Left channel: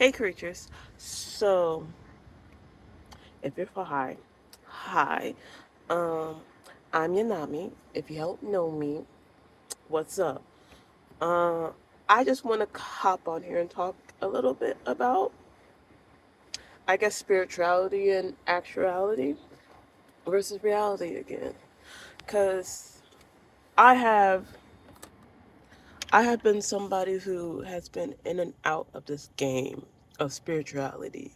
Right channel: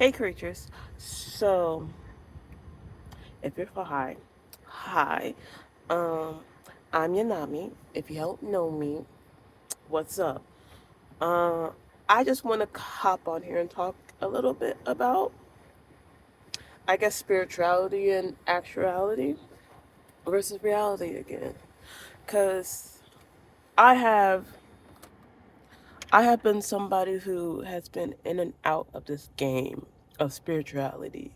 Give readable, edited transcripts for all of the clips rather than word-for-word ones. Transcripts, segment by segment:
Hey creatures. So, if you're for hi. Um, I'm Yanami. If you don't know me, what's up? Uh, I just want to hop on here and talk a little bit about, I guess, spirituality and actuality versus reality again. Cause I have, I have been somebody who has been in and out of this game of spirituality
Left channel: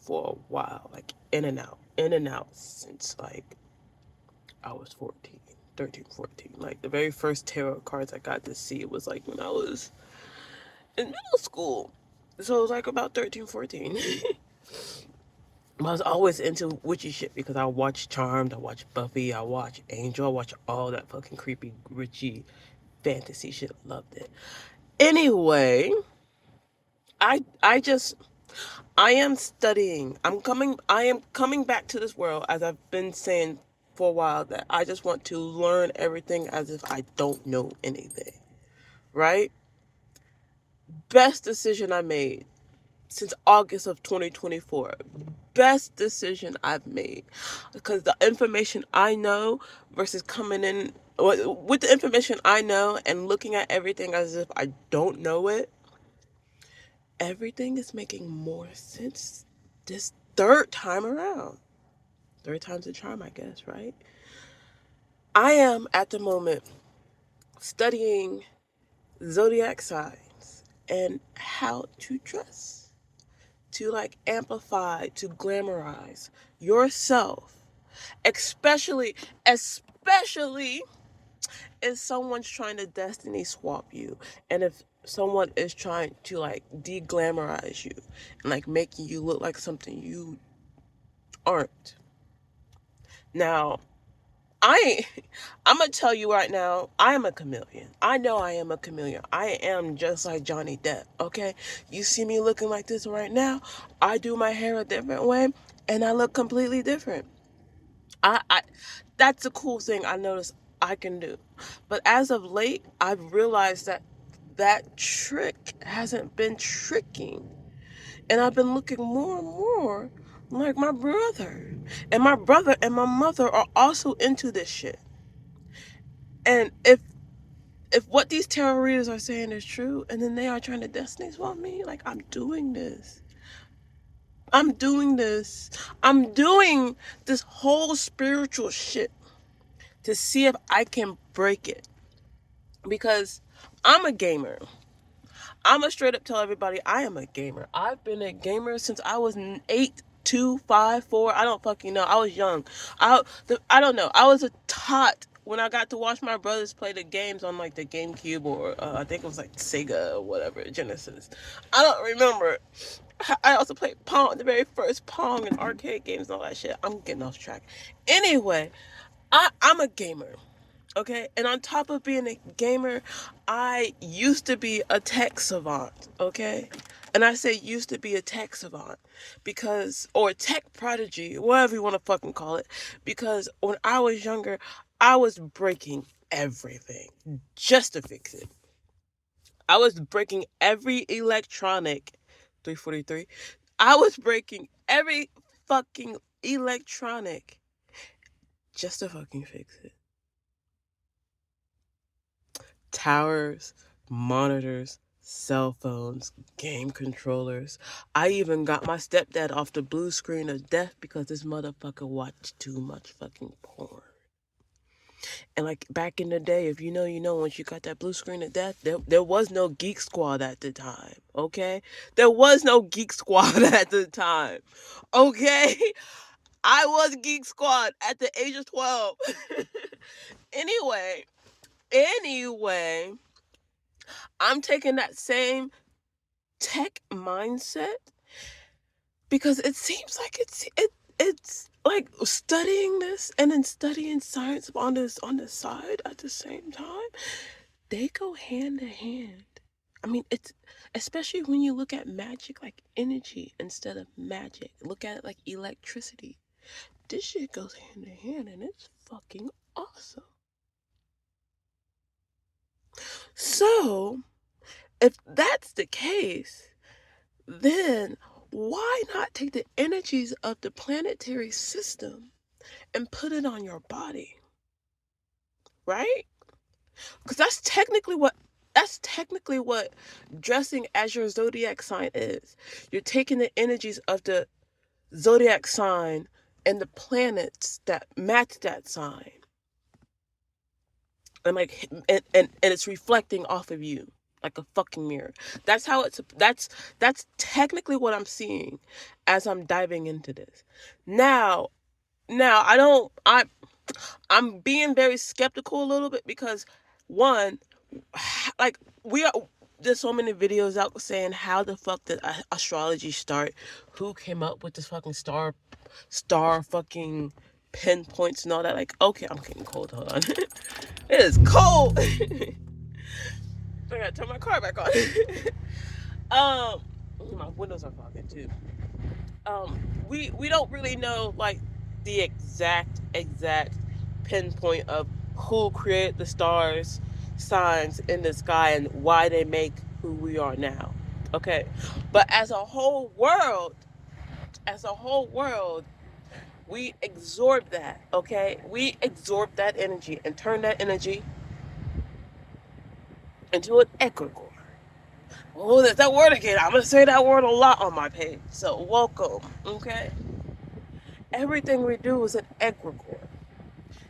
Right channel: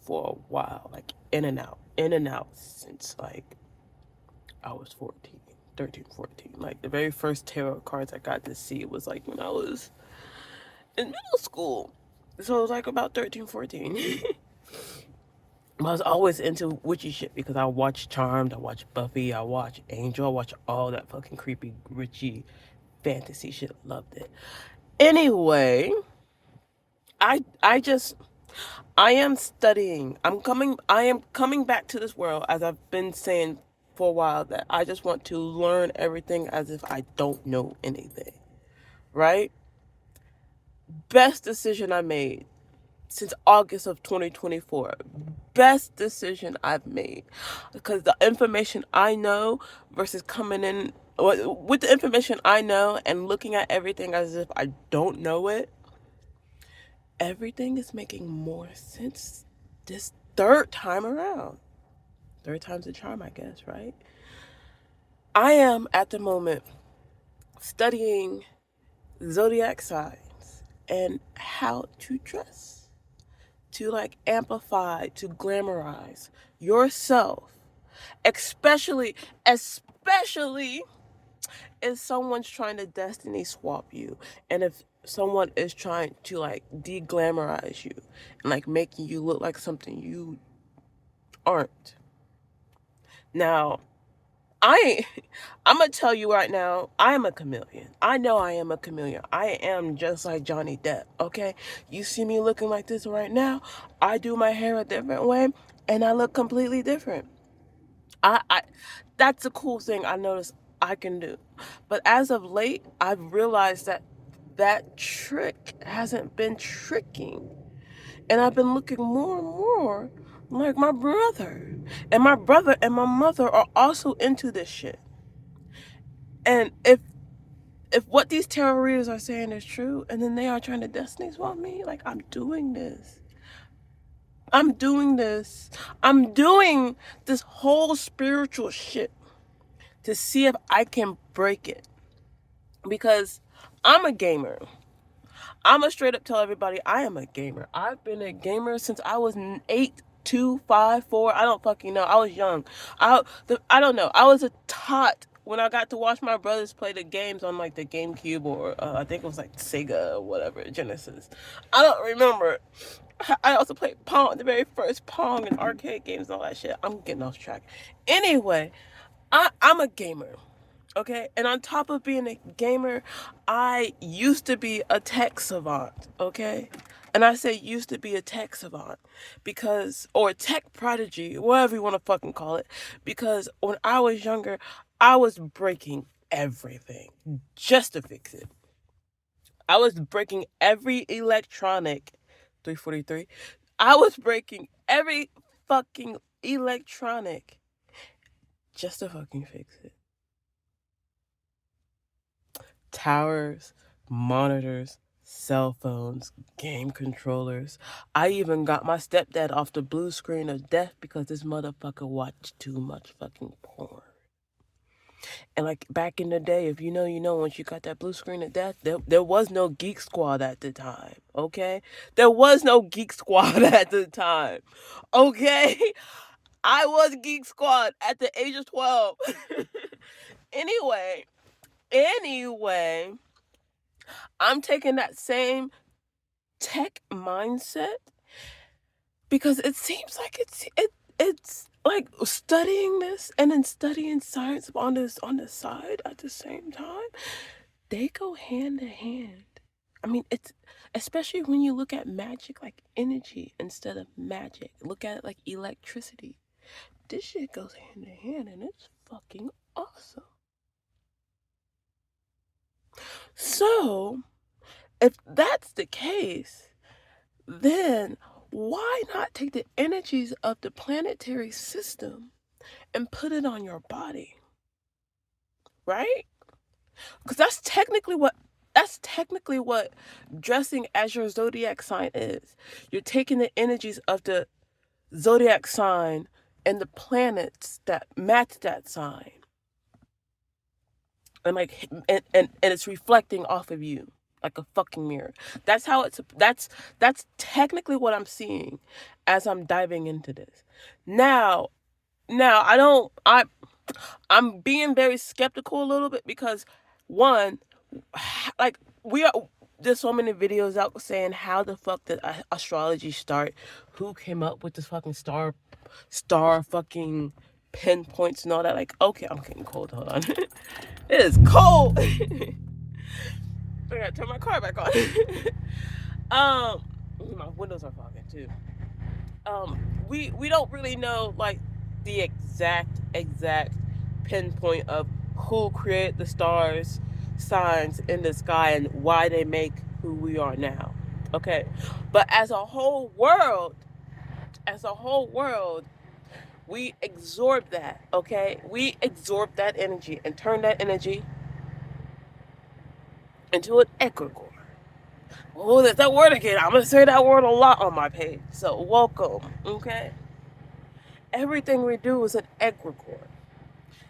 for a while, like in and out since like I was 14, 13, 14. Like the very first tarot cards I got to see was like when I was in middle school. So it was like about 13, 14. I was always into witchy shit because I watched Charmed, I watched Buffy, I watched Angel, I watched all that fucking creepy, witchy fantasy shit. Loved it. Anyway, I just I am studying. I am coming back to this world as I've been saying for a while that I just want to learn everything as if I don't know anything. Right? Best decision I made since August of 2024. Best decision I've made because the information I know versus coming in with the information I know and looking at everything as if I don't know it, everything is making more sense this third time around. Third time's a charm, I guess, right? I am at the moment studying zodiac signs and how to dress, to like amplify, to glamorize yourself, especially, especially if someone's trying to destiny swap you and if someone is trying to like de-glamorize you and like making you look like something you aren't. Now, I I'm gonna tell you right now, I am a chameleon. I know I am a chameleon. I am just like Johnny Depp, okay? You see me looking like this right now, I do my hair a different way and I look completely different. I that's a cool thing I noticed I can do. But as of late, I've realized that that trick hasn't been tricking. And I've been looking more and more like my brother. And my brother and my mother are also into this shit. And if what these tarot readers are saying is true, and then they are trying to destiny swap me, like I'm doing this. I'm doing this. I'm doing this whole spiritual shit to see if I can break it. Because I'm a gamer. I'm gonna straight up tell everybody I am a gamer. I've been a gamer since I was 8, 2, 5, 4. I don't fucking know. I was young. I don't know. I was a tot when I got to watch my brothers play the games on like the GameCube or I think it was like Sega or whatever, Genesis. I don't remember. I also played Pong, the very first Pong and arcade games and all that shit. I'm getting off track. Anyway, I'm a gamer. Okay, and on top of being a gamer, I used to be a tech savant. Okay, and I say used to be a tech savant because, or tech prodigy, whatever you want to fucking call it, because when I was younger, I was breaking everything just to fix it. I was breaking every electronic, 343. I was breaking every fucking electronic just to fucking fix it. Towers, monitors, cell phones, game controllers. I even got my stepdad off the blue screen of death because this motherfucker watched too much fucking porn. And like back in the day, if you know, you know, once you got that blue screen of death, there was no Geek Squad at the time, okay? There was no Geek Squad at the time, okay? I was Geek Squad at the age of 12. anyway, anyway, I'm taking that same tech mindset because it seems like it's like studying this and then studying science on the side at the same time. They go hand in hand. I mean, it's especially when you look at magic like energy instead of magic. Look at it like electricity. This shit goes hand in hand and it's fucking awesome. So, if that's the case, then why not take the energies of the planetary system and put it on your body? Right? Because that's technically what dressing as your zodiac sign is. You're taking the energies of the zodiac sign and the planets that match that sign, and and it's reflecting off of you like a fucking mirror. That's technically what I'm seeing as I'm diving into this. Now, I don't I'm being very skeptical a little bit because one, like we are there's so many videos out saying how the fuck did astrology start? Who came up with this fucking star fucking pinpoints and all that? Like, okay, I'm getting cold. Hold on, it is cold. I gotta turn my car back on. um, my windows are fogging too. We don't really know like the exact pinpoint of who created the stars signs in the sky and why they make who we are now. Okay, but as a whole world, we absorb that. Okay, we absorb that energy and turn that energy into an egregore. Oh, there's that word again. I'm gonna say that word a lot on my page. So welcome. Okay, everything we do is an egregore.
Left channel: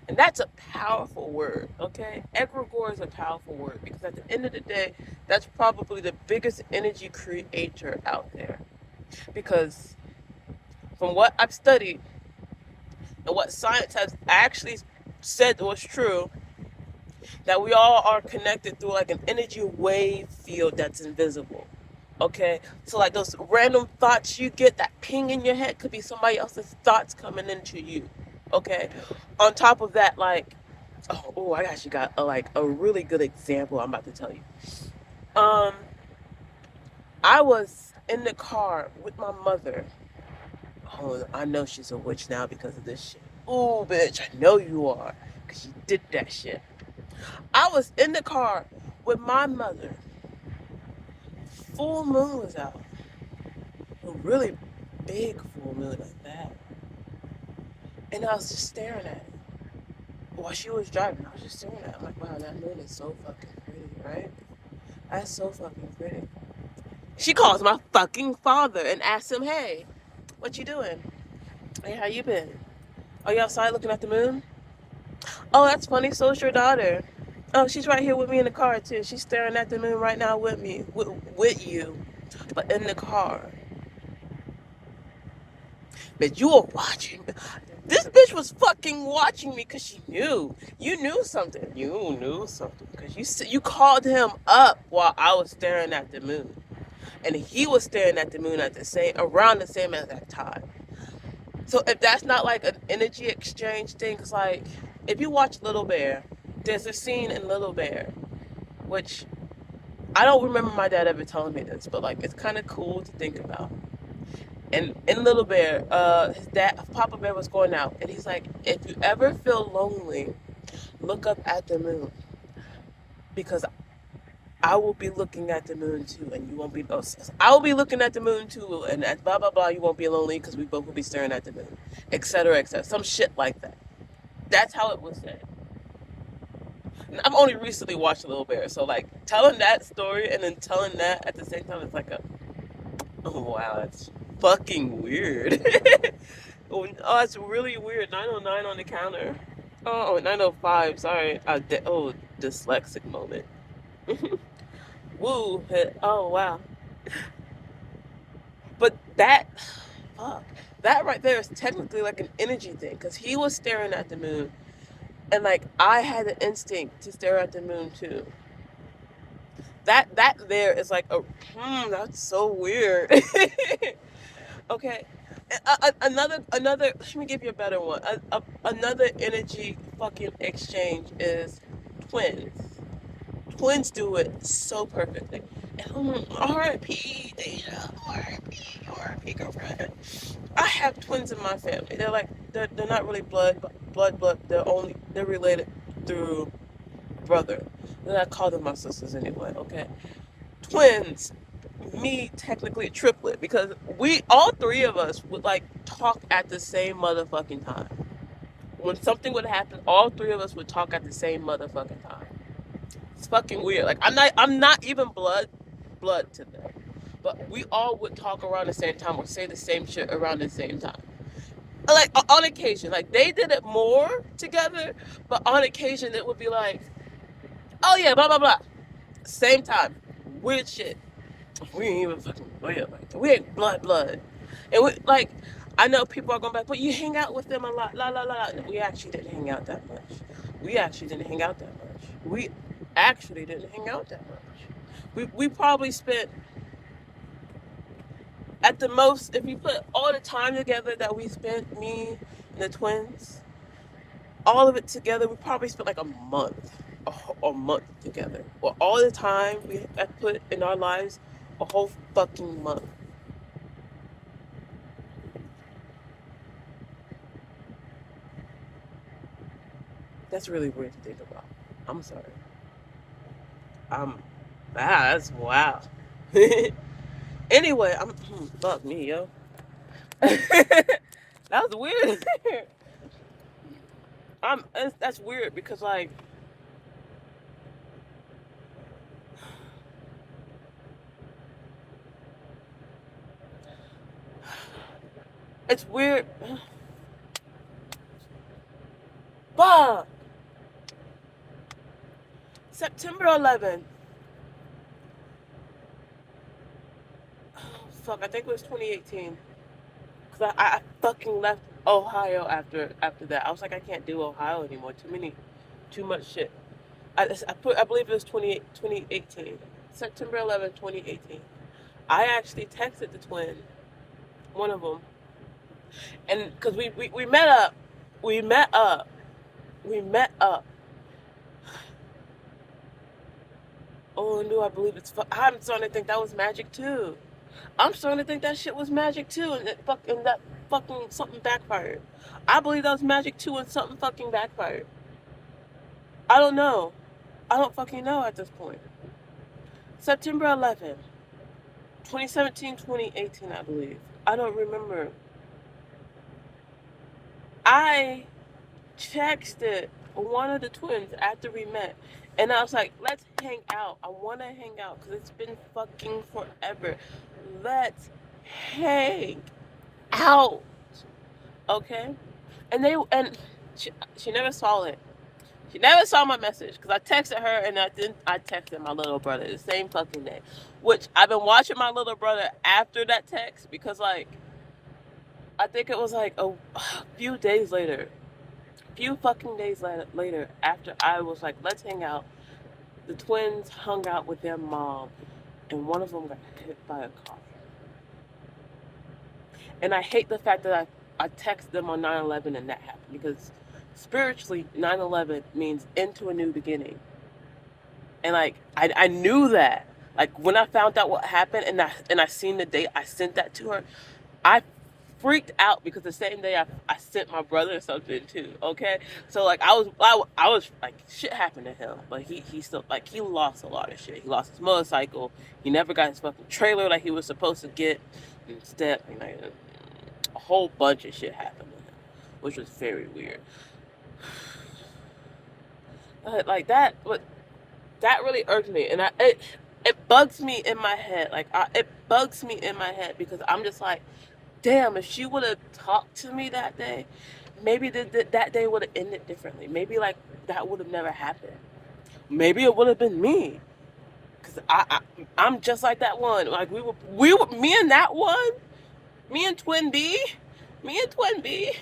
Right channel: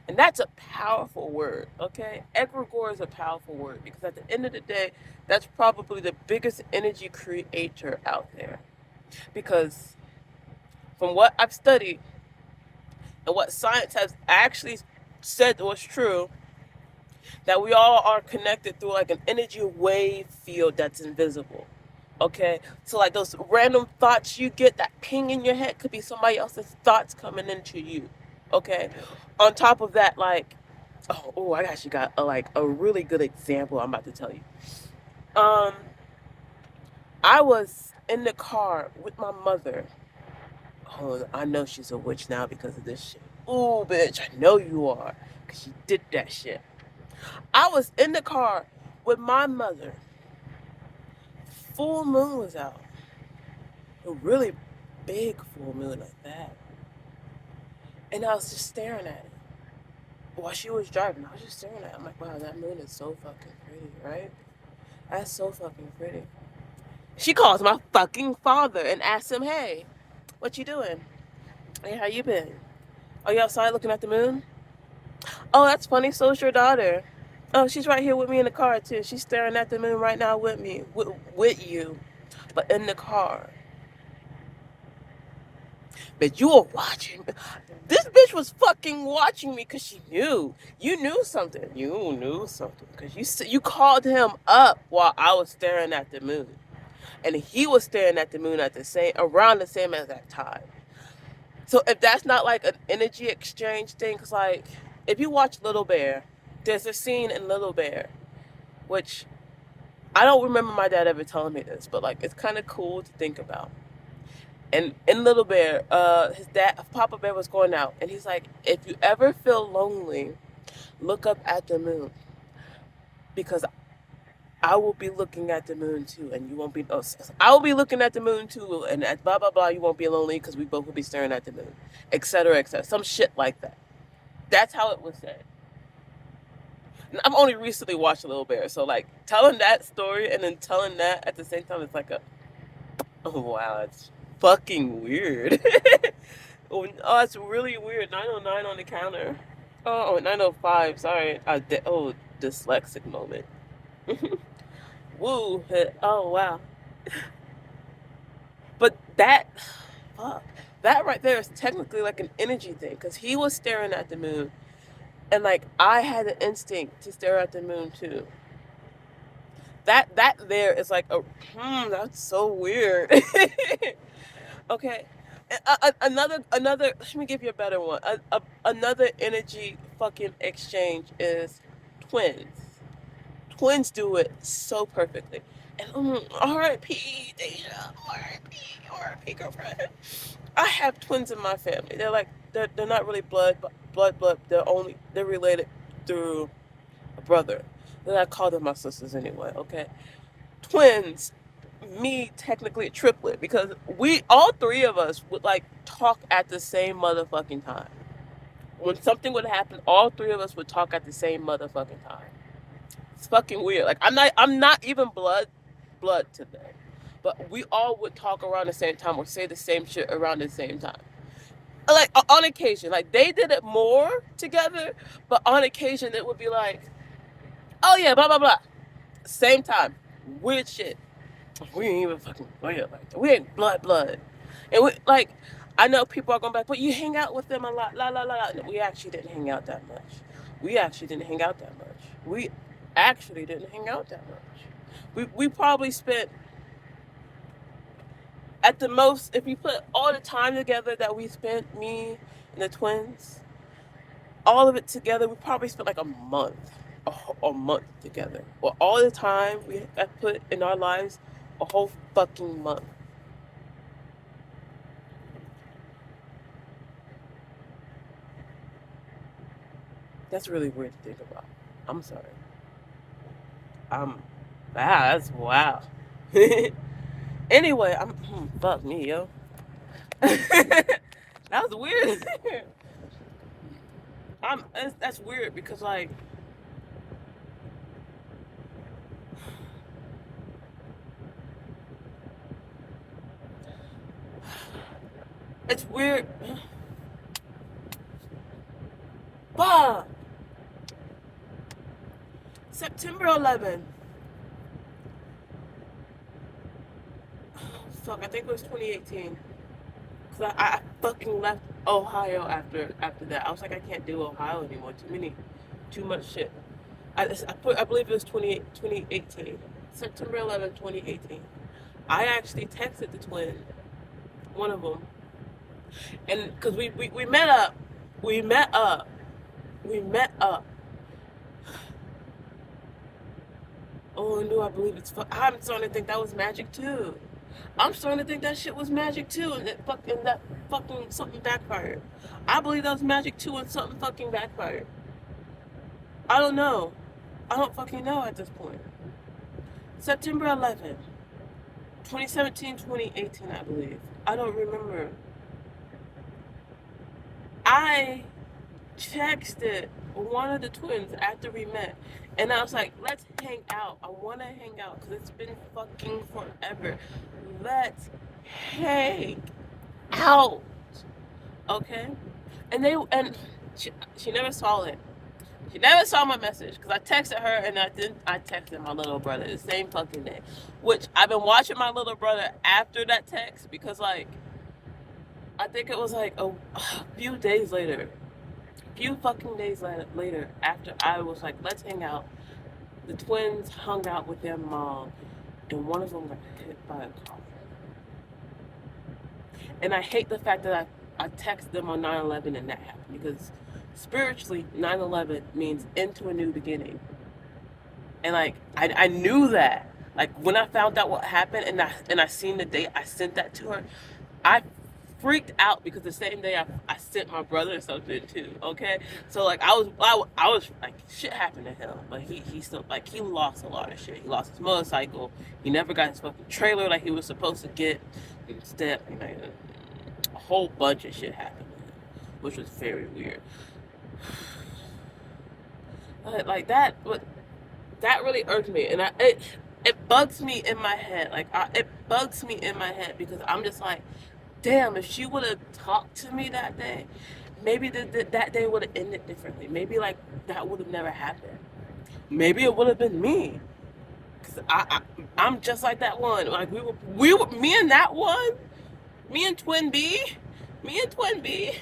And that's a powerful word, okay? Egregore is a powerful word because at the end of the day, that's probably the biggest energy creator out there. Because from what I've studied and what science has actually said was true, that we all are connected through like an energy wave field that's invisible. Okay? So like those random thoughts you get, that ping in your head could be somebody else's thoughts coming into you. Okay? On top of that, like I actually got a really good example I'm about to tell you. Um, I was in the car with my mother. Oh, I know she's a witch now because of this shit. Ooh, bitch, I know you are, because you did that shit. I was in the car with my mother. Full moon was out. A really big full moon like that. And I was just staring at it. While she was driving, I was just staring at it. I'm like, wow, that moon is so fucking pretty, right? That's so fucking pretty. She calls my fucking father and asks him, hey, what you doing? Hey, how you been? Are you outside looking at the moon? Oh, that's funny. So's your daughter. Oh, she's right here with me in the car, too. She's staring at the moon right now with me, with you, but in the car. But you were watching. This bitch was fucking watching me because she knew. You knew something. You knew something because you called him up while I was staring at the moon. And he was staring at the moon around the same as that time. So if that's not like an energy exchange thing, cause like if you watch Little Bear, there's a scene in Little Bear, which I don't remember my dad ever telling me this, but like it's kind of cool to think about. And in Little Bear, his dad, Papa Bear, was going out, and he's like, if you ever feel lonely, look up at the moon, because I will be looking at the moon too, and you won't be. Oh, I will be looking at the moon too, and at blah blah blah. You won't be lonely because we both will be staring at the moon, etc. etc. Some shit like that. That's how it was said. I've only recently watched Little Bear, so like telling that story and then telling that at the same time, it's like oh wow, that's fucking weird. Oh, that's really weird. 909 on the counter. Oh, 905. Sorry. Dyslexic moment. Woo. Oh wow. But fuck, that right there is technically like an energy thing because he was staring at the moon, and like I had the instinct to stare at the moon too. That there is like that's so weird. Okay, another. Let me give you a better one. Another energy fucking exchange is twins. Twins do it so perfectly. And R.I.P. R.I.P. girlfriend. I have twins in my family. They're not really blood. They're related through a brother. And I call them my sisters anyway. Okay, twins. me technically a triplet because we all three of us would like talk at the same motherfucking time. When something would happen, all three of us would talk at the same motherfucking time. It's fucking weird. Like I'm not even blood to them. But we all would talk around the same time or say the same shit around the same time. Like on occasion, like they did it more together, but on occasion it would be like, oh yeah, blah blah blah. Same time. Weird shit. We ain't even fucking weird like that. We ain't blood. And we like I know people are going back, but you hang out with them a lot, la la la la. We actually didn't hang out that much. We actually didn't hang out that much. We actually didn't hang out that much. We probably spent at the most, if you put all the time together that we spent, me and the twins, all of it together, we probably spent like a month, a month together. Well, all the time we have put in our lives, a whole fucking month. That's really weird to think about. I'm sorry. Um, that's wow. Anyway, fuck me, yo. That was weird. That's weird because like it's weird. But September 11th. Fuck, I think it was 2018. Cause I fucking left Ohio after that. I was like, I can't do Ohio anymore. Too much shit. I believe it was 2018. September 11th, 2018. I actually texted the twin, one of them, and because we met up, we met up, we met up. Oh no, I believe I'm starting to think that was magic too. I'm starting to think that shit was magic too, and that fucking something backfired. I believe that was magic too, and something fucking backfired. I don't know. I don't fucking know at this point. September 11th, 2017, 2018, I believe. I don't remember. I texted one of the twins after we met, and I was like, let's hang out. I want to hang out because it's been fucking forever. Let's hang out. Okay? And she never saw it. She never saw my message because I texted her and I texted my little brother the same fucking day. Which I've been watching my little brother after that text because like I think it was like a few days later, few fucking days later after I was like, let's hang out. The twins hung out with their mom and one of them got hit by a car. And I hate the fact that I texted them on 9/11 and that happened because spiritually 9/11 means into a new beginning. And like I knew that. Like when I found out what happened and I seen the date, I sent that to her. I freaked out because the same day I sent my brother something too. Okay, so like I was like shit happened to him, but he still like he lost a lot of shit. He lost his motorcycle. He never got his fucking trailer like he was supposed to get. Instead, like, a whole bunch of shit happened to him, which was very weird. Like that, but that really irked me, and it bugs me in my head. Like it bugs me in my head because I'm just like, damn, if she would have talked to me that day, maybe that day would have ended differently. Maybe like that would have never happened. Maybe it would have been me, cause I'm just like that one. Like we were me and that one, me and Twin B, me and Twin B,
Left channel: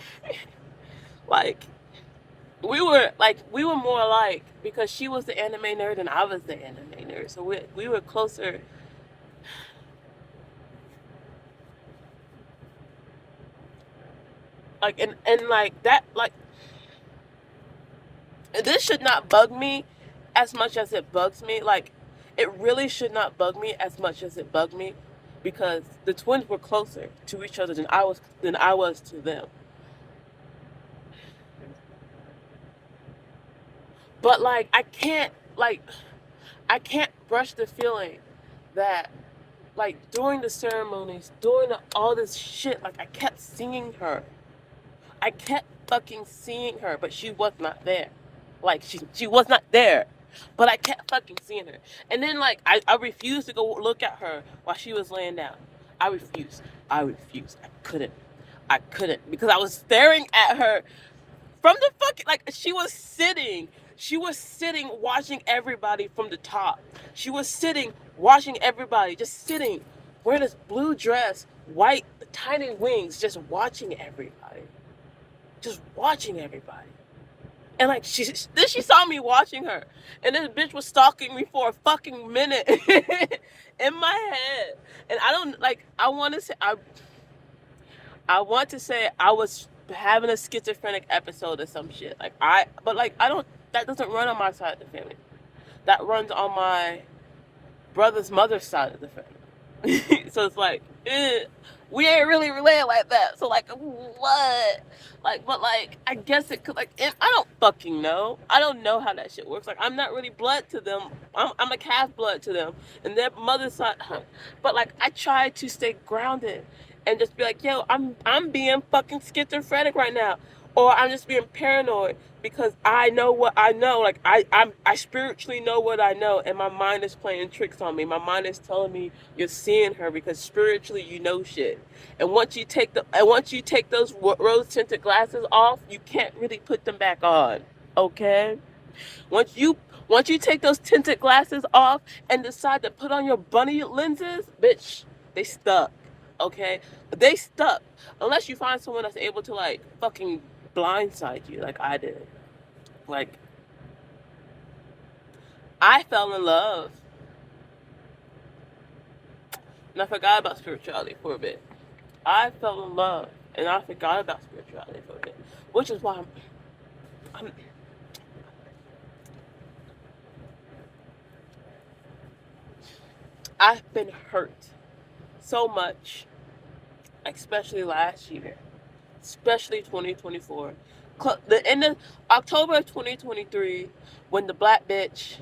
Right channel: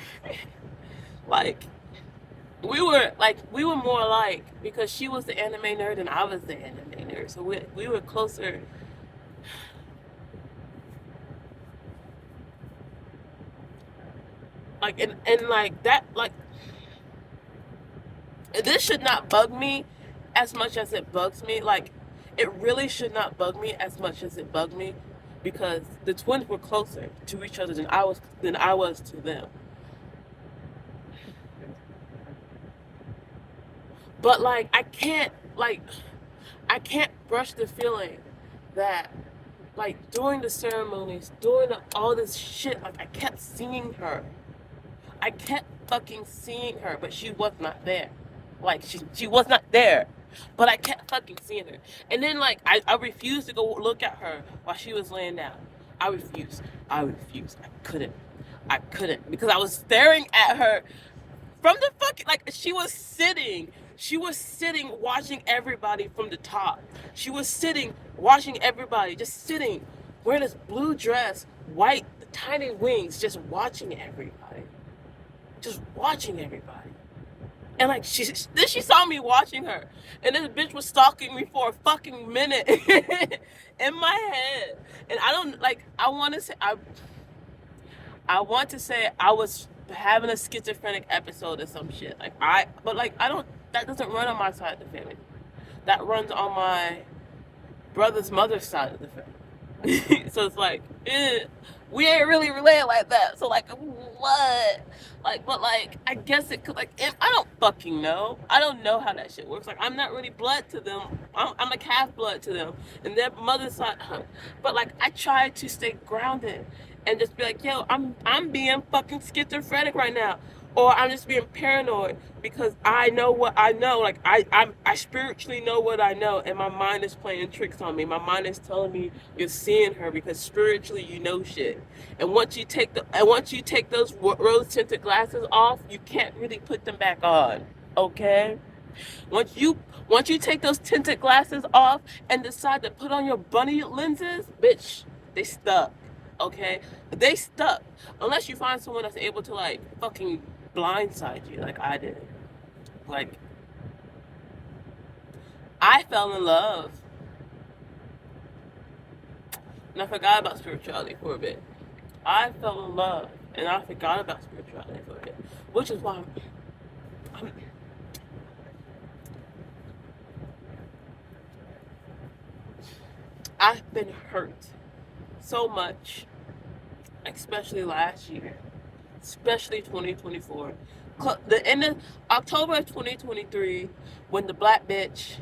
like. We were more alike because she was the anime nerd and I was the anime nerd. So we were closer. Like and like that like this should not bug me as much as it bugs me. Like it really should not bug me as much as it bugged me because the twins were closer to each other than I was to them. But like I can't brush the feeling that like during the ceremonies, during all this shit, like I kept seeing her. I kept fucking seeing her, but she was not there. Like she was not there. But I kept fucking seeing her. And then like I refused to go look at her while she was laying down. I refused. I refused. I couldn't. I couldn't because I was staring at her from the fucking like she was sitting. She was sitting watching everybody from the top. She was sitting watching everybody, just sitting, wearing this blue dress, white, tiny wings, just watching everybody. Just watching everybody. And like then she saw me watching her. And this bitch was stalking me for a fucking minute in my head. And I don't like I want to say I was having a schizophrenic episode or some shit. But I don't. That doesn't run on my side of the family. That runs on my brother's mother's side of the family. So it's like, we ain't really related like that. So like, what? But I guess it could I don't fucking know. I don't know how that shit works. Like, I'm not really blood to them. I'm a half blood to them, and their mother's side. But like, I try to stay grounded and just be like, yo, I'm being fucking schizophrenic right now, or I'm just being paranoid because I know what I know. Like I spiritually know what I know, and my mind is playing tricks on me. My mind is telling me you're seeing her because spiritually you know shit. And once you take those rose tinted glasses off, you can't really put them back on. Okay? Once you take those tinted glasses off and decide to put on your bunny lenses, bitch, they stuck. Okay? They stuck. Unless you find someone that's able to like fucking blindside you like I did. Like, I fell in love and I forgot about spirituality for a bit. I fell in love and I forgot about spirituality for a bit, which is why I'm I've been hurt so much, especially last year, especially 2024. The end of October of 2023, when the black bitch,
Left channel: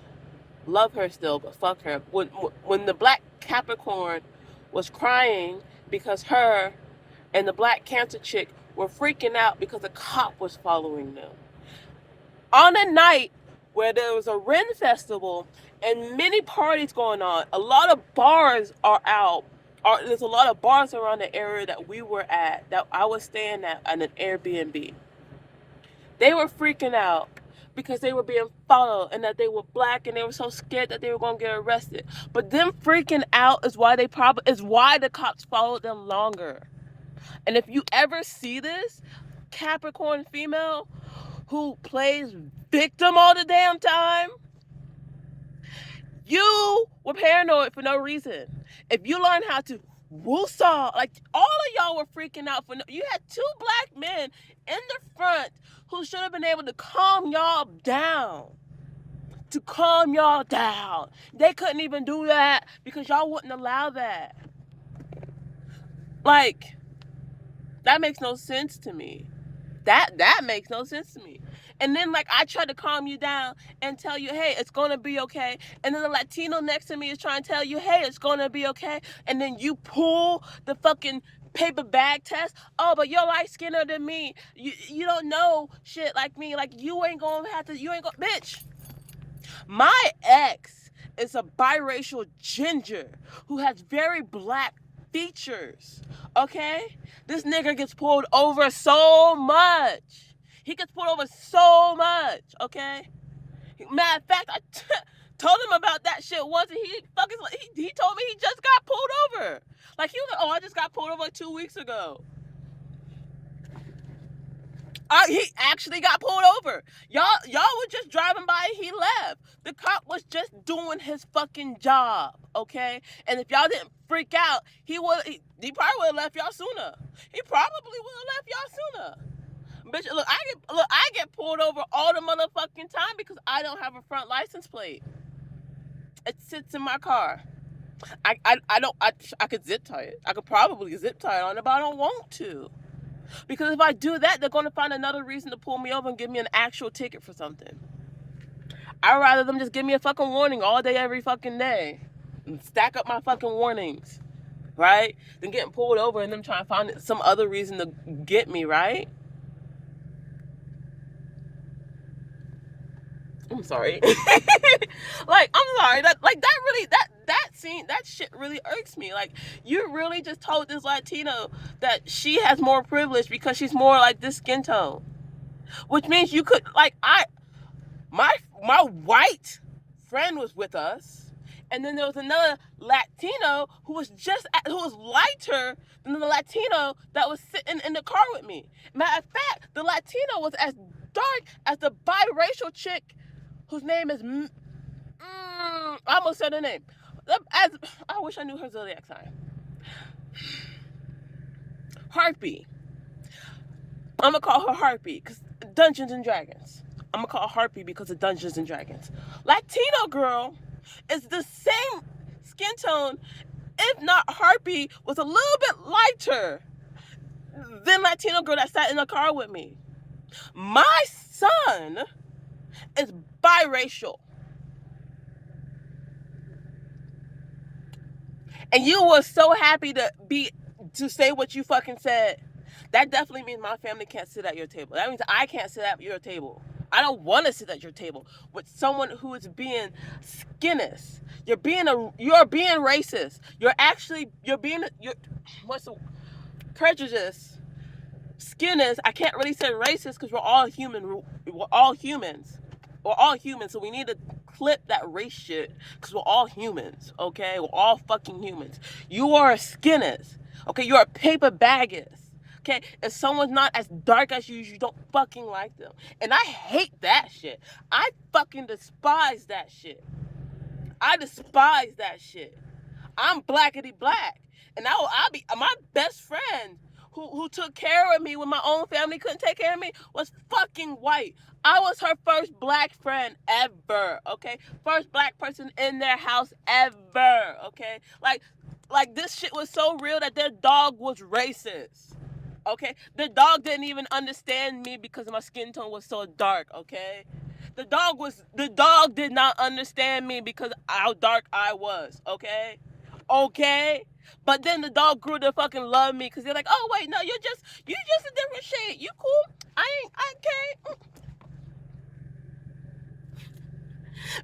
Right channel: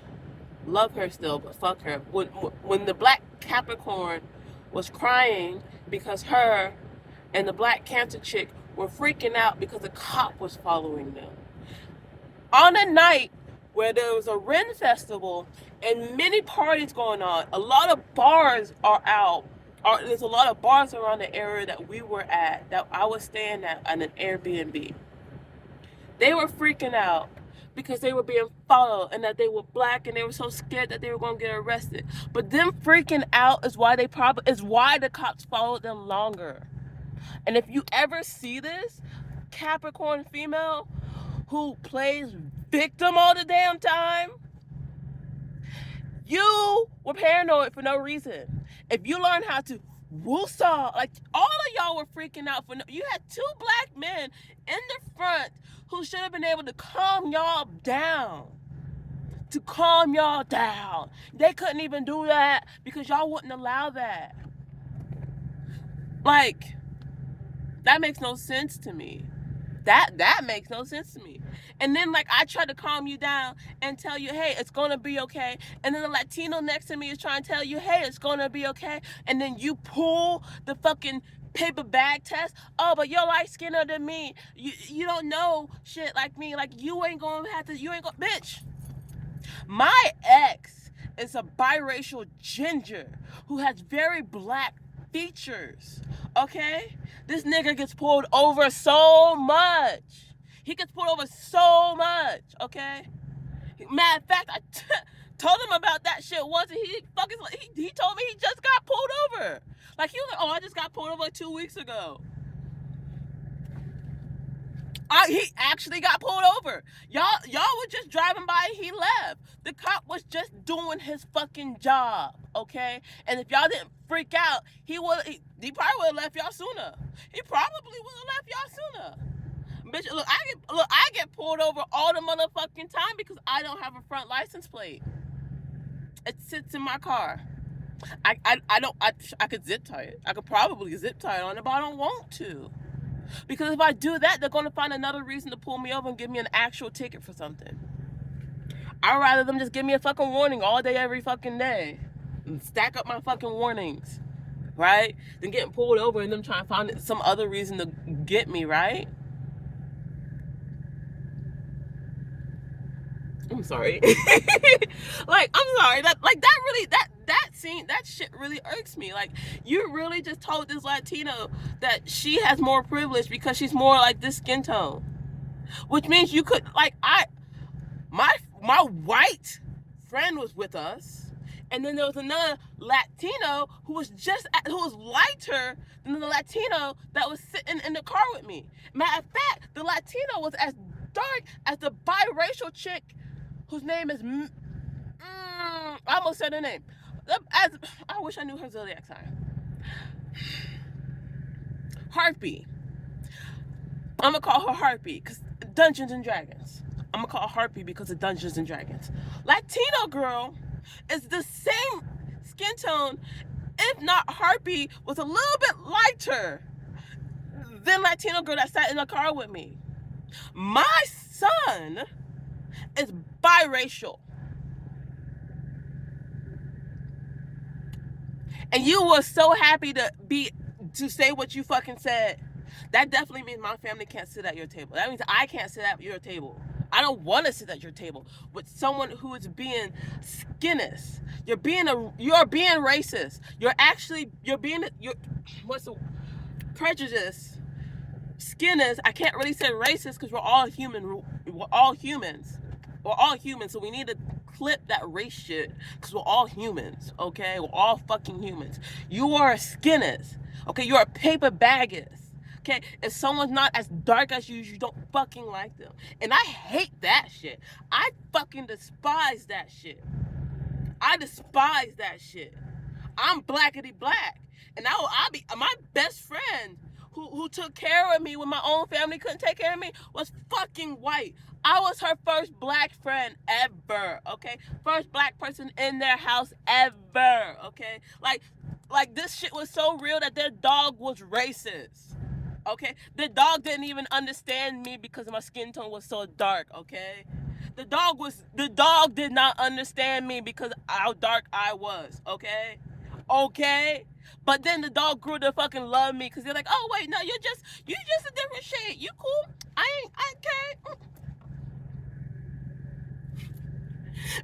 love her still, but fuck her. When the black Capricorn was crying because her and the black Cancer chick were freaking out because a cop was following them. On a night where there was a Ren festival and many parties going on, a lot of bars are out. There's a lot of bars around the area that we were at, that I was staying at an Airbnb. They were freaking out because they were being followed and that they were black and they were so scared that they were going to get arrested. But them freaking out is why the cops followed them longer. And if you ever see this Capricorn female who plays victim all the damn time, you were paranoid for no reason. If you learn how to woosah, like all of y'all were freaking out for you had two black men in the front who should have been able to calm y'all down. To calm y'all down. They couldn't even do that because y'all wouldn't allow that. Like, that makes no sense to me. That makes no sense to me. And then like I try to calm you down and tell you, hey, it's gonna be okay. And then the Latino next to me is trying to tell you, hey, it's gonna be okay. And then you pull the fucking paper bag test. Oh, but you're light skinned than me. You don't know shit like me. Like you ain't gonna bitch. My ex is a biracial ginger who has very black features. Okay? This nigga gets pulled over so much. He gets pulled over so much, okay? Matter of fact, told him about that shit once, and he told me he just got pulled over. Like, he was like, oh, I just got pulled over like 2 weeks ago. He actually got pulled over. Y'all were just driving by and he left. The cop was just doing his fucking job, okay? And if y'all didn't freak out, he probably would have left y'all sooner. He probably would have left y'all sooner. Bitch, look, I get pulled over all the motherfucking time because I don't have a front license plate. It sits in my car. I could zip tie it. I could probably zip tie it on it, but I don't want to. Because if I do that, they're going to find another reason to pull me over and give me an actual ticket for something. I'd rather them just give me a fucking warning all day, every fucking day. And stack up my fucking warnings. right? Than getting pulled over and them trying to find some other reason to get me, right? I'm sorry. Like, I'm sorry. That really, that scene, that shit really irks me. Like, you really just told this Latino that she has more privilege because she's more like this skin tone. Which means you could, like, my white friend was with us, and then there was another Latino who was lighter than the Latino that was sitting in the car with me. Matter of fact, the Latino was as dark as the biracial chick whose name is I almost said her name. As I wish I knew her zodiac sign. Harpy. I'm gonna call her Harpy because Dungeons and Dragons. I'm gonna call her Harpy because of Dungeons and Dragons. Latino girl is the same skin tone, if not Harpy was a little bit lighter than Latino girl that sat in the car with me. My son is biracial. And you were so happy to say what you fucking said. That definitely means my family can't sit at your table. That means I can't sit at your table. I don't want to sit at your table with someone who is being skinless. You're being racist. What's the prejudice? Skinless. I can't really say racist because we're all human. We're all humans. We're all humans, so we need to clip that race shit because we're all humans, okay? We're all fucking humans. You are a skinless, okay? You're a paper baggers. Okay, if someone's not as dark as you don't fucking like them. And I hate that shit. I fucking despise that shit. I despise that shit. I'm blackety black. And I'll be my best friend who took care of me when my own family couldn't take care of me was fucking white. I was her first black friend ever, okay? First black person in their house ever, okay? Like this shit was so real that their dog was racist. Okay, the dog didn't even understand me because my skin tone was so dark. Okay, the dog did not understand me because how dark I was. Okay, but then the dog grew to fucking love me because they're like, oh wait, no, you just a different shade. You cool? I can't.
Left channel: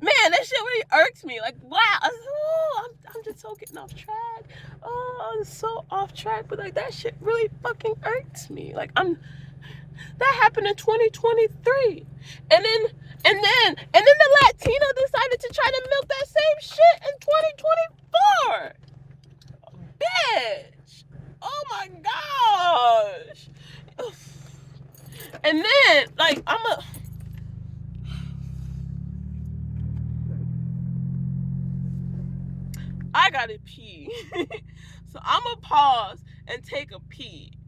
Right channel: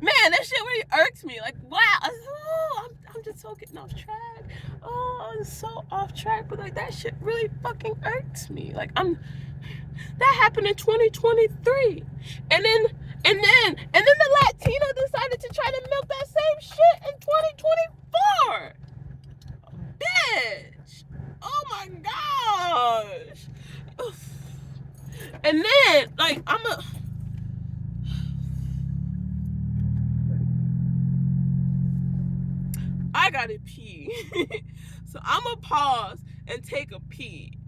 Man, that shit really irks me. Like, wow, I'm just so getting off track. Oh, I'm so off track, but like that shit really fucking irks me. Like that happened in 2023, and then the Latino decided to try to milk that same shit in 2024. Bitch, oh my gosh. And then like I gotta pee. So I'm gonna pause and take a pee.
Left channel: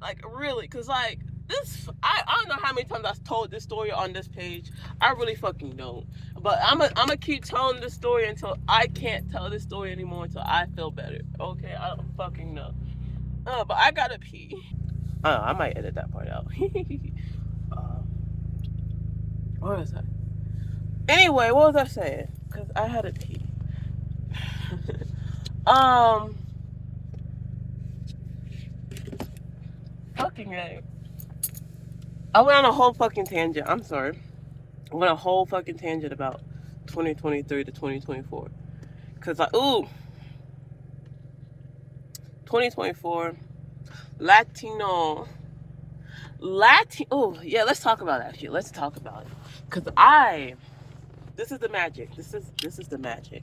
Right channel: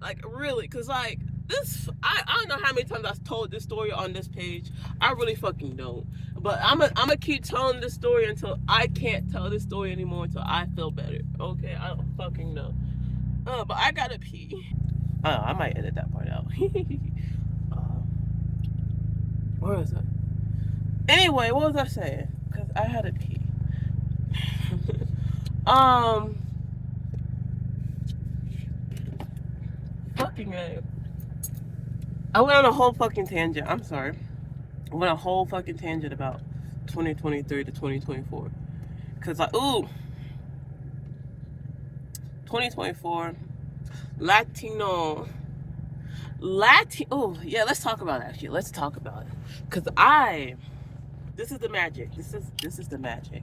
Like, really, because, like, this, I don't know how many times I've told this story on this page. I really fucking don't. But I'm gonna keep telling this story until I can't tell this story anymore until I feel better. Okay? I don't fucking know. But I gotta pee. I might edit that part out. Where is that? Anyway, what was I saying? Because I had to pee. Fucking A. I went on a whole fucking tangent. I'm sorry. I went on a whole fucking tangent about 2023 to 2024. Because, like, 2024, Latino. Oh, yeah, let's talk about that shit. Let's talk about it. Because this is the magic. This is the magic.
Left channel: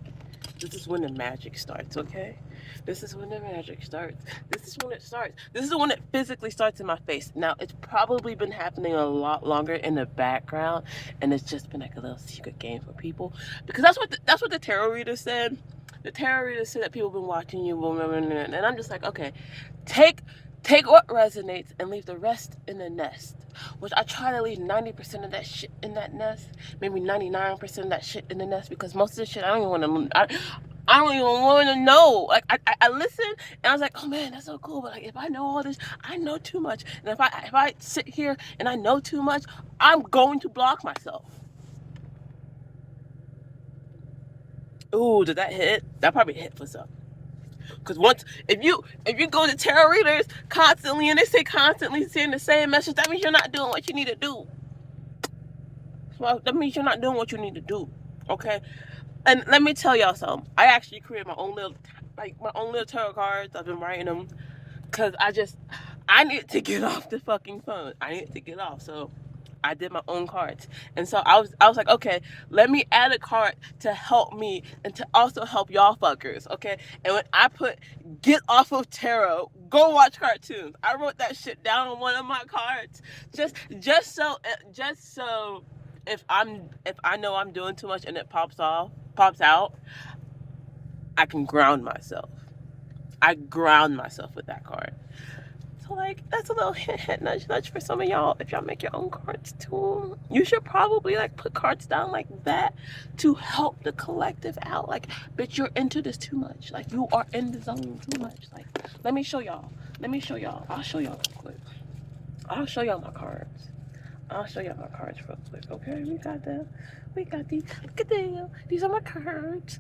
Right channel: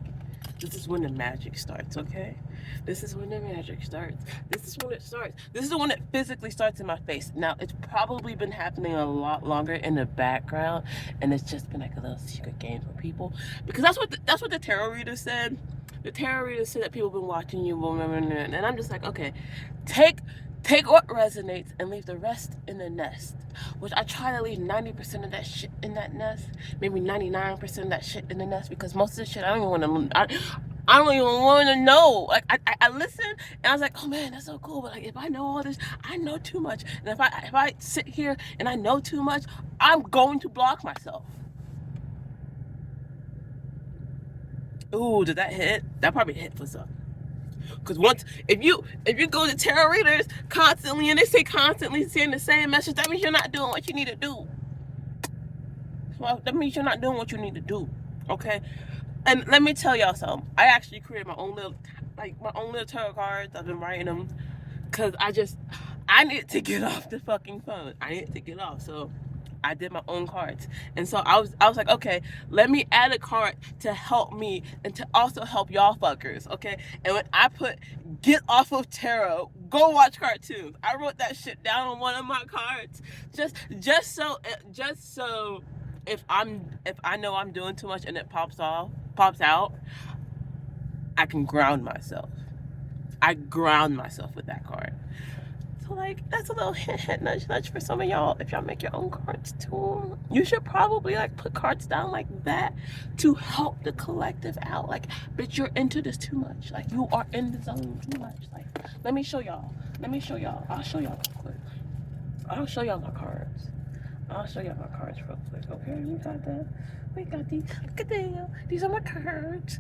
This is when the magic starts, okay? This is when the magic starts. This is when it starts. This is when it physically starts in my face. Now, it's probably been happening a lot longer in the background, and it's just been like a little secret game for people. Because that's what the tarot reader said. The tarot reader said that people have been watching you, and I'm just like, okay, take what resonates and leave the rest in the nest. Which I try to leave 90% of that shit in that nest, maybe 99% of that shit in the nest, because most of the shit I don't even want to know. Like I listened and I was like, oh man, that's so cool. But like, if I know all this, I know too much. And if I sit here and I know too much, I'm going to block myself. Ooh, did that hit? That probably hit for some. Because if you go to tarot readers constantly and they say constantly saying the same message, that means you're not doing what you need to do. Well, that means you're not doing what you need to do. Okay. And let me tell y'all something. I actually created my own little tarot cards. I've been writing them because I need to get off the fucking phone. I need to get off. So I did my own cards. And so I was like, okay, let me add a card to help me and to also help y'all fuckers. Okay. And when I put get off of tarot, go watch cartoons, I wrote that shit down on one of my cards. Just so if I know I'm doing too much and it pops out, I can ground myself. I ground myself with that card. So like that's a little hint, nudge for some of y'all. If y'all make your own cards too, you should probably like put cards down like that to help the collective out. Like, bitch, you're into this too much. Like, you are in the zone too much. Like, let me show y'all. I'll show y'all real quick. I'll show y'all my cards. Real quick. Okay, we got these. Look at them. These are my cards.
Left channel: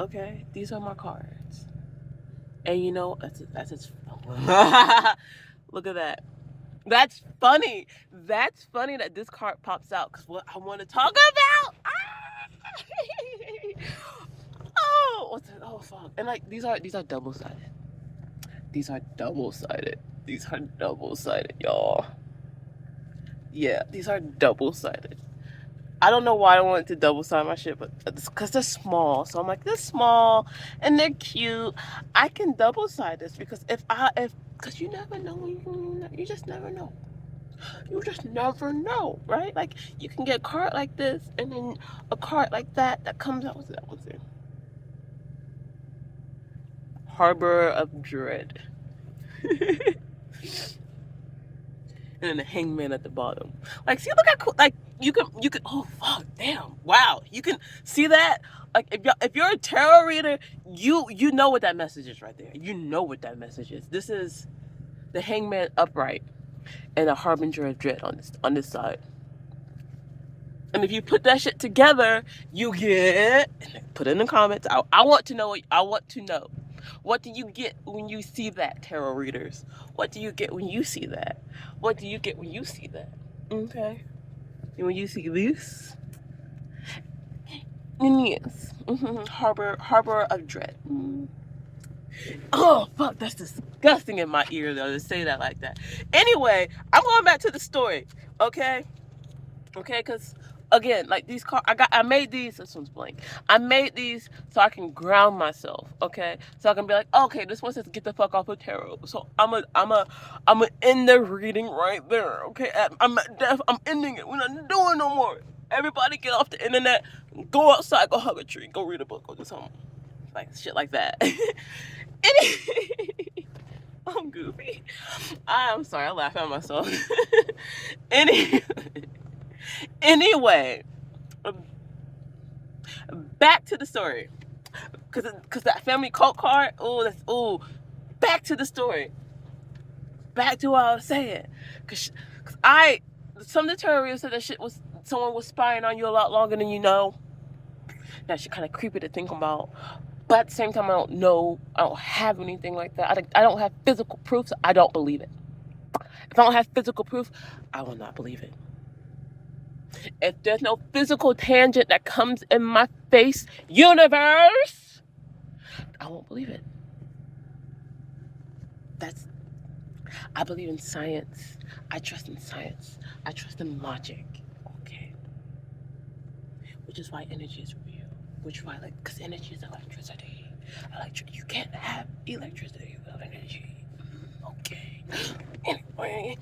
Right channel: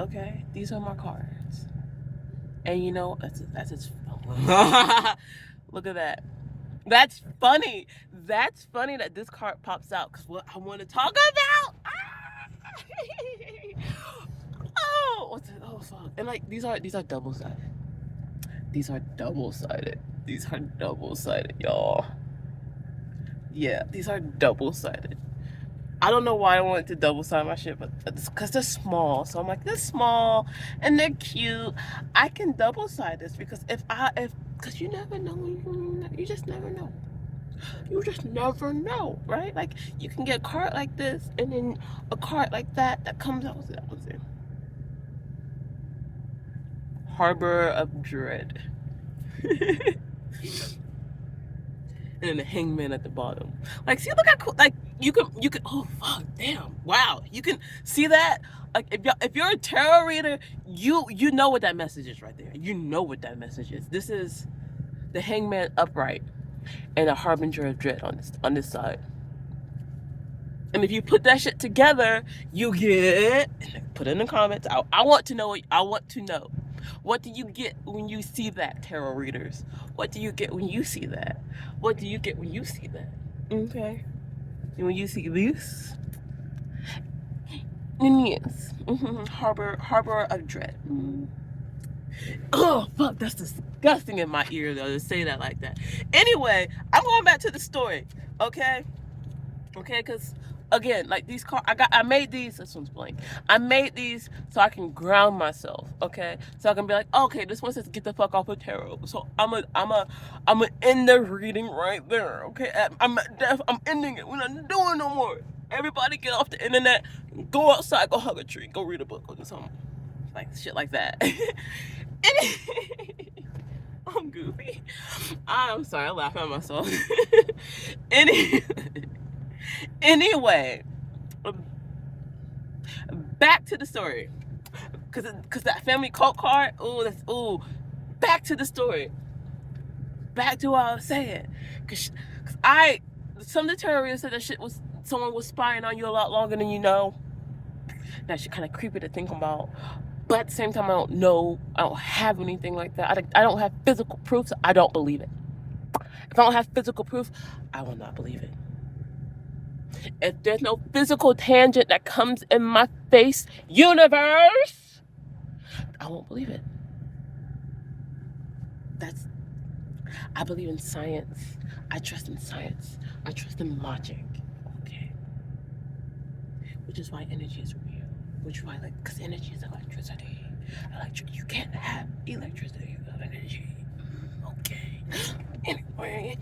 Okay, these are my cards. And you know, that's just look at that. That's funny. That's funny that this card pops out because what I want to talk about. Oh, fuck. And like these are double sided. These are double sided, y'all. Yeah, these are double sided. I don't know why I wanted to double side my shit, but it's because they're small. So I'm like, they're small and they're cute. I can double side this because because you never know. You just never know. You just never know, right? Like, you can get a card like this and then a card like that comes out. What's it? Harbor of Dread. And then the hangman at the bottom. Like, see, look how cool. Like, you can. Oh fuck, damn, wow. You can see that. Like, if you're a tarot reader, you know what that message is right there. You know what that message is. This is the hangman upright and a harbinger of dread on this side. And if you put that shit together, you get. Put it in the comments. I want to know. I want to know. What do you get when you see that, tarot readers? What do you get when you see that? What do you get when you see that? Okay. And when you see this, and yes, harbor of dread. Oh fuck, that's disgusting in my ear though to say that like that. Anyway, I'm going back to the story. Okay, because again, like these cards, I made these. This one's blank. I made these so I can ground myself. Okay, so I can be like, okay, this one says get the fuck off of tarot. So I'm a end the reading right there. Okay, I'm ending it. We're not doing no more. Everybody get off the internet. Go outside. Go hug a tree. Go read a book. Go do something like shit like that. I'm goofy. I'm sorry. I laugh at myself. Anyway, back to the story, cause that family cult card. Back to the story. Back to what I was saying, cause some of the terrorists said that someone was spying on you a lot longer than you know. That shit kind of creepy to think about. But at the same time, I don't know. I don't have anything like that. I don't have physical proof, so I don't believe it. If I don't have physical proof, I will not believe it. If there's no physical tangent that comes in my face, universe, I won't believe it. I believe in science. I trust in science. I trust in logic. Okay. Which is why energy is real. Which is why, because energy is electricity. You can't have electricity without energy. Okay.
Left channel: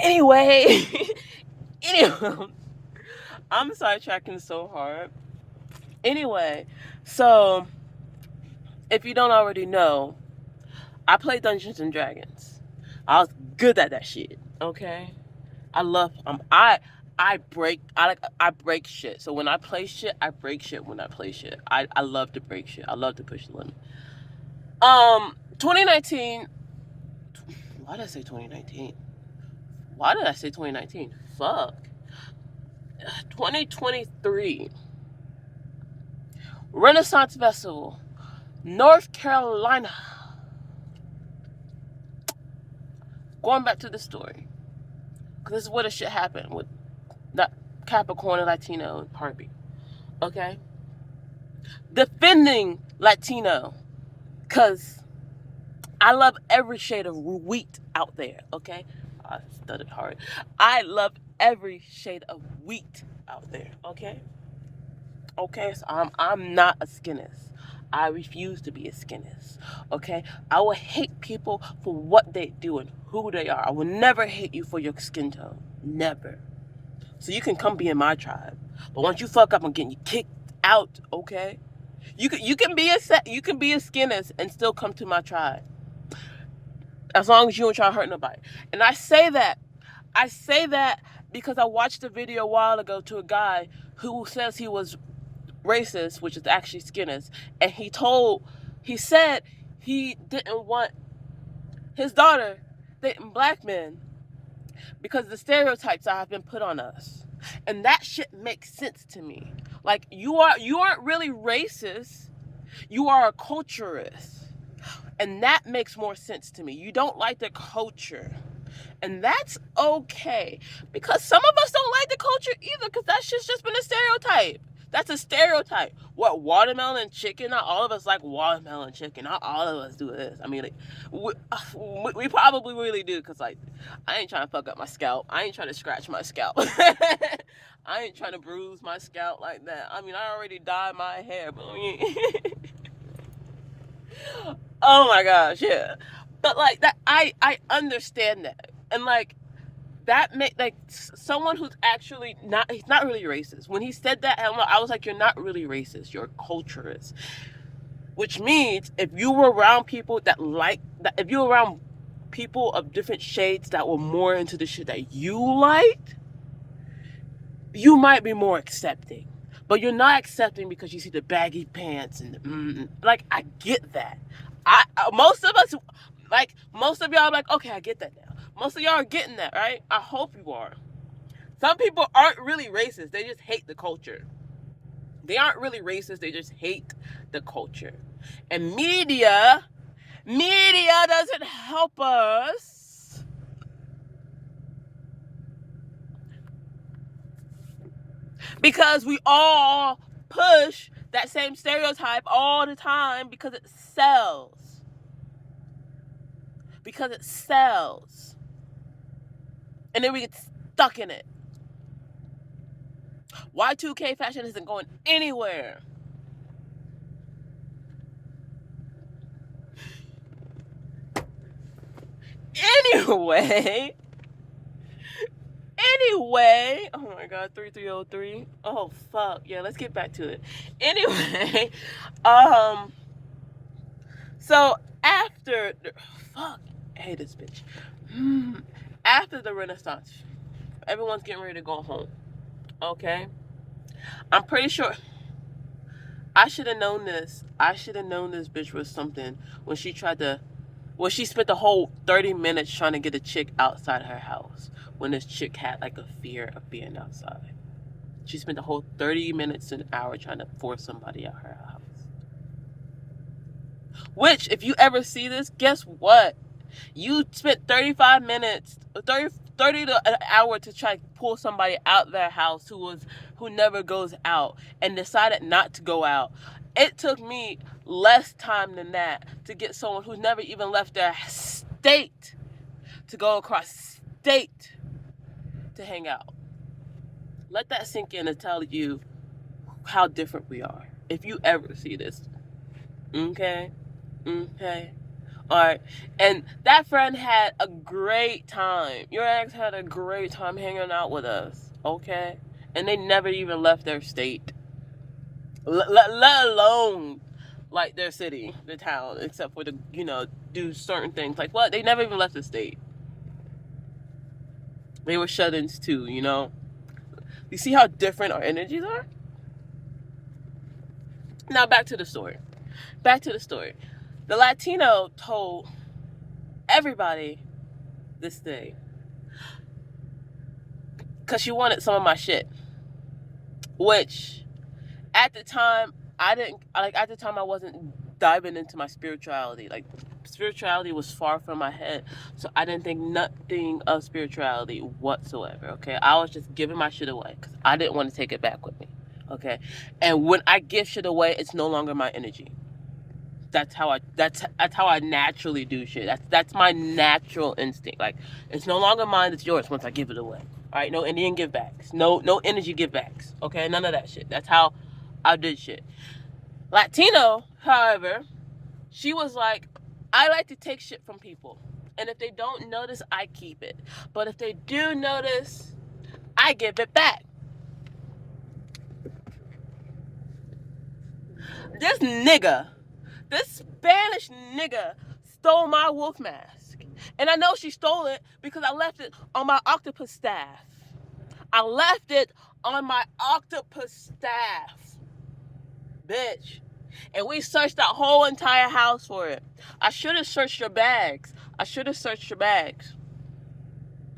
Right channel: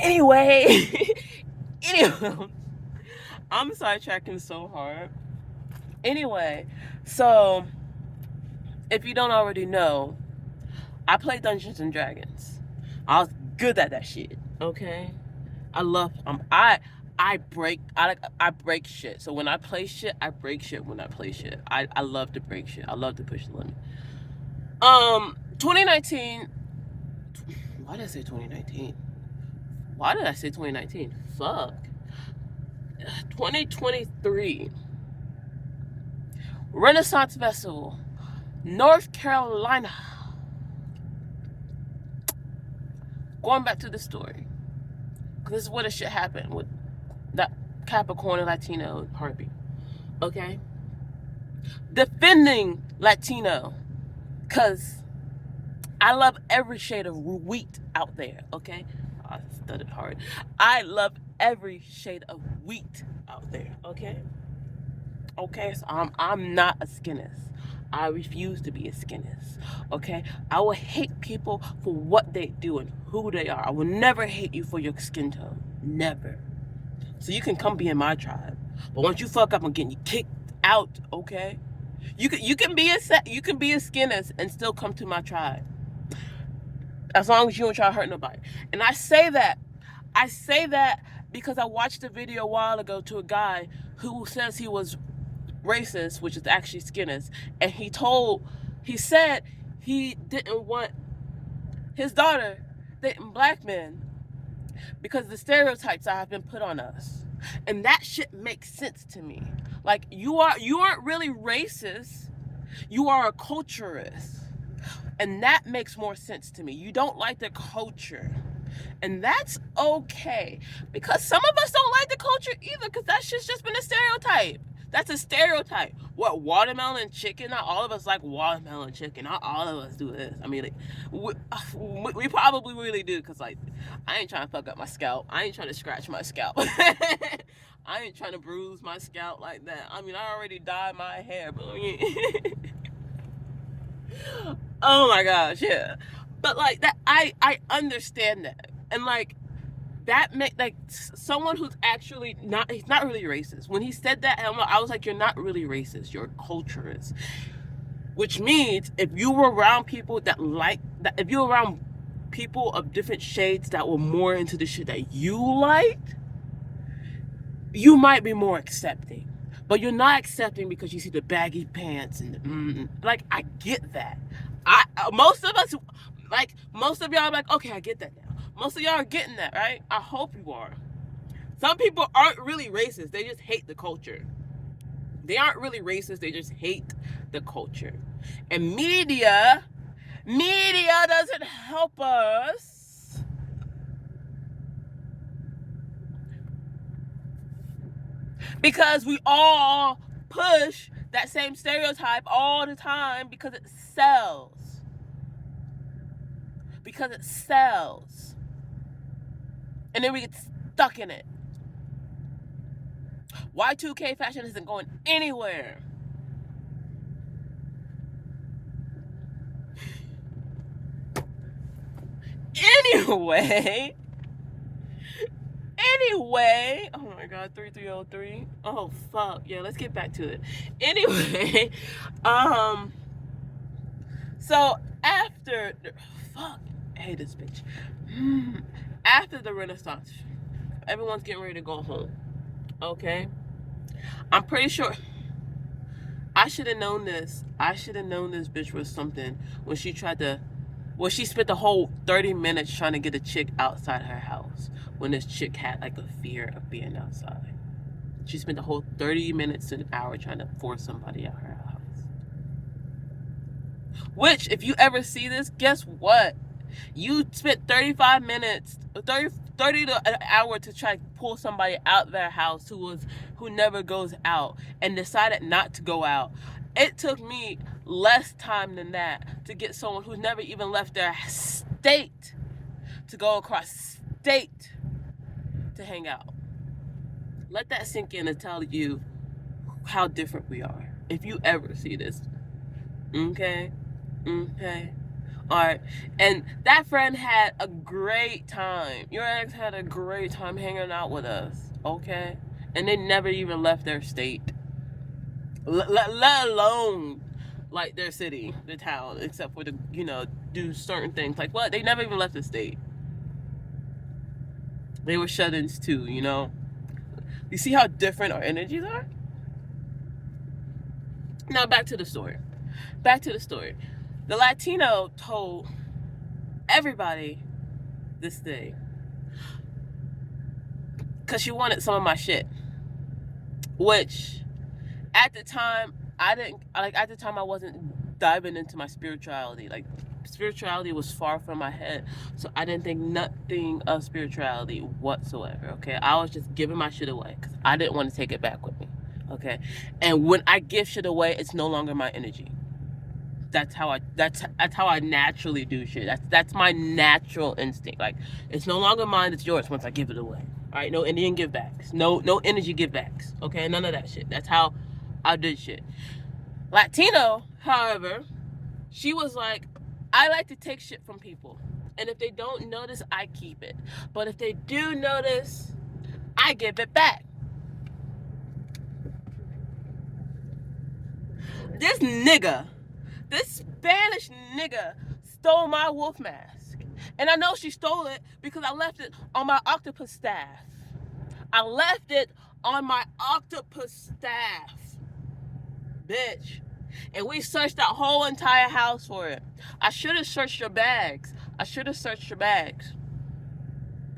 Anyway. I'm sidetracking so hard. Anyway, so if you don't already know, I play Dungeons and Dragons. I was good at that shit. Okay, I love I break shit. So when I play shit, I break shit. When I play shit, I love to break shit. I love to push the limit. 2019. Why did I say 2019? Why did I say 2019? Fuck. 2023 Renaissance Festival. North Carolina. Going back to the story, because this is where the shit happened with that Capricorn and Latino Harvey. Okay? Defending Latino, because I love every shade of wheat out there. Okay? I stuttered hard. I love every shade of wheat out there. Okay? Okay, so I'm not a skinist. I refuse to be a skinist. Okay, I will hate people for what they do and who they are. I will never hate you for your skin tone. Never. So you can come be in my tribe, but once you fuck up, I'm getting you kicked out. Okay, you can be a skinist and still come to my tribe as long as you don't try to hurt nobody. And I say that because I watched a video a while ago to a guy who says he was racist, which is actually skinist, and he said he didn't want his daughter dating black men because of the stereotypes that have been put on us. And that shit makes sense to me. Like, you aren't really racist, you are a culturist. And that makes more sense to me. You don't like the culture. And that's okay. Because some of us don't like the culture either, because that shit's just been a stereotype. That's a stereotype. What, watermelon chicken? Not all of us like watermelon chicken. Not all of us do this. I mean, like, we probably really do, because, like, I ain't trying to fuck up my scalp. I ain't trying to scratch my scalp. I ain't trying to bruise my scalp like that. I mean, I already dyed my hair, but I mean... Oh my gosh, yeah. But, like, that, I understand that. And, like, that make, like, someone who's actually he's not really racist. When he said that, I was like, you're not really racist, you're a culturist. Which means if you were around people that like that, if you were around people of different shades that were more into the shit that you liked, you might be more accepting. But you're not accepting because you see the baggy pants and like, I get that. Most of us, like, most of y'all are like, okay, I get that now. Most of y'all are getting that, right? I hope you are. Some people aren't really racist. They just hate the culture. They aren't really racist. They just hate the culture. And media doesn't help us. Because we all push that same stereotype all the time because it sells. Because it sells. And then we get stuck in it. Y2K fashion isn't going anywhere. Anyway, oh my god, 3303. Oh fuck, yeah, let's get back to it. Anyway, so after fuck, I hate this bitch. After the Renaissance, everyone's getting ready to go home. Okay, I'm pretty sure I should have known this. I should have known this bitch was something when she tried to. Well, she spent the whole 30 minutes trying to get a chick outside her house when this chick had like a fear of being outside. She spent the whole 30 minutes to an hour trying to force somebody out her house. Which, if you ever see this, guess what? You spent 35 minutes, 30 to an hour to try to pull somebody out their house who never goes out and decided not to go out. It took me less time than that to get someone who's never even left their state to go across state to hang out. Let that sink in and tell you how different we are. If you ever see this. Okay? Okay? Alright. And that friend had a great time. Your ex had a great time hanging out with us. Okay? And they never even left their state. Let alone like their city, their town, except for do certain things. Like, what? They never even left the state. They were shut-ins too, You see how different our energies are? Now back to the story. The Latino told everybody this day because she wanted some of my shit, which at the time I wasn't diving into my spirituality. Like, spirituality was far from my head, so I didn't think nothing of spirituality whatsoever. Okay, I was just giving my shit away because I didn't want to take it back with me. Okay, and when I give shit away, it's no longer my energy. That's how I naturally do shit. That's my natural instinct. Like, it's no longer mine, it's yours once I give it away. All right, no Indian give backs, no energy give backs. Okay, none of that shit. That's how I did shit. Latino, however, she was like, I like to take shit from people, and if they don't notice, I keep it. But if they do notice, I give it back. This nigga, this Spanish nigga, stole my wolf mask. And I know she stole it because I left it on my octopus staff. I left it on my octopus staff. Bitch. And we searched that whole entire house for it. I should have searched your bags.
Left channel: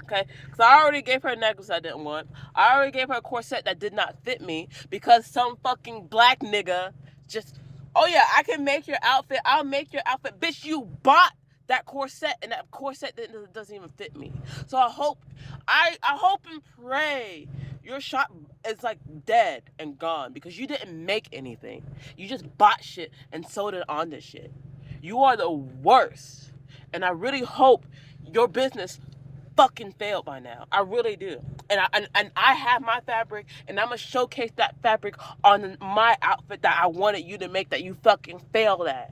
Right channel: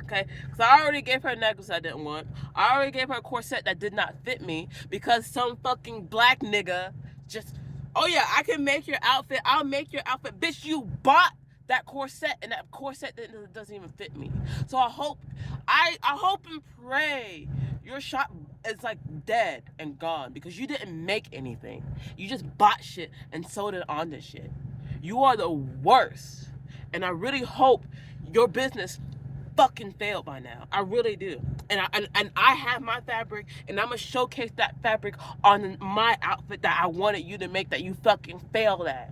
Okay? Because I already gave her a necklace I didn't want. I already gave her a corset that did not fit me because some fucking black nigga just, oh yeah, I can make your outfit. I'll make your outfit. Bitch, you bought that corset and that corset doesn't even fit me. So I hope and pray your shop is like dead and gone because you didn't make anything. You just bought shit and sold it on this shit. You are the worst. And I really hope your business fucking failed by now. I really do. And I have my fabric, and I'm gonna showcase that fabric on my outfit that I wanted you to make that you fucking failed at.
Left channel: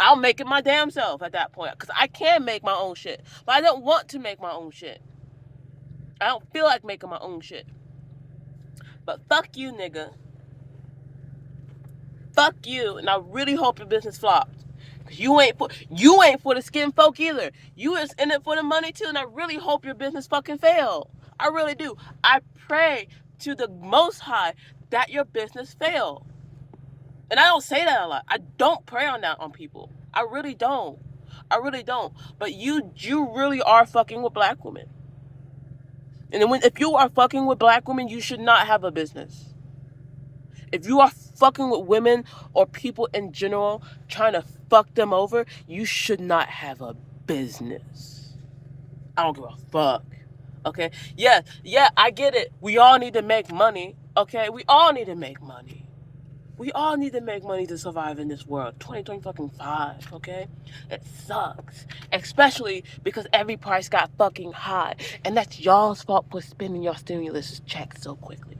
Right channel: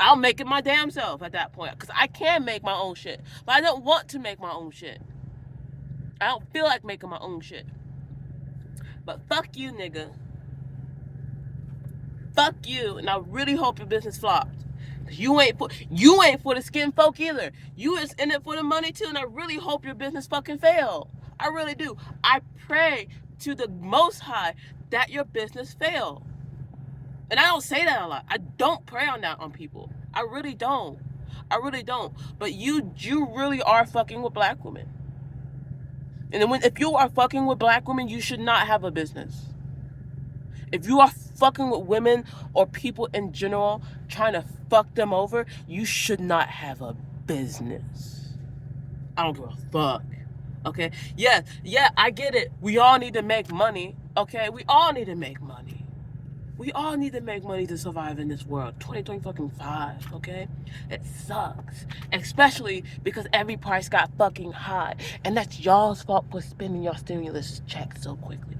I'll make it my damn self at that point, because I can make my own shit, but I don't want to make my own shit. I don't feel like making my own shit. But fuck you, nigga. Fuck you, and I really hope your business flops. You ain't for the skin folk either. You is in it for the money too, and I really hope your business fucking fail. I really do. I pray to the Most High that your business fail. And I don't say that a lot. I don't pray on that on people. I really don't. But you really are fucking with black women. And if you are fucking with black women, you should not have a business. If you are fucking with women or people in general, trying to fuck them over, you should not have a business. I don't give a fuck. Okay? Yeah, I get it. We all need to make money. Okay? We all need to make money. We all need to make money to survive in this world. 2025, okay? It sucks. Especially because every price got fucking high. And that's y'all's fault for spending your stimulus checks so quickly.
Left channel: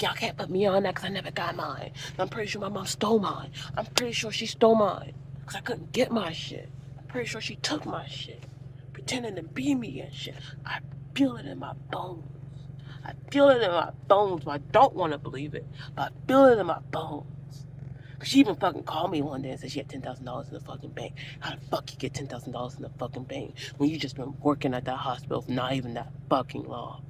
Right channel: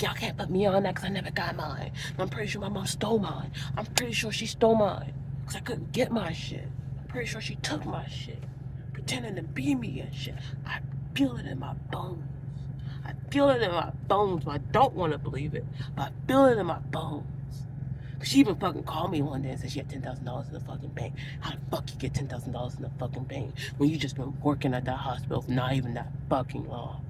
Y'all can't put me on that because I never got mine. I'm pretty sure my mom stole mine. I'm pretty sure she stole mine because I couldn't get my shit. I'm pretty sure she took my shit. Pretending to be me and shit. I feel it in my bones. I feel it in my bones, but I don't want to believe it. But I feel it in my bones. She even fucking called me one day and said she had $10,000 in the fucking bank. How the fuck you get $10,000 in the fucking bank when you just been working at that hospital for not even that fucking long?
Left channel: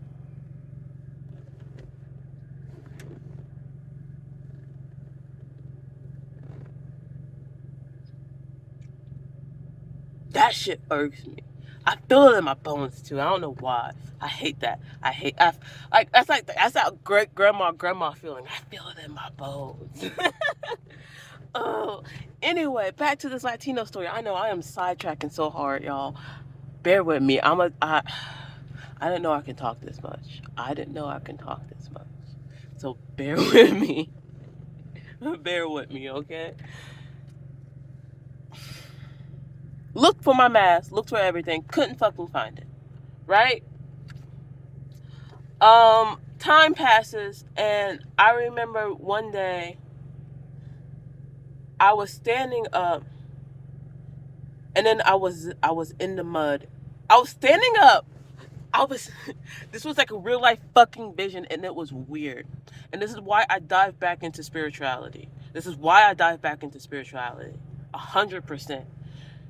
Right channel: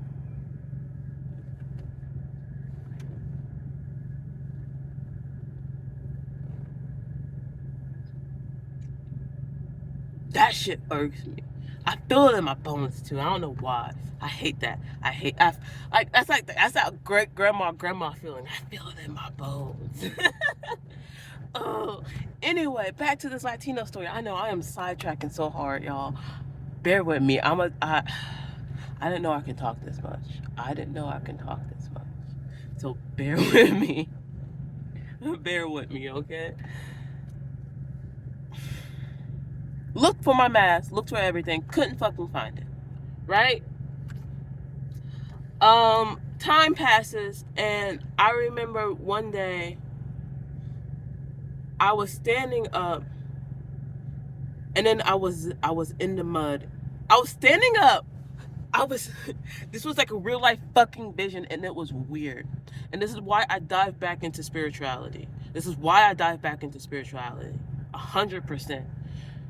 That shit irks me. I feel it in my bones too. I don't know why. I hate that. That's that great grandma feeling. I feel it in my bones. Oh, anyway, back to this Latino story. I know I am sidetracking so hard, y'all. Bear with me. I didn't know I can talk this much. So bear with me. Bear with me, okay? Looked for my mask, looked for everything, couldn't fucking find it. Right? Time passes, and I remember one day I was standing up, and then I was in the mud. I was standing up. This was like a real life fucking vision, and it was weird. And this is why I dive back into spirituality. 100%.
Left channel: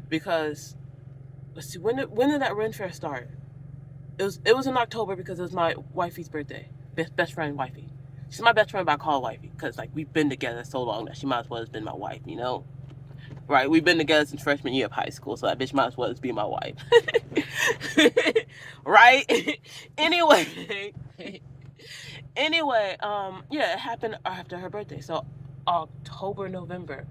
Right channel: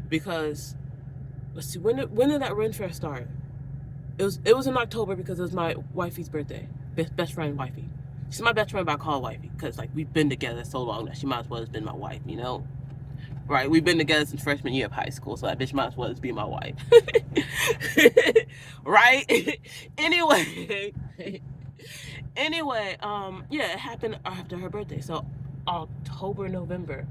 Because, let's see, when did that Ren Fair start? It was in October because it was my wifey's birthday. Best friend wifey. She's my best friend, but I call her wifey because like we've been together so long that she might as well have been my wife, you know? Right? We've been together since freshman year of high school, so that bitch might as well just be my wife. Right? Anyway, yeah, it happened after her birthday. So October, November.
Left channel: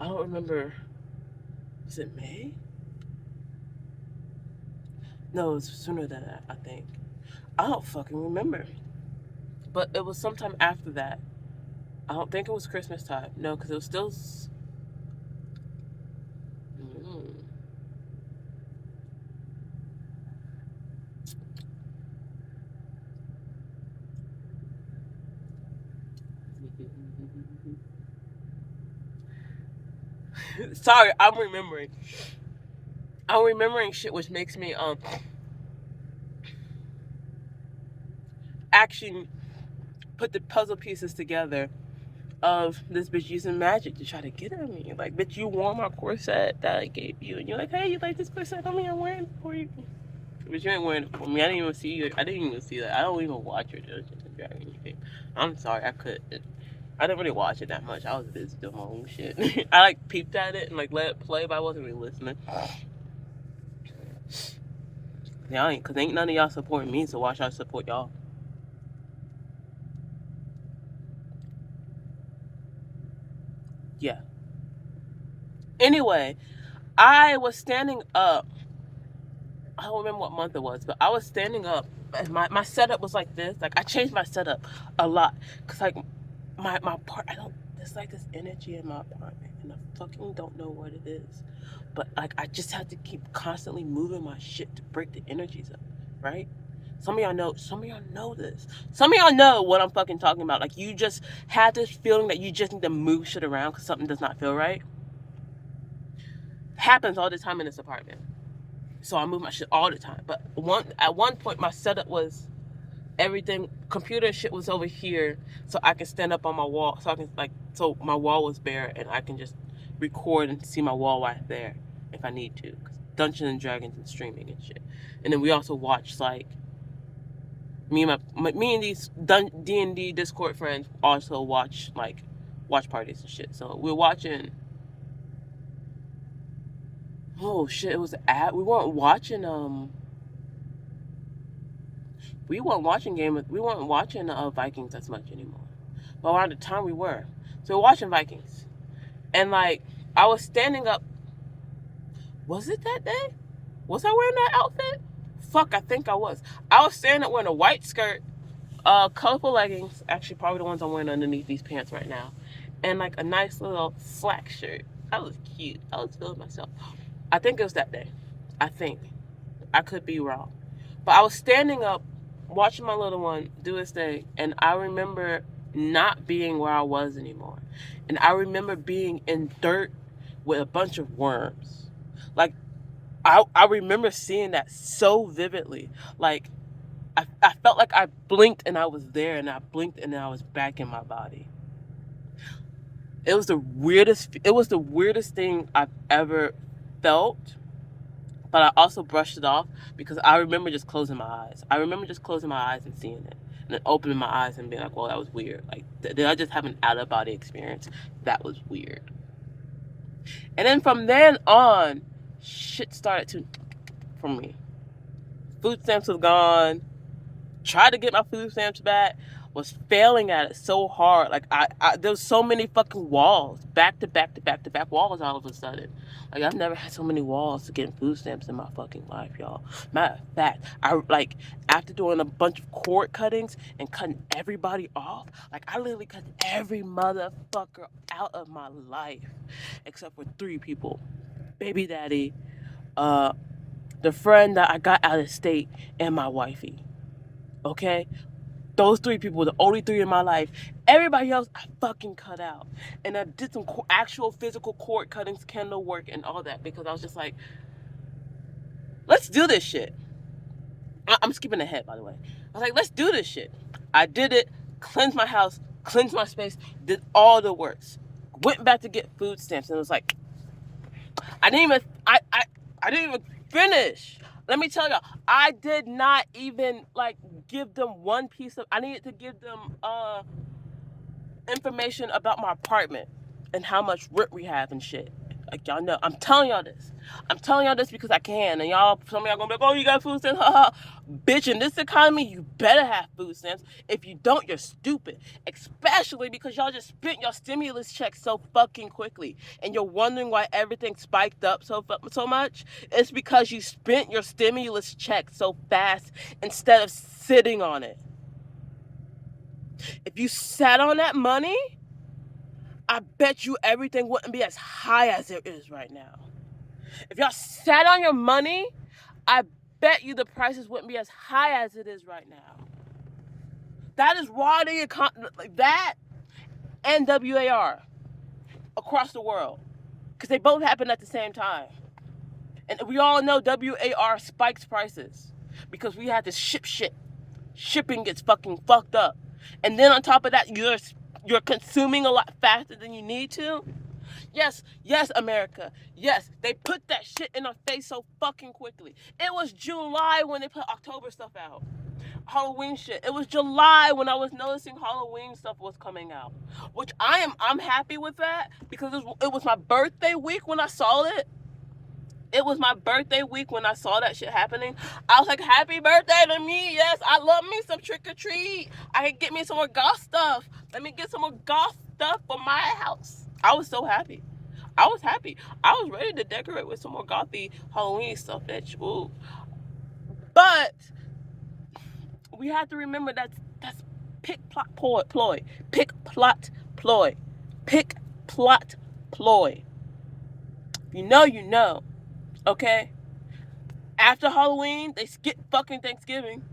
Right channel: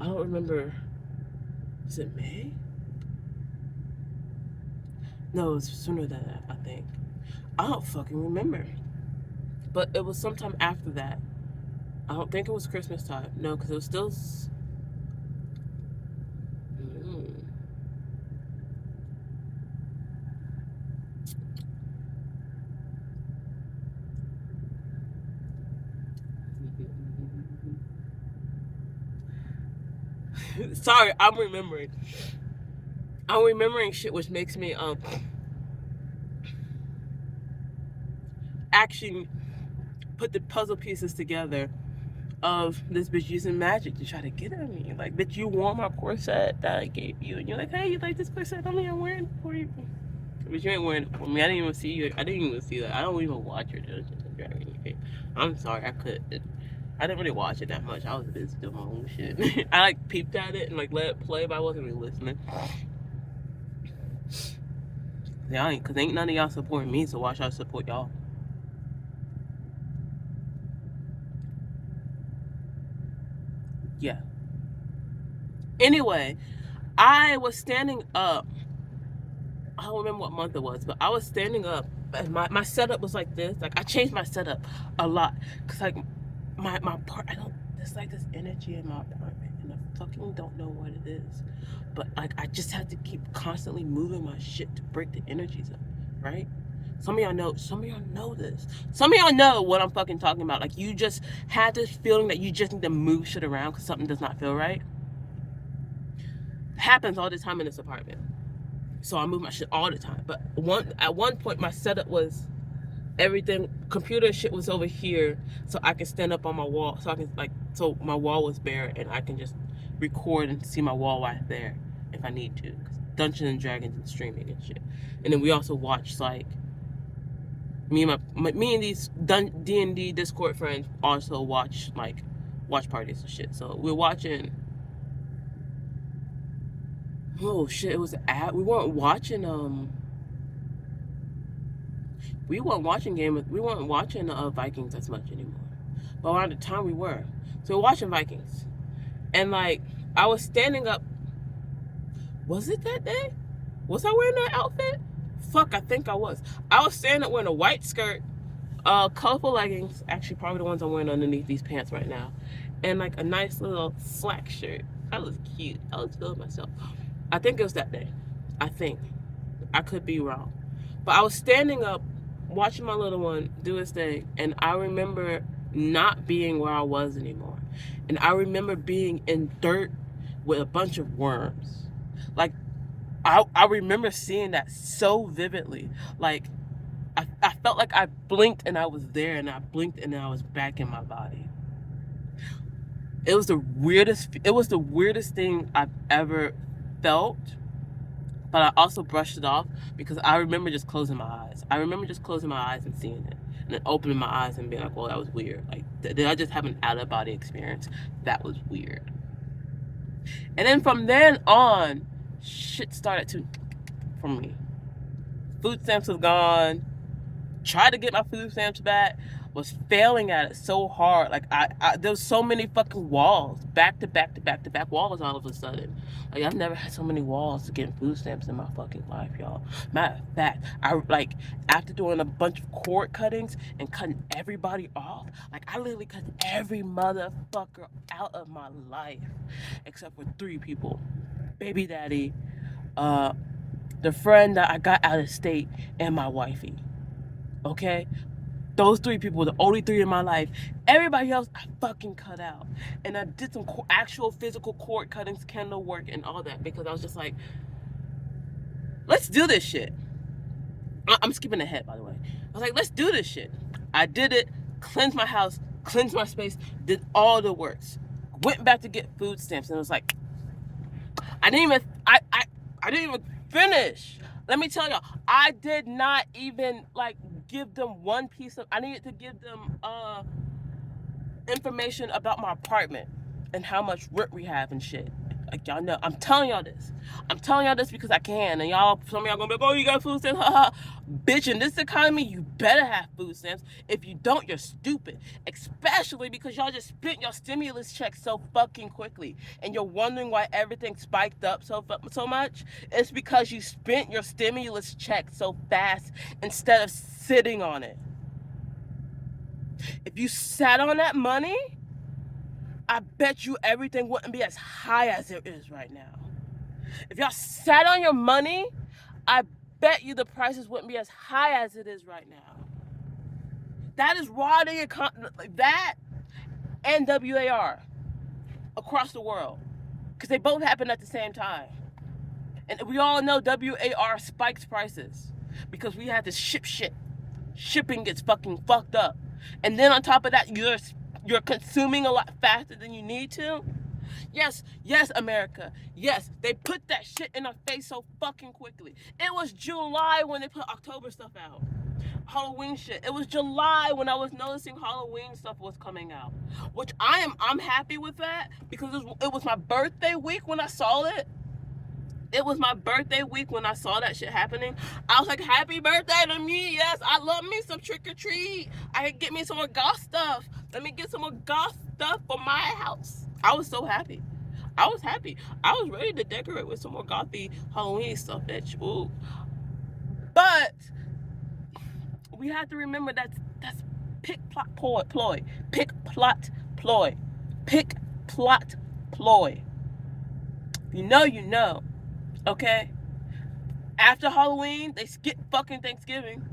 I don't remember. Is it May? No, it was sooner than that, I think. I don't fucking remember. But it was sometime after that. I don't think it was Christmas time. No, because it was still. Mm. Sorry, I'm remembering. I'm remembering shit, which makes me actually put the puzzle pieces together of this bitch using magic to try to get at me. Like, bitch, you wore my corset that I gave you, and you're like, hey, you like this corset? I mean, I'm wearing it for you. But you ain't wearing it for me. I didn't even see you. I didn't even see that. I don't even watch your Dungeons and Dragons game. I'm sorry, I couldn't. I didn't really watch it that much. I was busy doing my own shit. I like peeped at it and like let it play, but I wasn't really listening. Yeah, cause ain't none of y'all supporting me, so why should I support y'all? Yeah. Anyway, I was standing up. I don't remember what month it was, but I was standing up and my setup was like this. Like I changed my setup a lot. Cause like my part I don't there's like this energy in my apartment and I fucking don't know what it is. But like I just had to keep constantly moving my shit to break the energies up, right? Some of y'all know this. Some of y'all know what I'm fucking talking about. Like you just have this feeling that you just need to move shit around because something does not feel right. Happens all the time in this apartment. So I move my shit all the time. But at one point my setup was everything computer shit was over here so I can stand up on my wall so I can like so my wall was bare and I can just record and see my wall right there if I need to. Dungeons and Dragons and streaming and shit. And then we also watch like me and these D&D Discord friends also watch like watch parties and shit. So we're watching. Oh shit! It was at we weren't watching we weren't watching Vikings as much anymore. But around the time we were, so we're watching Vikings, and like I was standing up. Was it that day? Was I wearing that outfit? Fuck, I think I was. I was standing up wearing a white skirt, colorful leggings. Actually, probably the ones I'm wearing underneath these pants right now, and like a nice little slack shirt. I was cute. I was feeling myself. I think it was that day. I think. I could be wrong. But I was standing up watching my little one do his thing, and I remember not being where I was anymore. And I remember being in dirt with a bunch of worms. Like, I remember seeing that so vividly. Like, I felt like I blinked and I was there, and I blinked and I was back in my body. It was the weirdest thing I've ever felt, but I also brushed it off because I remember just closing my eyes. I remember just closing my eyes and seeing it, and then opening my eyes and being like, "Well, that was weird." Like, did I just have an out of body experience? That was weird. And then from then on, shit started to for me. Food stamps was gone. Tried to get my food stamps back, was failing at it so hard. Like there was so many fucking walls, back to back to back to back walls all of a sudden. Like I've never had so many walls to get food stamps in my fucking life, y'all. Matter of fact, I like after doing a bunch of cord cuttings and cutting everybody off, like I literally cut every motherfucker out of my life, except for 3 people: baby daddy, uh, the friend that I got out of state, and my wifey. Okay, those 3 people were the only 3 in my life. Everybody else I fucking cut out. And I did some actual physical cord cuttings, candle work, and all that because I was just like, let's do this shit. I'm skipping ahead, by the way. I was like, let's do this shit. I did it, cleansed my house, cleansed my space, did all the works. Went back to get food stamps and it was like, I didn't even, I didn't even finish. Let me tell y'all, I did not even like give them one piece of, I needed to give them, information about my apartment and how much rent we have and shit. Like, y'all know. I'm telling y'all this. I'm telling y'all this because I can. And y'all, some of y'all gonna be like, oh, you got food stamps? Ha ha. Bitch, in this economy, you better have food stamps. If you don't, you're stupid. Especially because y'all just spent your stimulus check so fucking quickly. And you're wondering why everything spiked up so much? It's because you spent your stimulus check so fast instead of sitting on it. If you sat on that money, I bet you everything wouldn't be as high as it is right now. If y'all sat on your money, I bet you the prices wouldn't be as high as it is right now. That is why the economy, that and WAR across the world, because they both happen at the same time. And we all know WAR spikes prices because we had to ship shit. Shipping gets fucking fucked up. And then on top of that, you're consuming a lot faster than you need to. Yes, America. Yes, they put that shit in our face so fucking quickly. It was July when they put October stuff out. Halloween shit. It was July when I was noticing Halloween stuff was coming out. Which I'm happy with that because it was my birthday week when I saw it. It was my birthday week when I saw that shit happening. I was like, happy birthday to me. Yes, I love me some trick or treat. I can get me some more goth stuff. Let me get some more goth stuff for my house. I was so happy. I was happy. I was ready to decorate with some more gothy Halloween stuff, bitch. Ooh. But we have to remember that's pick plot ploy. Pick plot ploy. Pick plot ploy. You know. Okay? After Halloween, they skip fucking Thanksgiving.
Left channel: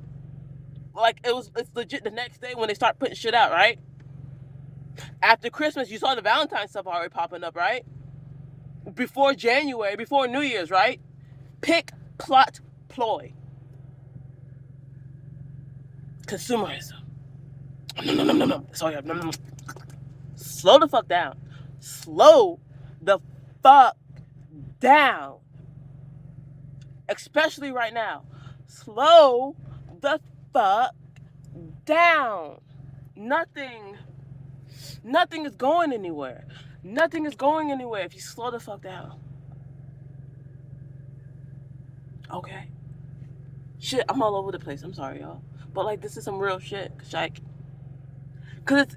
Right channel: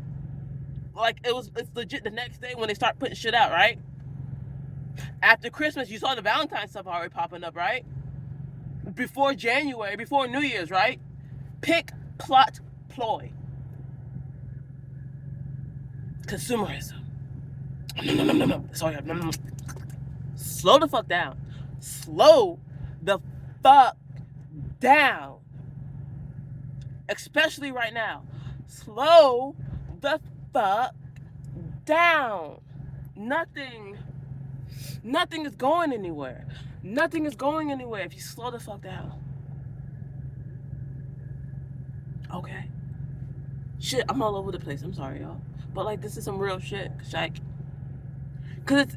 Like it's legit the next day when they start putting shit out, right? After Christmas, you saw the Valentine's stuff already popping up, right? Before January, before New Year's, right? Pick, plot, ploy. Consumerism. No. Sorry, no. Slow the fuck down. Slow the fuck down. Especially right now. Slow the fuck down. Nothing is going anywhere. Nothing is going anywhere if you slow the fuck down. Okay? Shit, I'm all over the place. I'm sorry, y'all. But, like, this is some real shit. Because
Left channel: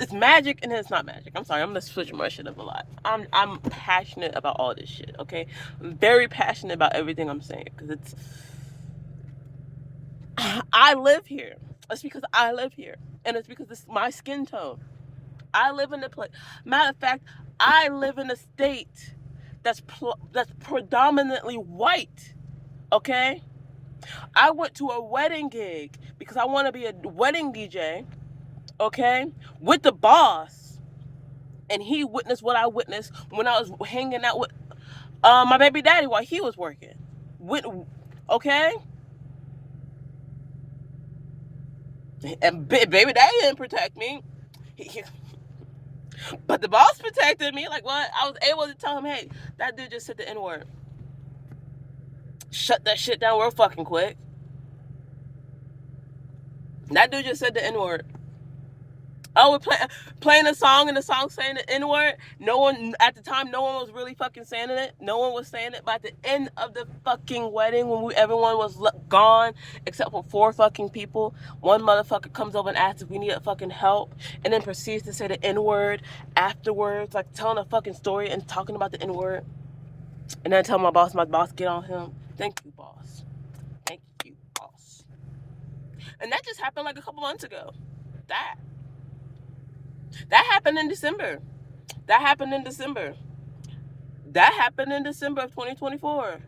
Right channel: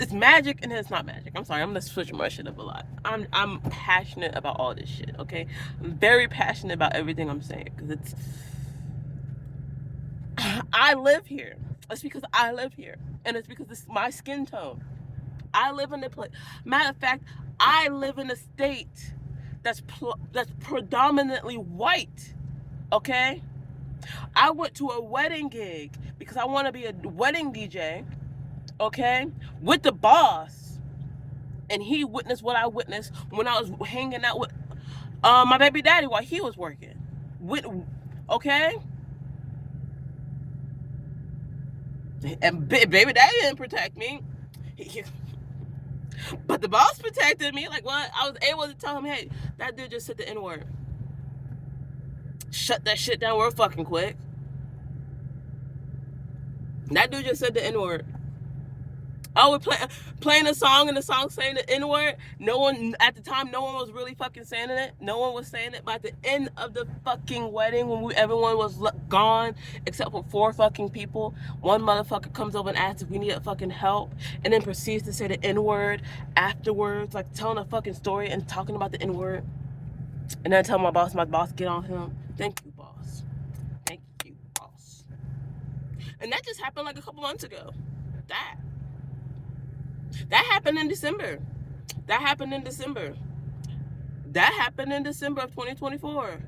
it's magic and it's not magic. I'm sorry, I'm going to switch my shit up a lot. I'm passionate about all this shit, okay? I'm very passionate about everything I'm saying. Because it's... I live here. It's because I live here. And it's because it's my skin tone. I live in a place... Matter of fact, I live in a state that's predominantly white, okay? I went to a wedding gig because I want to be a wedding DJ, okay, with the boss. And he witnessed what I witnessed when I was hanging out with my baby daddy while he was working. Okay? And baby daddy didn't protect me. But the boss protected me. Like, what? I was able to tell him, hey, that dude just said the N-word. Shut that shit down real fucking quick. That dude just said the N-word. Oh, we're playing a song and the song saying the N-word. No one, at the time, no one was really fucking saying it. No one was saying it. But at the end of the fucking wedding, when everyone was gone, except for 4 fucking people, one motherfucker comes over and asks if we need fucking help, and then proceeds to say the N-word afterwards, like telling a fucking story and talking about the N-word. And then tell my boss, get on him. Thank you, boss. Thank you, boss. And that just happened like a couple months ago. That happened in December. That happened in December of 2024.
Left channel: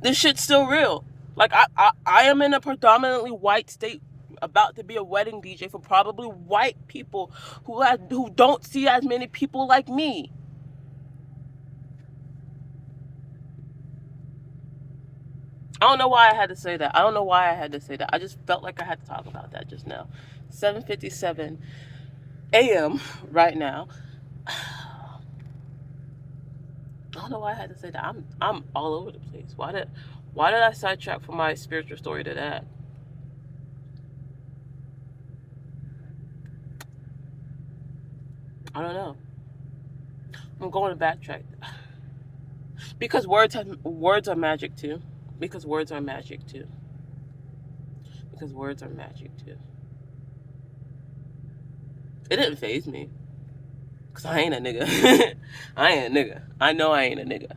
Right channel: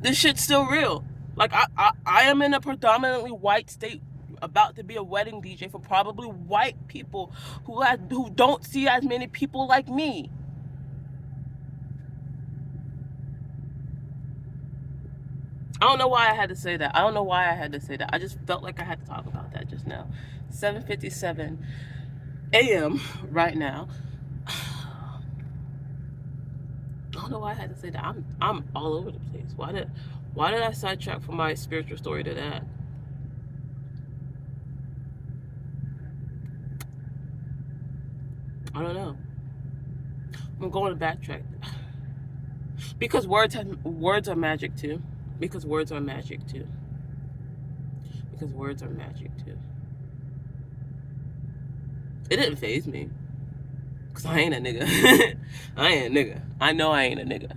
This shit's still real. Like, I am in a predominantly white state, about to be a wedding DJ for probably white people who don't see as many people like me. I don't know why I had to say that. I just felt like I had to talk about that just now. 7:57 a.m. right now. I don't know why I had to say that. I'm all over the place. Why did I sidetrack from my spiritual story to that? I don't know. I'm going to backtrack because words are magic too. Because words are magic too. Because words are magic too. It didn't phase me. Cause I ain't a nigga. I ain't a nigga. I know I ain't a nigga.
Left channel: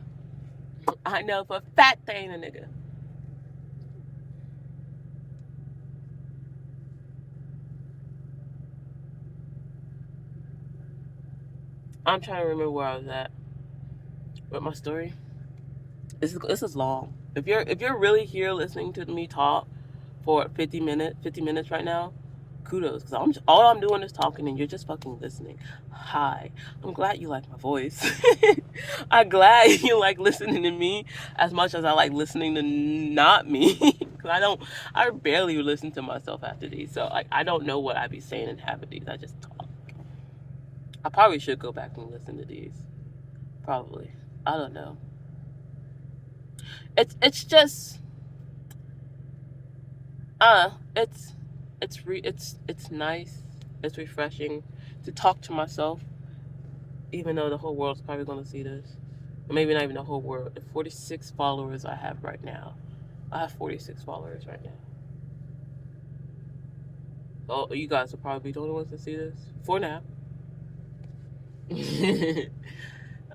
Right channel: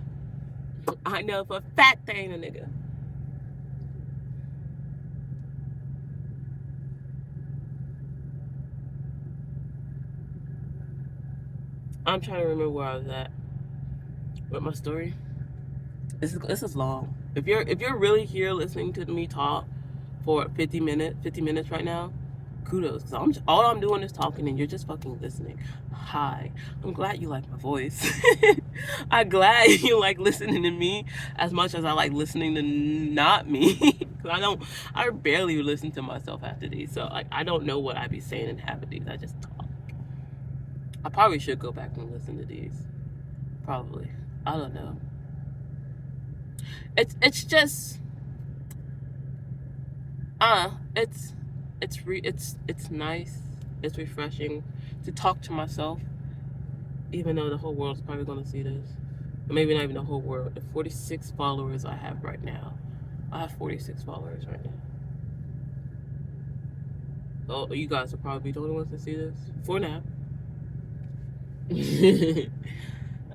I know for a fact I ain't a nigga. I'm trying to remember where I was at with my story. This is long. If you're really here listening to me talk for 50 minutes right now, kudos. Cause all I'm doing is talking and you're just fucking listening. Hi, I'm glad you like my voice. I'm glad you like listening to me as much as I like listening to not me. Cause I barely listen to myself after these. So like I don't know what I be saying in half of these. I just talk. I probably should go back and listen to these. Probably. I don't know. It's just it's it's nice. It's refreshing to talk to myself, even though the whole world's probably gonna see this. Maybe not even the whole world. The 46 followers I have right now. I have 46 followers right now. Oh, you guys will probably be the only ones to see this for now.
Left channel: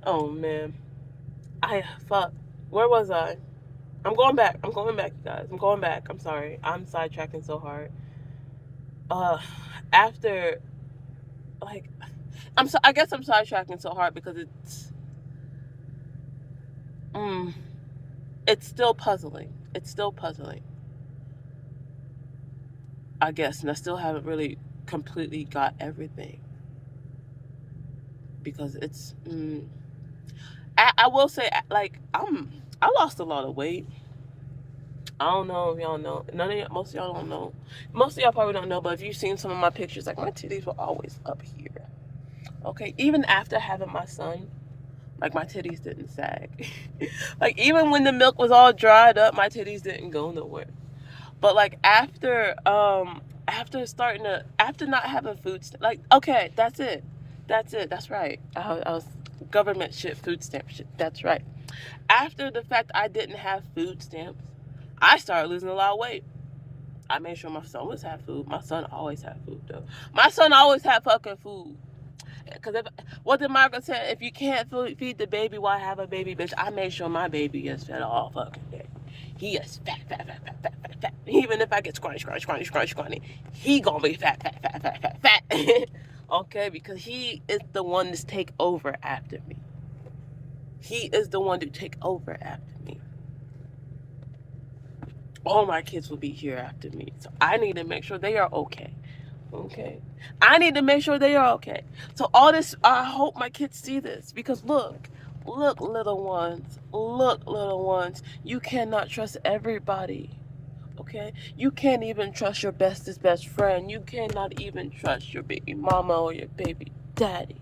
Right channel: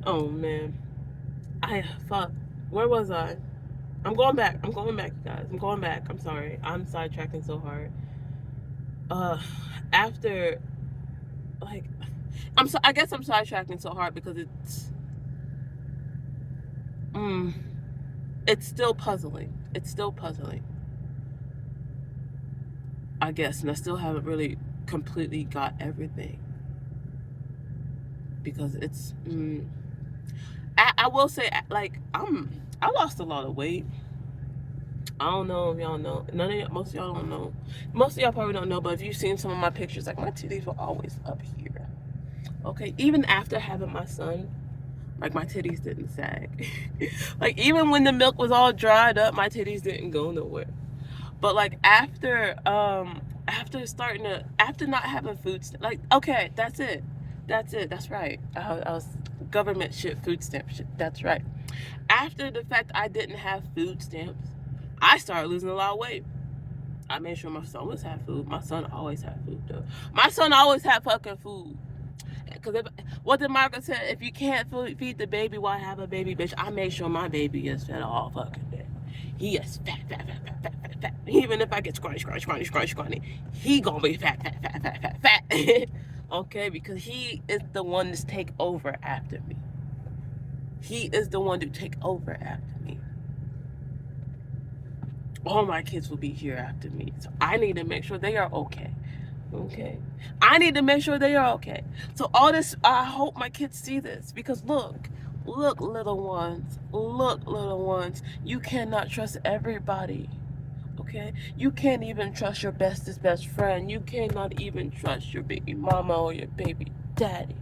Oh man, I fuck. Where was I? I'm going back. I'm going back, you guys. I'm going back. I'm sorry. I'm sidetracking so hard. Uh, after like, I guess I'm sidetracking so hard because mm, it's still puzzling. It's still puzzling. I guess, and I still haven't really completely got everything because it's. I will say, like, I lost a lot of weight. I don't know if y'all know. Most of y'all don't know. Most of y'all probably don't know, but if you've seen some of my pictures, like my titties were always up here. Okay, even after having my son, like my titties didn't sag. Like even when the milk was all dried up, my titties didn't go nowhere. But like after not having food like okay, that's right. I was government shit, food stamp shit. That's right. After the fact I didn't have food stamps, I started losing a lot of weight. I made sure my son was had food. My son always had food though. My son always had fucking food. Because what did Margaret say? If you can't feed the baby, why have a baby, bitch? I made sure my baby is fed all fucking day. He is fat. Even if I get scrawny, he gonna be fat. Okay, because he is the one to take over after me. He is the one to take over after me. All my kids will be here after me, so I need to make sure they are okay. Okay. I need to make sure they are okay. So all this, I hope my kids see this because look, little ones, you cannot trust everybody. Okay? You can't even trust your bestest best friend. You cannot even trust your baby mama or your baby daddy.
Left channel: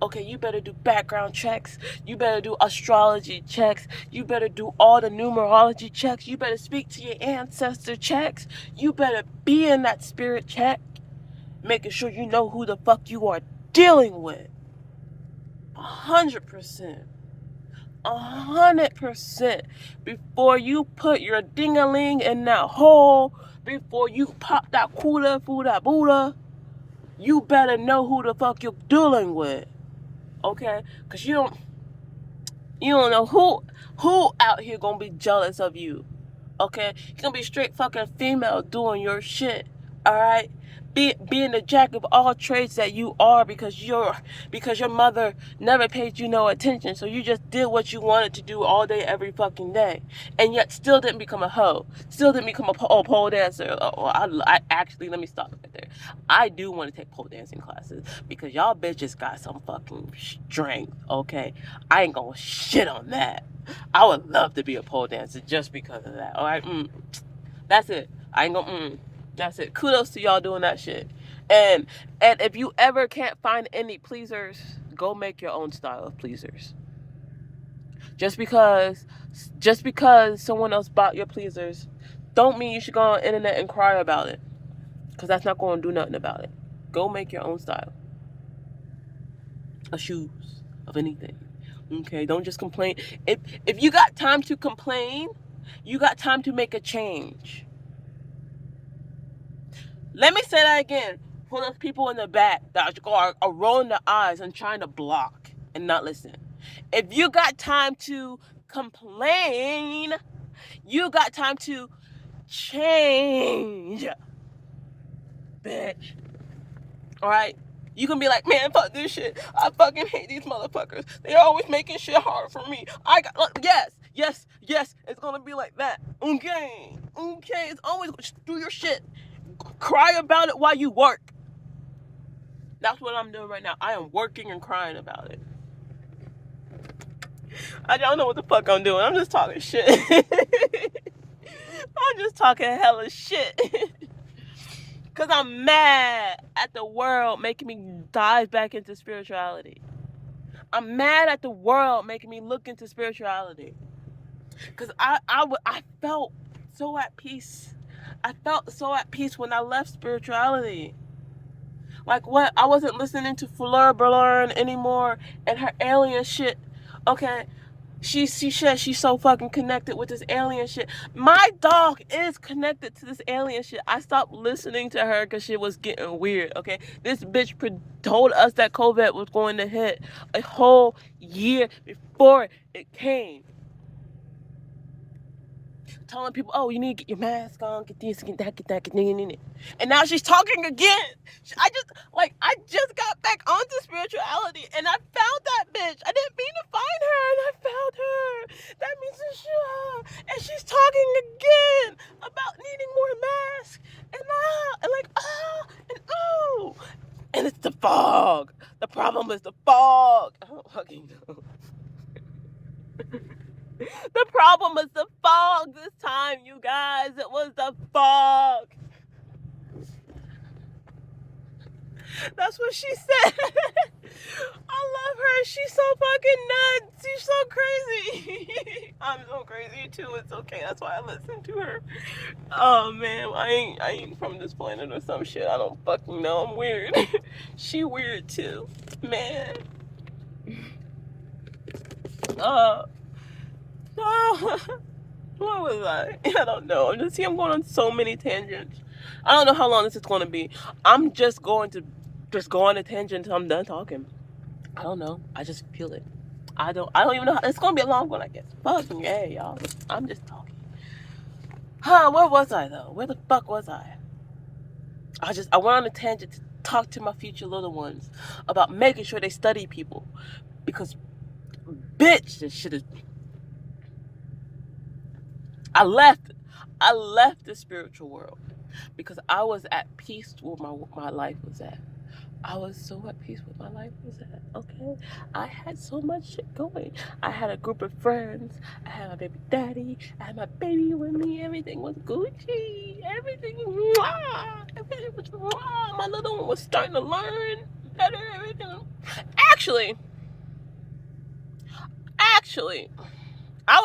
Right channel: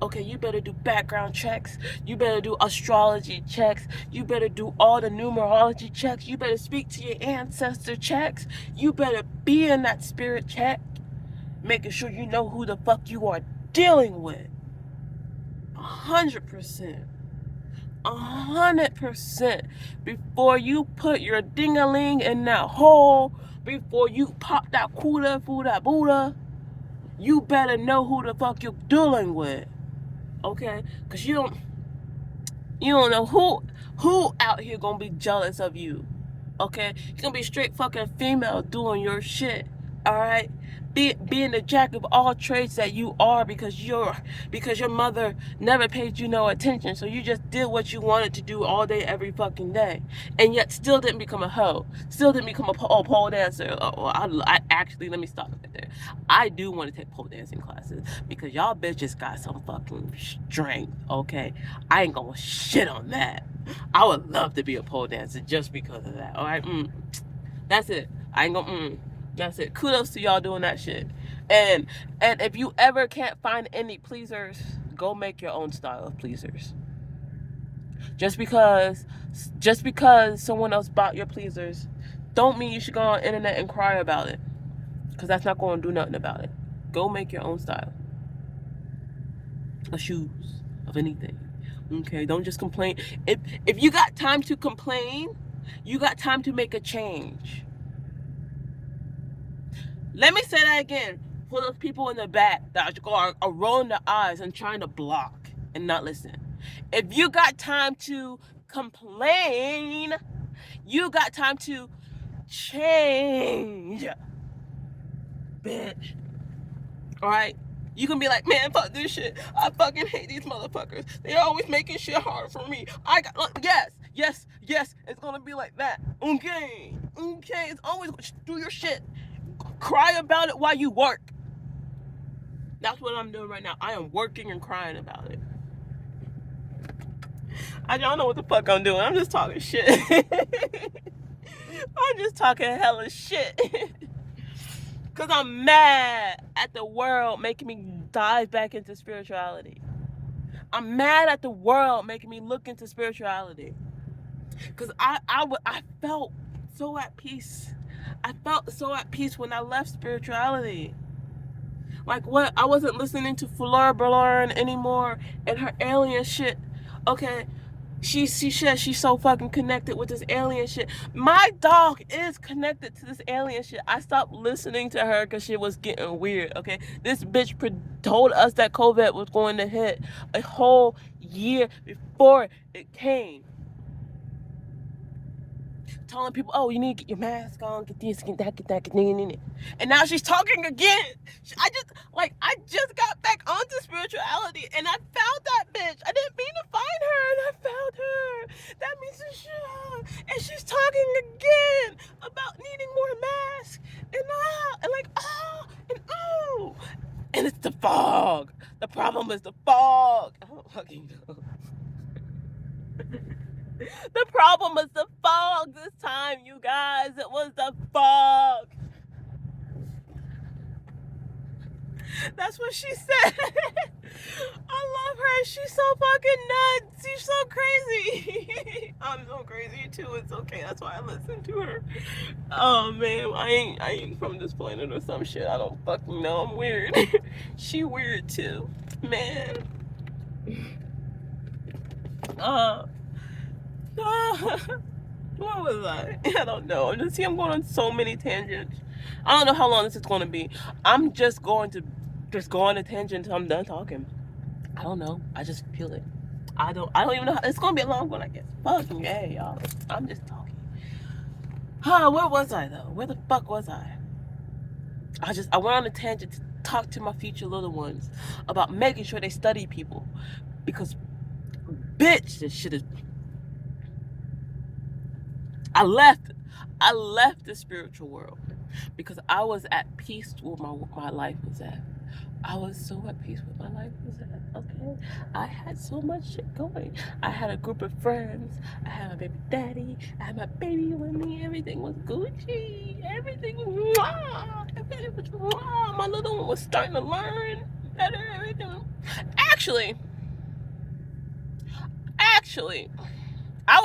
Okay, you better do background checks. You better do astrology checks. You better do all the numerology checks. You better speak to your ancestor checks. You better be in that spirit check, making sure you know who the fuck you are dealing with. 100%. 100%. Before you put your ding-a-ling in that hole, before you pop that cooler for that Buddha, you better know who the fuck you're dealing with. Okay? Because you don't know who out here gonna be jealous of you. Okay? You're gonna be straight fucking female doing your shit. Alright? Being the jack of all trades that you are because your mother never paid you no attention, so you just did what you wanted to do all day every fucking day, and yet still didn't become a hoe, still didn't become a pole dancer. I actually, let me stop right there. I do want to take pole dancing classes because y'all bitches got some fucking strength. Okay, I ain't gonna shit on that. I would love to be a pole dancer just because of that. All right, that's it. I ain't gonna. That's it. Kudos to y'all doing that shit. And if you ever can't find any pleasers, go make your own style of pleasers. Just because someone else bought your pleasers, don't mean you should go on the internet and cry about it. Because that's not going to do nothing about it. Go make your own style of shoes. of anything. Okay, don't just complain. If you got time to complain, you got time to make a change. Let me say that again for those people in the back that are rolling their eyes and trying to block and not listen. If you got time to complain, you got time to change, bitch. Alright? You can be like, man, fuck this shit. I fucking hate these motherfuckers. They're always making shit hard for me. Yes, it's gonna be like that. Okay, it's always do your shit. Cry about it while you work. That's what I'm doing right now. I am working and crying about it. I don't know what the fuck I'm doing. I'm just talking shit. I'm just talking hella shit. Because I'm mad at the world making me dive back into spirituality. I'm mad at the world making me look into spirituality. Because I felt so at peace. I felt so at peace when I left spirituality. Like what? I wasn't listening to Fleur Ballard anymore and her alien shit. Okay, she said she's so fucking connected with this alien shit. My dog is connected to this alien shit. I stopped listening to her because shit was getting weird. Okay, this bitch told us that COVID was going to hit a whole year before it came. Telling people, oh, you need to get your mask on, get this, get that, get that, get that. And now she's talking again. I just got back onto spirituality and I found that bitch. I didn't mean to find her and I found her. That means it's sure. And she's talking again about needing more masks and ooh. And it's the fog. The problem is the fog. I don't fucking know. The problem was the fog this time, you guys. It was the fog. That's what she said. I love her. She's so fucking nuts. She's so crazy. I'm so crazy too. It's okay. That's why I listen to her. Oh man, I ain't from this planet or some shit. I don't fucking know. I'm weird. She weird too. Man. What was I? I don't know. I'm going on so many tangents. I don't know how long this is going to be. I'm just going to go on a tangent until I'm done talking. I don't know. I just feel it. I don't even know. It's going to be a long one, I guess. Fucking yeah, y'all. I'm just talking. Where was I though? Where the fuck was I? I went on a tangent to talk to my future little ones about making sure they study people, because bitch, this shit is. I left the spiritual world because I was at peace with my life was at. I was so at peace with my life was at. Okay, I had so much shit going. I had a group of friends. I had my baby daddy. I had my baby with me. Everything was Gucci. Everything was My little one was starting to learn better. Everything. Actually, I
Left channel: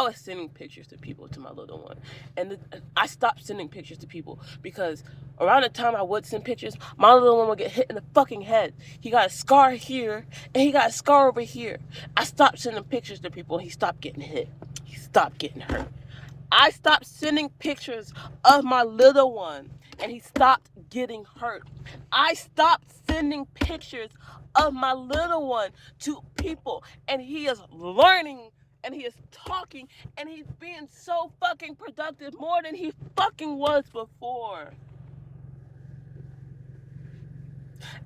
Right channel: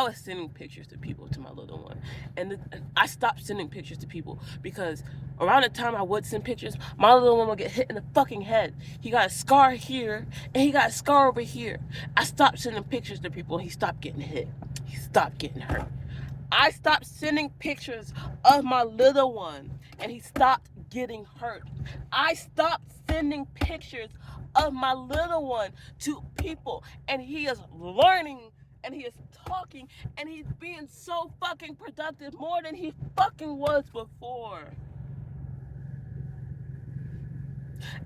was sending pictures to people, to my little one, and I stopped sending pictures to people because around the time I would send pictures, my little one would get hit in the fucking head. He got a scar here and he got a scar over here. I stopped sending pictures to people and he stopped getting hit. He stopped getting hurt. I stopped sending pictures of my little one and he stopped getting hurt. I stopped sending pictures of my little one to people and he is learning and he is talking and he's being so fucking productive more than he fucking was before.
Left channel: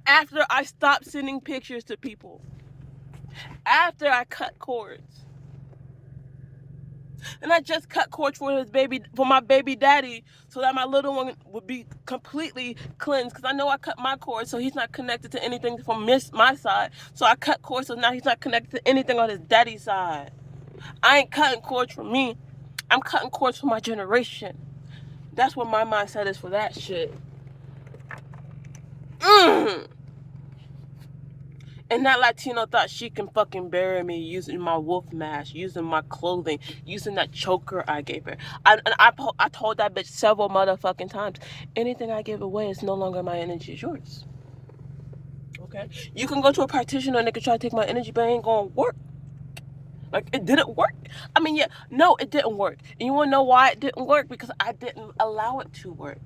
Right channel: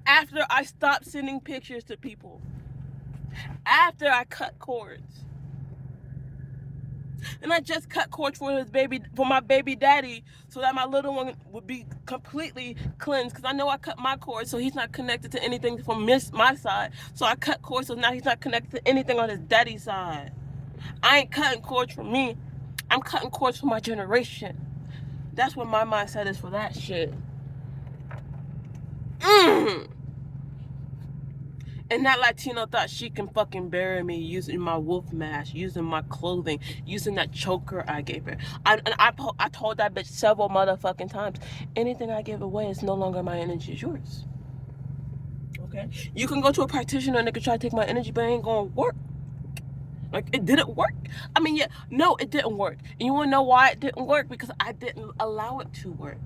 After I stopped sending pictures to people. After I cut cords. And I just cut cords for my baby daddy, so that my little one would be completely cleansed. Because I know I cut my cords, so he's not connected to anything from my side. So I cut cords, so now he's not connected to anything on his daddy's side. I ain't cutting cords for me. I'm cutting cords for my generation. That's what my mindset is for that shit. And that Latino thought she can fucking bury me using my wolf mask, using my clothing, using that choker I gave her. I told that bitch several motherfucking times, anything I give away is no longer my energy, it's yours. Okay? You can go to a practitioner and they can try to take my energy, but it ain't gonna work. Like, it didn't work. I mean, yeah, no, it didn't work. And you wanna know why it didn't work? Because I didn't allow it to work.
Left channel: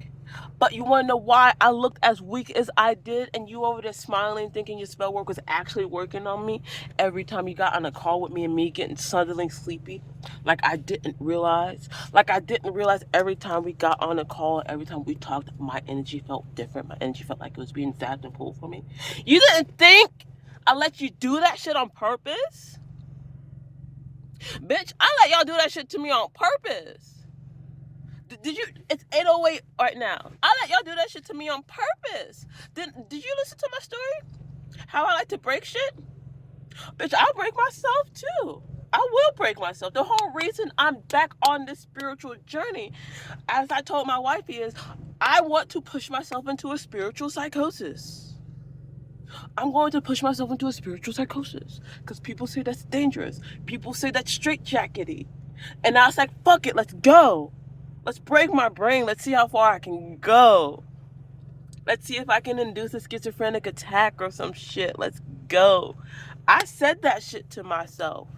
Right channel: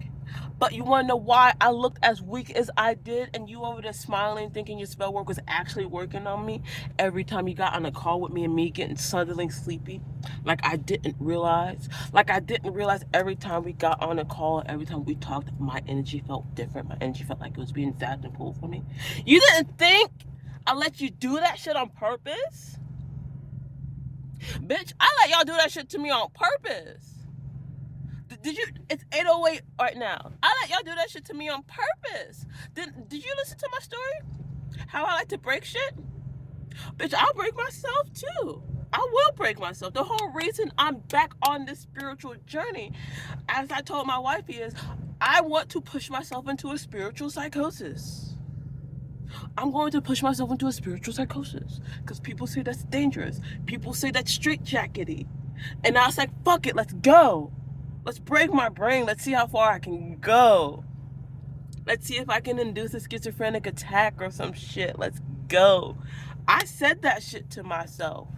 But you wanna know why I looked as weak as I did, and you over there smiling, thinking your spell work was actually working on me every time you got on a call with me and me getting suddenly sleepy? Like, I didn't realize. Like, I didn't realize every time we got on a call, every time we talked, my energy felt different. My energy felt like it was being zapped and pulled for me. You didn't think I let you do that shit on purpose? Bitch, I let y'all do that shit to me on purpose. Did you? It's 8:08 right now. I let y'all do that shit to me on purpose. Did you listen to my story? How I like to break shit? Bitch, I'll break myself too. I will break myself. The whole reason I'm back on this spiritual journey, as I told my wifey, is I want to push myself into a spiritual psychosis. I'm going to push myself into a spiritual psychosis because people say that's dangerous. People say that's straitjackety. And I was like, fuck it, let's go. Let's break my brain. Let's see how far I can go. Let's see if I can induce a schizophrenic attack or some shit. Let's go. I said that shit to myself.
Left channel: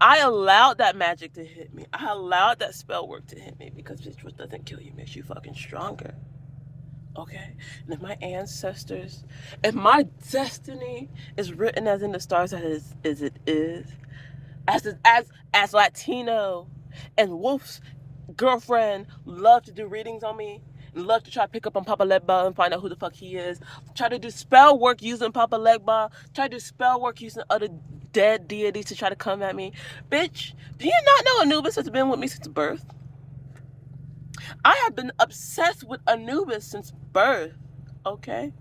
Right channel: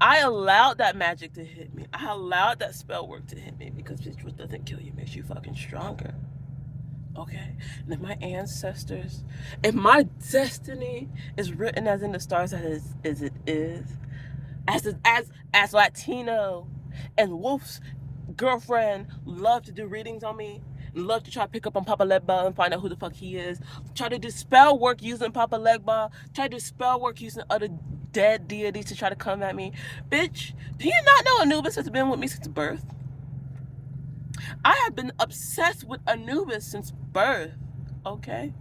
I allowed that magic to hit me. I allowed that spell work to hit me because bitch, what doesn't kill you makes you fucking stronger. Okay? And if my ancestors, if my destiny is written as in the stars as it is, as Latino and Wolf's girlfriend love to do readings on me, love to try to pick up on Papa Legba and find out who the fuck he is, try to do spell work using Papa Legba, try to do spell work using other dead deities to try to come at me. Bitch, do you not know Anubis has been with me since birth? I have been obsessed with Anubis since birth, okay?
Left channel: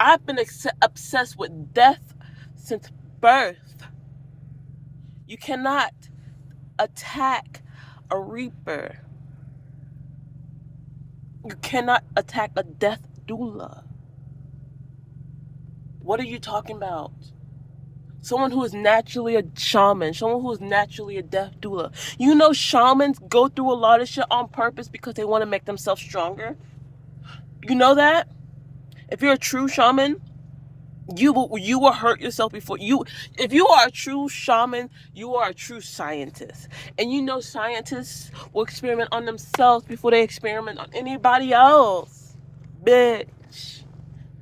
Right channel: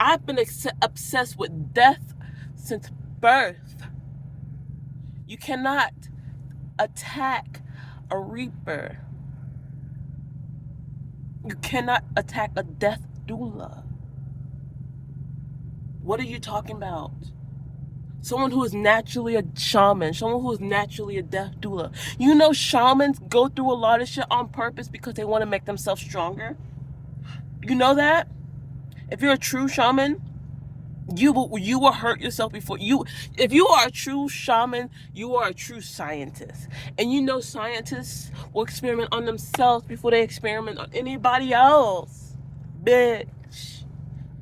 I've been obsessed with death since birth. You cannot attack a reaper. You cannot attack a death doula. What are you talking about? Someone who is naturally a shaman, someone who is naturally a death doula. You know shamans go through a lot of shit on purpose because they want to make themselves stronger. You know that? If you're a true shaman, you will hurt yourself before you. If you are a true shaman, you are a true scientist. And you know scientists will experiment on themselves before they experiment on anybody else. Bitch.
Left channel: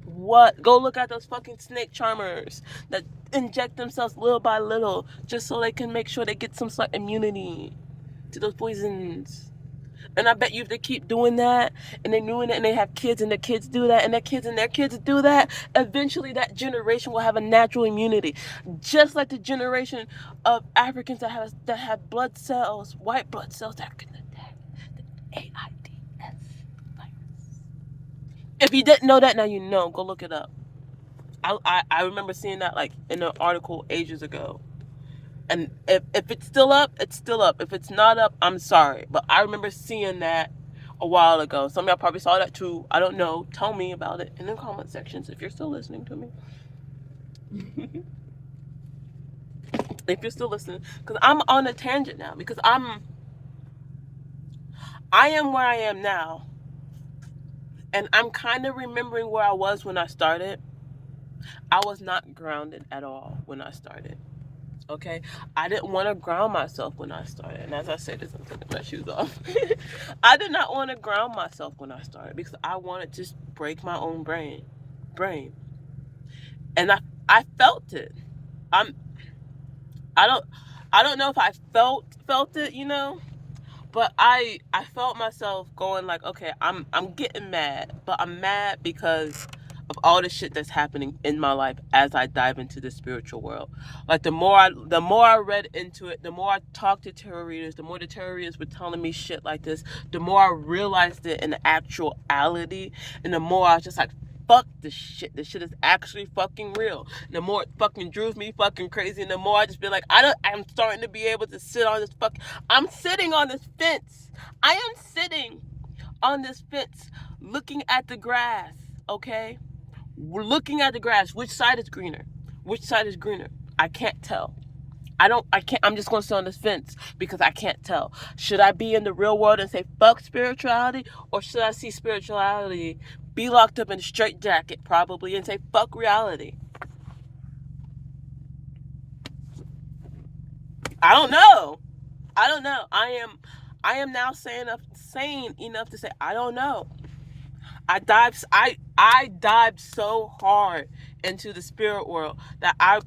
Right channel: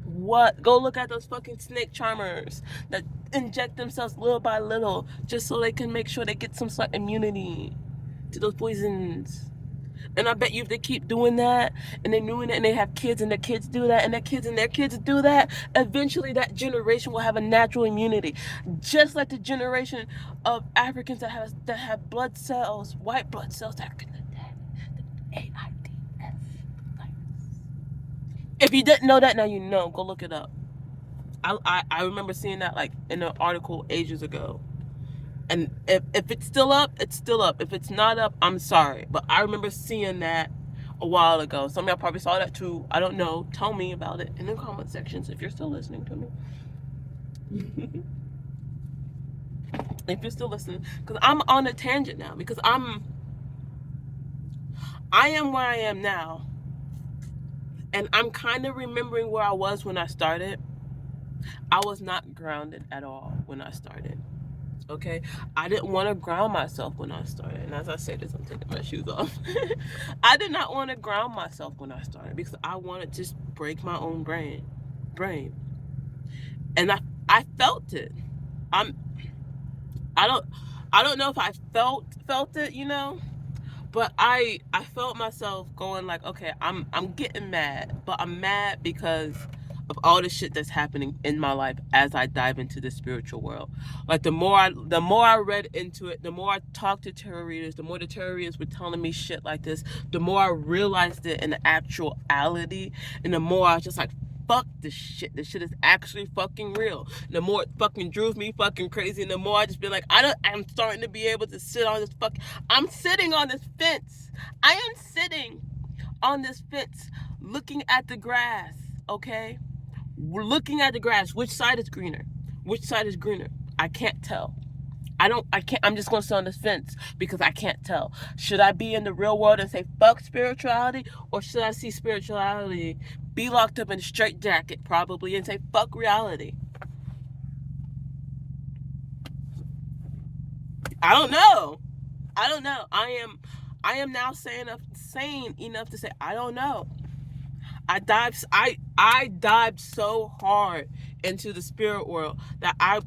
What? Go look at those fucking snake charmers that inject themselves little by little just so they can make sure they get some sort of immunity to those poisons. And I bet you if they keep doing that and they're doing it and they have kids and their kids do that and their kids and their kids do that, eventually that generation will have a natural immunity. Just like the generation of Africans that have blood cells, white blood cells that can attack the AIDS virus. If you didn't know that, now you know. Go look it up. I remember seeing that like in an article ages ago. And if it's still up, it's still up. If it's not up, I'm sorry. But I remember seeing that a while ago. Some of y'all probably saw that too. I don't know. Tell me about it in the comment sections if you're still listening to me. If you're still listening. Because I'm on a tangent now. Because I am where I am now. And I'm kind of remembering where I was when I started. I was not grounded at all when I started. Okay, I didn't want to ground myself when I started, and as I say this, I'm taking my shoes off. I did not want to ground myself when I started because I wanted to just break my own brain, and I felt it. I'm I don't know if I felt it, you know, but I felt myself going like, okay, I'm getting mad, but I'm mad because of all the shit that's happening in my life as I dive into the spiritual world. Like the more I read into it, the more I talked to tarot readers, the more the tarot readers were telling me shit like this, the more I realized it in actuality, and the more I was just like, fuck this shit. This shit is actually fucking real. And the more it fucking drove me fucking crazy, and the more I just be like, I'm starting to be able to sit on this I'm sitting on this fence. I am sitting on this fence looking at the grass, okay? We're looking at the grass. Which side is greener? Which side is greener? I can't tell. I'm just going to sit on the fence because I can't tell. Should I be in the real world and say fuck spirituality, or should I see spirituality, be locked up in a straitjacket probably, and say fuck reality? I don't know. I don't know. I am now sane enough to say I don't know. I dived so hard into the spirit world that I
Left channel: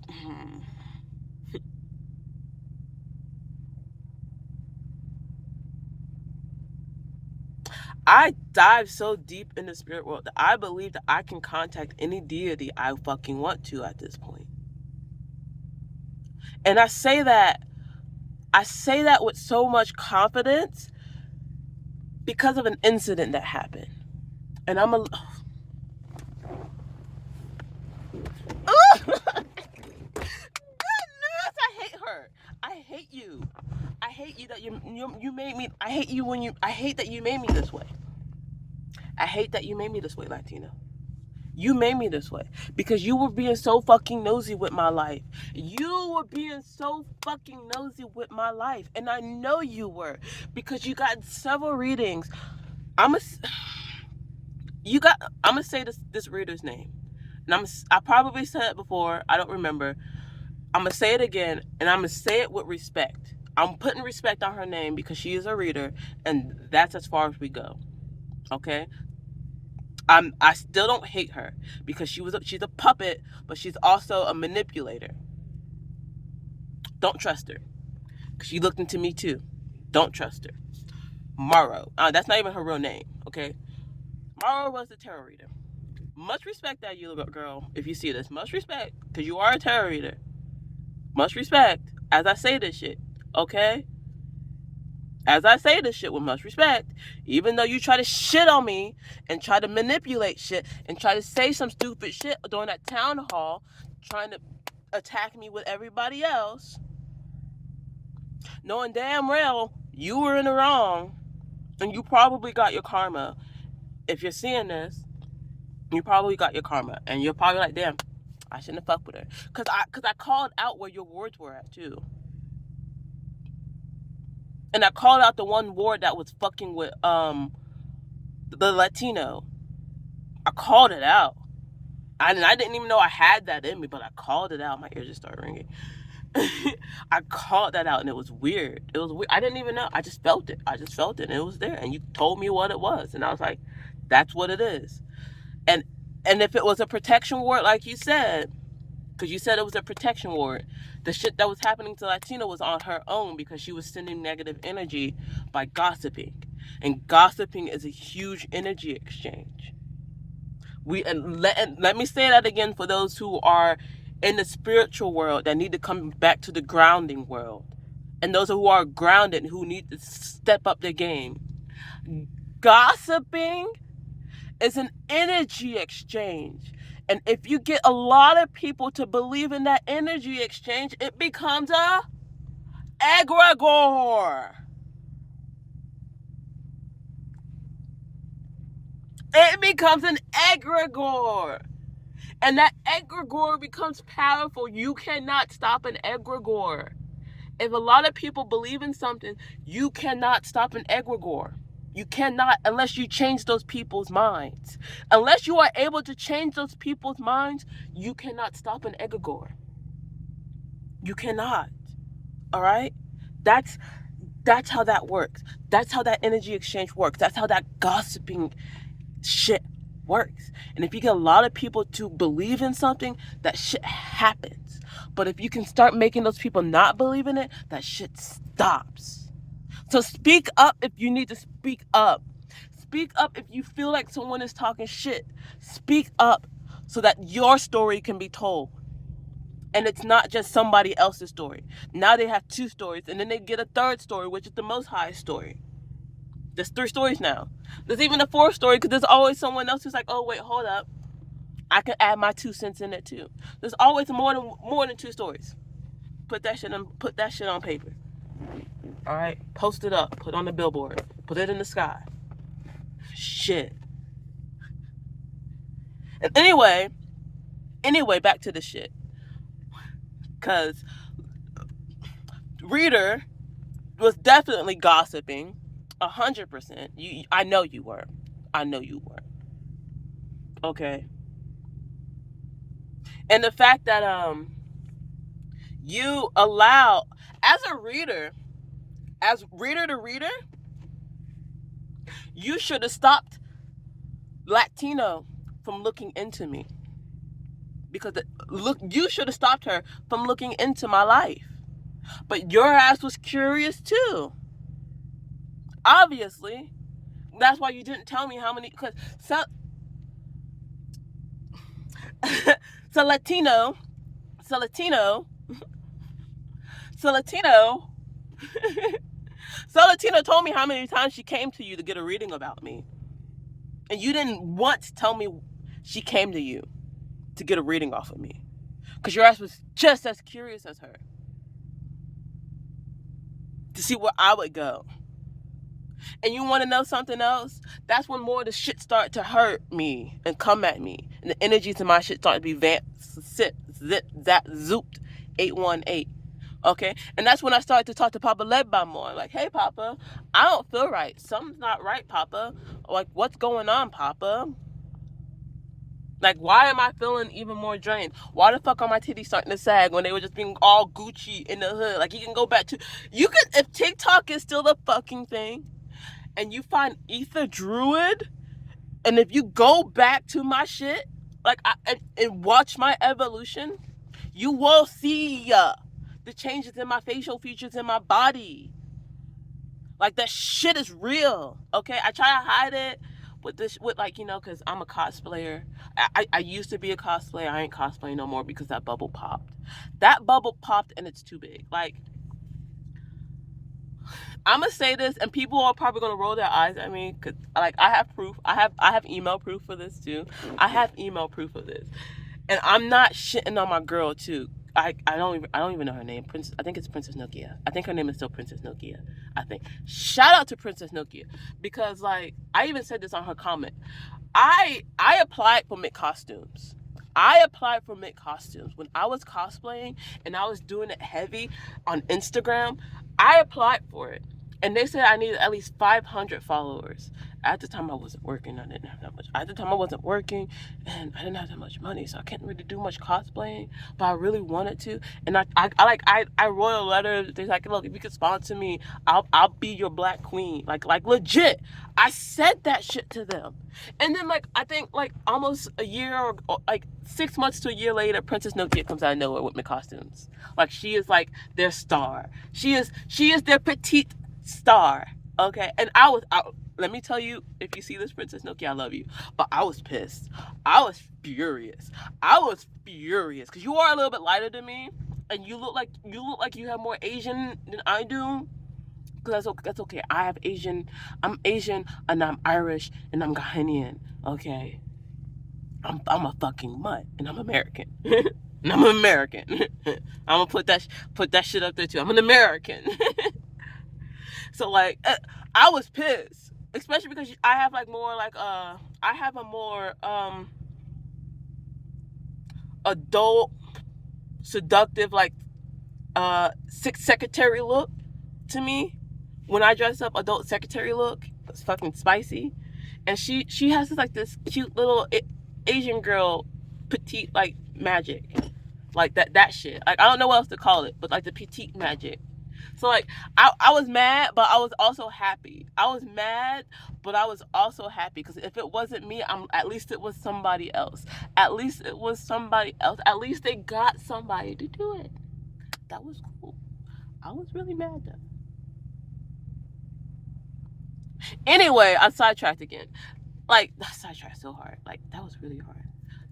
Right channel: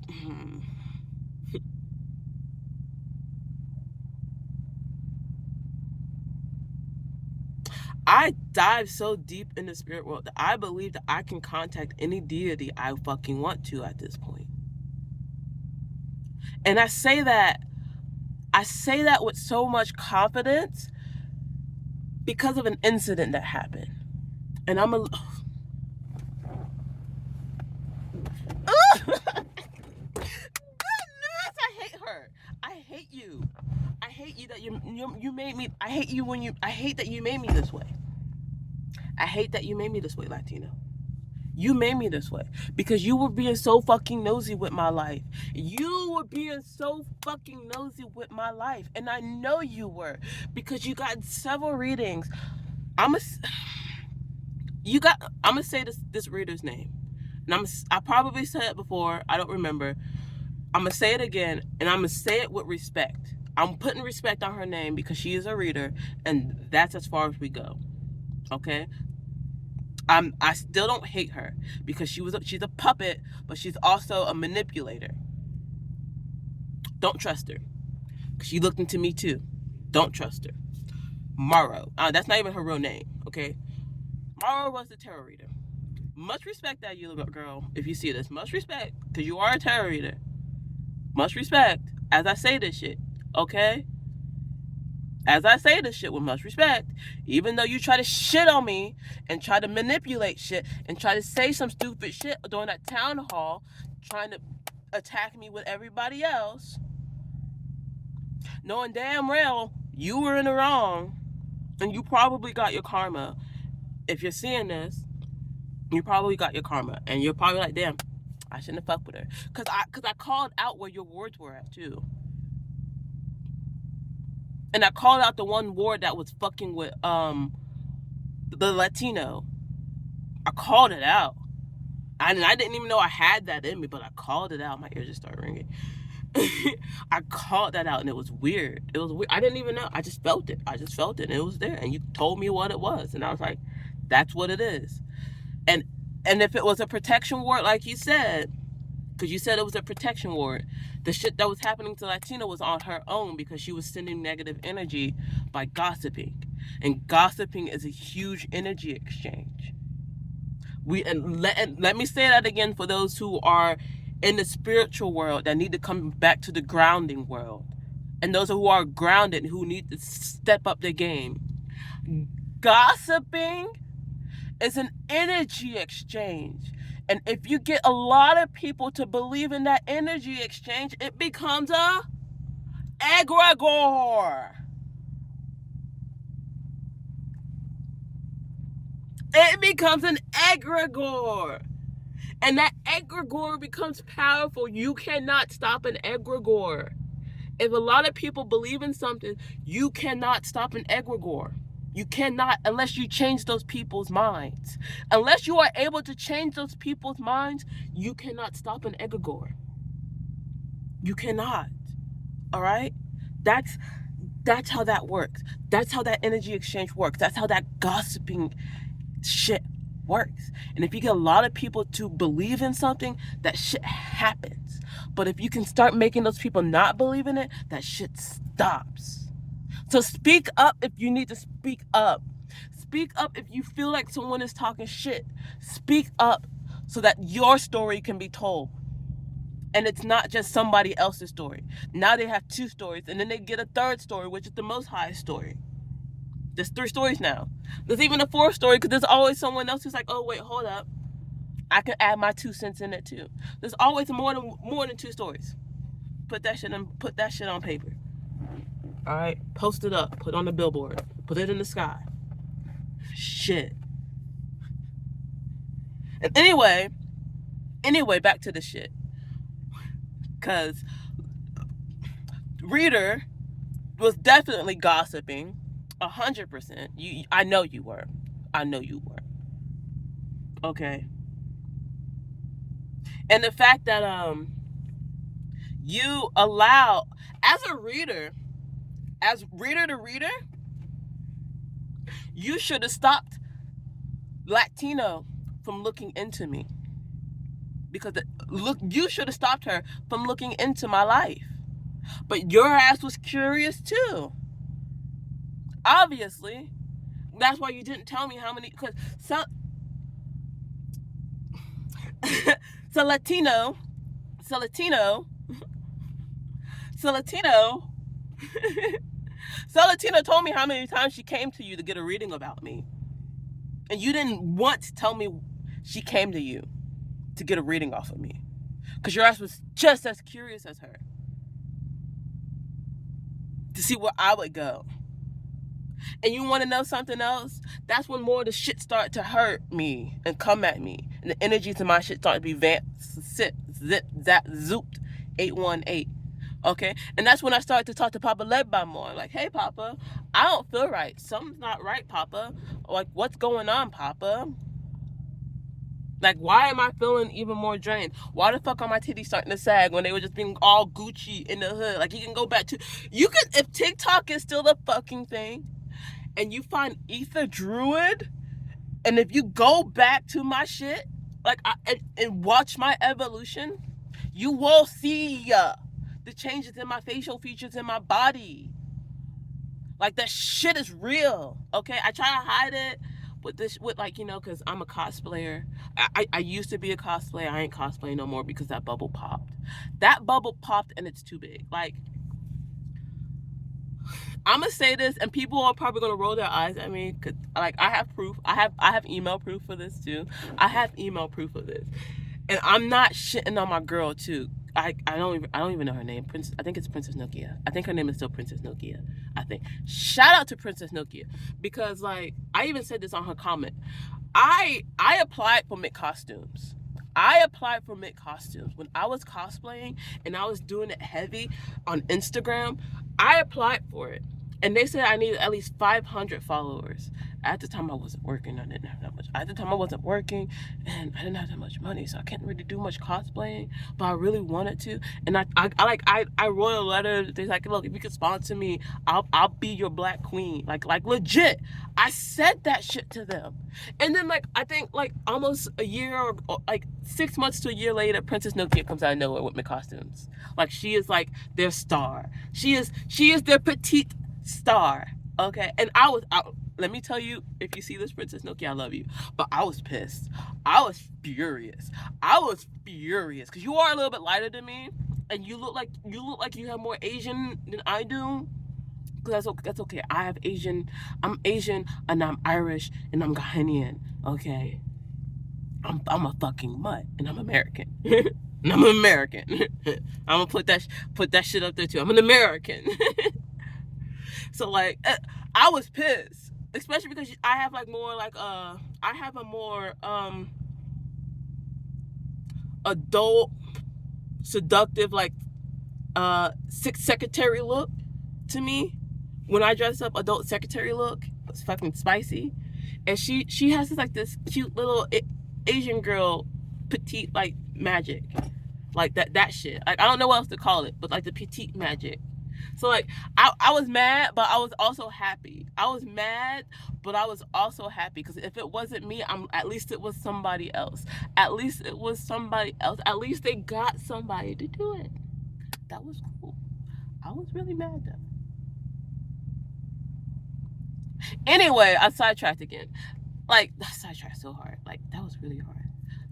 dive so deep in the spirit world that I believe that I can contact any deity I fucking want to at this point. And I say that with so much confidence because of an incident that happened. And I'm a Goodness, I hate her. I hate you. I hate you that you made me. I hate you when you. I hate that you made me this way. I hate that you made me this way, Latino. You made me this way because you were being so fucking nosy with my life. You were being so fucking nosy with my life, and I know you were because you got several readings. I'm a you got. I'm gonna say this reader's name, and I probably said it before. I don't remember. I'm gonna say it again, and I'm gonna say it with respect. I'm putting respect on her name because she is a reader, and that's as far as we go. Okay. I still don't hate her because she's a puppet, but she's also a manipulator. Don't trust her because she looked into me too. Don't trust her. Morrow. That's not even her real name. Okay. Morrow was the tarot reader. Much respect that you girl. If you see this, much respect because you are a tarot reader. Much respect as I say this shit. Okay. As I say this shit with much respect, even though you try to shit on me and try to manipulate shit and try to say some stupid shit during that town hall, trying to attack me with everybody else, knowing damn well you were in the wrong and you probably got your karma. If you're seeing this, you probably got your karma and you're probably like, damn, I shouldn't have fucked with her. Cause I called out where your words were at too. And I called out the one ward that was fucking with the Latino. I called it out. I didn't even know I had that in me, but I called it out. My ears just started ringing. I called that out, and it was weird. It was weird. I didn't even know. I just felt it. And it was there. And you told me what it was, and I was like, "That's what it is." And if it was a protection ward, like you said, because you said it was a protection ward, the shit that was happening to Latina was on her own because she was sending negative energy by gossiping, and gossiping is a huge energy exchange. Let me say that again for those who are in the spiritual world that need to come back to the grounding world, and those who are grounded who need to step up their game. Gossiping is an energy exchange, and if you get a lot of people to believe in that energy exchange, it becomes a egregore. It becomes an egregore. And that egregore becomes powerful. You cannot stop an egregore. If a lot of people believe in something, you cannot stop an egregore. You cannot, unless you change those people's minds. Unless you are able to change those people's minds, you cannot stop an egregore. You cannot. All right? That's how that works. That's how that energy exchange works. That's how that gossiping shit works. And if you get a lot of people to believe in something, that shit happens. But if you can start making those people not believe in it, that shit stops. So speak up if you need to speak up. Speak up if you feel like someone is talking shit. Speak up so that your story can be told. And it's not just somebody else's story. Now they have two stories, and then they get a third story, which is the most high story. There's 3 stories now. There's even a 4th story because there's always someone else who's like, oh wait, hold up, I can add my 2 cents in it too. There's always more than 2 stories. Put that shit on paper. All right, post it up, put it on the billboard, put it in the sky. Shit. And anyway, back to the shit. Cause reader was definitely gossiping, 100%. I know you were. I know you were. Okay. And the fact that you allow, as a reader, as reader to reader, you should have stopped Latino from looking into me, because you should have stopped her from looking into my life. But your ass was curious too. Obviously, that's why you didn't tell me how many. Because so Latino, so Latino, so Latino, so Latino told me how many times she came to you to get a reading about me, and you didn't want to tell me she came to you to get a reading off of me, because your ass was just as curious as her to see where I would go. And you want to know something else? That's when more of the shit start to hurt me and come at me, and the energies in my shit start to be zooped 818. Okay, and that's when I started to talk to Papa Legba more. Like, hey, Papa, I don't feel right. Something's not right, Papa. Like, what's going on, Papa? Like, why am I feeling even more drained? Why the fuck are my titties starting to sag when they were just being all Gucci in the hood? Like, you can go back to, you could, if TikTok is still the fucking thing, and you find Ether Druid, and if you go back to my shit, like, and watch my evolution, you will see the changes in my facial features in my body. Like, that shit is real. Okay, I try to hide it with like, because I'm a cosplayer. I used to be a cosplayer. I ain't cosplaying no more because that bubble popped. That bubble popped, and it's too big. Like, I'm gonna say this, and people are probably gonna roll their eyes at me, because, like, I have proof. I have email proof for this too. I have email proof of this, and I'm not shitting on my girl too. I don't even know her name. I think it's Princess Nokia. I think her name is still Princess Nokia. I think. Shout out to Princess Nokia, because, like, I even said this on her comment. I applied for Mick Costumes. I applied for Mick Costumes when I was cosplaying and I was doing it heavy on Instagram. I applied for it, and they said I needed at least 500 followers. At the time, I wasn't working. I didn't have that much. At the time, I wasn't working, and I didn't have that much money, so I can't really do much cosplaying. But I really wanted to, and I wrote a letter. They're like, look, if you could sponsor me, I'll be your black queen. Like legit. I said that shit to them, and then, like, I think, like, almost a year or like 6 months to a year later, Princess Nokia comes out of nowhere with my costumes. Like, she is like their star. She is their petite star. Okay, and let me tell you, if you see this, Princess Nokia, I love you. But I was pissed. I was furious. Because you are a little bit lighter than me, and you look like you have more Asian than I do. Because that's okay. I'm Asian, and I'm Irish, and I'm Ghanaian. Okay, I'm a fucking mutt, and I'm American. And I'm an American. I'm gonna put that shit up there too. I'm an American. So, like, I was pissed, especially because I have, like, more like I have a more adult, seductive, like, secretary look to me. When I dress up, adult secretary look, it's fucking spicy. And she has this, like, this cute little Asian girl, petite, like, magic, like that shit. Like, I don't know what else to call it, but, like, the petite magic. So, like, I was mad, but I was also happy. I was mad, but I was also happy, because if it wasn't me, at least it was somebody else. At least it was somebody else. At least they got somebody to do it. That was cool. I was really mad though. Anyway, I sidetracked again. Like, I sidetracked so hard. Like, that was really hard.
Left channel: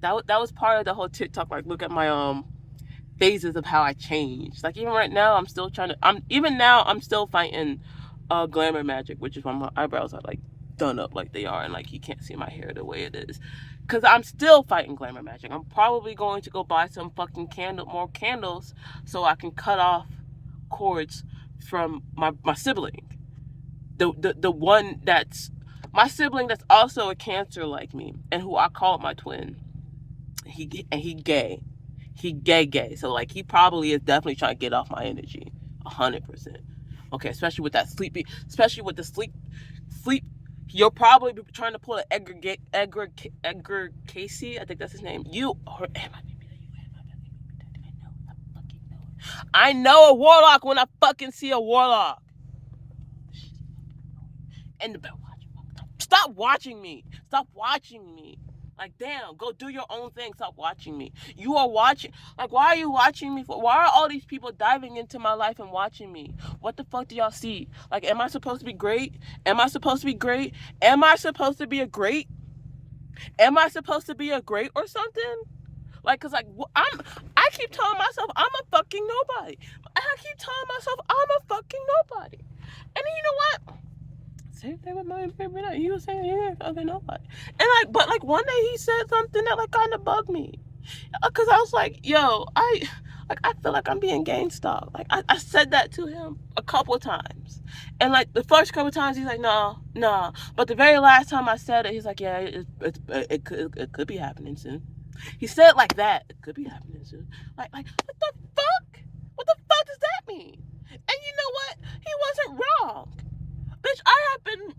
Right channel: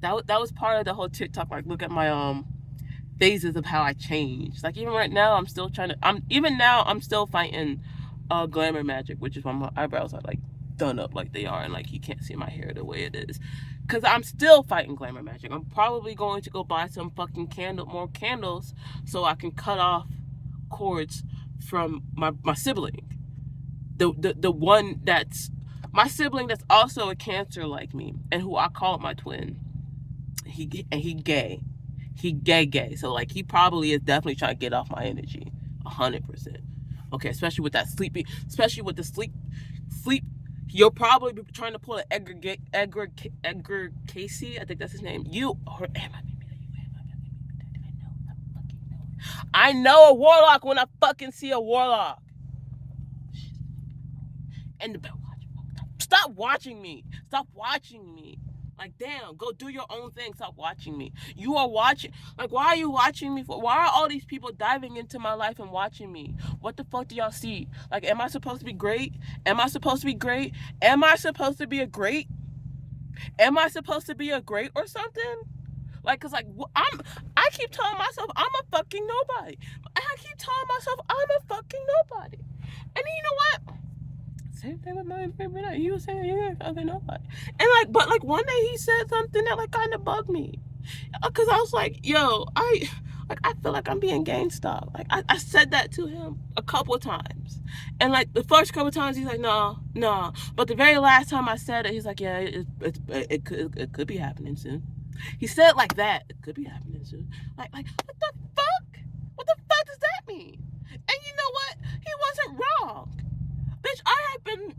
That was part of the whole TikTok. Like, look at my phases of how I changed. Like, even right now, I'm still fighting glamour magic, which is why my eyebrows are, like, done up like they are, and, like, you can't see my hair the way it is, because I'm still fighting glamour magic. I'm probably going to go buy some fucking more candles, so I can cut off cords from my sibling, the one that's my sibling that's also a Cancer like me, and who I call my twin. He gay. He gay. So, like, he probably is definitely trying to get off my energy. 100%. Okay, especially with that sleepy, especially with the sleep. You'll probably be trying to pull an Edgar Casey. I think that's his name. I know a warlock when I fucking see a warlock. And stop watching me. Stop watching me. Like, damn, go do your own thing. Stop watching me. You are watching. Like, why are you watching me for? Why are all these people diving into my life and watching me? What the fuck do y'all see? Like, am I supposed to be great? Am I supposed to be great? Am I supposed to be a great? Am I supposed to be a great or something? Like, cause like I keep telling myself I'm a fucking nobody. I keep telling myself I'm a fucking nobody. And then, you know what? Same thing with my baby. Like, he was saying you ain't fucking nobody. And like, but like one day he said something that like kind of bugged me, cause I was like, yo, I feel like I'm being gang stalked. Like I said that to him a couple of times, and like the first couple of times he's like, no, no. But the very last time I said it, he's like, yeah, it could be happening soon. He said it like that. It could be happening soon. Like what the fuck? What the fuck does that mean? And you know what? He wasn't wrong. Bitch, I have been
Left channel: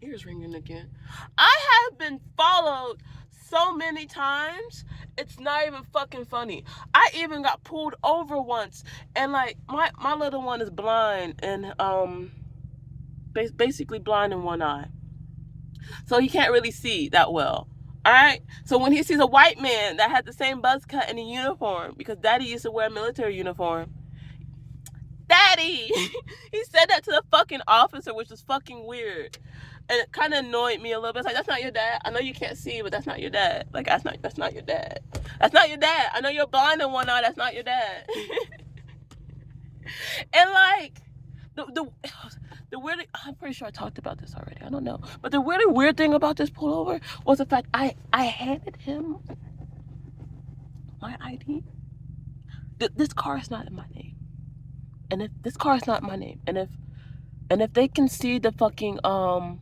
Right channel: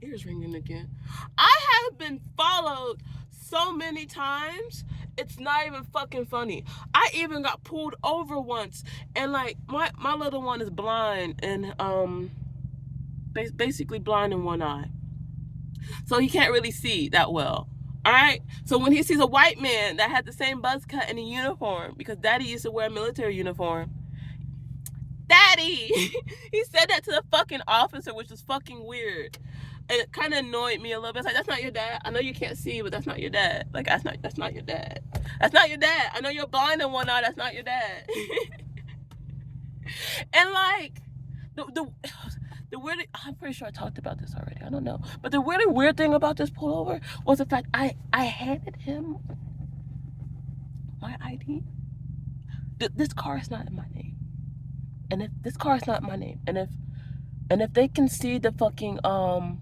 ears ringing again. I have been followed so many times. It's not even fucking funny. I even got pulled over once, and like my little one is blind and basically blind in one eye, so he can't really see that well. All right. So when he sees a white man that had the same buzz cut and a uniform, because Daddy used to wear a military uniform. Daddy, he said that to the fucking officer, which was fucking weird. And it kind of annoyed me a little bit. It's like, that's not your dad. I know you can't see, but that's not your dad. Like, that's not your dad. That's not your dad. I know you're blind in one eye. That's not your dad. And like, the weird, I'm pretty sure I talked about this already. I don't know. But the really weird thing about this pullover was the fact I handed him my ID. This car is not in my name. And if this car is not my name, and if they can see the fucking I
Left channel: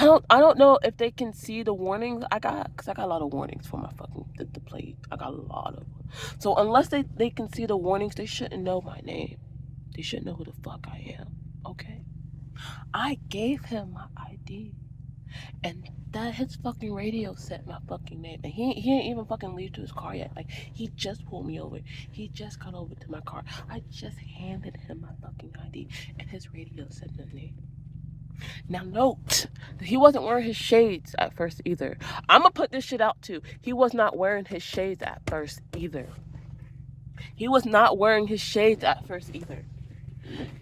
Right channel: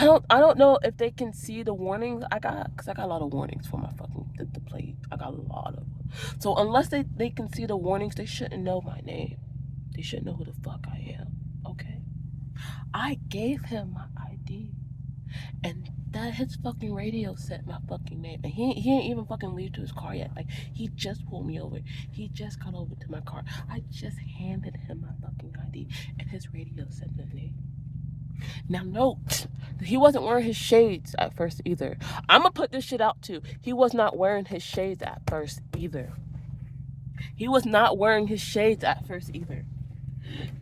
don't know if they can see the warnings I got, because I got a lot of warnings for my fucking the plate. I got a lot of them. So unless they can see the warnings, they shouldn't know my name. They shouldn't know who the fuck I am. Okay. I gave him my ID, and that his fucking radio said my fucking name, and he didn't even fucking leave to his car yet. Like, he just pulled me over. He just got over to my car. I just handed him my fucking ID, and his radio said my name. Now note, he wasn't wearing his shades at first either. I'm gonna put this shit out too. He was not wearing his shades at first either. He was not wearing his shades at first either.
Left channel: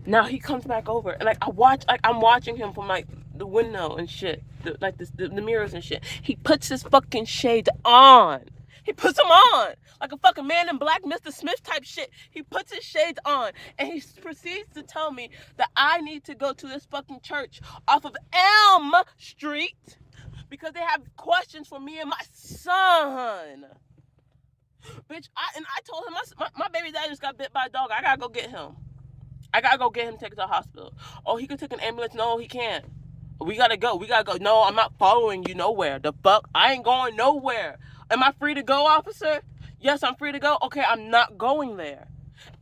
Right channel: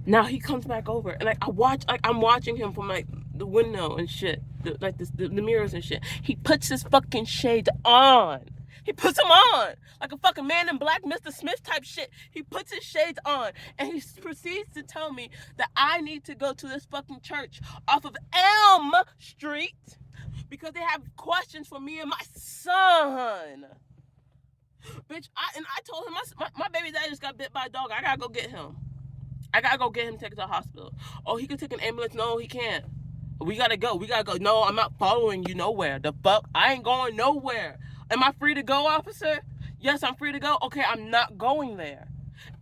Now he comes back over, and like I'm watching him from like the window and shit, the mirrors and shit. He puts his fucking shades on. He puts them on like a fucking Man in Black, Mr. Smith type shit. He puts his shades on, and he proceeds to tell me that I need to go to this fucking church off of Elm Street because they have questions for me and my son. Bitch, I told him my baby dad just got bit by a dog. I gotta go get him. I gotta go get him, take him to the hospital. Oh, he can take an ambulance. No, he can't. We gotta go. No, I'm not following you nowhere. The fuck? I ain't going nowhere. Am I free to go, officer? Yes, I'm free to go. Okay, I'm not going there.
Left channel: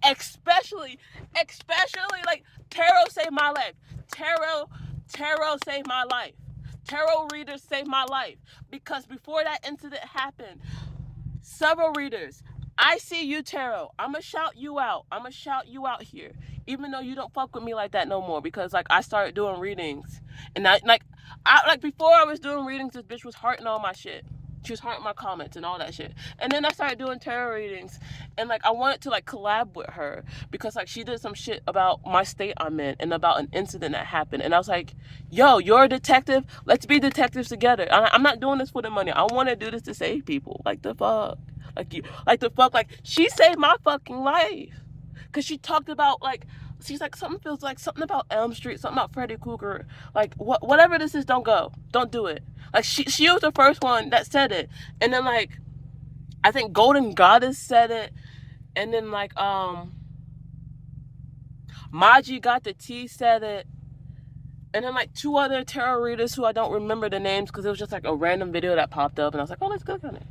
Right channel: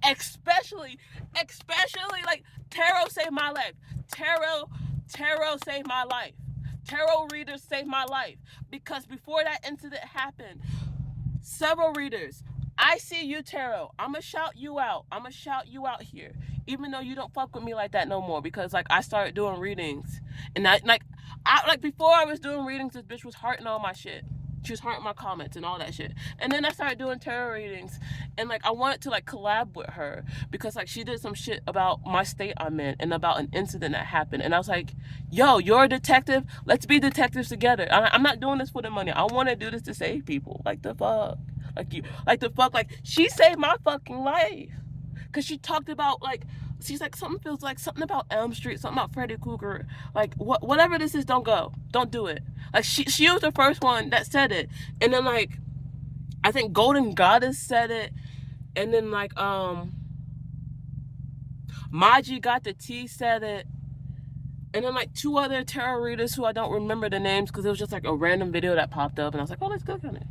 Especially, like, tarot saved my life. Tarot saved my life. Tarot readers saved my life. Because before that incident happened, several readers, I see you, tarot. I'ma shout you out. Here. Even though you don't fuck with me like that no more. Because, like, I started doing readings. And before I was doing readings, this bitch was hearting all my shit. She was hearting my comments and all that shit. And then I started doing tarot readings. And, like, I wanted to, like, collab with her. Because, like, she did some shit about my state I'm in. And about an incident that happened. And I was like, yo, you're a detective? Let's be detectives together. I'm not doing this for the money. I want to do this to save people. Like, the fuck? Like, she saved my fucking life. Because she talked about, like, she's like, something about Elm Street, something about Freddy Krueger. Like, whatever this is, don't go. Don't do it. Like, she was the first one that said it. And then, like, I think Golden Goddess said it. And then, like, Maji Got the Tea said it. And then, like, two other tarot readers who I don't remember the names because it was just, like, a random video that popped up. And I was like, oh, let's click on it.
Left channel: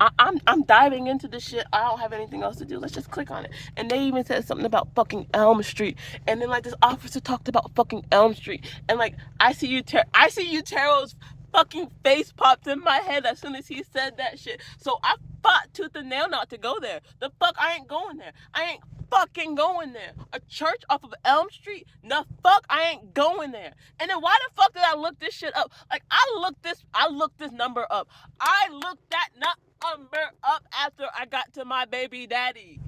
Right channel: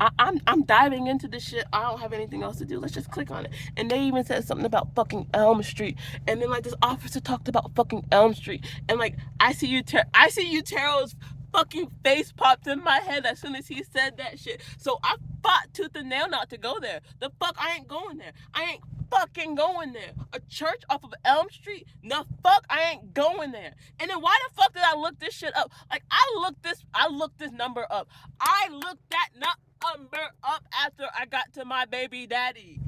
I'm diving into this shit. I don't have anything else to do. Let's just click on it. And they even said something about fucking Elm Street. And then like this officer talked about fucking Elm Street. And like I see you Taro's fucking face popped in my head as soon as he said that shit. So I fought tooth and nail not to go there. The fuck I ain't going there. I ain't fucking going there. A church off of Elm Street? The fuck I ain't going there. And then why the fuck did I look this shit up? Like I looked this number up. I looked that number up after I got to my baby daddy.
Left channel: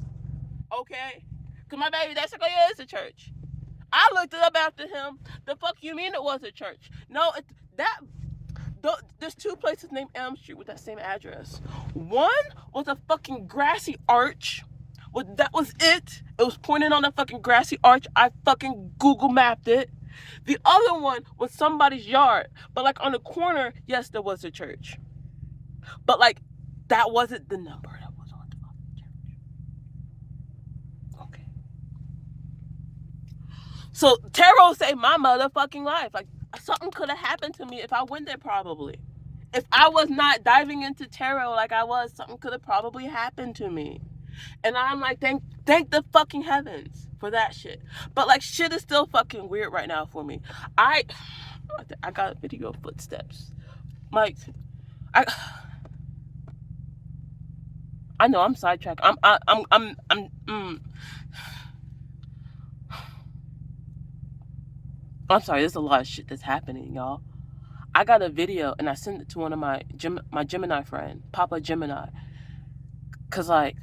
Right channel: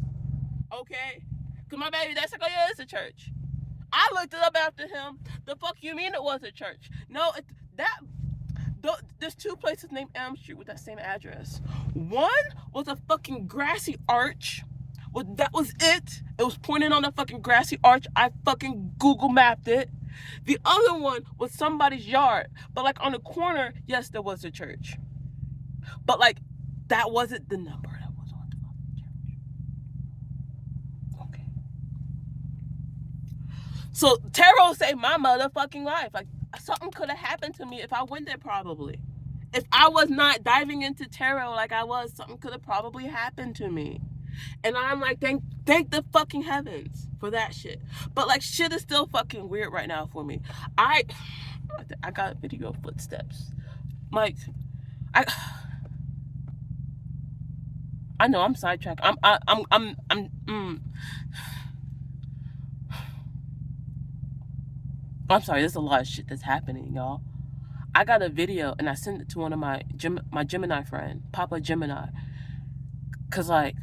Okay? Cause my baby daddy's like, oh yeah, it's a church. I looked it up after him. The fuck you mean it was a church? No, there's two places named Elm Street with that same address. One was a fucking grassy arch. Well, that was it. It was pointing on a fucking grassy arch. I fucking Google mapped it. The other one was somebody's yard. But like on the corner, yes, there was a church. But like, that wasn't the number that was on the fucking church. Okay. So Tarot saved my motherfucking life. Like, something could have happened to me if I went there probably. If I was not diving into tarot like I was, something could have probably happened to me. And I'm like, thank the fucking heavens for that shit. But like, shit is still fucking weird right now for me. I got a video of footsteps. Like, I know I'm sidetracked. I'm sorry. There's a lot of shit that's happening, y'all. I got a video and I sent it to one of my Gemini friend, Papa Gemini. Cause like,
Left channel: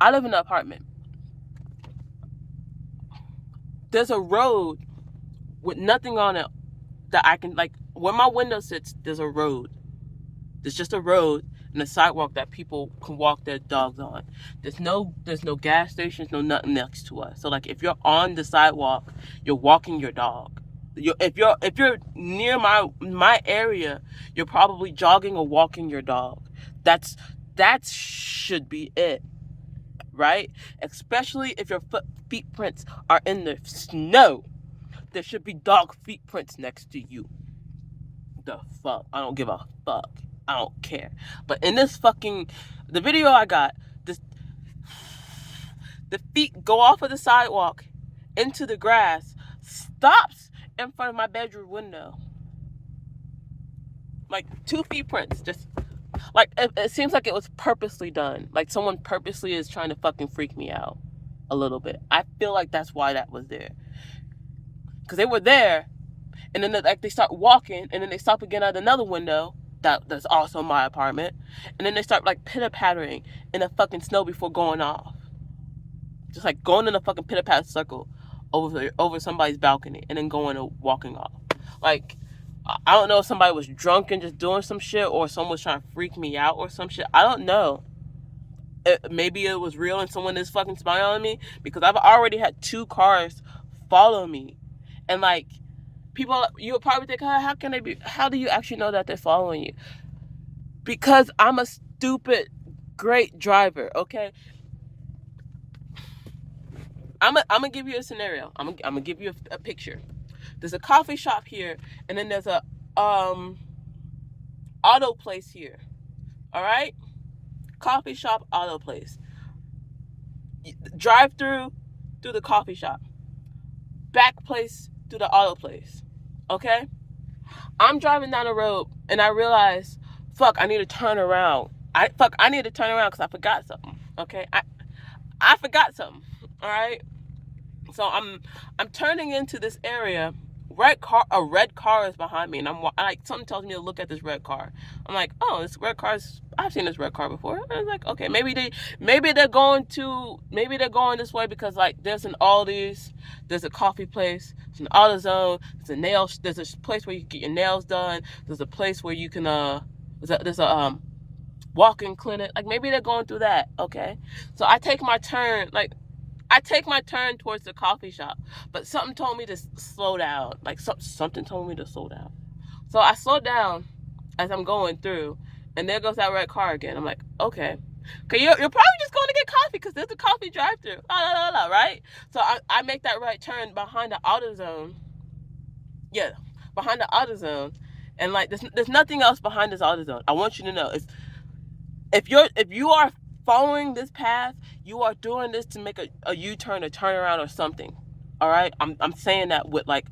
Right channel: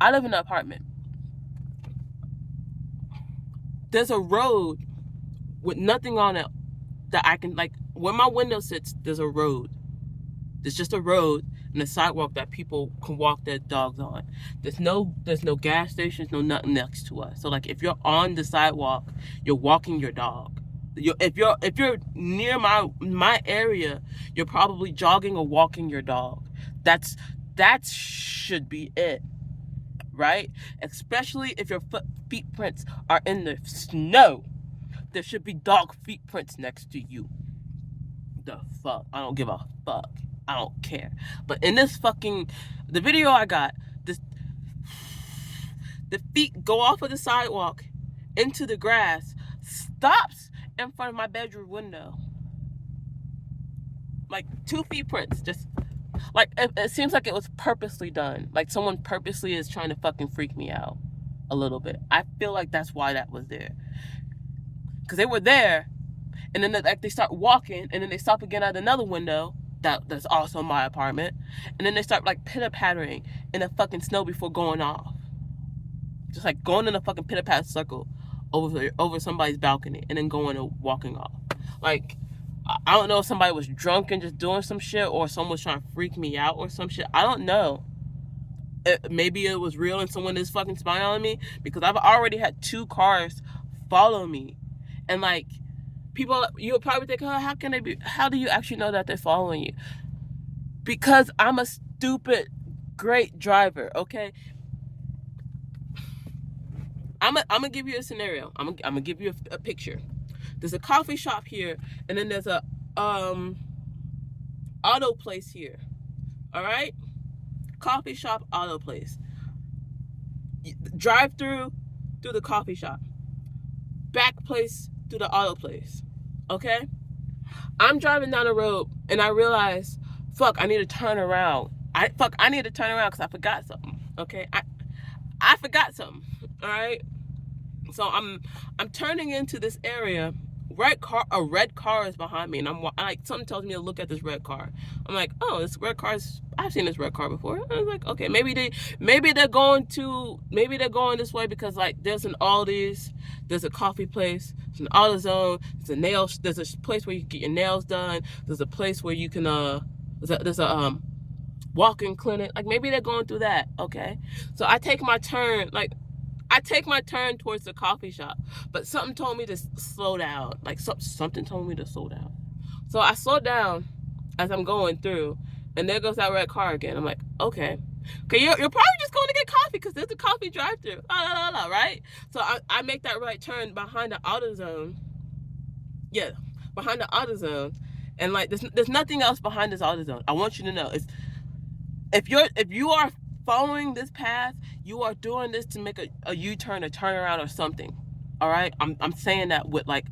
I live in an apartment. There's a road with nothing on it that I can, like, where my window sits, there's a road. There's just a road and a sidewalk that people can walk their dogs on. There's no gas stations, no nothing next to us. So like, if you're on the sidewalk, you're walking your dog. If you're near my area, you're probably jogging or walking your dog. That should be it, right? Especially if your feet prints are in the snow, there should be dog feet prints next to you. The fuck? I don't give a fuck. I don't care. But in the video I got, the feet go off of the sidewalk into the grass, stops in front of my bedroom window. Like 2 feet prints, just like it seems like it was purposely done. Like someone purposely is trying to fucking freak me out a little bit. I feel like that's why that was there. Because they were there, and then they start walking, and then they stop again at another window that's also my apartment, and then they start like pitter-pattering in the fucking snow before going off. Just like going in a fucking pitter-patter circle over somebody's balcony and then going and walking off. Like, I don't know if somebody was drunk and just doing some shit, or someone was trying to freak me out or some shit. I don't know. Maybe it was real and someone is fucking spying on me, because I've already had 2 cars follow me. And like, people, you would probably think, how do you actually know that they're following you? Because I'm a stupid, great driver, okay? I'm gonna give you a scenario. I'm gonna give you a picture. There's a coffee shop here, and then there's a auto place here. All right? Coffee shop, auto place. Drive through the coffee shop. Back place to the auto place. Okay? I'm driving down the road and I realize, fuck, I need to turn around. I need to turn around because I forgot something. Okay? I forgot something. All right? So I'm turning into this area. A red car is behind me, and I'm like, something tells me to look at this red car. I'm like, oh, this red car's, I've seen this red car before. And I was like, okay, maybe they're going this way, because like there's an Aldi's, there's a coffee place, there's an AutoZone, there's a place where you can get your nails done, there's a place where you can there's a walk-in clinic. Like, maybe they're going through that. Okay, so I take my turn towards the coffee shop, but something told me to slow down. Like, something told me to slow down. So I slowed down as I'm going through, and there goes that red car again. I'm like, okay, you're probably just going to get coffee because there's a coffee drive-through, right? So I make that right turn behind the AutoZone. Yeah, behind the AutoZone, And like there's nothing else behind this AutoZone. I want you to know if you are following this path, you are doing this to make a U-turn, a turnaround, or something. All right, I'm saying that with like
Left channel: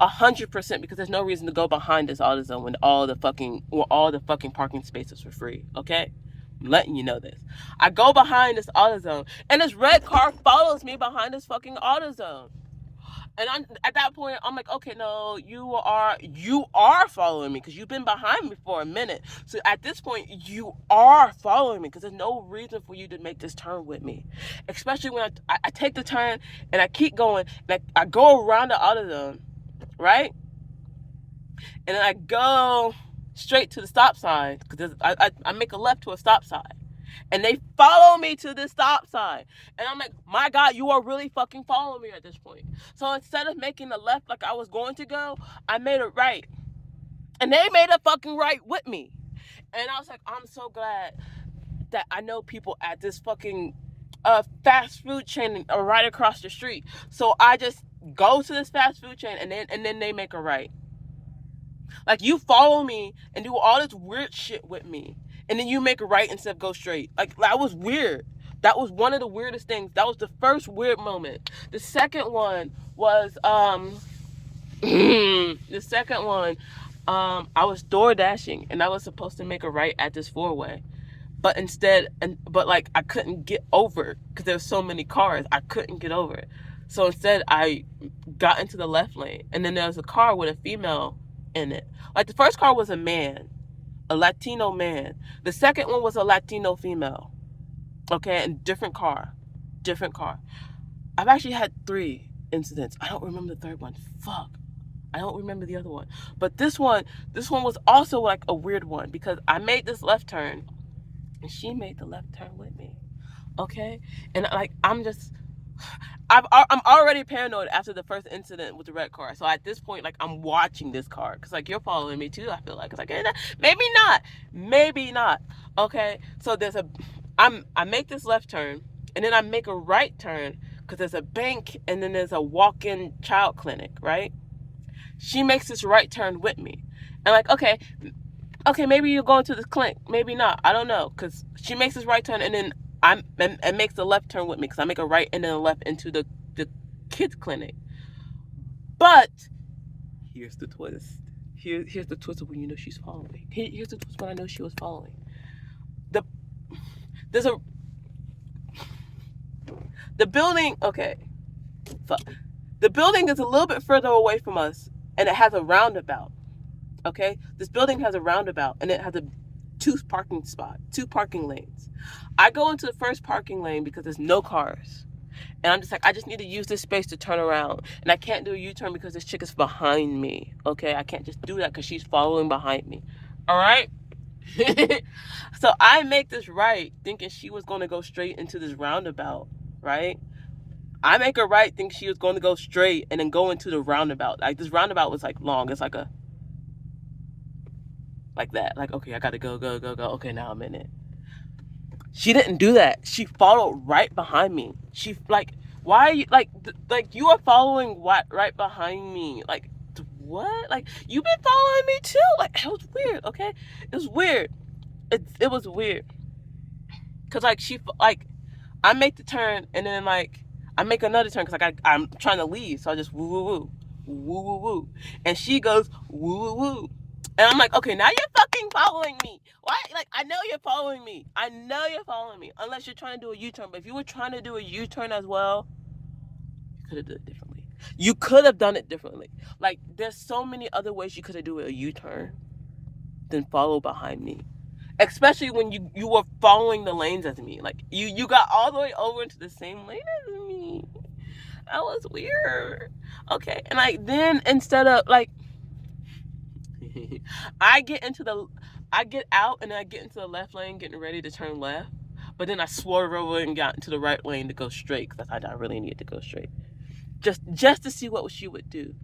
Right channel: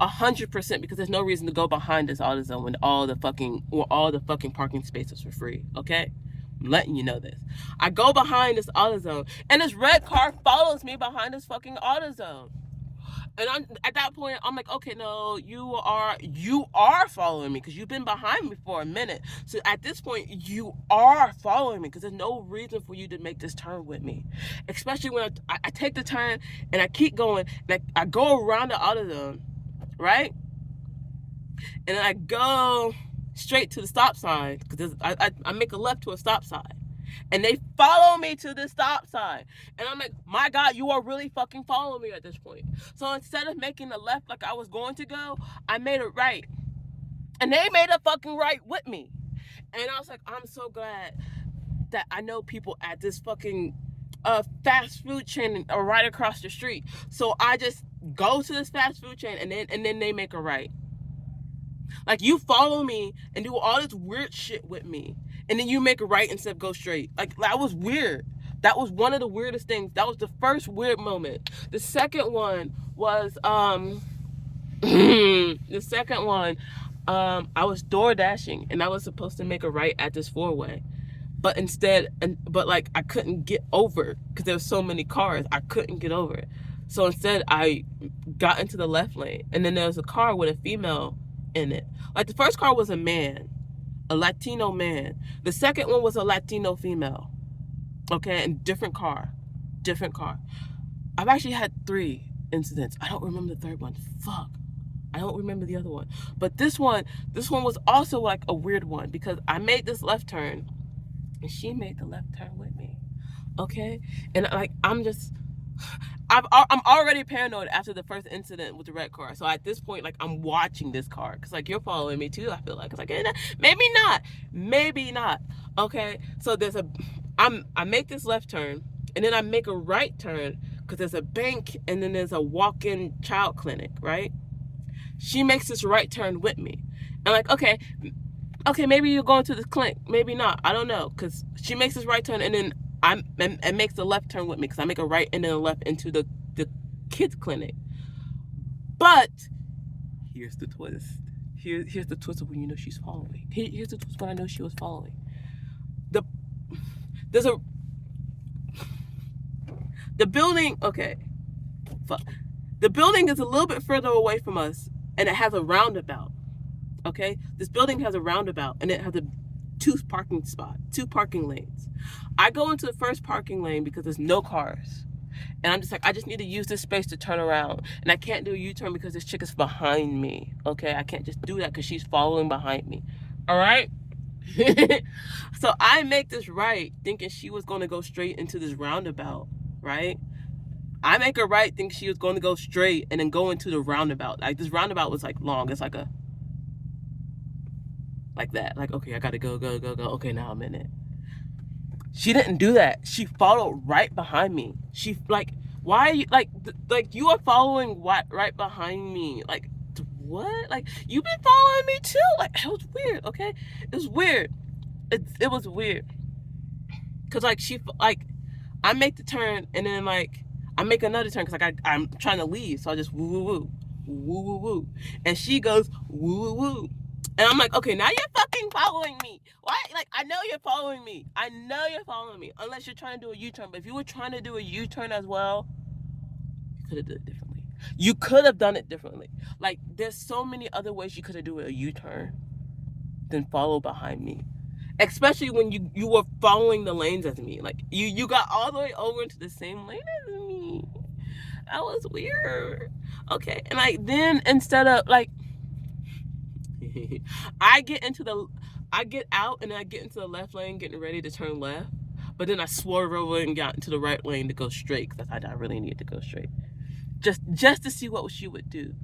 100% because there's no reason to go behind this AutoZone when all the fucking parking spaces for free. Okay, I'm letting you know this. I go behind this AutoZone, and this red car follows me behind this fucking AutoZone. And at that point, I'm like, okay, no, you are following me because you've been behind me for a minute. So at this point, you are following me because there's no reason for you to make this turn with me, especially when I take the turn and I keep going and I go around the AutoZone, right? And then I go straight to the stop sign because I make a left to a stop sign. And they follow me to the stop sign. And I'm like, my God, you are really fucking following me at this point. So instead of making the left like I was going to go, I made it right. And they made a fucking right with me. And I was like, I'm so glad that I know people at this fucking fast food chain right across the street. So I just go to this fast food chain and then they make a right. Like, you follow me and do all this weird shit with me, and then you make a right instead of go straight. Like, that was weird. That was one of the weirdest things. That was the first weird moment. The second one was the second one, I was door dashing and I was supposed to make a right at this four-way. But like I couldn't get over because there were so many cars. I couldn't get over it. So instead I got into the left lane, and then there was a car with a female in it. Like, the first car was a man, a Latino man. The second one was a Latino female. Okay, and different car. I've actually had 3 incidents. I don't remember the third one. Fuck. I don't remember the other one. But this one was also like a weird one because I made this left turn and she made the left turn with me. Okay? And like I'm already paranoid after the first incident with the red car. So at this point, like, I'm watching this car because like you're following me too. I feel like it's like maybe not. Okay, so I make this left turn and then I make a right turn because there's a bank and then there's a walk-in child clinic. Right? She makes this right turn with me, and like okay, maybe you're going to the clinic, maybe not. I don't know because she makes this right turn and then and makes the left turn with me because I make a right and then a left into the kids clinic. But here's the twist. Here's the twist of when you know she's following me. Here's the twist when I know she was following. The building. Okay, fuck. The building is a little bit further away from us, and it has a roundabout. Okay, this building has a roundabout, and it has two parking lanes. I go into the first parking lane because there's no cars. And I'm just like, I just need to use this space to turn around. And I can't do a U-turn because this chick is behind me. Okay? I can't just do that because she's following behind me. All right? So I make this right thinking she was going to go straight into this roundabout. Right? I make a right thinking she was going to go straight and then go into the roundabout. Like, this roundabout was like long. It's like that. Like, okay, I got to go. Okay, now I'm in it. She didn't do that. She followed right behind me. She like, why are you like you are following right behind me? Like, what? Like, you've been following me too? Like, it was weird. Okay, it was weird. It was weird. Cause like I make the turn and then like I make another turn because like I'm trying to leave, so I just woo, and she goes woo. And I'm like, okay, now you're fucking following me. Why? Like, I know you're following me. Unless you're trying to do a U-turn. But if you were trying to do a U-turn as well, you could have done it differently. You could have done it differently. Like, there's so many other ways you could have done a U-turn than follow behind me. Especially when you were following the lanes as me. Like, you got all the way over into the same lane as me. That was weird. Okay, and like, then instead of like, I get out and then I get into the left lane getting ready to turn left, but then I swerved over and got into the right lane to go straight because I really needed to go straight, just to see what she would do.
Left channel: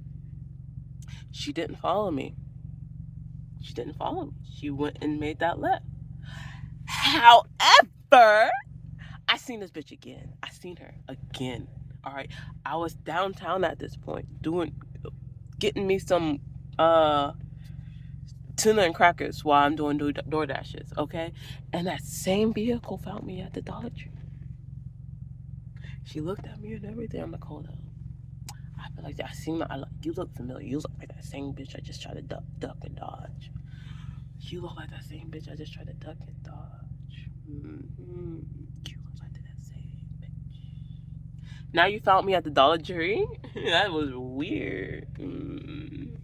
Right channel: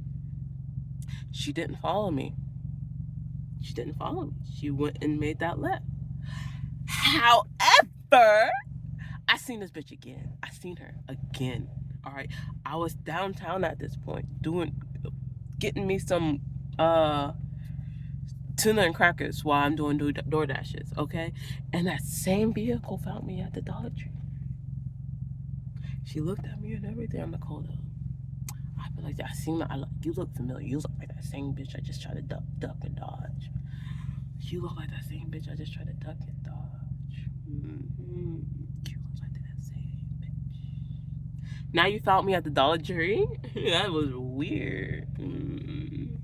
She didn't follow me. She went and made that left. However, I seen this bitch again. All right, I was downtown at this point getting me some tuna and crackers while I'm doing DoorDashes, okay? And that same vehicle found me at the Dollar Tree. She looked at me and everything. I'm like, hold up. I feel like you look familiar. You look like that same bitch I just tried to duck and dodge. You look like that same bitch I just tried to duck and dodge. Mm-hmm. You look like that same bitch. Now you found me at the Dollar Tree? That was weird. And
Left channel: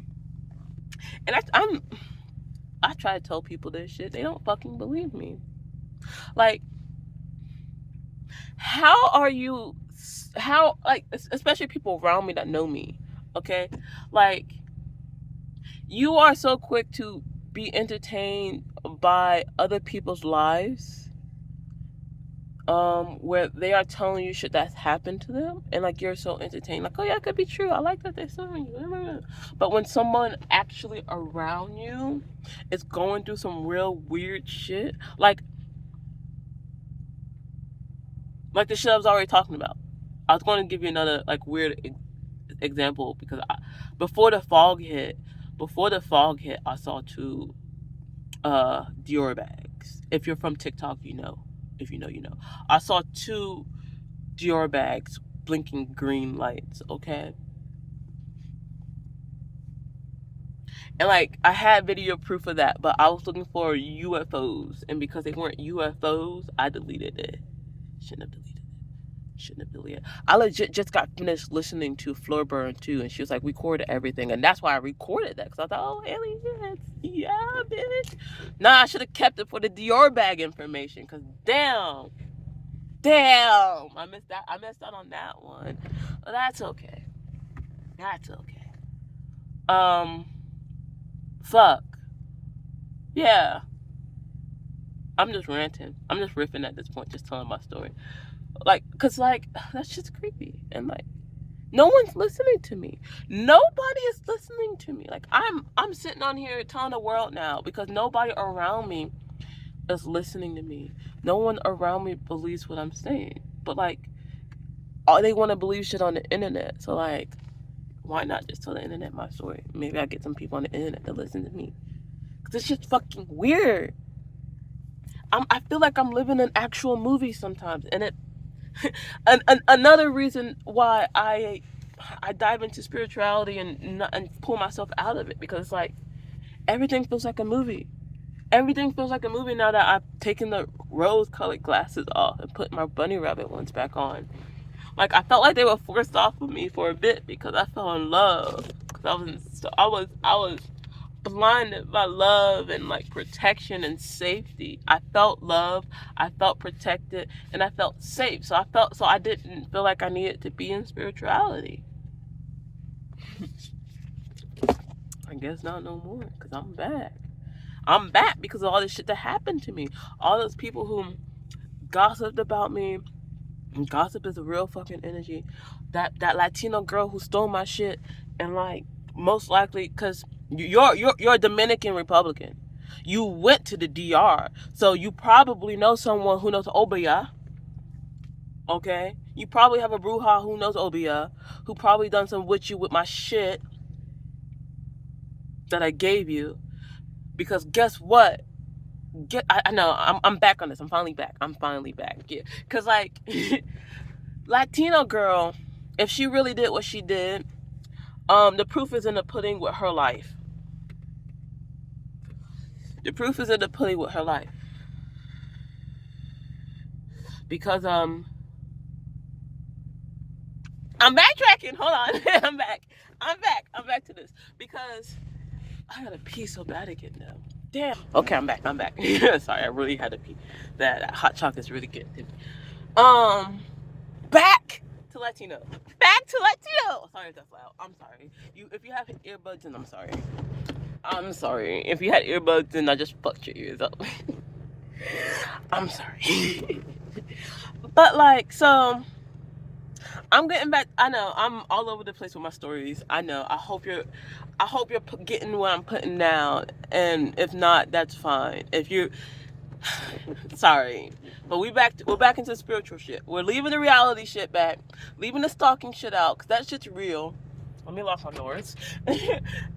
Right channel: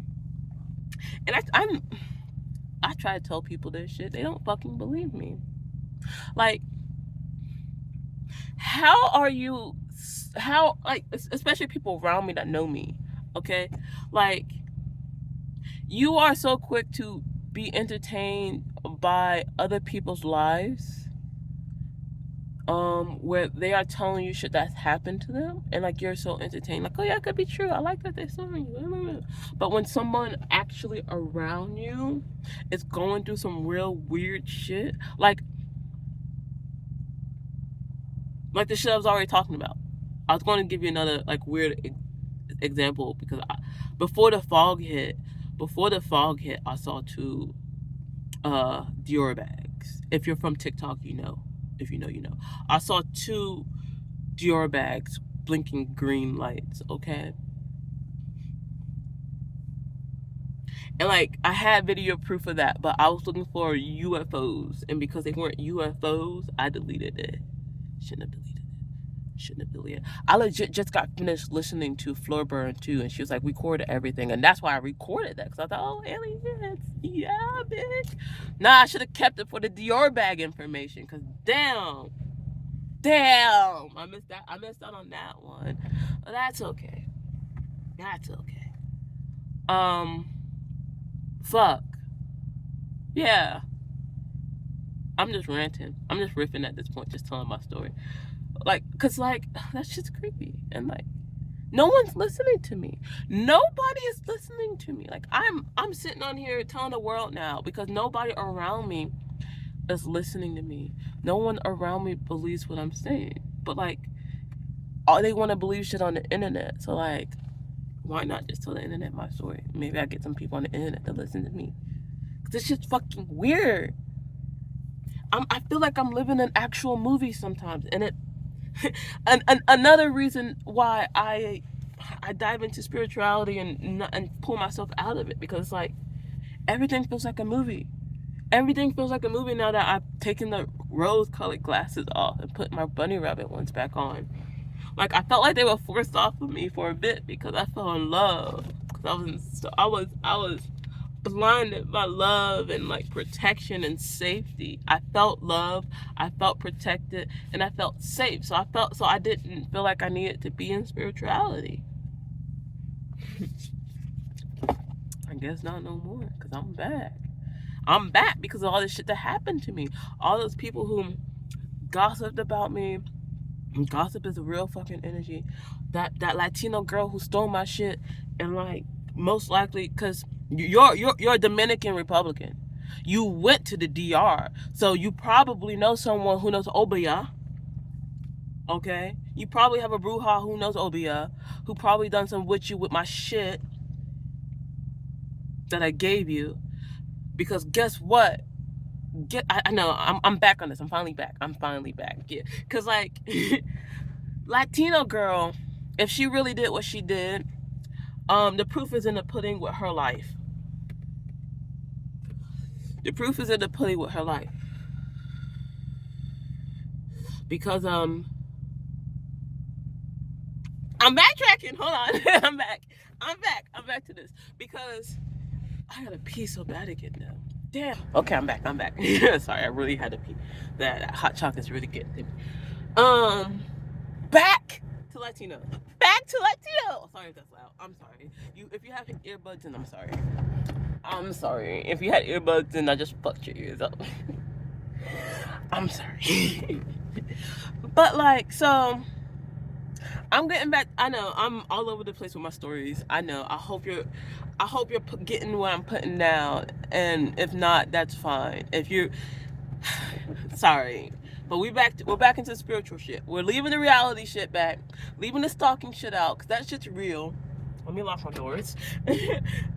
I try to tell people this shit. They don't fucking believe me. Like, how are you? How, like, especially people around me that know me, okay? Like, you are so quick to be entertained by other people's lives, where they are telling you shit that's happened to them, and like you're so entertained, like, oh yeah, it could be true. I like that they're telling you. But when someone actually around you is going through some real weird shit, like the shit I was already talking about. I was going to give you another like weird example because before the fog hit, I saw two Dior bags. If you're from TikTok, you know. If you know, you know. I saw two Dior bags blinking green lights, okay? And like I had video proof of that, but I was looking for UFOs, and because they weren't UFOs, I deleted it. Shouldn't have deleted it. I legit just got finished listening to Floor Burn too, and she was like, recorded everything, and that's why I recorded that, because I thought, oh, aliens, yeah, bitch. Nah, I should have kept it for the Dior bag information, because damn, I missed out on that one. But that's okay. Fuck. Yeah. I'm just ranting. I'm just riffing at this point, just telling my story. Like, cause like that's just creepy, and like no one's listening to me. Nobody is listening to me. Like I'm sitting on here telling the world now because nobody around me is listening to me. No one around me believes what I'm saying. But like, all they want to believe shit on the internet. So like, why not just tell the internet my story? Maybe I get some people on the internet to listen to me. Cause it's just fucking weird. I feel like I'm living an actual movie sometimes, and it. Another reason why I dive into spirituality and pull myself out of it, because it's like everything feels like a movie. Everything feels like a movie now that I've taken the rose-colored glasses off and put my bunny rabbit ones back on. Like I felt like they were forced off of me for a bit because I fell in love. Because I was blinded by love and like protection and safety. I felt love, I felt protected, and I felt safe. So I didn't feel like I needed to be in spirituality. I guess not no more, because I'm back. I'm back because of all this shit that happened to me. All those people who gossiped about me. And gossip is a real fucking energy. That Latino girl who stole my shit, and like most likely because you're a Dominican Republican. You went to the DR, so you probably know someone who knows Obia. Okay, you probably have a bruja who knows Obia, who probably done some with you with my shit that I gave you. Because guess what? I know I'm back on this. I'm finally back. Yeah, because like Latino girl, if she really did what she did, the proof is in the pudding with her life. Because I'm backtracking. Hold on. I'm back to this because I gotta pee so bad again now. Damn. Okay, I'm back. Sorry, I really had to pee. That hot chocolate's really getting to me. Back to Latino. Sorry if that's loud. I'm sorry. If you have earbuds in, I'm sorry. If you had earbuds in, I just fucked your ears up. I'm sorry. But like, so I'm getting back. I know I'm all over the place with my stories. I know. I hope you're getting what I'm putting down, and if not, that's fine. If you, sorry, but we're back into spiritual shit. We're leaving the reality shit back, leaving the stalking shit out, cause that shit's real. Let me lock my doors.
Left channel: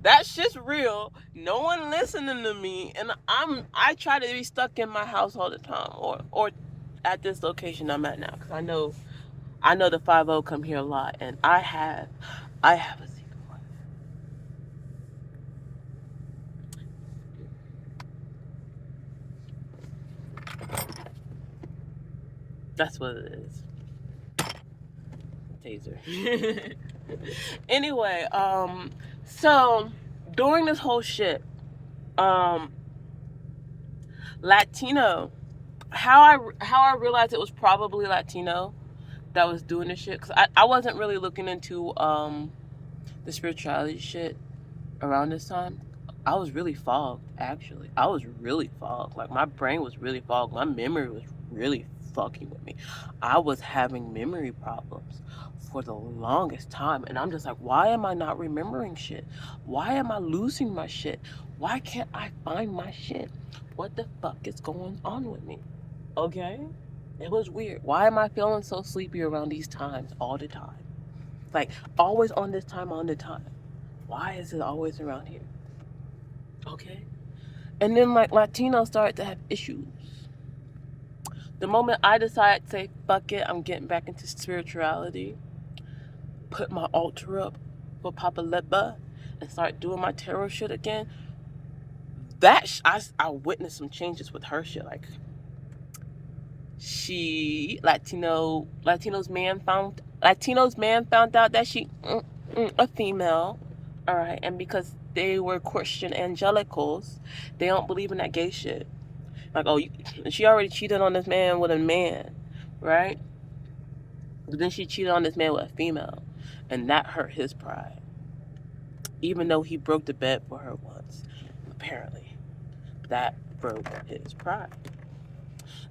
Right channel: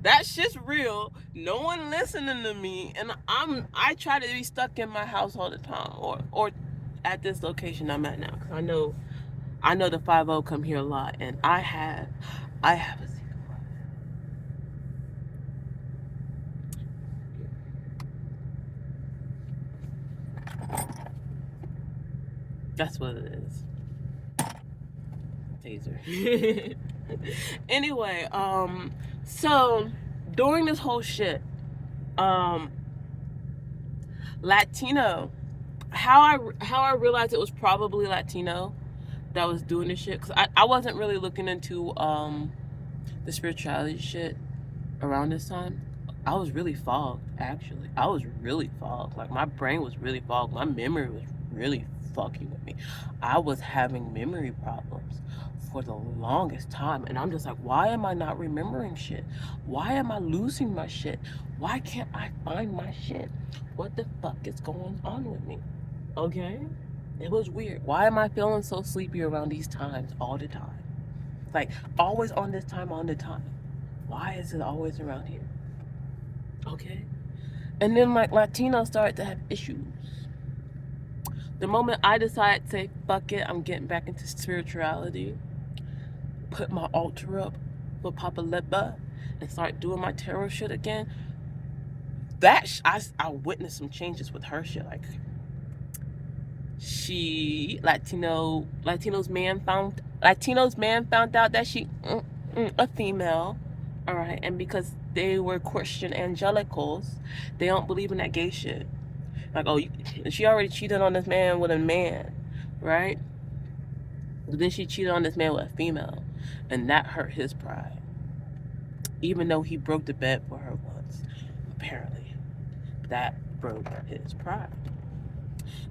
That shit's real. No one listening to me, and I try to be stuck in my house all the time, or at this location I'm at now, because I know the 50 come here a lot, and I have a secret life. That's what it is. Taser. Anyway, so during this whole shit, um, Latino, how I realized it was probably Latino that was doing this shit, because I wasn't really looking into the spirituality shit around this time. I was really fogged, actually. I was really fogged. Like, my brain was really fogged. My memory was really fucking with me. I was having memory problems for the longest time. And I'm just like, why am I not remembering shit? Why am I losing my shit? Why can't I find my shit? What the fuck is going on with me? Okay? It was weird. Why am I feeling so sleepy around these times all the time? Like, always on this time, on the time. Why is it always around here? Okay. And then, like, Latinos started to have issues. The moment I decided to say, fuck it, I'm getting back into spirituality, put my altar up for Papa Lepa, and start doing my tarot shit again, I witnessed some changes with her shit. Like, Latinos man found out that she a female, all right, and because they were Christian evangelicals, they don't believe in that gay shit. Like, oh, she already cheated on this man with a man, right? But then she cheated on this man with a female, and that hurt his pride. Even though he broke the bed for her once, apparently, that broke his pride.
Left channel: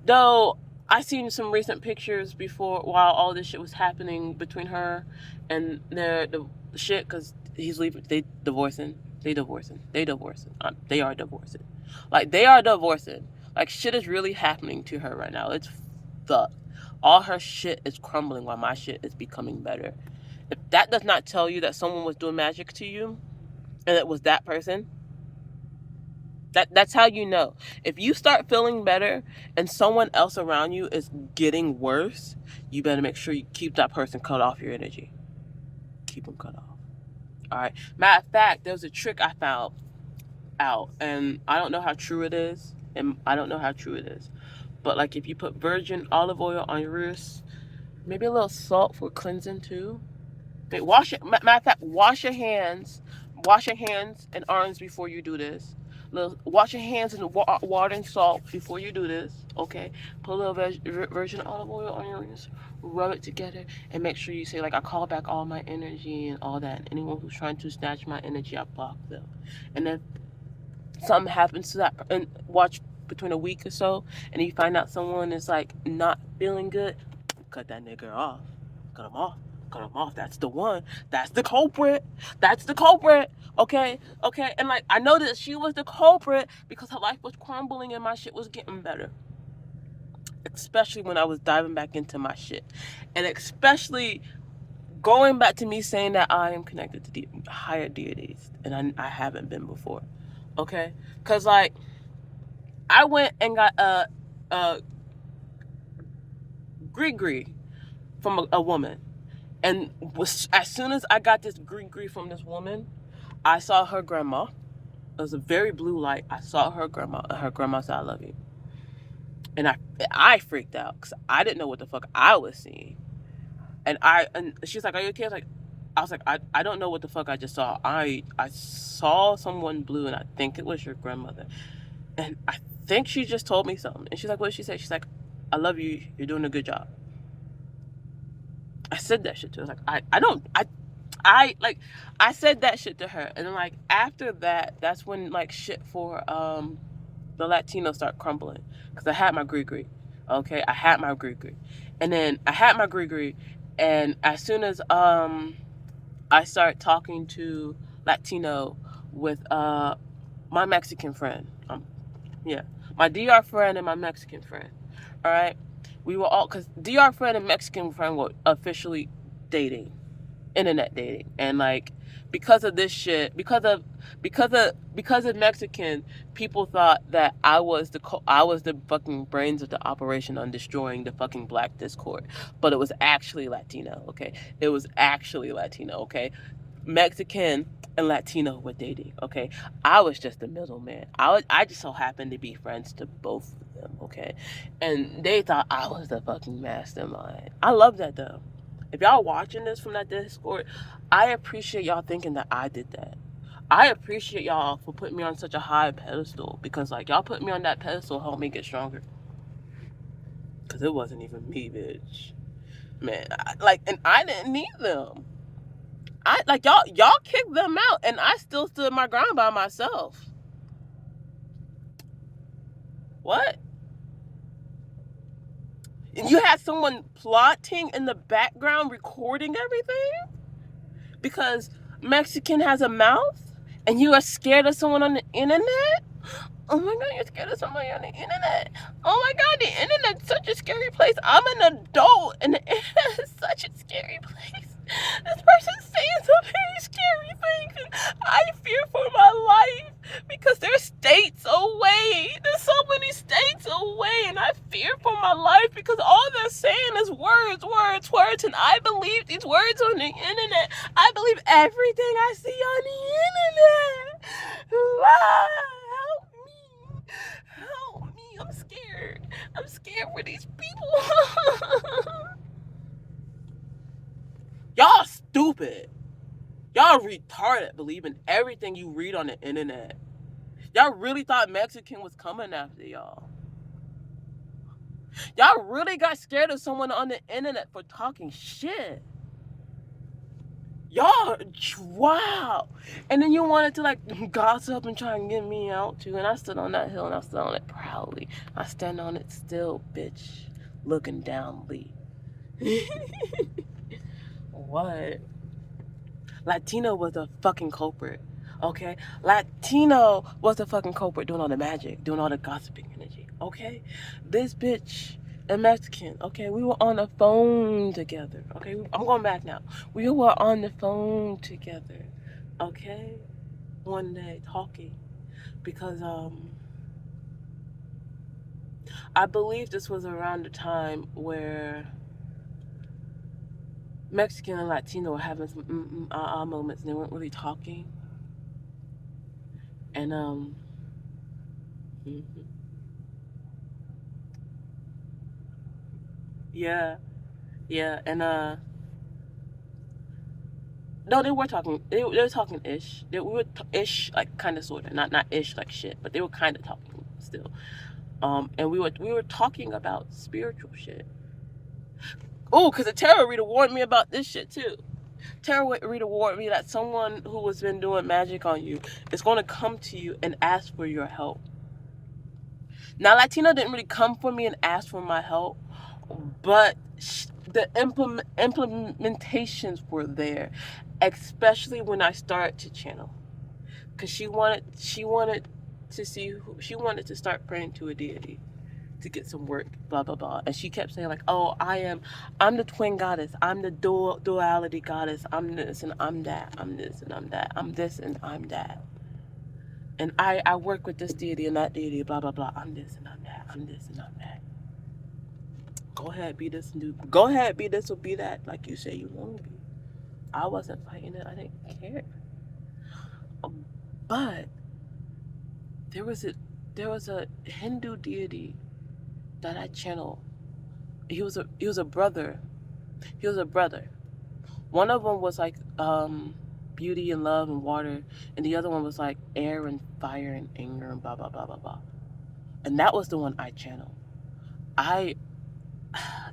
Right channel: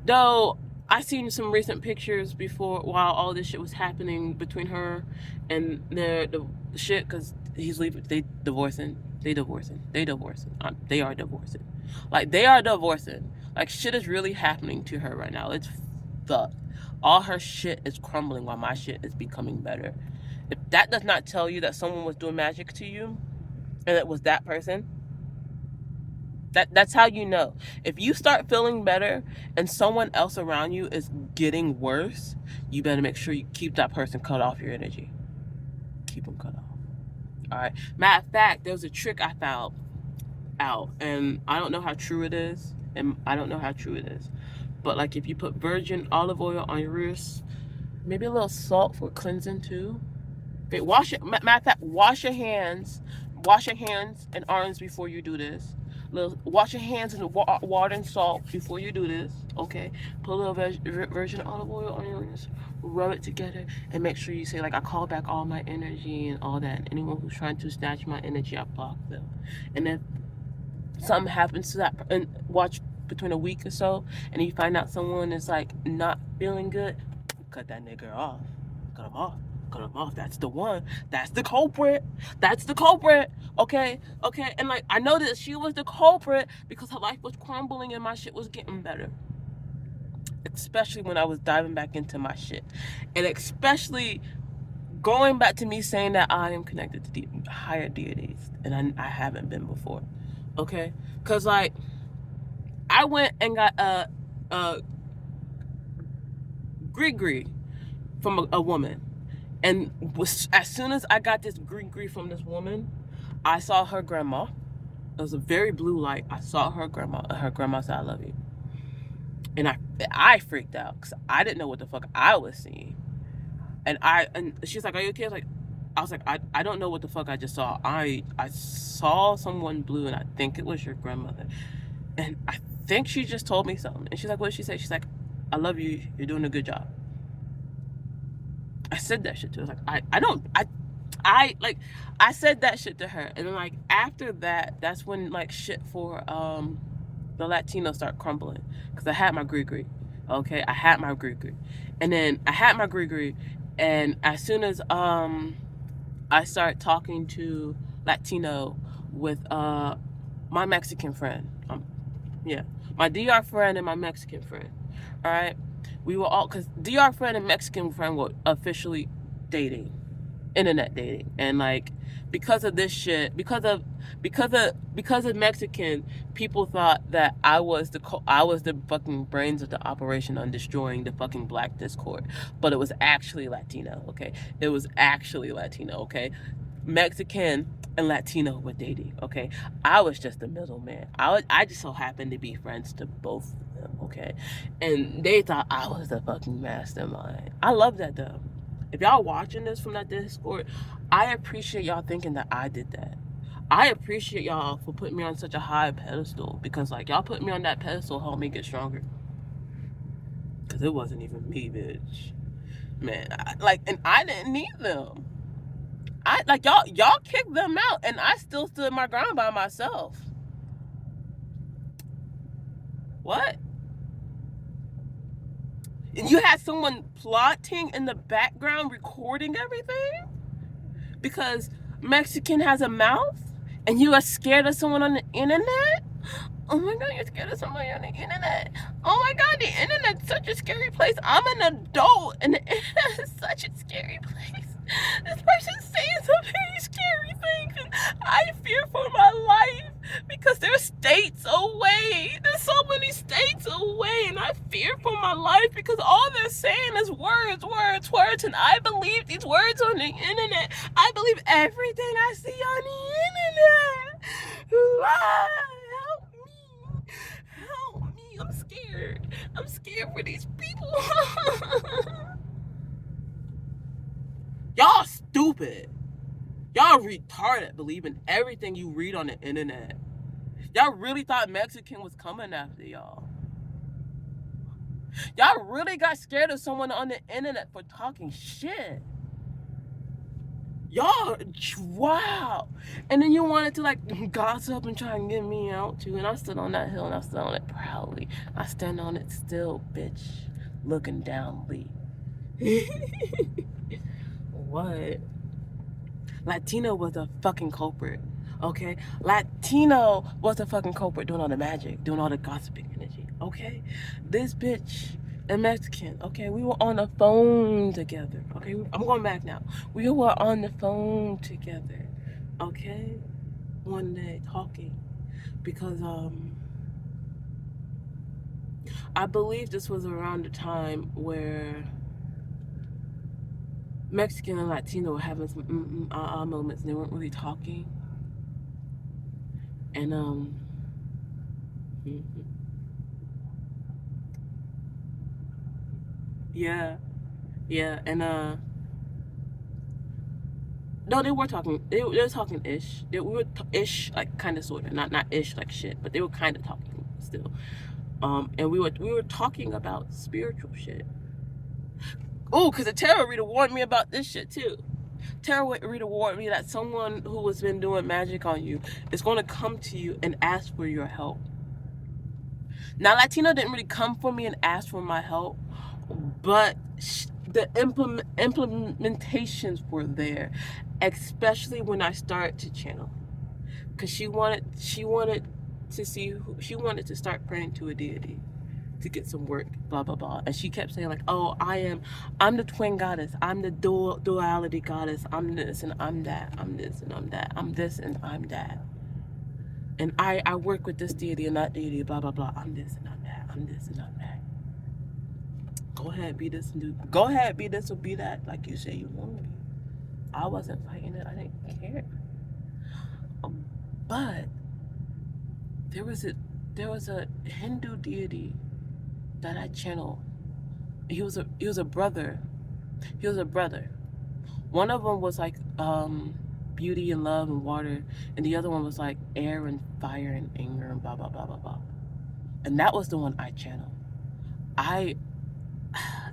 Though I seen some recent pictures before, while all this shit was happening between her and the shit, because he's leaving. They divorcing. They divorcing. They divorcing. They are divorcing. Like, they are divorcing. Like, shit is really happening to her right now. It's fucked. All her shit is crumbling while my shit is becoming better. If that does not tell you that someone was doing magic to you, and it was that person, that's how you know. If you start feeling better and someone else around you is getting worse, you better make sure you keep that person cut off your energy. Keep them cut off. All right. Matter of fact, there was a trick I found out, and I don't know how true it is, but like, if you put virgin olive oil on your wrist, maybe a little salt for cleansing too. Okay, matter of fact, wash your hands and arms before you do this. Wash your hands in water and salt before you do this. Okay, put a little virgin olive oil on your wrist, rub it together, and make sure you say, like, I call back all my energy and all that. Anyone who's trying to snatch my energy, I block them. And if something happens to that, and watch between a week or so, and you find out someone is like not feeling good, cut that nigga off. Cut him off. Cut him off. That's the one. That's the culprit. That's the culprit. Okay? Okay? And, like, I know that she was the culprit because her life was crumbling and my shit was getting better. Especially when I was diving back into my shit. And especially going back to me saying that I am connected to the higher deities. And I haven't been before. Okay? Because, like, I went and got a gree from a woman. And as soon as I got this gree from this woman, I saw her grandma. It was a very blue light. I saw her grandma, and her grandma said, I love you. And I freaked out because I didn't know what the fuck I was seeing. And she's like, are you okay? I was like, I don't know what the fuck I just saw. I saw someone blue, and I think it was your grandmother. And I think she just told me something. And she's like, what did she say? She's like, I love you. You're doing a good job. I said that shit to her. I was like, I said that shit to her. And then, like, after that, that's when, like, shit for the Latinos start crumbling. Because I had my gree. Okay? I had my gree. And then I had my gree. And as soon as I start talking to Latino with my Mexican friend. Yeah. My DR friend and my Mexican friend. All right? We were all, because DR friend and Mexican friend were officially dating, internet dating. And, like, because of this shit, because of Mexican, people thought that I was the fucking brains of the operation on destroying the fucking Black Discord, but it was actually Latino. Okay, it was actually Latino. Okay, Mexican and Latino were dating. Okay, I was just the middleman. I just so happened to be friends to both of them. Okay, and they thought I was the fucking mastermind. I love that though. If y'all watching this from that Discord, I appreciate y'all thinking that I did that. I appreciate y'all for putting me on such a high pedestal, because like y'all put me on that pedestal helped me get stronger. Cause it wasn't even me, bitch. Man, and I didn't need them. I like y'all kicked them out, and I still stood my ground by myself. What? And you had someone plotting in the background, recording everything because Mexican has a mouth, and you are scared of someone on the internet. Oh my god, you're scared of somebody on the internet. Oh my god, the internet's such a scary place. I'm an adult, and the internet is such a scary place. This person's saying some very scary things, and I fear for my life because they're states away. There's so many states away, and I fear for my life because all they're saying is words, words, words, and I believe these words on the internet. I believe everything I see on the internet. Help me. Help me. I'm scared. I'm scared for these people. Y'all stupid. Y'all retarded believing everything you read on the internet. Y'all really thought Mexican was coming after y'all. Y'all really got scared of someone on the internet for talking shit. Y'all, wow. And then you wanted to like gossip and try and get me out too. And I stood on that hill and I stood on it proudly. I stand on it still, bitch. Looking down, Lee. What? Latino was a fucking culprit. Okay? Latino was the fucking culprit doing all the magic, doing all the gossiping energy. Okay? This bitch and Mexican, okay, we were on the phone together. Okay? I'm going back now. We were on the phone together. Okay? One day talking. Because I believe this was around the time where Mexican and Latino were having some moments and they weren't really talking. And yeah, yeah, and no, they were talking. They were talking ish. We were ish, like kind of sort of, not ish like shit, but they were kind of talking still. And we were talking about spiritual shit. Oh, because the tarot reader warned me about this shit too. Tarot reader warned me that someone who has been doing magic on you is going to come to you and ask for your help. Now, Latino didn't really come for me and ask for my help, but the implementations were there, especially when I started to channel, because she wanted to see she wanted to start praying to a deity to get some work, blah blah blah, and she kept saying like, oh, I'm the twin goddess, I'm the duality goddess, I'm this and I'm that, I'm this and I'm that, I'm this and I'm that, and I work with this deity and that deity, blah blah blah, I'm this and I'm that, I'm this and I'm that. Go ahead, be this and do. Go ahead, be this or be that, like you say you want to be. I wasn't fighting it. I didn't care. But there was a Hindu deity that I channeled. He was a brother. He was a brother. One of them was like beauty and love and water, and the other one was like air and fire and anger and blah blah blah blah blah. And that was the one I channeled.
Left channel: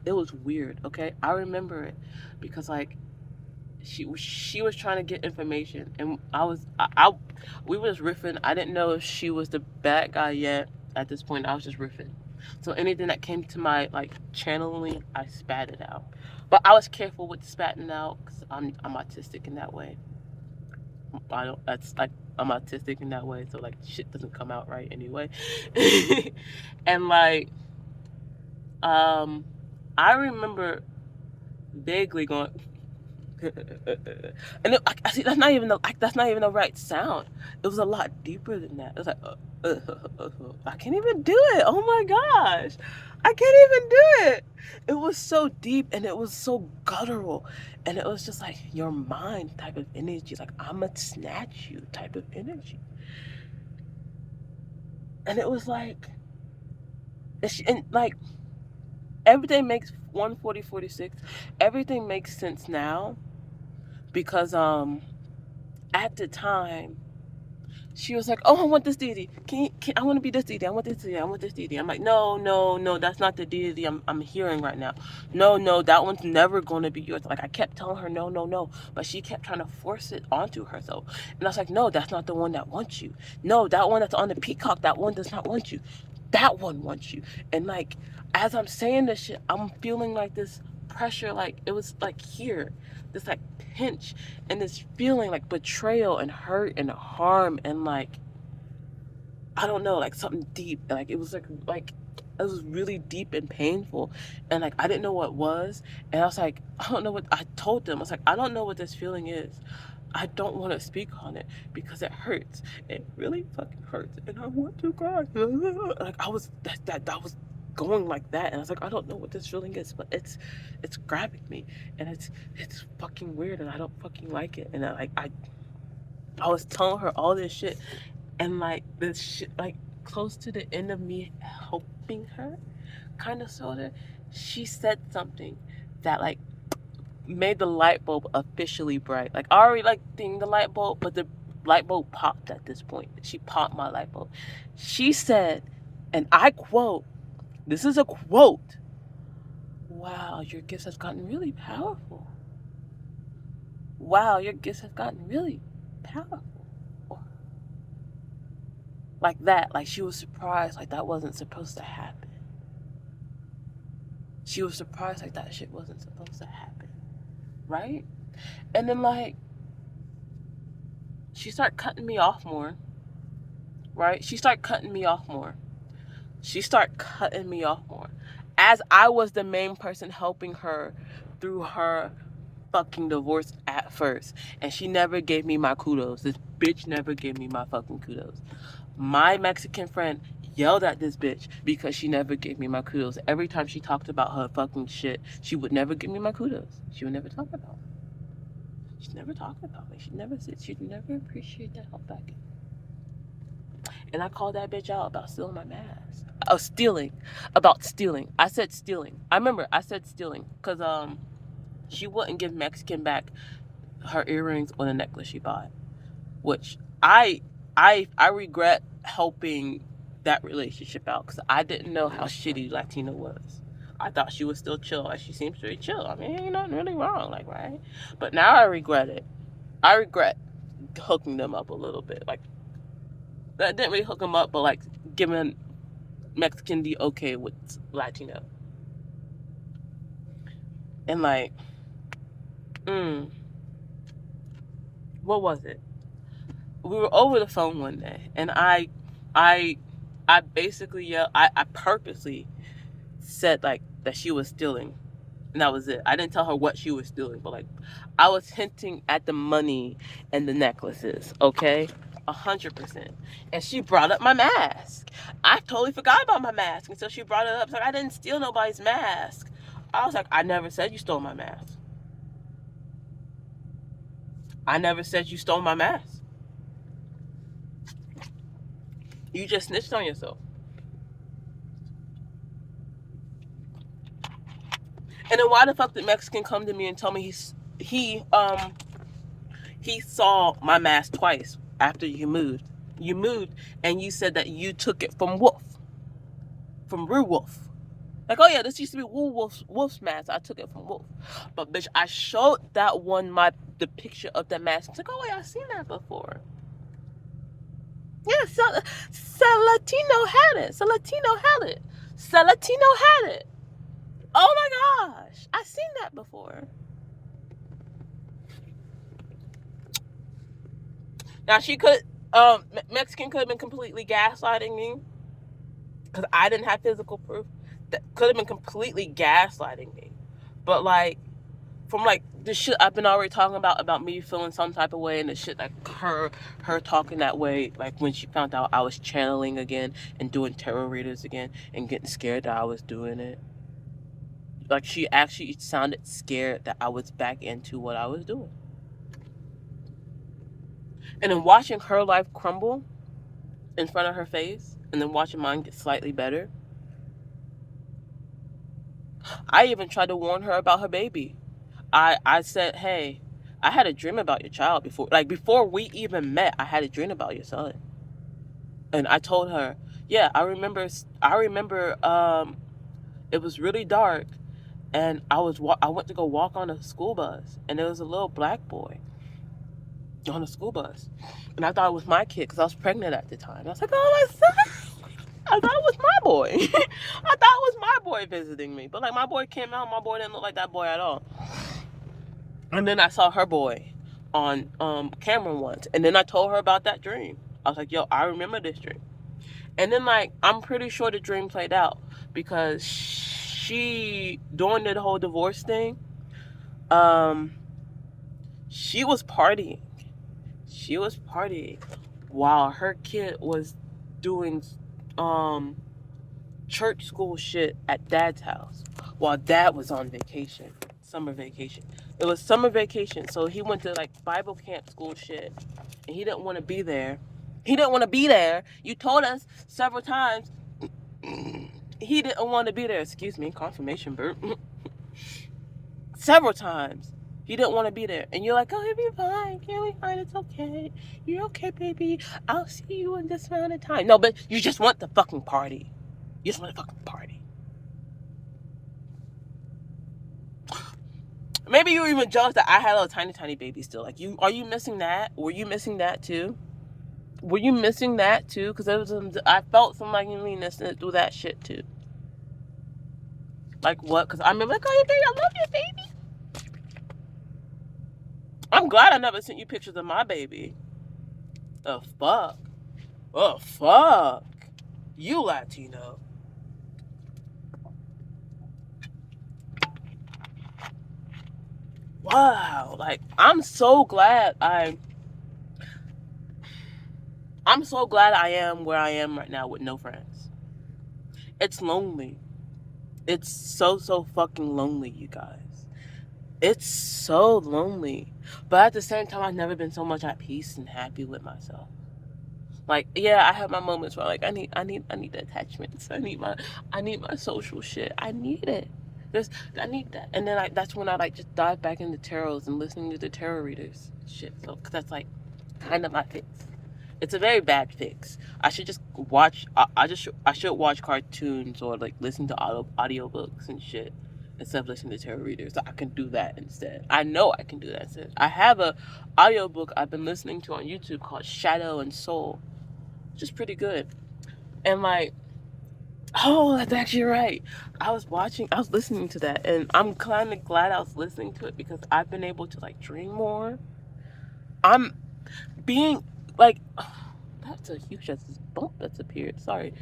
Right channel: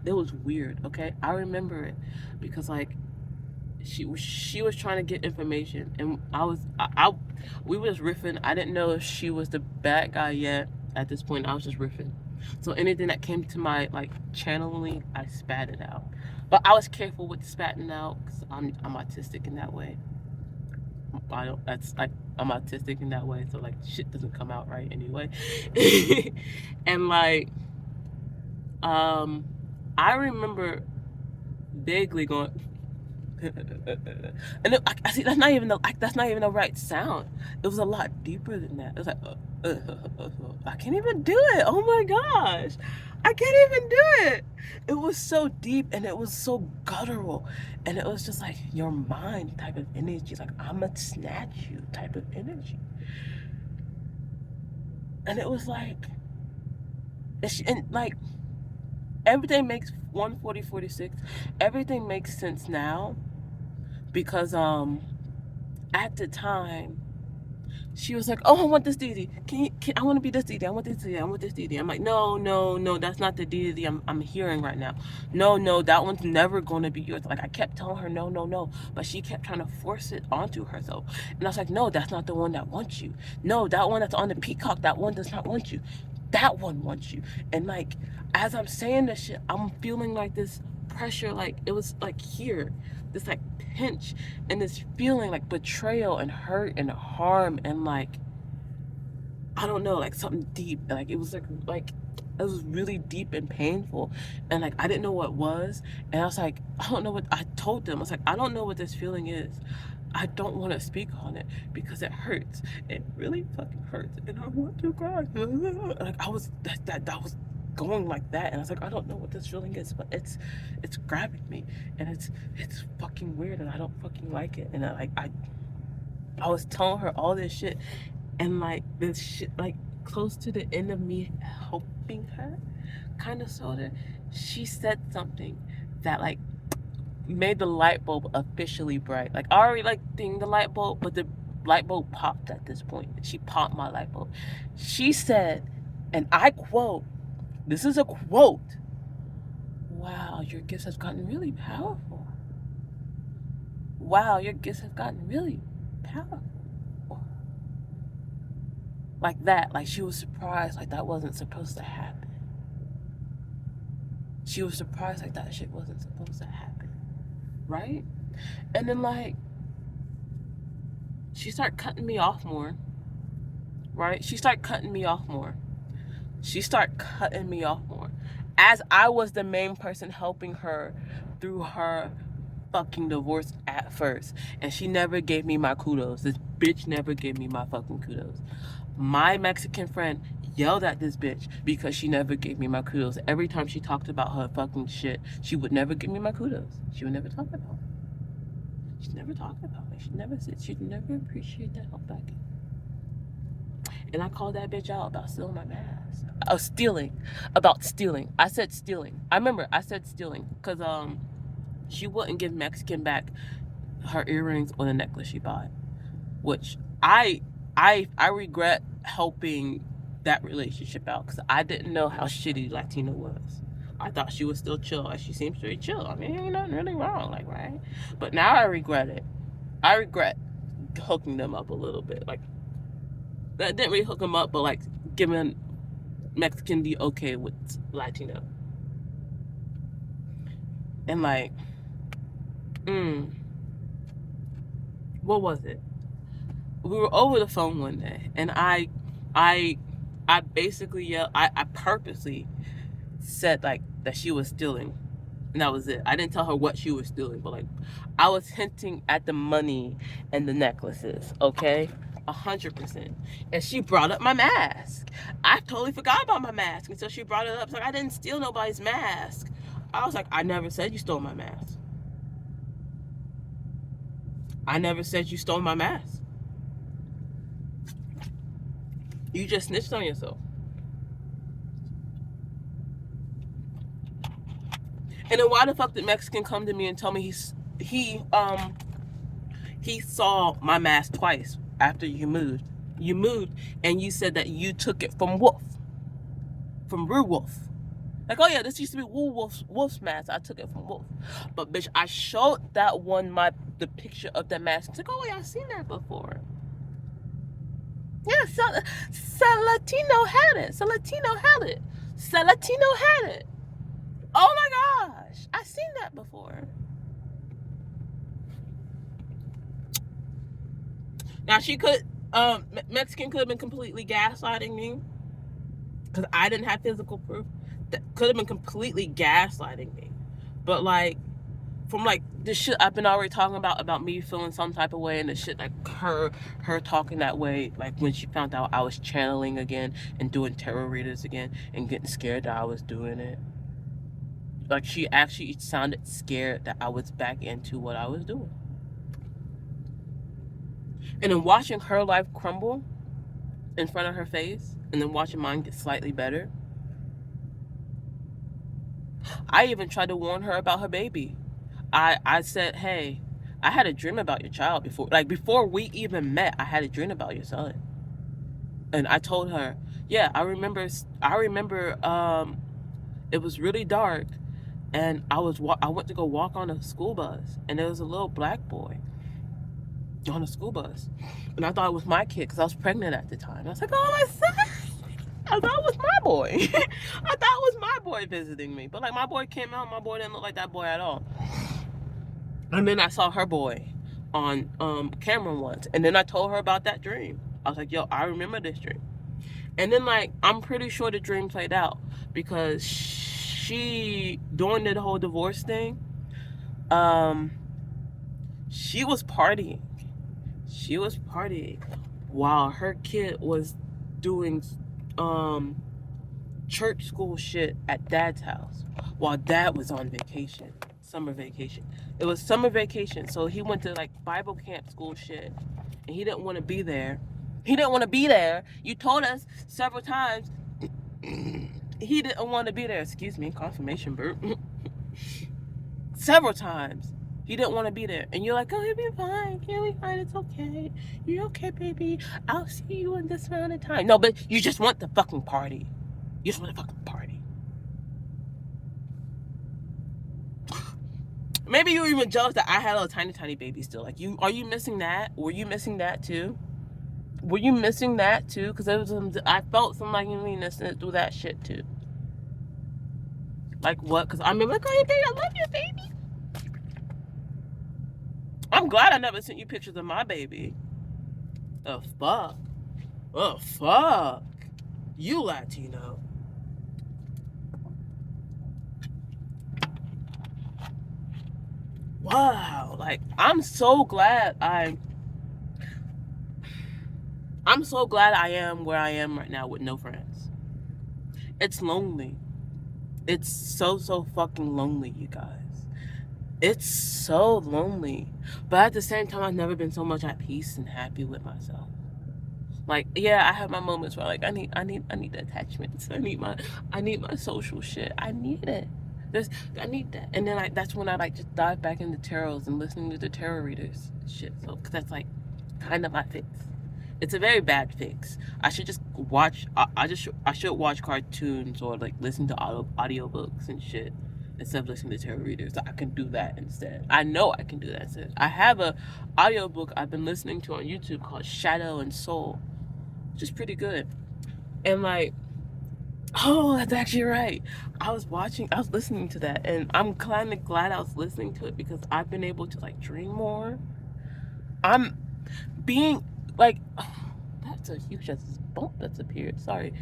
It was weird. Okay, I remember it because like she was trying to get information, and we was riffing. I didn't know if she was the bad guy yet. At this point, I was just riffing. So anything that came to my like channeling, I spat it out. But I was careful with spatting out because I'm autistic in that way. I don't. That's like I'm autistic in that way, so like shit doesn't come out right anyway. And like, I remember vaguely going. And I see that's not even the right sound. It was a lot deeper than that. It was like, I can't even do it. Oh my gosh, I can't even do it. It was so deep and it was so guttural, and it was just like your mind type of energy, like I'ma snatch you type of energy. And it was like, and like everything makes 14046. Everything makes sense now because at the time she was like, "Oh, I want this deity. I want to be this deity. I want this deity. I want this deity." I'm like, "No, no, no. That's not the deity I'm hearing right now. No, no. That one's never going to be yours." Like I kept telling her, "No, no, no," but she kept trying to force it onto herself. And I was like, "No, that's not the one that wants you. No, that one that's on the peacock. That one does not want you. That one wants you." And like as I'm saying this shit, I'm feeling like this pressure. Like it was like here, this like pinch and this feeling like betrayal and hurt and harm and like I don't know, like something deep. Like it was like it was really deep and painful, and like I didn't know what it was. And I was like, I don't know what. I told them, I was like, I don't know what this feeling is. I don't want to speak on it because it hurts. It really fucking hurts, and I want to cry. Like I was that was going like that, and I was like, I don't know what this feeling is, but it's grabbing me, and it's fucking weird, and I don't fucking like it. And I was telling her all this shit, and like this shit, like close to the end of me helping her, kind of sorta, she said something that like made the light bulb officially bright. Like I already like ding the light bulb, but the light bulb popped at this point. She popped my light bulb. She said, and I quote, this is a quote, "Wow, your gifts have gotten really powerful. Wow, your gifts have gotten really powerful." Like that. Like she was surprised like that wasn't supposed to happen. She was surprised like that shit wasn't supposed to happen. Right? And then like she started cutting me off more. Right? She started cutting me off more. She started cutting me off more. As I was the main person helping her through her fucking divorce at first. And she never gave me my kudos. This bitch never gave me my fucking kudos. My Mexican friend yelled at this bitch because she never gave me my kudos. Every time she talked about her fucking shit, she would never give me my kudos. She would never talk about it. She never talked about it. She never said, she'd never appreciate that help back. And I called that bitch out about stealing my mask. Oh, stealing. About stealing. I said stealing. I remember I said stealing because she wouldn't give Mexican back her earrings or the necklace she bought, which I regret helping that relationship out because I didn't know how shitty Latina was. I thought she was still chill. Like she seems pretty chill. I mean, ain't nothing really wrong, like right. But now I regret it. I regret hooking them up a little bit. Like that didn't really hook them up, but like giving Mexican the okay with Latino. And like, what was it? We were over the phone one day, and I, I basically yelled. I purposely said like that she was stealing, and that was it. I didn't tell her what she was stealing, but like, I was hinting at the money and the necklaces. Okay, 100%. And she brought up my mask. I totally forgot about my mask, and so she brought it up. It's like I didn't steal nobody's mask. I was like, I never said you stole my mask. I never said you stole my mask. You just snitched on yourself. And then why the fuck did Mexican come to me and tell me he saw my mask twice after you moved. You moved and you said that you took it from Wolf, from Rue Wolf. Like, oh yeah, this used to be Wolf's mask. I took it from Wolf. But bitch, I showed that one the picture of that mask. It's like, oh wait, I've seen that before. Yeah, Salatino had it. Salatino had it. Salatino had it. Oh my gosh, I've seen that before. Now she could, Mexican could have been completely gaslighting me because I didn't have physical proof. That could have been completely gaslighting me, but like from like the shit I've been already talking about me feeling some type of way, and the shit like her talking that way, like when she found out I was channeling again and doing tarot readers again and getting scared that I was doing it. Like she actually sounded scared that I was back into what I was doing. And then watching her life crumble in front of her face, and then watching mine get slightly better. I even tried to warn her about her baby. I said, hey, I had a dream about your child before. Like before we even met, I had a dream about your son. And I told her, yeah, I remember. It was really dark, and I went to go walk on a school bus, and there was a little black boy on a school bus, and I thought it was my kid because I was pregnant at the time. I was like, oh, my son. I thought it was my boy. I thought it was my boy visiting me, but like my boy came out, my boy didn't look like that boy at all. And then I saw her boy on camera once, and then I told her about that dream. I was like, yo, I remember this dream. And then like I'm pretty sure the dream played out because she, during the whole divorce thing, she was partying. She was partying while her kid was doing church school shit at dad's house while dad was on vacation, summer vacation. It was summer vacation, so he went to like Bible camp school shit, and he didn't want to be there. He didn't want to be there. You told us several times he didn't want to be there. Excuse me, confirmation burp. Several times. He didn't want to be there. And you're like, oh, he'll be fine. He'll be fine. It's okay. You're okay, baby. I'll see you in this amount of time. No, but you just want the fucking party. You just want the fucking party. Maybe you were even jealous that I had a little tiny baby still. Like, are you missing that? Were you missing that too? Were you missing that too? Because I felt some like me missing through that shit too. Like what? Because I remember, like, oh, baby, I love you, baby. I'm glad I never sent you pictures of my baby. Oh, fuck. Oh, fuck. You Latino. Wow. Like, I'm so glad I am where I am right now with no friends. It's lonely. It's so fucking lonely, you guys. It's so lonely. But at the same time, I've never been so much at peace and happy with myself. Like, yeah, I have my moments where like I need the attachments. I need my social shit. I need it. I need that. And then that's when I like just dive back into tarots and listening to the tarot readers shit. So cause that's like kind of my fix. It's a very bad fix. I should just watch. I should watch cartoons or like listen to audiobooks and shit instead of listening to tarot readers. I can do that instead. I know I can do that instead. I have a audiobook I've been listening to on YouTube called Shadow and Soul, which is pretty good. And like, oh, that's actually right. I was listening to that, and I'm kind of glad I was listening to it because I've been able to like dream more. I'm being like, oh, that's a huge bump that's appeared. Sorry.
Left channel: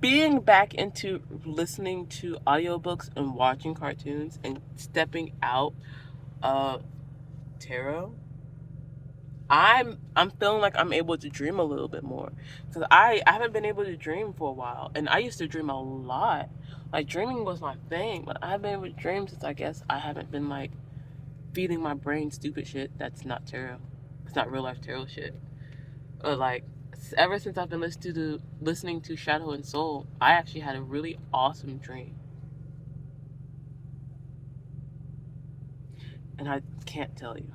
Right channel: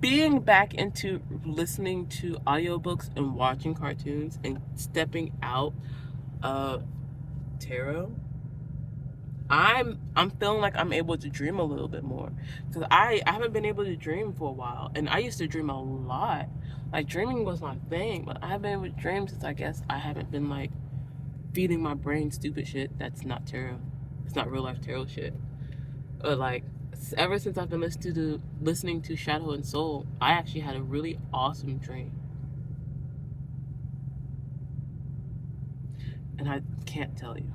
Being back into listening to audiobooks and watching cartoons and stepping out of tarot, I'm feeling like I'm able to dream a little bit more because I haven't been able to dream for a while, and I used to dream a lot. Like dreaming was my thing, but I haven't been able to dream since I guess I haven't been like feeding my brain stupid shit that's not tarot. It's not real life tarot shit. But like ever since I've been listening to Shadow and Soul, I actually had a really awesome dream. And I can't tell you.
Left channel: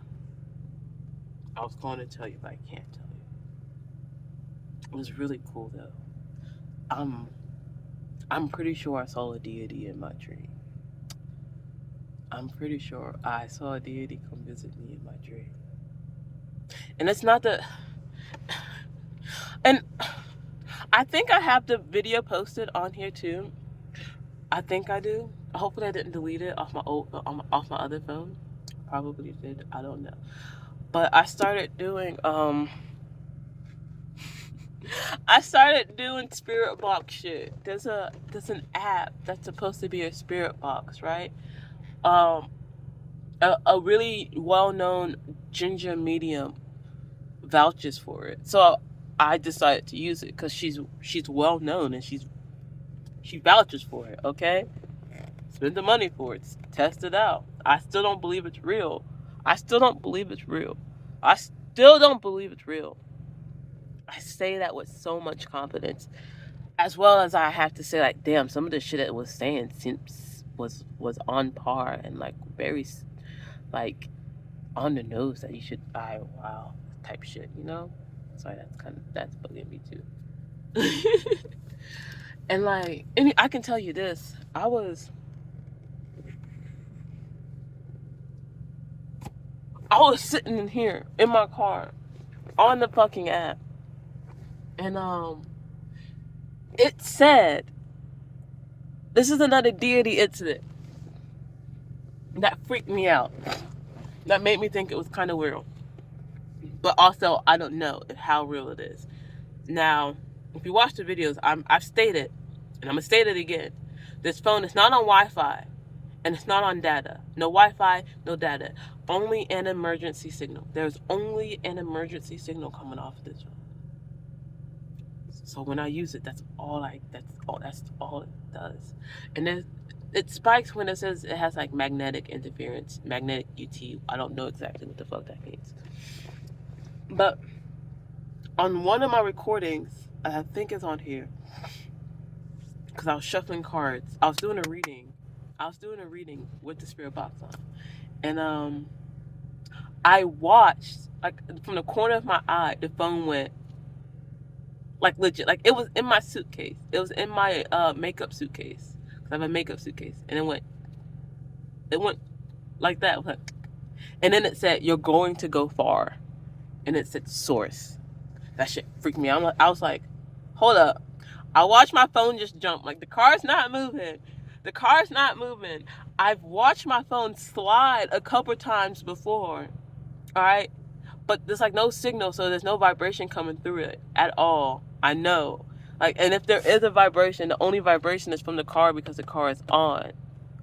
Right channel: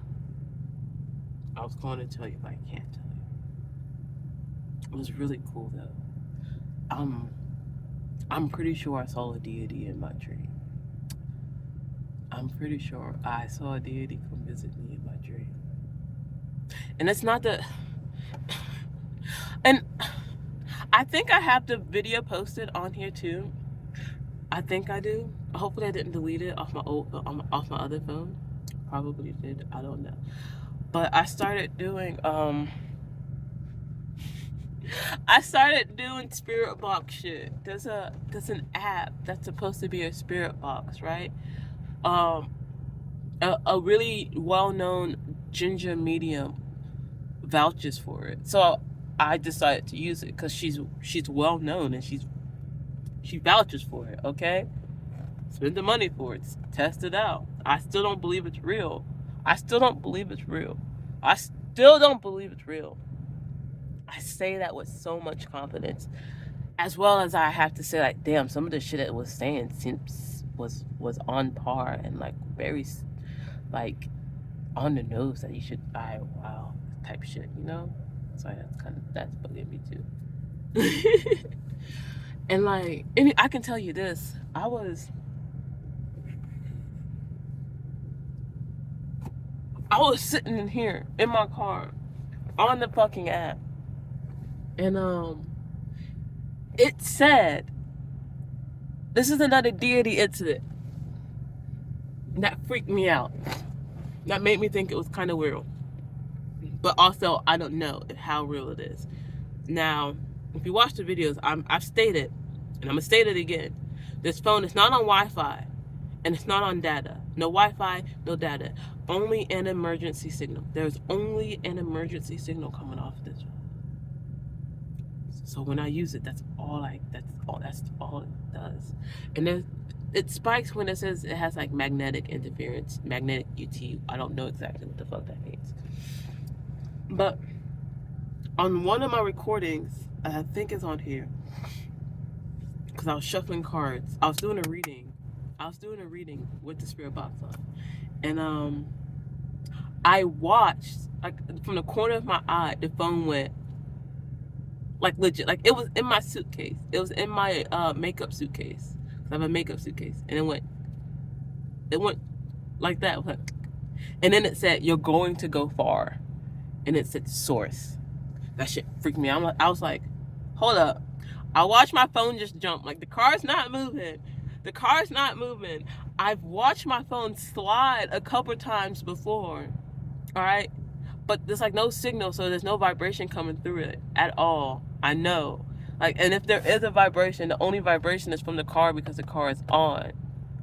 I was going to tell you, but I can't tell you. It was really cool though. I'm pretty sure I saw a deity in my dream. I'm pretty sure I saw a deity come visit me in my dream. And it's not the and I think I have the video posted on here too. I think I do. Hopefully I didn't delete it off my off my other phone. Probably did. I don't know. But I started doing spirit box shit. There's an app that's supposed to be a spirit box, right? Um, a really well-known ginger medium vouches for it, so I decided to use it because she's well known and she vouches for it. Okay, spend the money for it, test it out. I still don't believe it's real. I still don't believe it's real. I still don't believe it's real. I say that with so much confidence, as well as I have to say, like, damn, some of the shit it was saying seems was on par and like very like on the nose that you should, I wow type shit, you know. So that's bugging me too. And like, and I can tell you this, I was sitting in here in my car on the fucking app, and it said, this is another deity incident that freaked me out, that made me think it was kind of weird, but also I don't know how real it is. Now, if you watch the videos, I've stated, and I'm gonna state it again, this phone is not on Wi-Fi, and it's not on data. No Wi-Fi, no data. Only an emergency signal. There's only an emergency signal coming off this phone. So when I use it, that's all it does. And then it spikes when it says it has like magnetic interference, magnetic UT. I don't know exactly what the fuck that means. But on one of my recordings, I think it's on here, because I was shuffling cards. I was doing a reading. With the spirit box on. And I watched, like, from the corner of my eye, the phone went, like, legit, like it was in my suitcase. It was in my makeup suitcase. I have a makeup suitcase, and it went like that. And then it said, "You're going to go far," and it said source. That shit freaked me out. I was like, hold up. I watched my phone just jump. Like, the car's not moving. The car's not moving. I've watched my phone slide a couple times before. All right. But there's like no signal, so there's no vibration coming through it at all. I know. Like, and if there is a vibration, the only vibration is from the car because the car is on.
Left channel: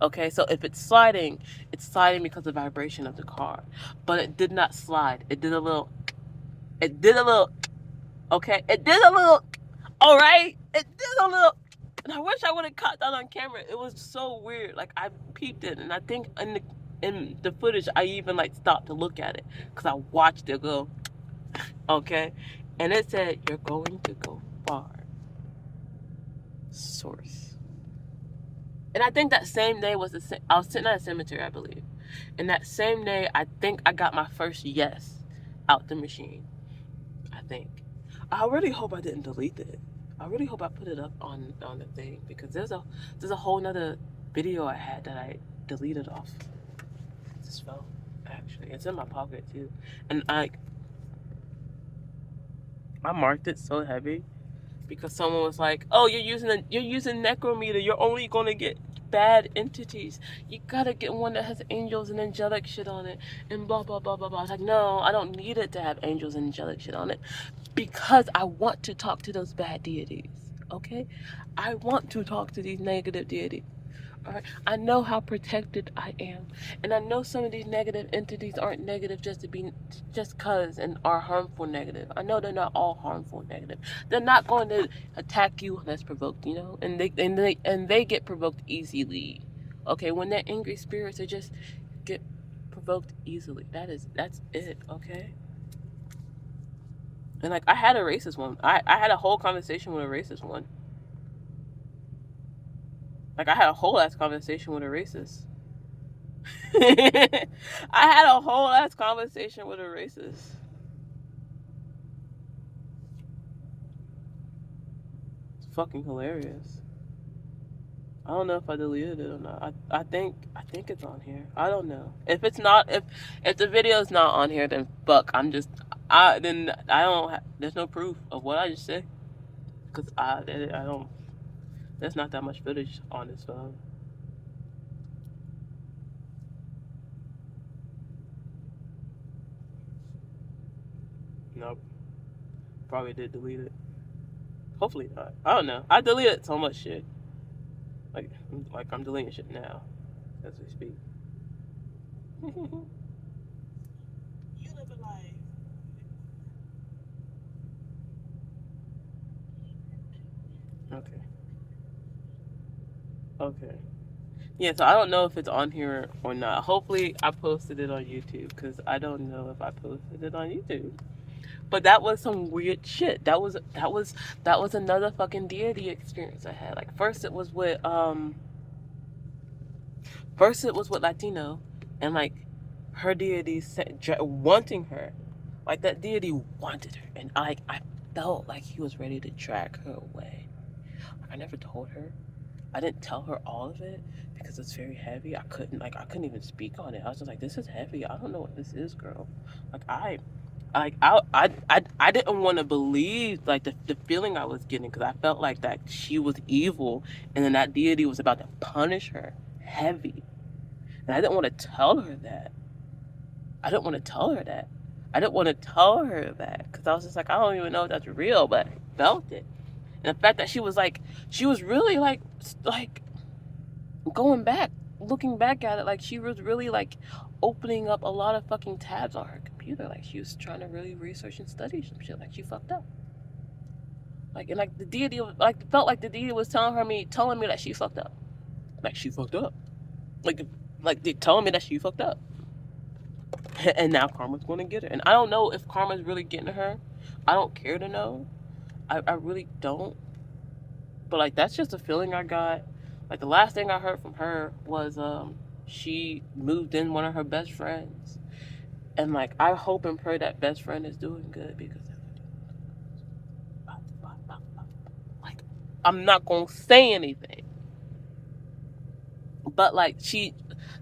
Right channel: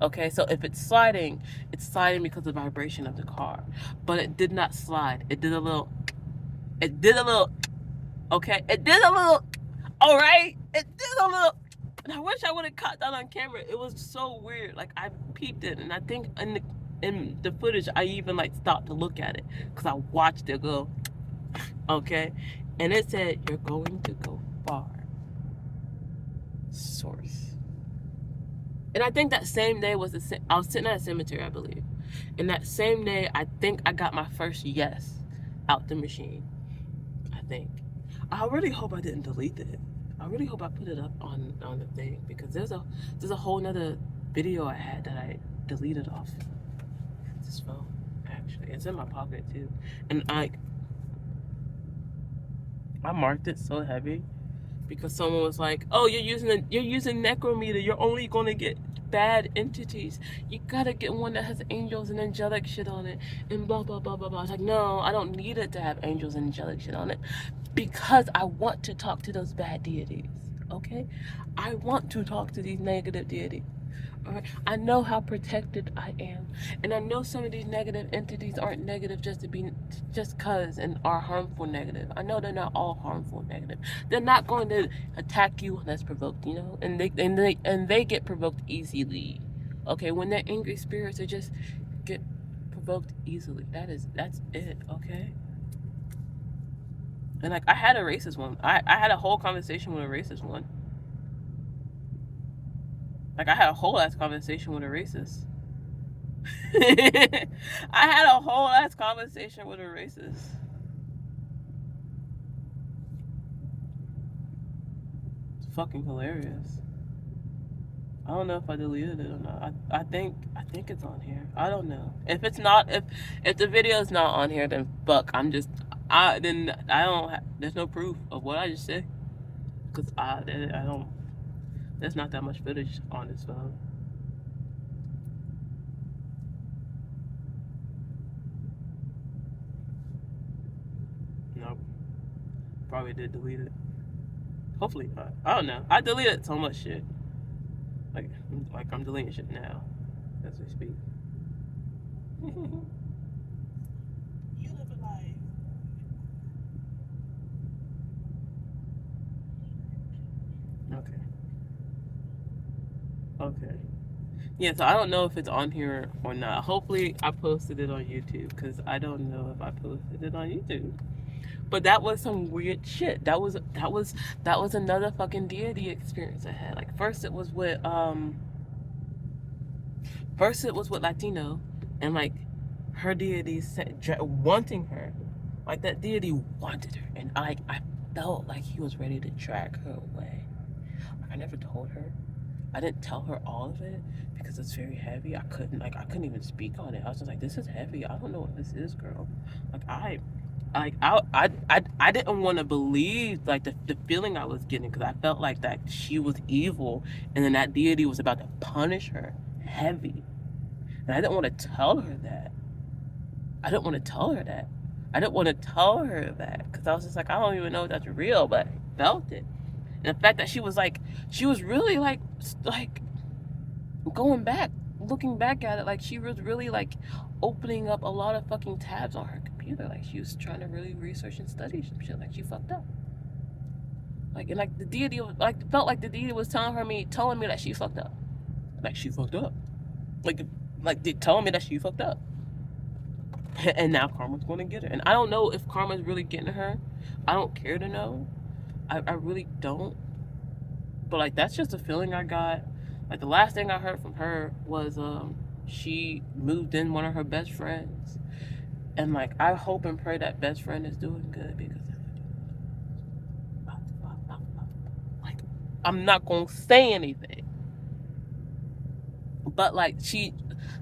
Okay, so if it's sliding because of the vibration of the car. But it did not slide. It did a little, okay? It did a little, all right? It did a little, and I wish I would have caught that on camera. It was so weird. Like, I peeped it, and I think in the footage, I even like stopped to look at it because I watched it go, okay? And it said, "You're going to go far." Source. And I think that same day I was sitting at a cemetery, I believe. And that same day, I think I got my first yes out the machine. I think. I really hope I didn't delete it. I really hope I put it up on the thing, because there's a whole nother video I had that I deleted off this phone. Actually, it's in my pocket too, and I marked it so heavy because someone was like, "Oh, you're using necrometer. You're only gonna get bad entities. You gotta get one that has angels and angelic shit on it, and blah blah blah blah blah." I was like, "No, I don't need it to have angels and angelic shit on it, because I want to talk to those bad deities. Okay, I want to talk to these negative deities. All right, I know how protected I am, and I know some of these negative entities aren't negative just cause and are harmful negative. I know they're not all harmful negative. They're not going to attack you unless provoked, you know, and they get provoked easily. Okay, when they're angry spirits, they just get provoked easily. That's it. Okay." And like, I had a racist one. I had a whole conversation with a racist one. Like, I had a whole ass conversation with a racist. I had a whole ass conversation with a racist. It's fucking hilarious. I don't know if I deleted it or not. I think it's on here. I don't know. If it's not, if the video's not on here, then fuck. Then I don't. There's no proof of what I just said, because I don't. There's not that much footage on this phone. Nope. Probably did delete it. Hopefully not. I don't know. I deleted so much shit. Like I'm deleting shit now as we speak. You live a life. Okay. Okay. Yeah, so I don't know if it's on here or not. Hopefully, I posted it on YouTube because I don't know if I posted it on YouTube. But that was some weird shit. That was another fucking deity experience I had. Like first it was with Latino, and like her deity wanting her, like that deity wanted her, and I felt like he was ready to drag her away. I never told her. I didn't tell her all of it because it's very heavy. I couldn't even speak on it. I was just like, this is heavy. I don't know what this is, girl. Like I didn't want to believe like the feeling I was getting because I felt like that she was evil and then that deity was about to punish her heavy. And I didn't want to tell her that. I didn't want to tell her that. I didn't want to tell her that because I was just like, I don't even know if that's real, but I felt it. And the fact that she was really like going back, looking back at it, like she was really like opening up a lot of fucking tabs on her computer. Like she was trying to really research and study some shit. Like she fucked up. Like and like the deity was like felt like the deity was telling me that she fucked up. Like she fucked up. Like they telling me that she fucked up. And now karma's gonna get her. And I don't know if karma's really getting her. I don't care to know. I really don't. But like that's just a feeling I got. Like the last thing I heard from her was she moved in one of her best friends. And like I hope and pray that best friend is doing good because like I'm not gonna say anything. But like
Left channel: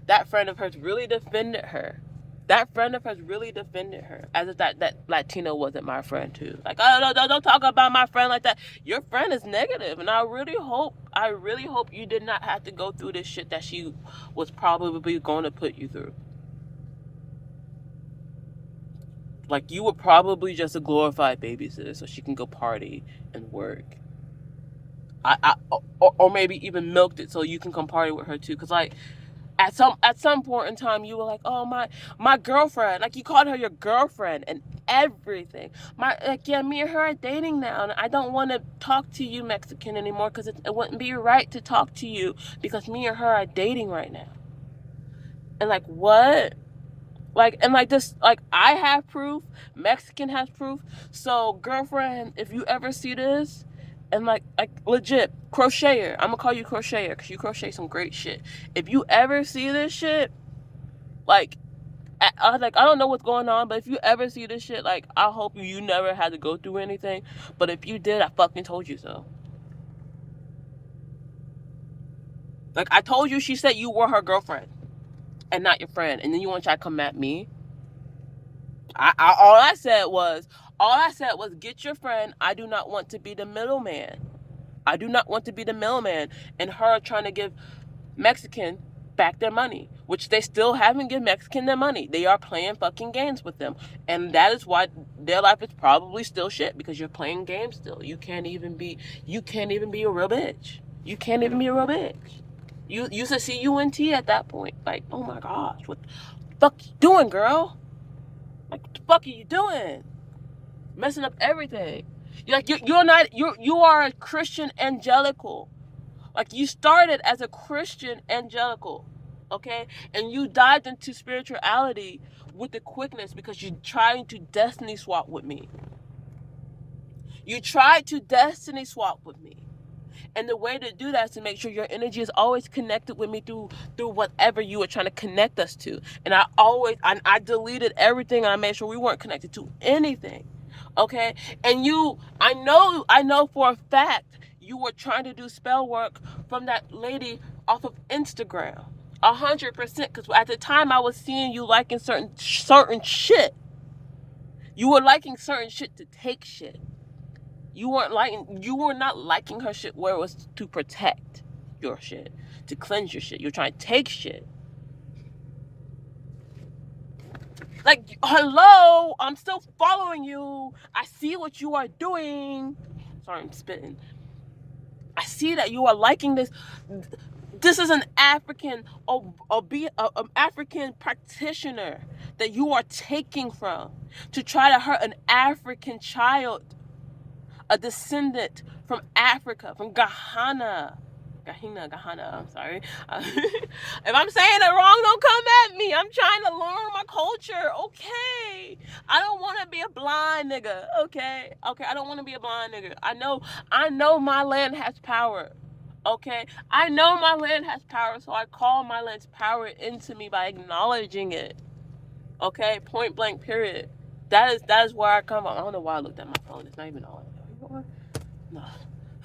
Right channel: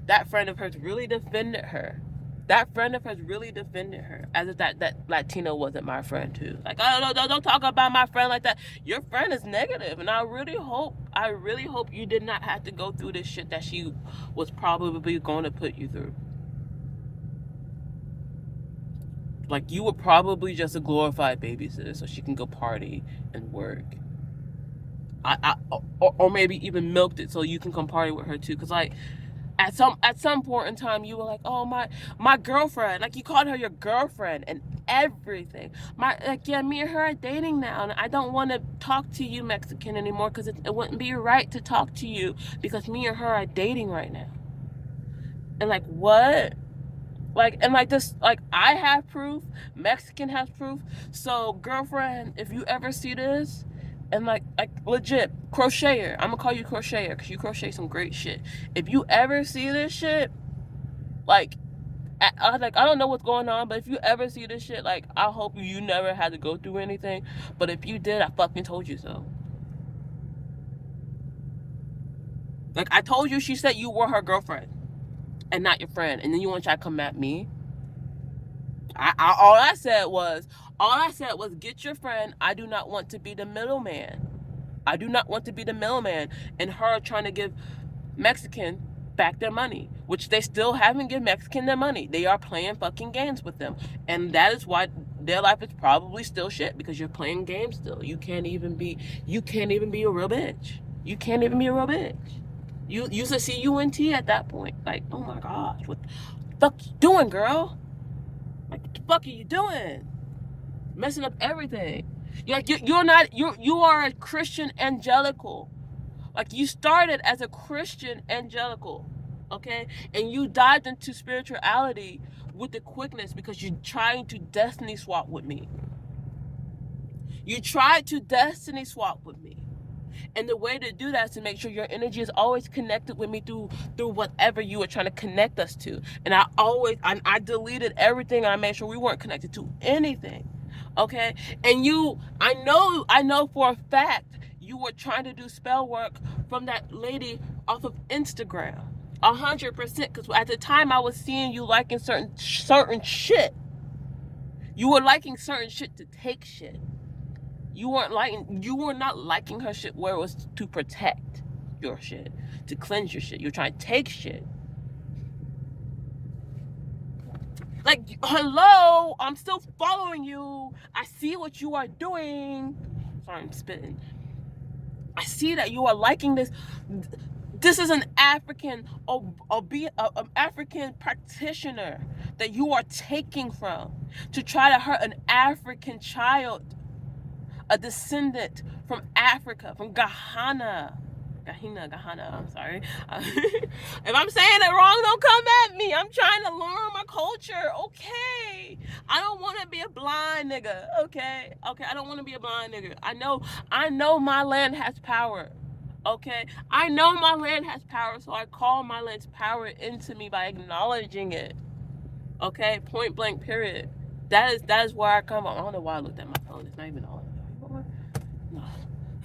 that friend of hers really defended her. That friend of hers really defended her, as if that Latino wasn't my friend too. Like, oh no, don't talk about my friend like that. Your friend is negative, and I really hope you did not have to go through this shit that she was probably going to put you through. Like, you were probably just a glorified babysitter, so she can go party and work. Or maybe even milked it so you can come party with her too. Cause like at some point in time you were like, oh my girlfriend, like you called her your girlfriend and everything. My like yeah, me and her are dating now, and I don't want to talk to you Mexican anymore because it wouldn't be right to talk to you because me and her are dating right now. And like what? Like and like this like I have proof, Mexican has proof. So girlfriend, if you ever see this, and like legit crocheter, I'm gonna call you crocheter because you crochet some great shit. If you ever see this shit, like I don't know what's going on, but if you ever see this shit, like I hope you never had to go through anything. But if you did, I fucking told you so. Like I told you, she said you were her girlfriend and not your friend, and then you want to try to come at me. All I said was get your friend. I do not want to be the middleman. I do not want to be the middleman in her trying to give Mexican back their money, which they still haven't given Mexican their money. They are playing fucking games with them. And that is why their life is probably still shit because you're playing games still. You can't even be a real bitch. You can't even be a real bitch. You used to see UNT at that point. Like, oh my gosh, what the fuck you doing, girl? Like, what the fuck are you doing? Messing up everything. You are a Christian angelical. Like you started as a Christian angelical, okay? And you dived into spirituality with the quickness because you're trying to destiny swap with me. You tried to destiny swap with me. And the way to do that is to make sure your energy is always connected with me through whatever you were trying to connect us to. And I deleted everything and I made sure we weren't connected to anything. Okay? And I know for a fact you were trying to do spell work from that lady off of Instagram. 100%, because at the time I was seeing you liking certain shit. You were liking certain shit to take shit. You were not liking her shit where it was to protect your shit, to cleanse your shit. You're trying to take shit. Like, hello, I'm still following you. I see what you are doing. Sorry, I'm spitting. I see that you are liking this. This is an African, African practitioner that you are taking from to try to hurt an African child, a descendant from Africa, from Ghana. Ghana, I'm sorry. If I'm saying it wrong, don't come at me. I'm trying to learn my culture, okay? I don't want to be a blind nigga, okay? Okay, I don't want to be a blind nigga. I know my land has power, okay? I know my land has power, so I call my land's power into me by acknowledging it, okay? Point blank, period. That is where I come from. I don't know why I looked at my phone. It's not even on. No.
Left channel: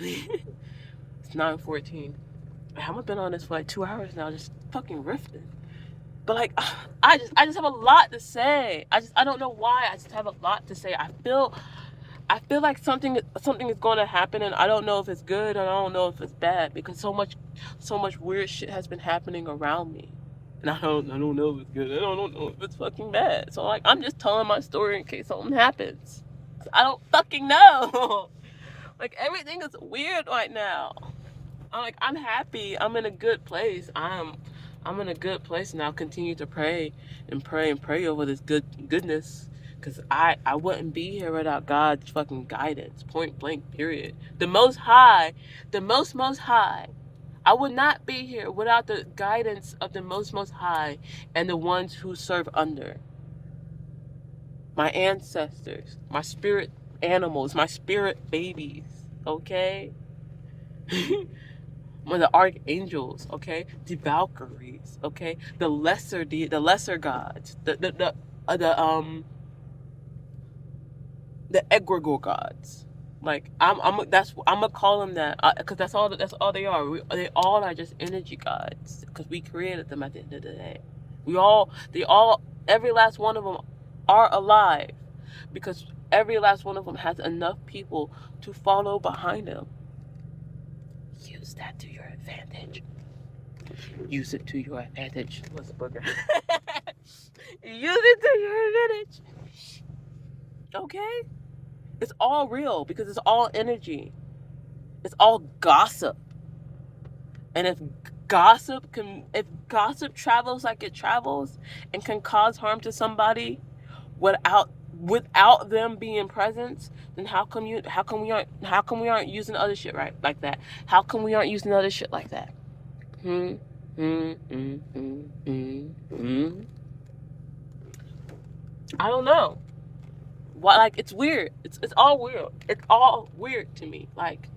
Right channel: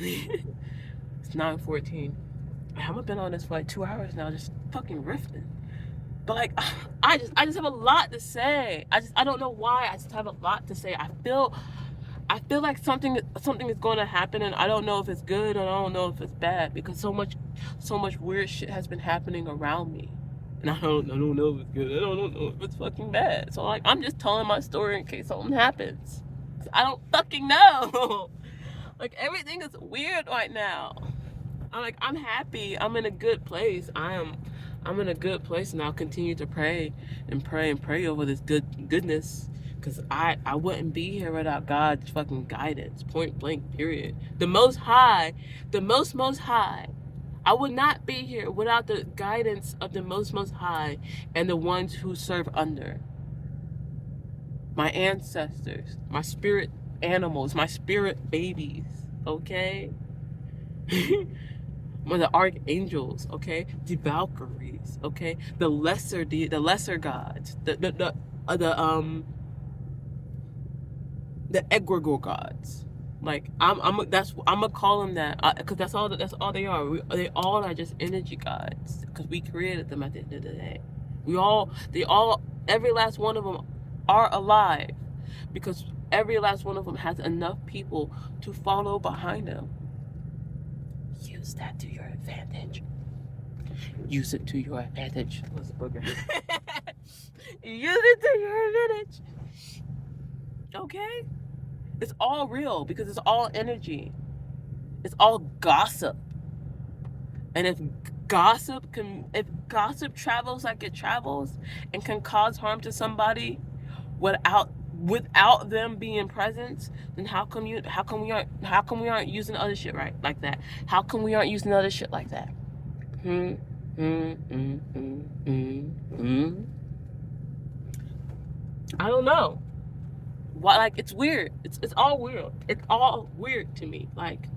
It's 9:14. I haven't been on this for like 2 hours now, just fucking riffing. But like, I just have a lot to say. I don't know why. I just have a lot to say. I feel like something is going to happen, and I don't know if it's good and I don't know if it's bad, because so much weird shit has been happening around me, and I don't know if it's good. I don't know if it's fucking bad. So like, I'm just telling my story in case something happens. I don't fucking know. Like, everything is weird right now. I'm happy. I'm in a good place. I'm in a good place, and I'll continue to pray and pray and pray over this goodness, because I wouldn't be here without God's fucking guidance. Point blank, period. The Most High, the most High. I would not be here without the guidance of the most High and the ones who serve under. My ancestors, my spirit animals, my spirit babies, okay? The archangels, okay? The Valkyries, okay? The lesser gods, the egregore gods. Like, I'm gonna call them that, because that's all they are. They all are just energy gods, because we created them at the end of the day. Every last one of them are alive, because every last one of them has enough people to follow behind them. Use that to your advantage. Use it to your advantage. What's the booger? Use it to your advantage. Okay? It's all real, because it's all energy. It's all gossip. And if gossip travels like it travels and can cause harm to somebody without them being present, then how come we aren't using other shit right like that? How come we aren't using other shit like that? I don't know. Why? Like, it's weird. It's all weird. It's all weird to me. Like,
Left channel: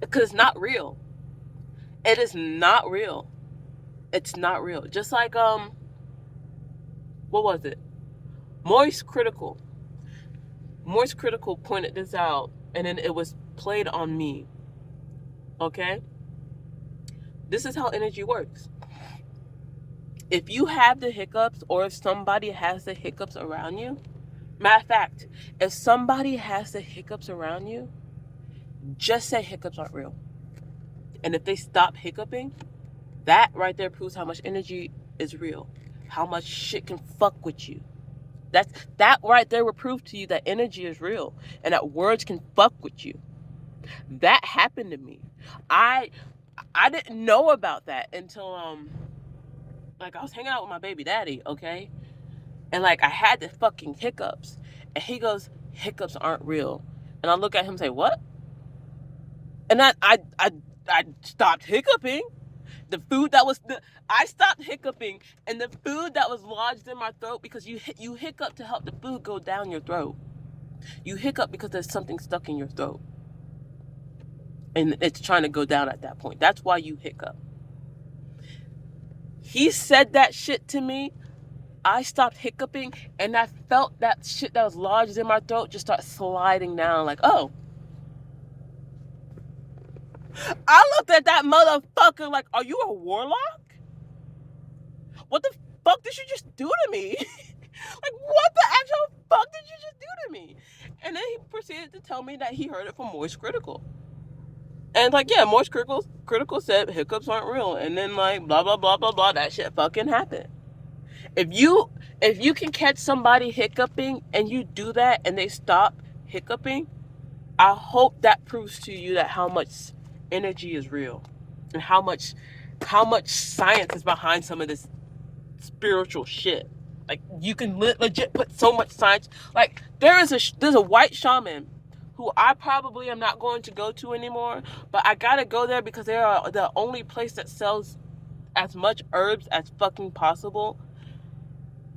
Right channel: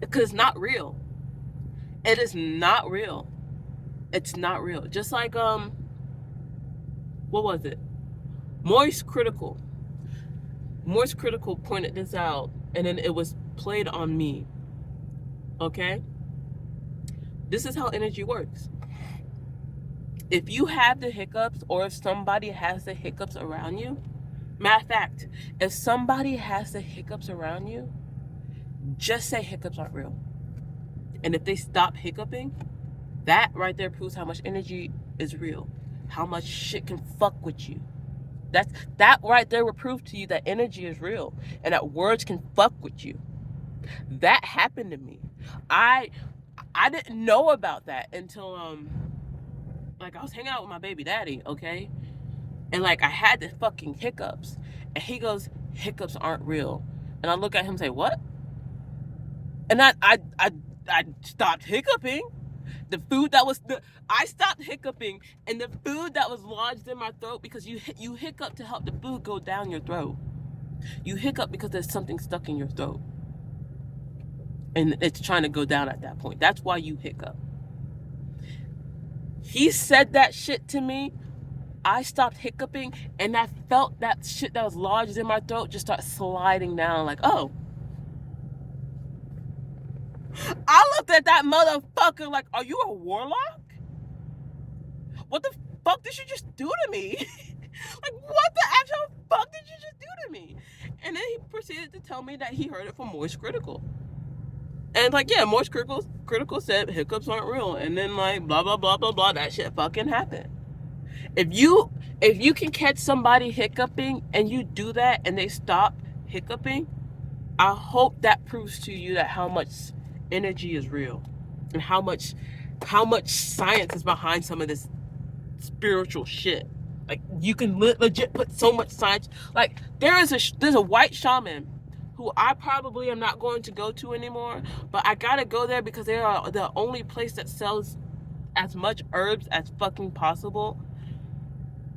because it's not real. It is not real. It's not real. Just like what was it? Moist Critical pointed this out, and then it was played on me. Okay? This is how energy works. If you have the hiccups, or if somebody has the hiccups around you, matter of fact, if somebody has the hiccups around you, just say hiccups aren't real. And if they stop hiccuping, that right there proves how much energy is real, how much shit can fuck with you. That right there will prove to you that energy is real, and that words can fuck with you. That happened to me. I didn't know about that until like, I was hanging out with my baby daddy, okay? And like, I had the fucking hiccups, and he goes, hiccups aren't real. And I look at him and say, what? And I stopped hiccuping. I stopped hiccuping, and the food that was lodged in my throat, because you hiccup to help the food go down your throat. You hiccup because there's something stuck in your throat, and it's trying to go down at that point. That's why you hiccup. He said that shit to me. I stopped hiccuping, and I felt that shit that was lodged in my throat just start sliding down, like, oh. I looked at that motherfucker like, are you a warlock? What the fuck did you just do to me? Like, what the actual fuck did you just do to me? And then he proceeded to tell me that he heard it from Moist Critical. And like, yeah, Moist Critical said hiccups aren't real. And then like, blah, blah, blah, blah, blah, that shit fucking happened. If you can catch somebody hiccuping and you do that and they stop hiccuping, I hope that proves to you that how much energy is real, and how much science is behind some of this spiritual shit. Like you can legit put so much science. Like there's a white shaman who I probably am not going to go to anymore, but I gotta go there because they are the only place that sells as much herbs as fucking possible.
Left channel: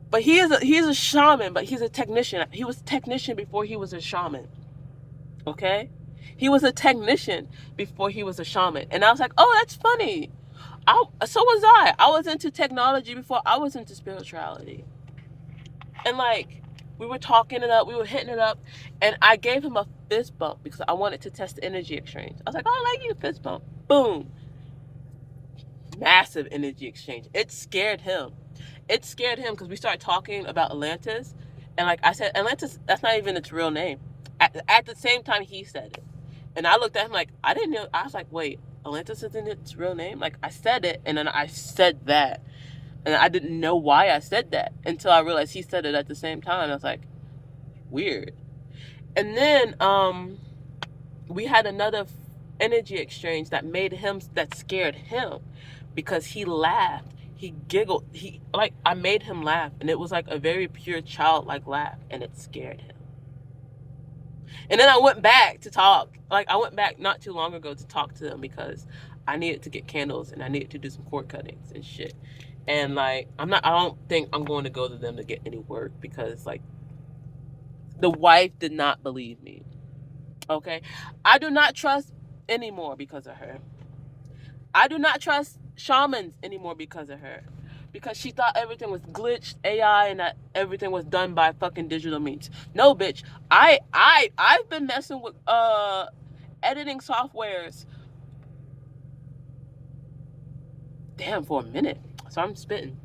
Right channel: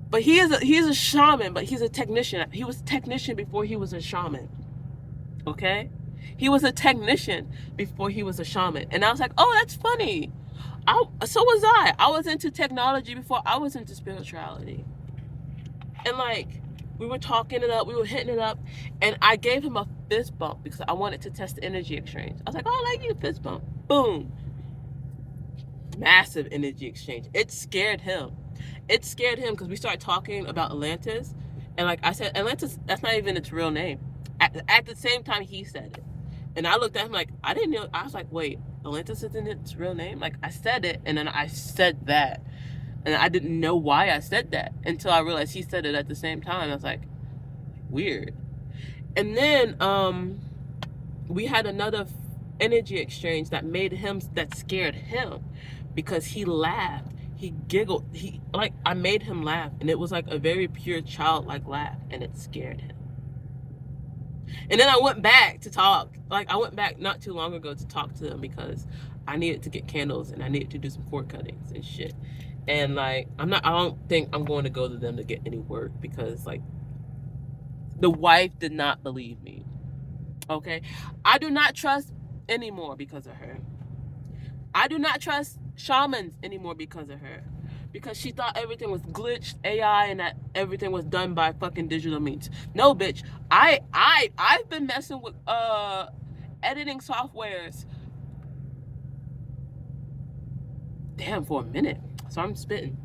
But he's a shaman, but he's a technician. He was a technician before he was a shaman. Okay? He was a technician before he was a shaman. And I was like, oh, that's funny. So was I. I was into technology before I was into spirituality. And like, we were talking it up, we were hitting it up, and I gave him a fist bump because I wanted to test the energy exchange. I was like, oh, I like you, fist bump. Boom. Massive energy exchange. It scared him. It scared him because we started talking about Atlantis. And like I said, Atlantis, that's not even its real name. At the same time, he said it. And I looked at him like, I didn't know. I was like, wait, Atlantis isn't its real name? Like, I said it, and then I said that. And I didn't know why I said that until I realized he said it at the same time. I was like, weird. And then we had another energy exchange that scared him because he laughed. He giggled. I made him laugh, and it was like a very pure childlike laugh, and it scared him. And then I went back to talk. Like, I went back not too long ago to talk to them because I needed to get candles and I needed to do some cord cuttings and shit. And like, I don't think I'm going to go to them to get any work because like, the wife did not believe me. Okay? I do not trust anymore because of her. I do not trust shamans anymore because of her. Because she thought everything was glitched, AI, and that everything was done by fucking digital means. No, bitch. I've been messing with editing softwares. Damn, for a minute. So I'm spitting.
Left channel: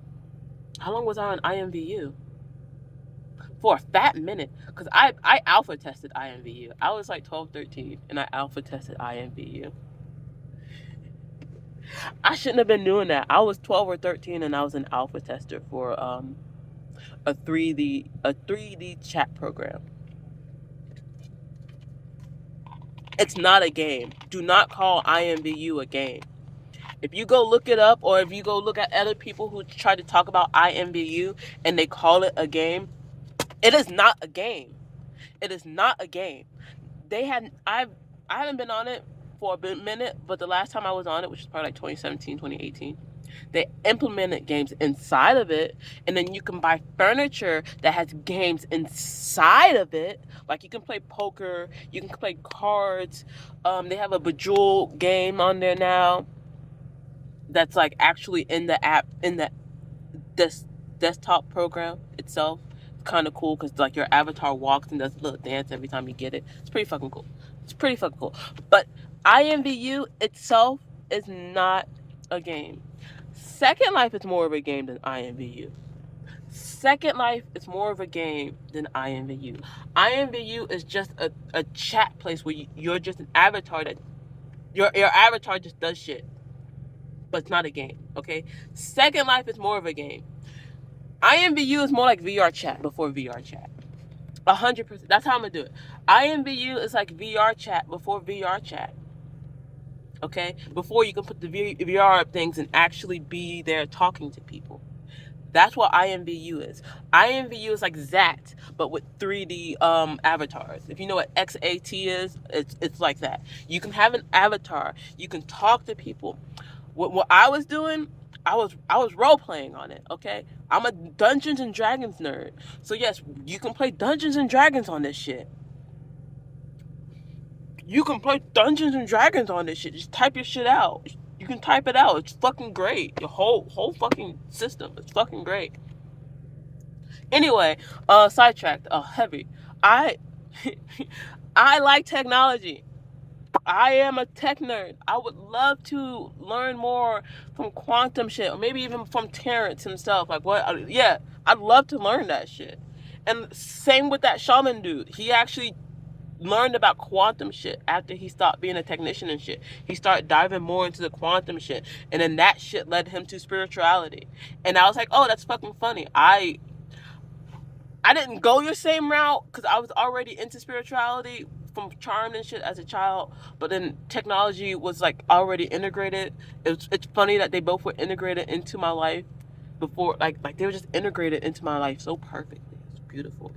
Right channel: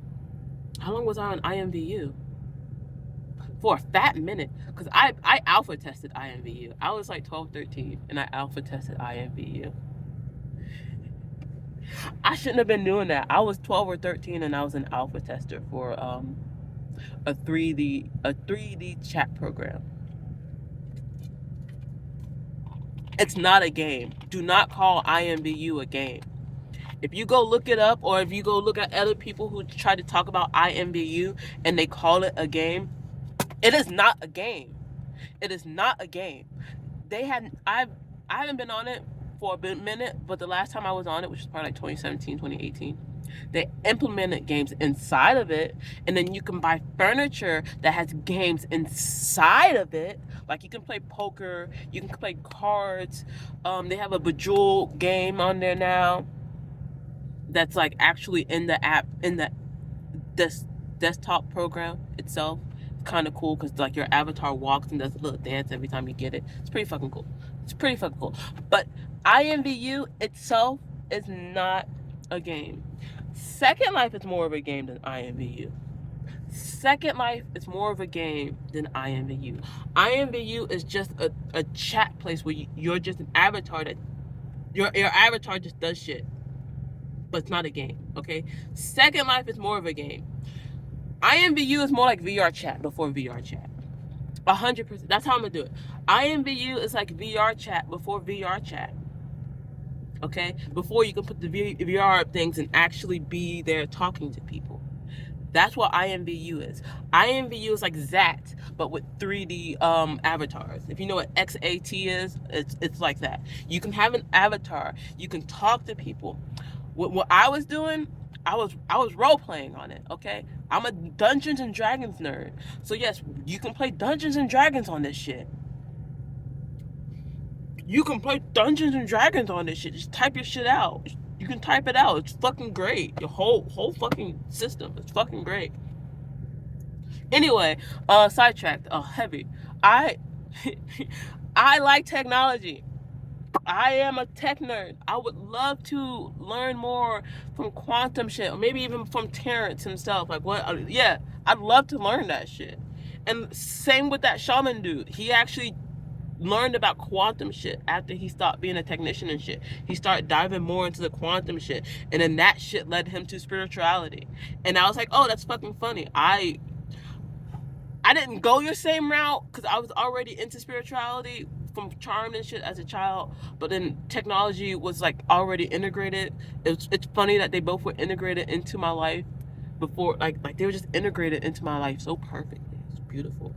How long was I on IMVU? For a fat minute. Because I alpha tested IMVU. I was like 12, 13, and I alpha tested IMVU. I shouldn't have been doing that. I was 12 or 13 and I was an alpha tester for a 3D chat program. It's not a game. Do not call IMVU a game. If you go look it up, or if you go look at other people who try to talk about IMVU and they call it a game, it is not a game. It is not a game. I haven't been on it for a minute, but the last time I was on it, which was probably like 2017, 2018, they implemented games inside of it, and then you can buy furniture that has games inside of it. Like you can play poker, you can play cards. They have a Bejeweled game on there now that's like actually in the app, in the desktop program itself. It's kind of cool because like your avatar walks and does a little dance every time you get it. It's pretty fucking cool. It's pretty fucking cool. But IMVU itself is not a game. Second Life is more of a game than IMVU. Second Life is more of a game than IMVU. IMVU is just a chat place where you're just an avatar that your avatar just does shit. But it's not a game, okay? Second Life is more of a game. IMVU is more like VR chat before VR chat. 100%. That's how I'm gonna do it. IMVU is like VR chat before VR chat. Okay? Before you can put the VR up things and actually be there talking to people. That's what IMVU is. IMVU is like that, but with 3D avatars. If you know what XAT is, it's like that. You can have an avatar. You can talk to people. What I was doing, I was role playing on it. Okay, I'm a Dungeons and Dragons nerd. So yes, you can play Dungeons and Dragons on this shit. You can play Dungeons and Dragons on this shit. Just type your shit out. You can type it out. It's fucking great. Your whole fucking system. It's fucking great. Anyway, sidetracked. Heavy. I like technology. I am a tech nerd. I would love to learn more from quantum shit, or maybe even from Terrence himself. Like what? Yeah, I'd love to learn that shit. And same with that shaman dude. He actually learned about quantum shit after he stopped being a technician and shit. He started diving more into the quantum shit, and then that shit led him to spirituality. And I was like, oh, that's fucking funny. I didn't go your same route because I was already into spirituality from Charmed and shit as a child, but then technology was like already integrated. It's funny that they both were integrated into my life before, like they were just integrated into my life so perfectly. It's beautiful,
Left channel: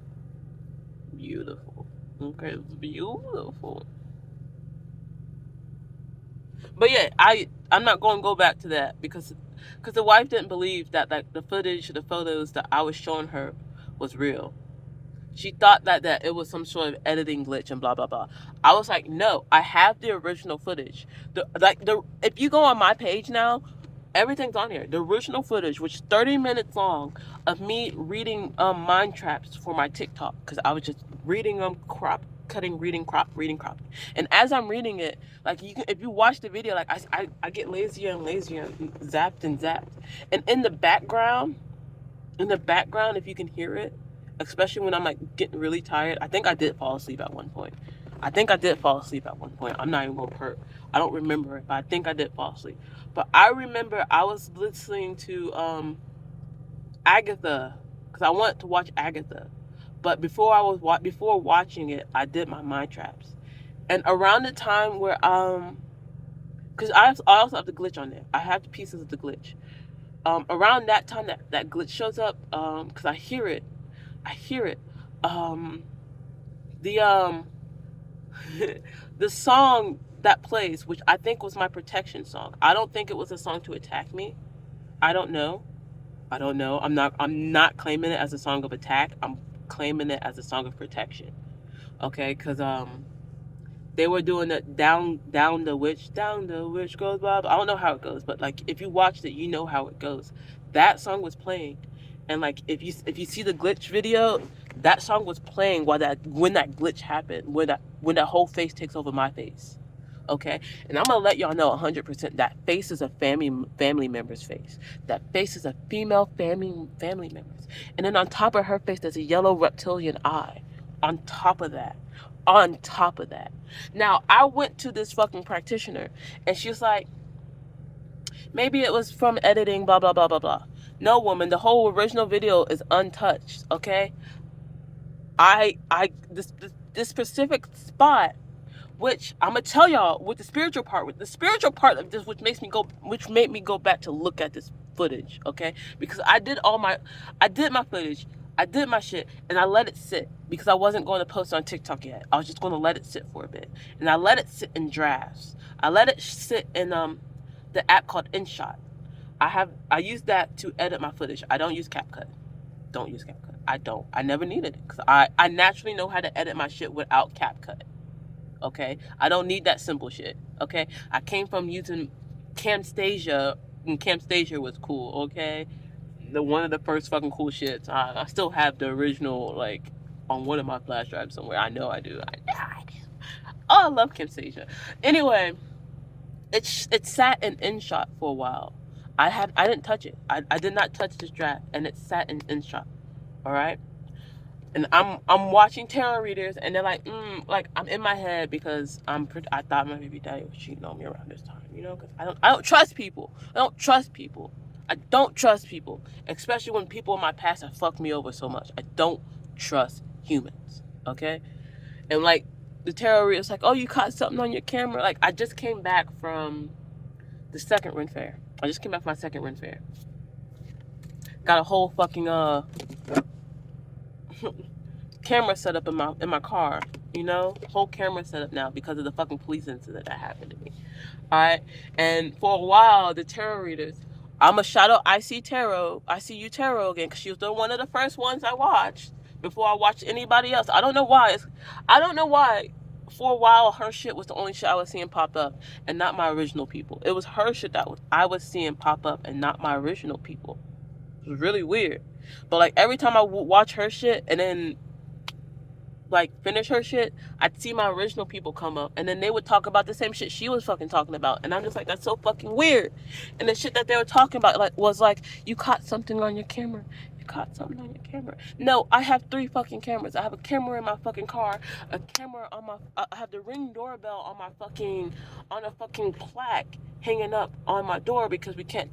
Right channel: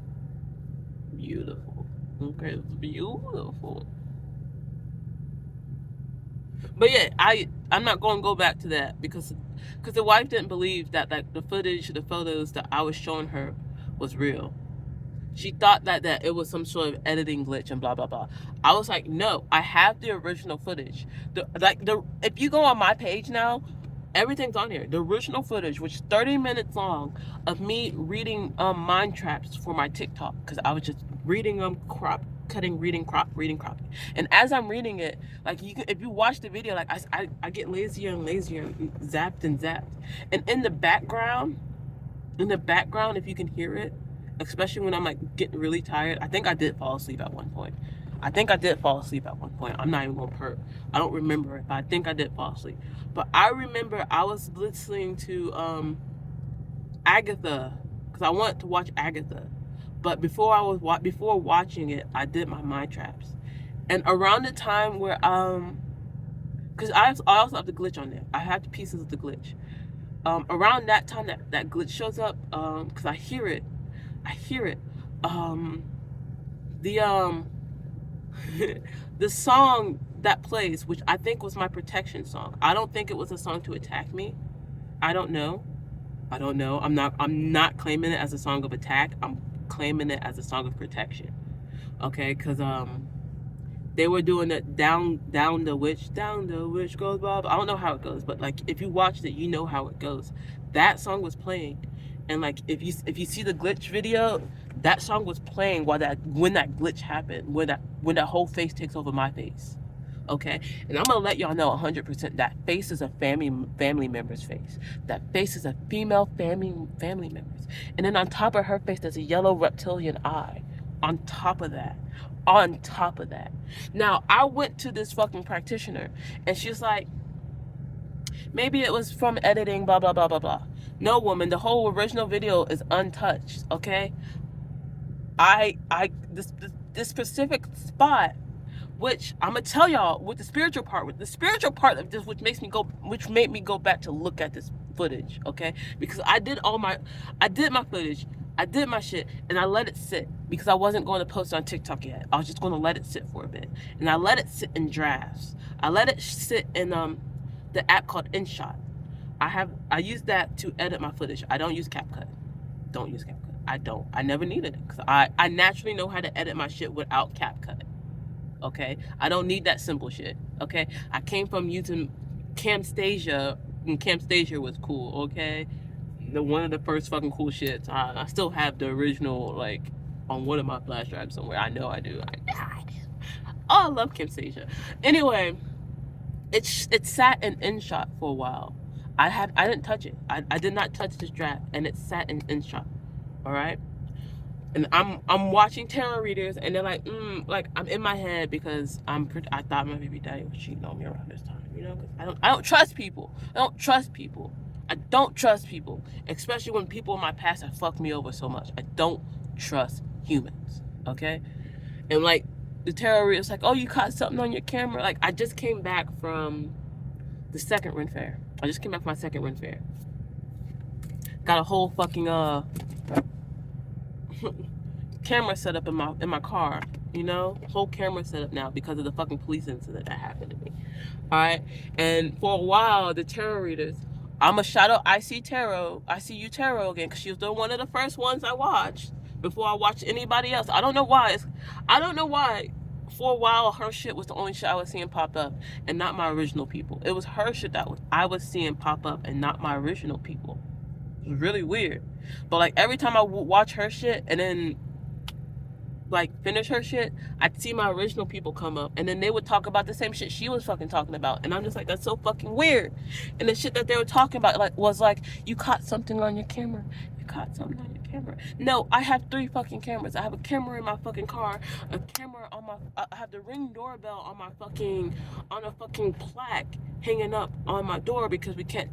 beautiful. Okay, it's beautiful. But yeah, I'm not going to go back to that because the wife didn't believe that like the footage, the photos that I was showing her was real. She thought that it was some sort of editing glitch and blah blah blah. I was like, no, I have the original footage. The if you go on my page now, everything's on here. The original footage, which is 30 minutes long, of me reading mind traps for my TikTok because I was just reading them, cutting, reading, crop. And as I'm reading it, like if you watch the video, like I get lazier and lazier, and zapped and zapped, and in the background, if you can hear it, especially when I'm like getting really tired, I think I did fall asleep at one point. I'm not even gonna perk. I don't remember it, but I think I did fall asleep. But I remember I was listening to Agatha because I wanted to watch Agatha. But before watching it, I did my mind traps. And around the time where because I also have the glitch on there. I have the pieces of the glitch. Around that time that glitch shows up, because I hear it. Um, the the song that plays, which I think was my protection song. I don't think it was a song to attack me. I don't know. I'm not claiming it as a song of attack. I'm claiming it as a song of protection. Okay, because they were doing the down the witch goes blah, blah. I don't know how it goes, but like if you watched it, you know how it goes. That song was playing, and like if you see the glitch video, that song was playing when that glitch happened, when that whole face takes over my face. Okay, and I'm gonna let y'all know 100% that face is a family member's face. That face is a female family member's, and then on top of her face, there's a yellow reptilian eye. On top of that, on top of that. Now I went to this fucking practitioner, and she's like, maybe it was from editing, blah blah blah blah blah. No, woman, the whole original video is untouched. Okay, this specific spot, which I'm gonna tell y'all with the spiritual part of this, which made me go back to look at this footage, okay? Because I did my footage, I did my shit, and I let it sit because I wasn't going to post on TikTok yet. I was just going to let it sit for a bit, and I let it sit in drafts. I let it sit in the app called InShot. I use that to edit my footage. I don't use CapCut. Don't use CapCut. I don't. I never needed it because I naturally know how to edit my shit without CapCut. Okay, I don't need that simple shit. Okay, I came from using Camtasia, and Camtasia was cool. Okay, one of the first fucking cool shits. I still have the original like on one of my flash drives somewhere. I know I do. Oh, I love Camtasia. Anyway, it sat in InShot for a while. I didn't touch it. I did not touch this draft, and it sat in InShot. All right. And I'm watching tarot readers, and they're like I'm in my head because I thought my baby daddy was cheating on me around this time, because I don't trust people. I don't trust people, especially when people in my past have fucked me over so much. I don't trust humans, okay? And like the tarot reader's like, oh, you caught something on your camera. Like I just came back from the second Ren Fair. I just came back from my second Ren Fair. Got a whole fucking camera set up in my car, whole camera set up now because of the fucking police incident that happened to me. All right, and for a while the tarot readers, I'm a shout out I see you tarot again, because she was one of the first ones I watched before I watched anybody else. I don't know why. For a while her shit was the only shit I was seeing pop up, and not my original people. It was her shit I was seeing pop up, and not my original people. It was really weird. But like every time I watch her shit and then like finish her shit, I'd see my original people come up, and then they would talk about the same shit she was fucking talking about, and I'm just like, that's so fucking weird. And the shit that they were talking about was like, you caught something on your camera. No, I have 3 fucking cameras. I have a camera in my fucking car, a camera on I have the Ring doorbell on a fucking plaque hanging up on my door, because we can't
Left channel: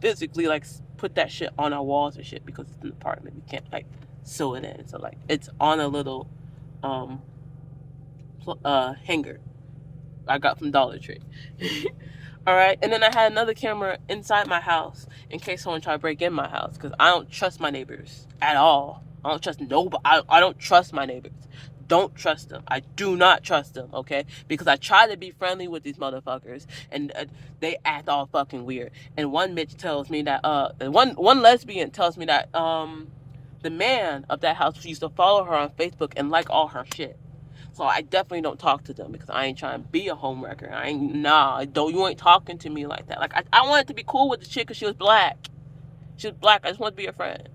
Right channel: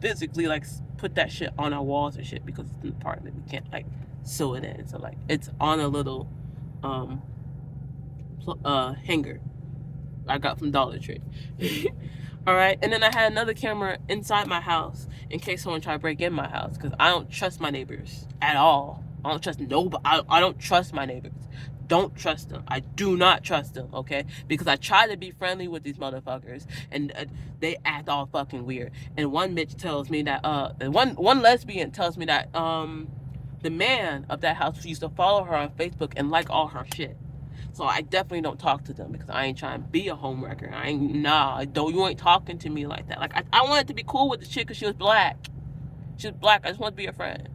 physically like put that shit on our walls and shit because it's an apartment. We can't like sew it in. So like it's on a little hanger I got from Dollar Tree. All right, and then I had another camera inside my house in case someone tried to break in my house, because I don't trust my neighbors at all. I don't trust nobody. I don't trust my neighbors. Don't trust them. I do not trust them, okay? Because I try to be friendly with these motherfuckers, and they act all fucking weird. And one bitch tells me that and one lesbian tells me that the man of that house used to follow her on Facebook and like all her shit. So I definitely don't talk to them because I ain't trying to be a homewrecker. You ain't talking to me like that. Like I wanted to be cool with the chick because she was black. She was black. I just wanted to be a friend.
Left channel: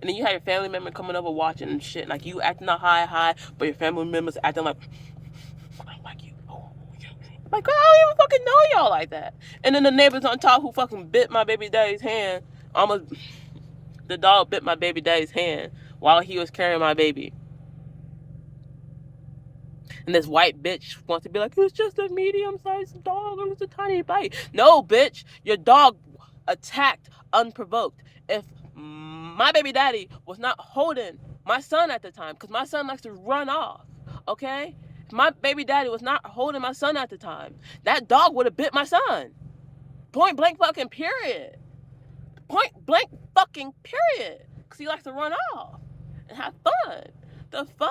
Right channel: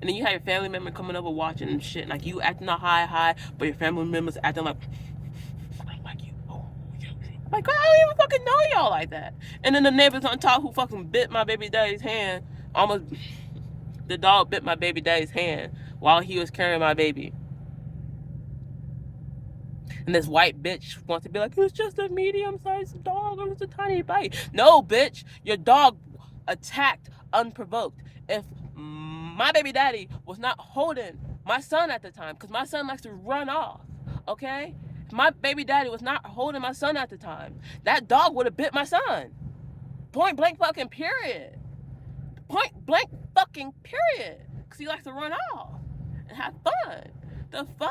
And then you have your family member coming over watching and shit. Like you acting all high, but your family members acting like you. Like I don't even fucking know y'all like that. And then the neighbors on top who fucking bit my baby daddy's hand. Almost the dog bit my baby daddy's hand while he was carrying my baby. And this white bitch wants to be like, it was just a medium-sized dog. It was a tiny bite. No, bitch. Your dog attacked unprovoked. If my baby daddy was not holding my son at the time, because my son likes to run off, okay? If my baby daddy was not holding my son at the time, that dog would have bit my son. Point blank fucking period. Point blank fucking period. Because he likes to run off and have fun. The fuck?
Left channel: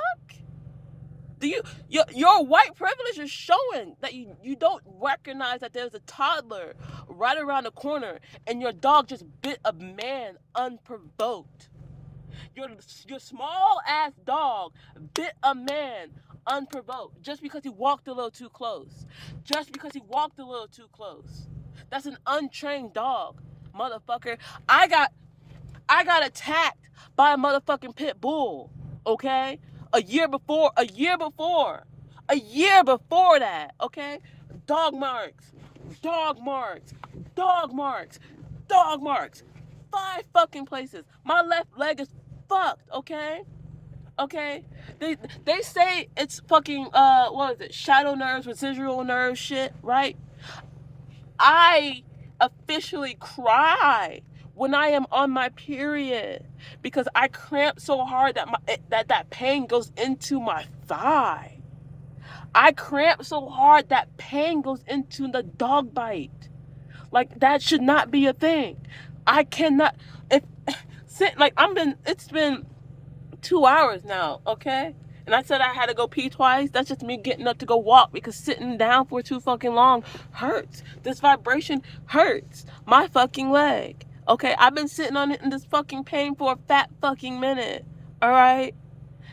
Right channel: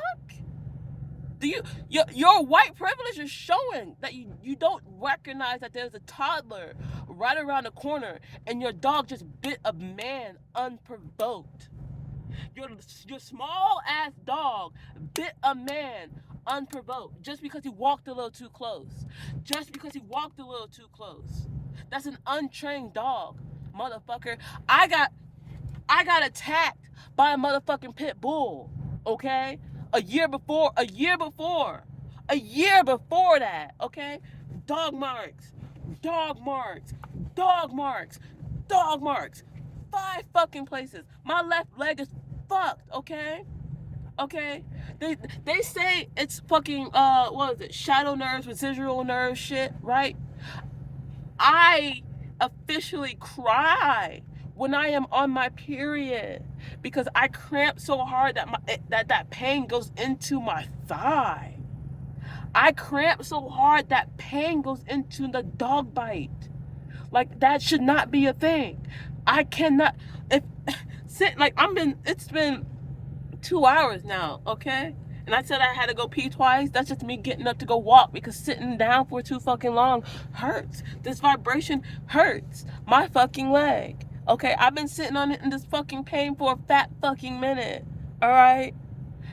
Your white privilege is showing that you don't recognize that there's a toddler right around the corner and your dog just bit a man unprovoked. Your small ass dog bit a man unprovoked just because he walked a little too close. Just because he walked a little too close. That's an untrained dog, motherfucker. I got attacked by a motherfucking pit bull, okay? A year before that, okay? Dog marks. 5 fucking places. My left leg is fucked, okay? Okay? They say it's fucking, what is it? Shadow nerves, residual nerve shit, right? I officially cry when I am on my period because I cramp so hard that pain goes into my thigh. I cramp so hard that pain goes into the dog bite. Like that should not be a thing. I cannot. It's been 2 hours now, okay? And I said I had to go pee twice. That's just me getting up to go walk because sitting down for too fucking long hurts. This vibration hurts my fucking leg. Okay, I've been sitting on it in this fucking pain for a fat fucking minute. Alright?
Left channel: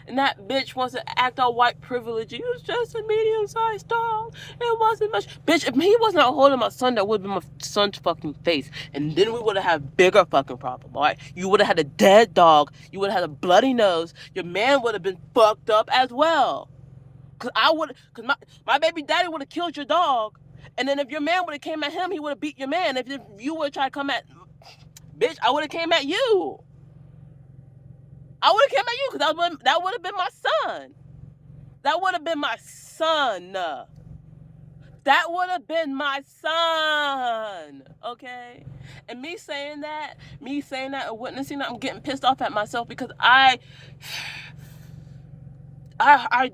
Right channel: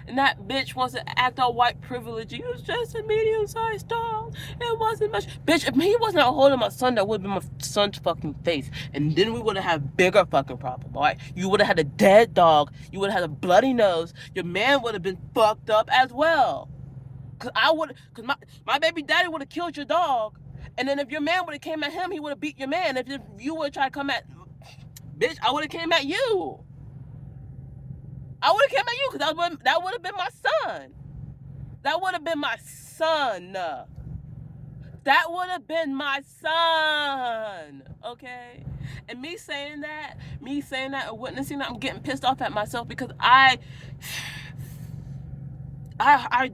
And that bitch wants to act all white privilege. He was just a medium-sized dog. It wasn't much. Bitch, if he wasn't holding my son, that would have been my son's fucking face. And then we would have had a bigger fucking problem, all right? You would have had a dead dog. You would have had a bloody nose. Your man would have been fucked up as well. Because my baby daddy would have killed your dog. And then if your man would have came at him, he would have beat your man. If you would have tried to come at... Bitch, I would have came at you. I would have came at you because that would have been my son. That would have been my son. That would have been my son. Okay? And me saying that and witnessing that, I'm getting pissed off at myself because I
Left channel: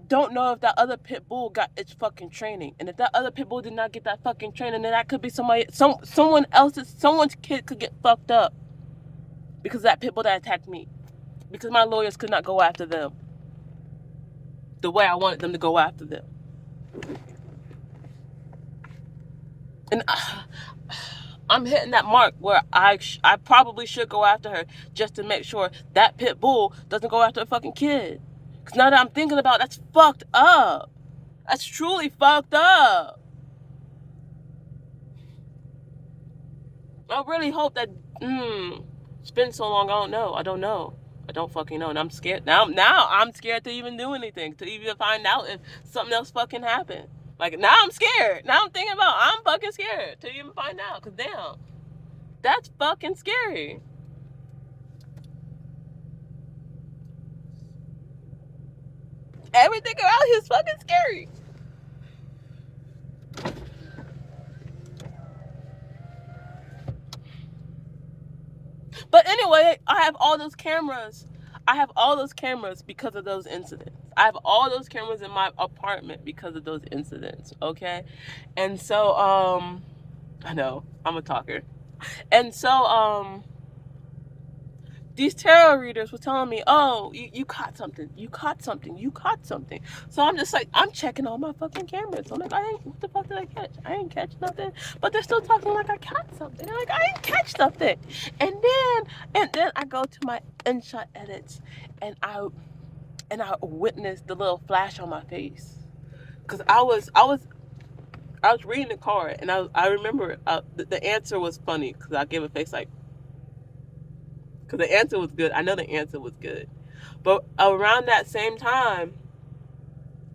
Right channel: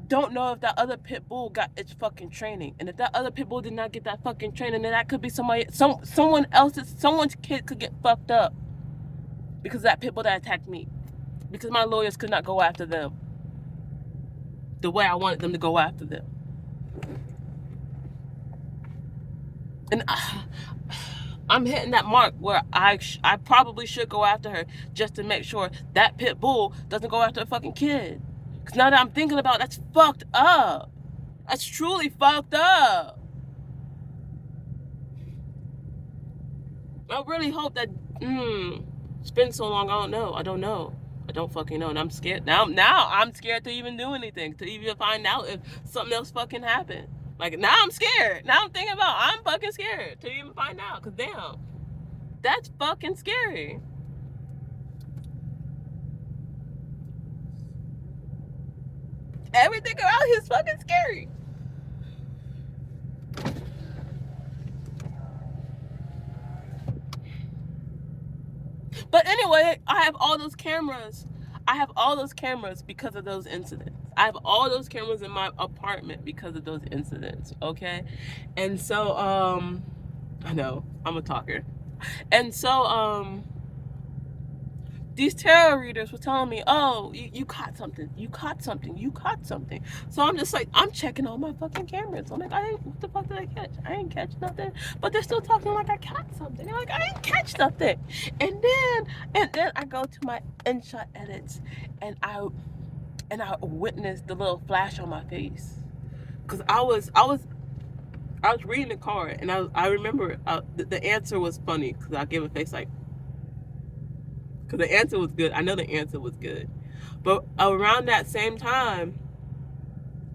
don't know if that other pit bull got its fucking training. And if that other pit bull did not get that fucking training, then that could be someone's kid could get fucked up because of that pit bull that attacked me. Because my lawyers could not go after them the way I wanted them to go after them. And I'm hitting that mark where I probably should go after her just to make sure that pit bull doesn't go after a fucking kid. Because now that I'm thinking about it, that's fucked up. That's truly fucked up. I really hope that, it's been so long, I don't know. I don't fucking know, and I'm scared. Now I'm scared to even do anything, to even find out if something else fucking happened. Like, now I'm scared. Now I'm thinking about, I'm fucking scared to even find out, because damn, that's fucking scary. Everything around here is fucking scary. But anyway, I have all those cameras because of those incidents. I have all those cameras in my apartment because of those incidents. Okay, and so I know I'm a talker, and so these tarot readers were telling me, oh, you caught something, you caught something, you caught something. So I'm just like, I'm checking all my fucking cameras. I'm like, what the fuck did I catch? I ain't catch nothing. But they're still talking like I caught something. They're like, I ain't catch nothing. And then I go to my InShot edits, and I witnessed the little flash on my face, cause I was reading the card, and I remember the answer was funny, cause I gave a face like, cause the answer was good. I know the answer was good. But around that same time,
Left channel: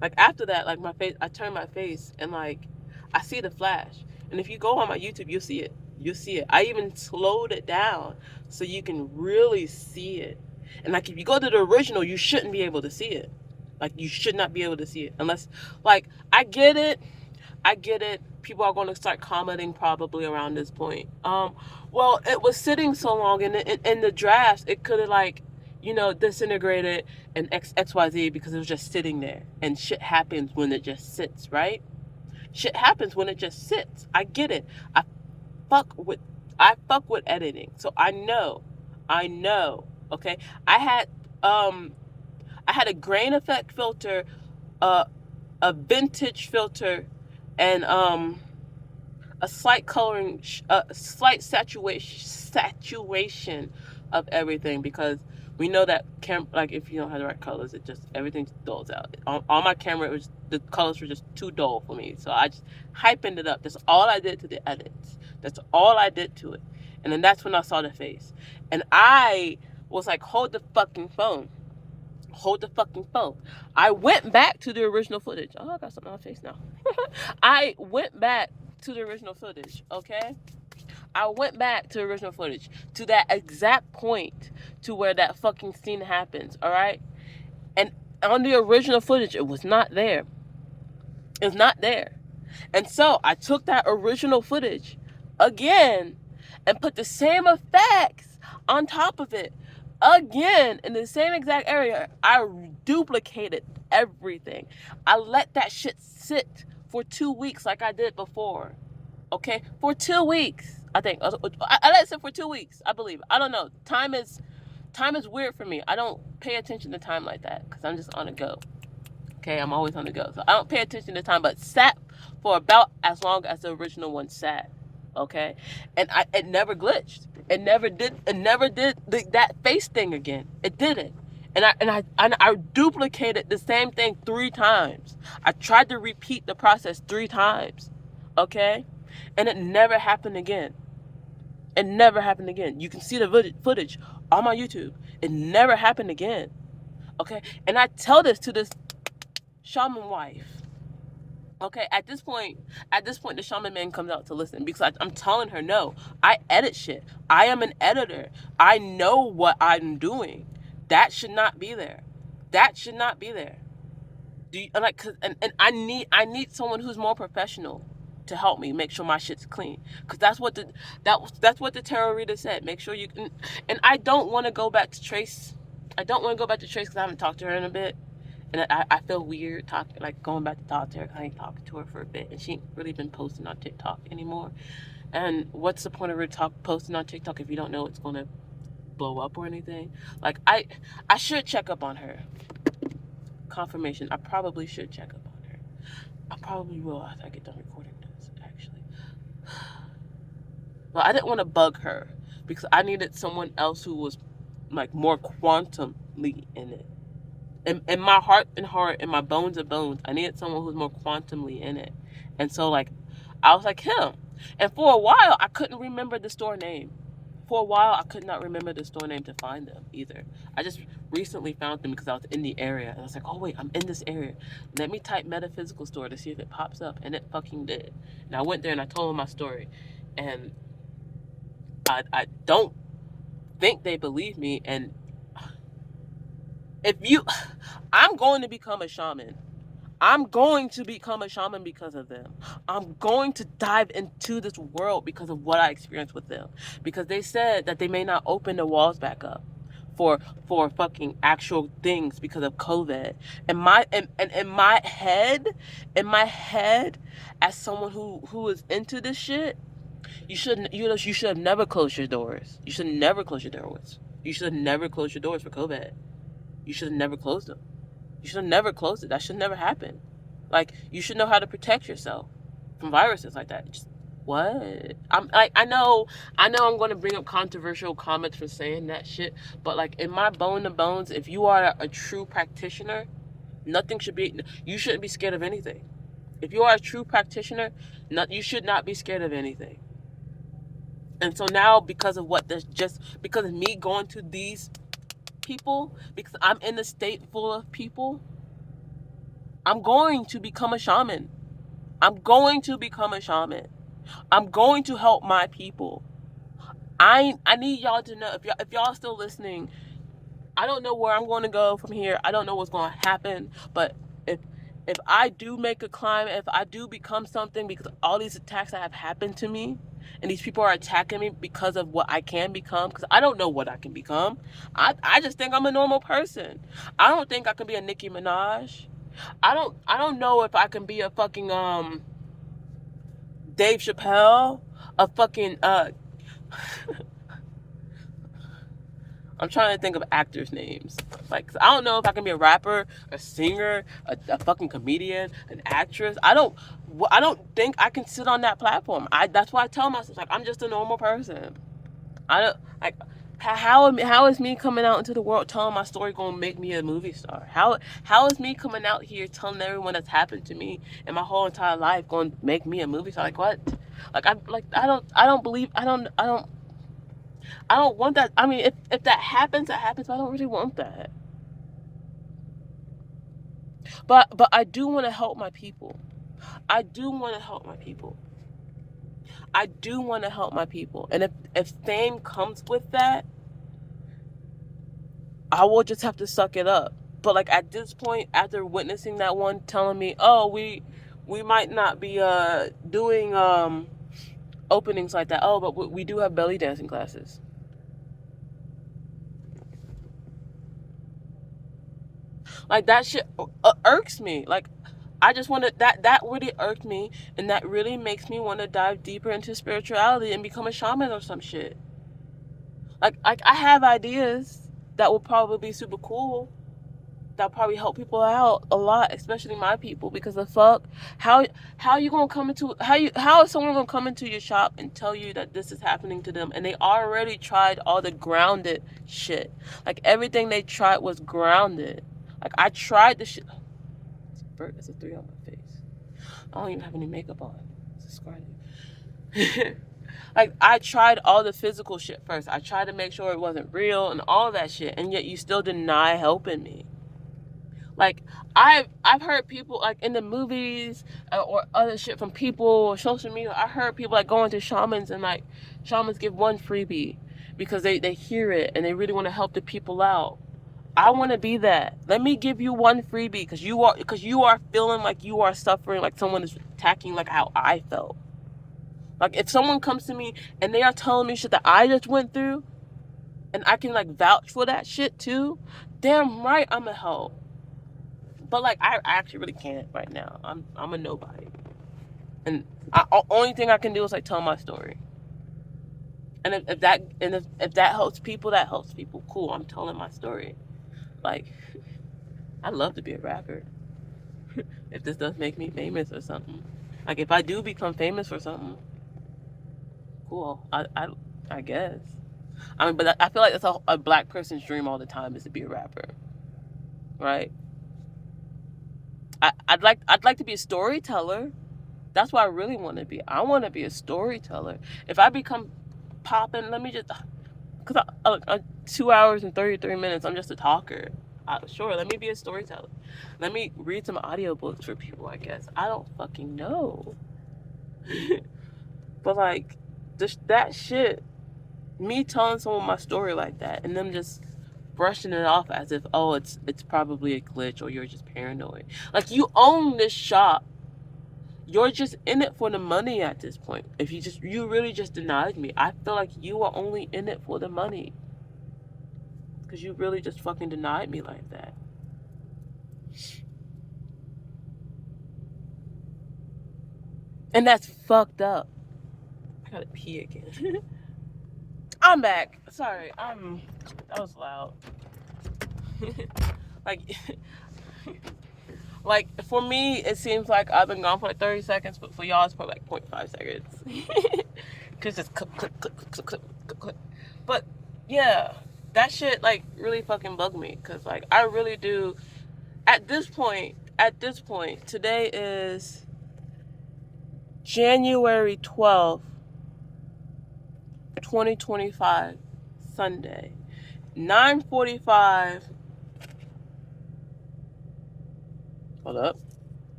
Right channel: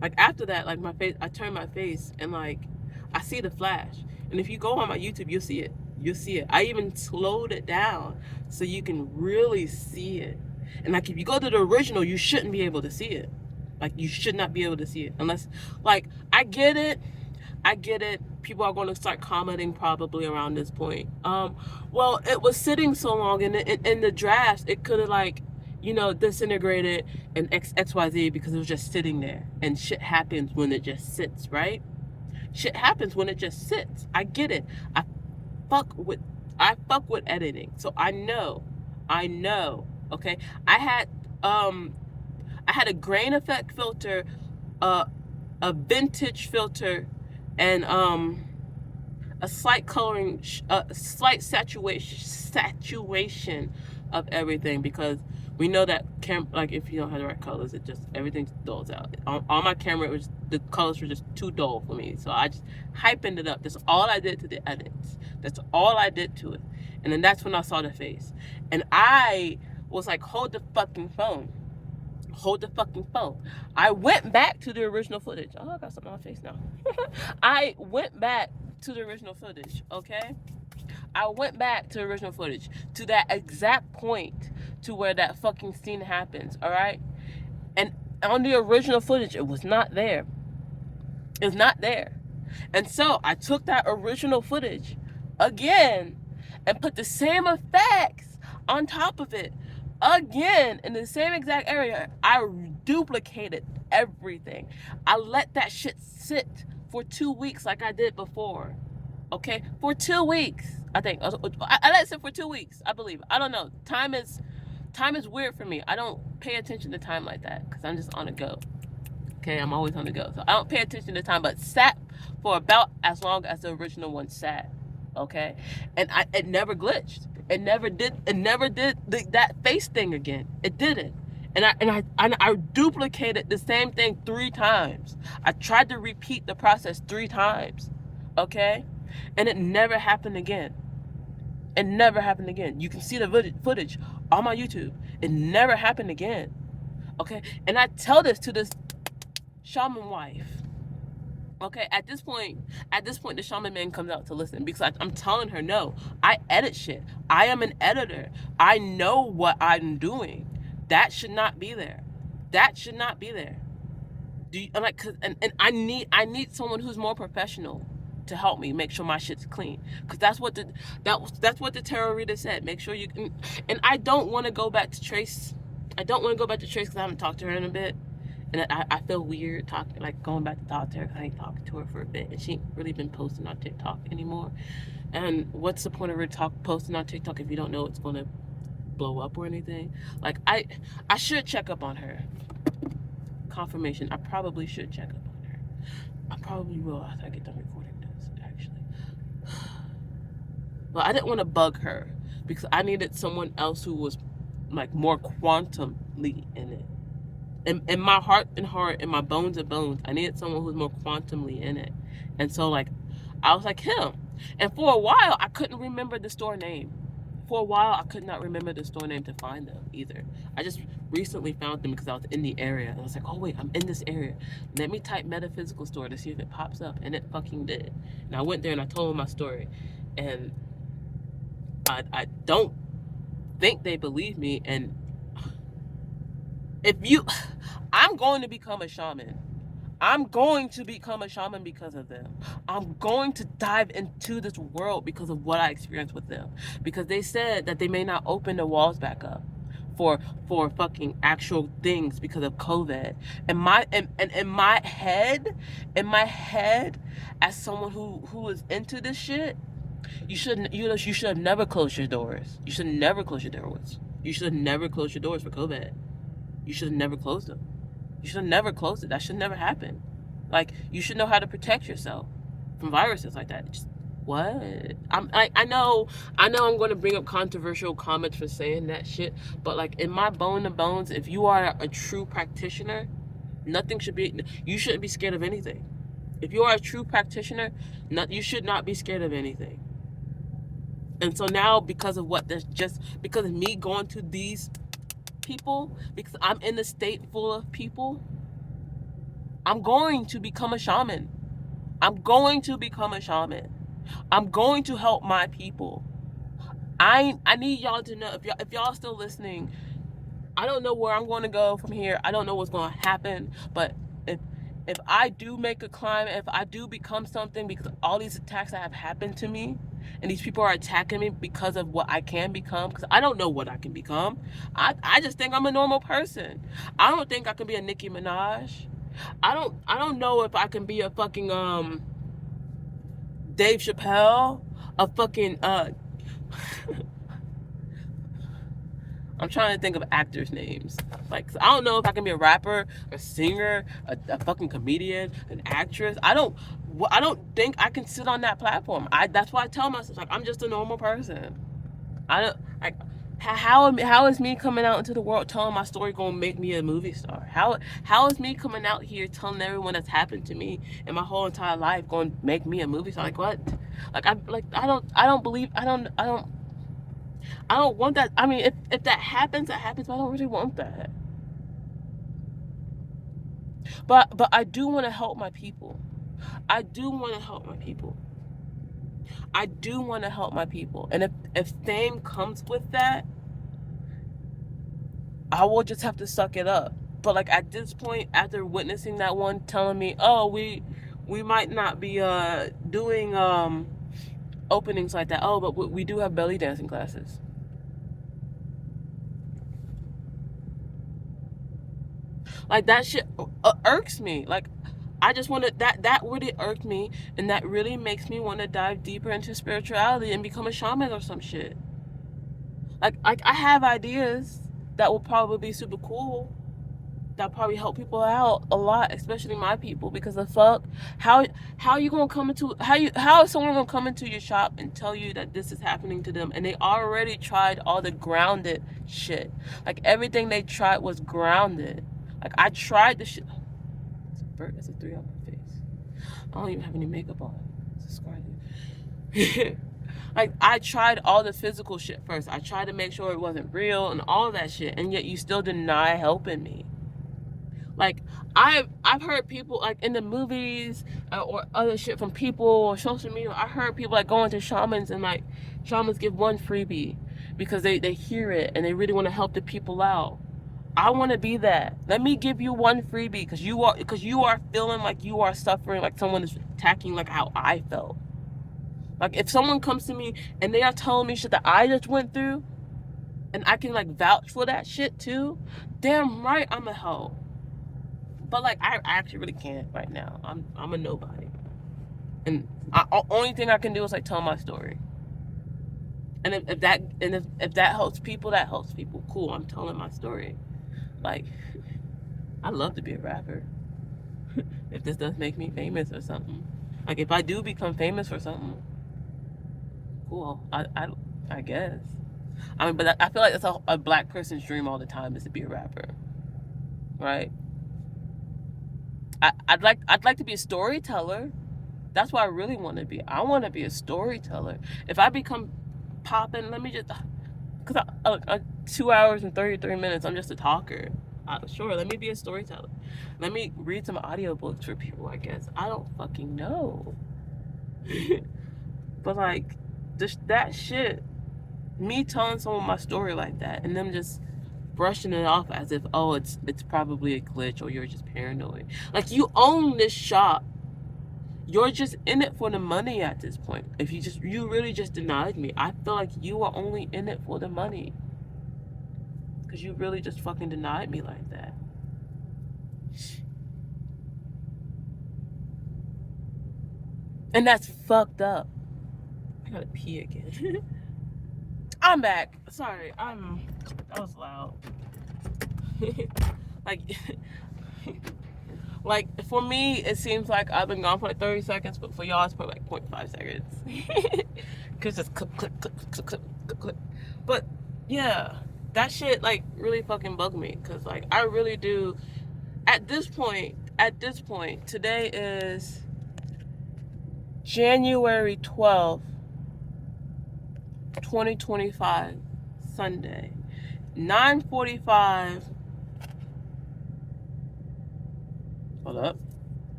like after that, like my face, I turn my face, and like I see the flash. And if you go on my YouTube, you'll see it. You'll see it. I even slowed it down so you can really see it. And like if you go to the original, you shouldn't be able to see it. Like you should not be able to see it unless, like, I get it. I get it. People are going to start commenting probably around this point. Well, it was sitting so long in the drafts, it could have, like, disintegrated and XYZ because it was just sitting there. And shit happens when it just sits, right? Shit happens when it just sits. I get it. Fuck with I fuck with editing. So I know. Okay. I had a grain effect filter, a vintage filter, and a slight coloring, a slight saturation of everything, because we know that like if you don't have the right colors, it just everything dulls out. On my camera, the colors were just too dull for me, so I just hypened it up. That's all I did to the edits. That's all I did to it, and then that's when I saw the face, and I was like, hold the fucking phone. Hold the fucking phone. I went back to the original footage. Oh, I got something on my face now. I went back to the original footage, okay? I went back to the original footage, to that exact point to where that fucking scene happens, all right? And on the original footage, it was not there. It's not there. And so I took that original footage again and put the same effects on top of it again in the same exact area. I duplicated everything. I let that shit sit for 2 weeks like I did before. Okay? For 2 weeks. I think I let it sit for 2 weeks, I believe. I don't know. Time is weird for me. I don't pay attention to time like that because I'm just on the go. Okay, I'm always on the go. So I don't pay attention to time, but sat for about as long as the original one sat. Okay? And it never glitched. It never did that face thing again. It didn't. And I duplicated the same thing 3 times. I tried to repeat the process 3 times. Okay? And it never happened again. It never happened again. You can see the footage on my YouTube. It never happened again. Okay? And I tell this to this shaman wife. Okay, at this point, the shaman man comes out to listen, because I'm telling her, no, I edit shit. I am an editor. I know what I'm doing. That should not be there. That should not be there. And I need someone who's more professional to help me make sure my shit's clean, because that's what the tarot reader said. Make sure you can. And I don't want to go back to Trace. Because I haven't talked to her in a bit. And I feel weird going back to talk to her, because I ain't talked to her for a bit, and she ain't really been posting on TikTok anymore. And what's the point of her posting on TikTok if you don't know it's gonna blow up or anything? Like, I should check up on her. Confirmation. I probably should check up on her. I probably will after I get done recording this, actually. But I didn't want to bug her, because I needed someone else who was like more quantumly in it. In my heart and heart, in my bones and bones, I needed someone who's more quantumly in it. And so, like, I was like, him. And for a while, I couldn't remember the store name. For a while, I could not remember the store name to find them either. I just recently found them because I was in the area. And I was like, oh, wait, I'm in this area. Let me type metaphysical store to see if it pops up. And it fucking did. And I went there and I told them my story. And I don't think they believe me. And I'm going to become a shaman. I'm going to become a shaman because of them. I'm going to dive into this world because of what I experienced with them. Because they said that they may not open the walls back up for fucking actual things because of COVID. In my head, as someone who is into this shit, you should have never closed your doors. You should never close your doors. You should have never closed your doors for COVID. You should have never closed them. You should have never closed it. That should never happen. Like, you should know how to protect yourself from viruses like that. Just, what? I know I'm going to bring up controversial comments for saying that shit, but like in my bone and bones, if you are a true practitioner, you shouldn't be scared of anything. If you are a true practitioner, you should not be scared of anything. And so now, because of me going to these people, because I'm in a state full of people, I'm going to become a shaman. I'm going to become a shaman. I'm going to help my people. I need y'all to know, if y'all still listening, I don't know where I'm going to go from here. I don't know what's going to happen, but if I do make a climb, if I do become something, because all these attacks that have happened to me, and these people are attacking me because of what I can become, because I don't know what I can become. I just think I'm a normal person. I don't think I can be a Nicki Minaj. I don't know if I can be a fucking Dave Chappelle, a fucking I'm trying to think of actors' names. Like, I don't know if I can be a rapper, a singer, a fucking comedian, an actress. I don't think I can sit on that platform. That's why I tell myself, like, I'm just a normal person. I don't like how is me coming out into the world telling my story gonna make me a movie star? How is me coming out here telling everyone that's happened to me in my whole entire life gonna make me a movie star? Like, what? I don't want that. I mean, if that happens, that happens, but I don't really want that. But I do want to help my people. I do want to help my people. I do want to help my people. And if fame comes with that, I will just have to suck it up. But like at this point, after witnessing that one telling me, oh, we might not be doing openings like that. Oh, but we do have belly dancing classes. Like that shit irks me. Like I just want to that really irked me, and that really makes me want to dive deeper into spirituality and become a shaman or some shit. Like I have ideas that will probably be super cool. That probably help people out a lot, especially my people. Because the fuck, how you gonna come into how is someone gonna come into your shop and tell you that this is happening to them, and they already tried all the grounded shit. Like everything they tried was grounded. Like I tried the shit. It's a 3 on my face. I don't even have any makeup on. Subscribe. Like I tried all the physical shit first. I tried to make sure it wasn't real and all that shit, and yet you still deny helping me. Like I've heard people like in the movies or other shit from people or social media. I heard people like going to shamans and like shamans give one freebie because they hear it and they really want to help the people out. I want to be that. Let me give you one freebie because you are feeling like you are suffering, like someone is attacking, like how I felt. Like if someone comes to me and they are telling me shit that I just went through, and I can like vouch for that shit too, damn right I'ma help. But like I actually really can't right now. I'm a nobody, and only thing I can do is like tell my story. And if that helps people, that helps people. Cool, I'm telling my story. Like I'd love to be a rapper. If this does make me famous or something. Like if I do become famous for something, cool. I guess. I mean, but I feel like that's a black person's dream all the time is to be a rapper, right? I'd like to be a storyteller. That's what I really want to be. I want to be a storyteller. If I become popping, let me just, because 2 hours and 33 minutes, I'm just a talker. Sure, let me be a storyteller. Let me read some audiobooks for people, I guess. I don't fucking know. But like, that shit, me telling someone my story like that and them just brushing it off as if, oh, it's probably a glitch or you're just paranoid. Like, you own this shop. You're just in it for the money at this point. If you really just denied me, I feel like you are only in it for the money. Because you really just fucking denied me like that. And that's fucked up. I gotta pee again. I'm back. Sorry, that was loud. like, like for me, it seems like I've been gone for like 30 seconds, but for y'all, it's probably like 0.5 seconds. Because it's click, click, click, click, click, click, click. But yeah, that shit like really fucking bugged me. Because like I really do. At this point, today is January 12th, 2025, Sunday. 9:45. Hold up.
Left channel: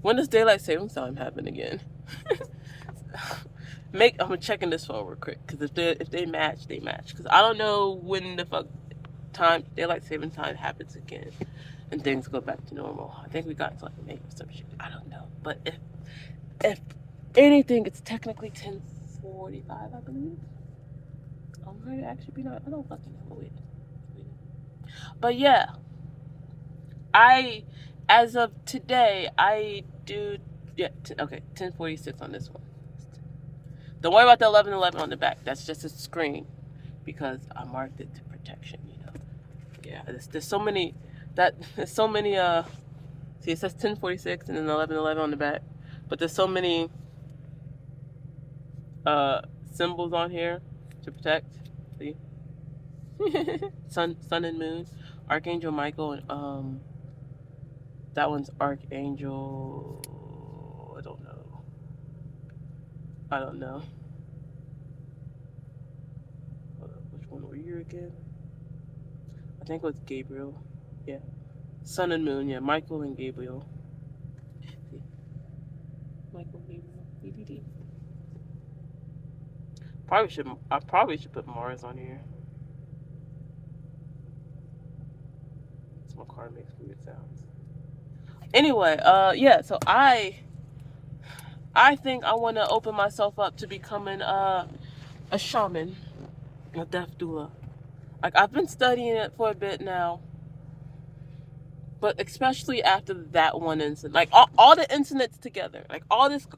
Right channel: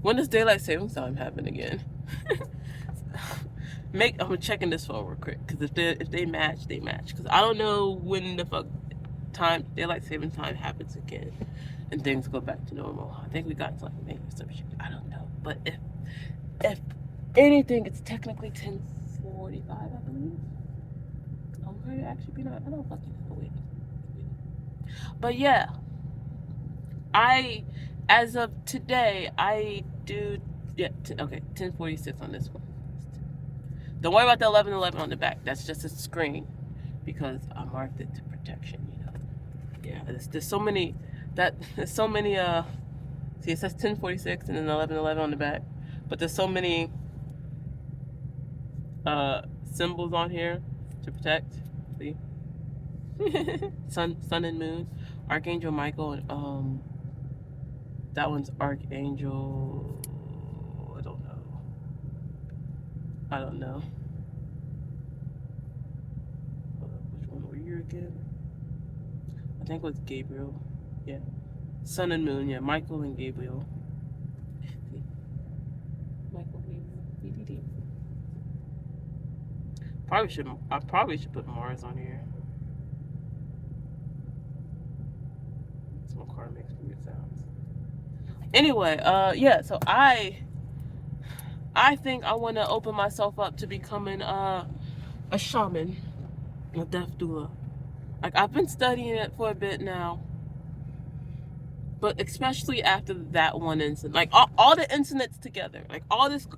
When does daylight savings time happen again? I'm checking this phone real quick because if they match, they match. Because I don't know when the fuck daylight saving time happens again, and things go back to normal. I think we got to like May or some shit. I don't know, but if anything, it's technically 10:45, I believe. I'm going to actually be not. I don't fucking know. Wait. But yeah, as of today, I do. Yeah, okay, 10:46 on this one. Don't worry about the 11:11 on the back. That's just a screen because I marked it to protection. Yeah. There's so many See, it says 10:46 and then 11:11 on the back, but there's so many symbols on here to protect. See, sun and moon, Archangel Michael, and that one's Archangel. I don't know. Which one were you again? I think it was Gabriel. Yeah. Sun and moon, yeah. Michael and Gabriel. Michael, Gabriel. I probably should put Mars on here. My car makes weird sounds. Anyway, yeah, so I think I want to open myself up to becoming a shaman, a death doula. Like I've been studying it for a bit now, but especially after that one incident, like all the incidents together, like all this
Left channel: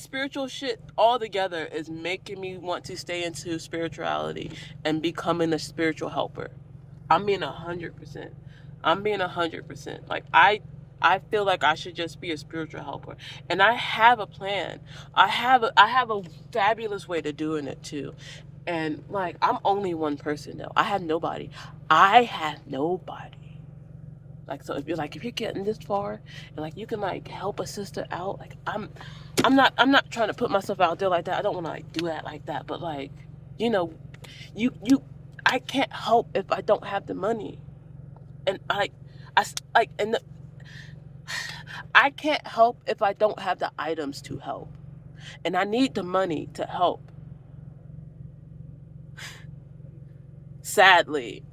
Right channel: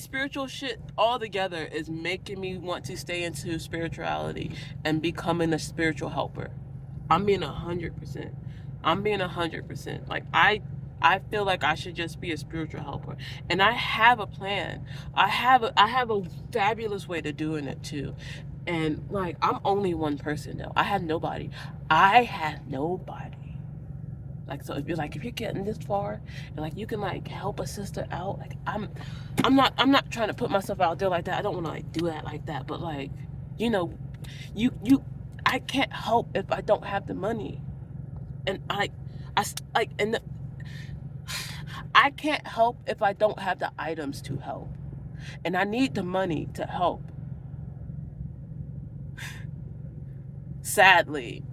spiritual shit all together is making me want to stay into spirituality and becoming a spiritual helper. I'm being 100%. Like I feel like I should just be a spiritual helper, and I have a plan. I have a fabulous way to doing it too, and like I'm only one person now. I had nobody. Like so, if you're getting this far, and like you can like help a sister out, like I'm not trying to put myself out there like that. I don't want to like do that like that, but like you know, you I can't help if I don't have the money, and I like and the, I can't help if I don't have the items to help, and I need the money to help. Sadly,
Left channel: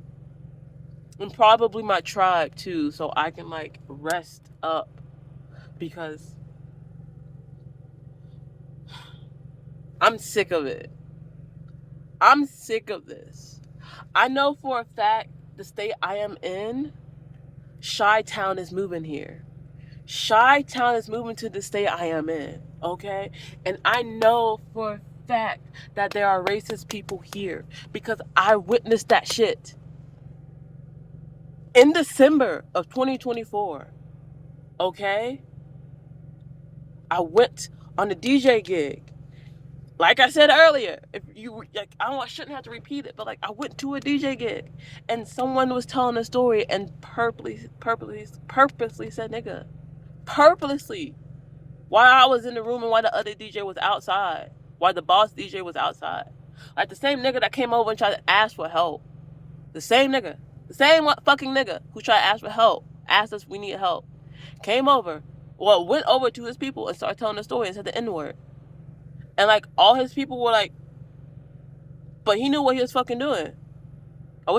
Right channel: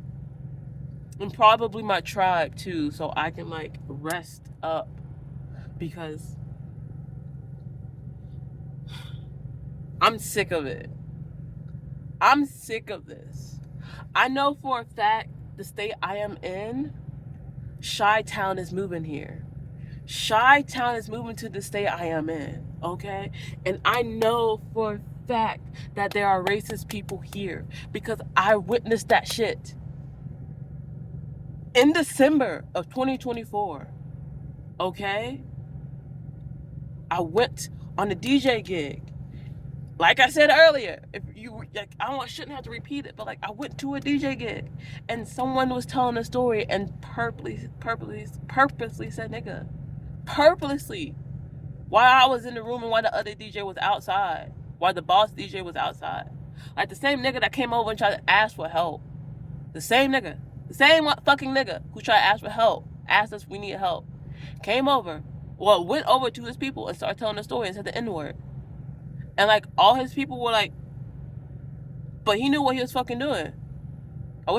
and probably my tribe too, so I can like rest up because I'm sick of it. I'm sick of this. I know for a fact the state I am in, Chi-Town is moving here. Chi-Town is moving to the state I am in, okay? And I know for a fact that there are racist people here because I witnessed that shit. In December of 2024, okay? I went on a DJ gig. Like I said earlier, if you like, shouldn't have to repeat it, but like I went to a DJ gig, and someone was telling a story and purposely said nigga, purposely, while I was in the room and while the other DJ was outside, while the boss DJ was outside, like the same nigga that came over and tried to ask for help, the same fucking nigga who tried to ask for help, asked us if we needed help, came over, went over to his people and started telling the story and said the N-word. And like all his people were like, but he knew what he was fucking doing. I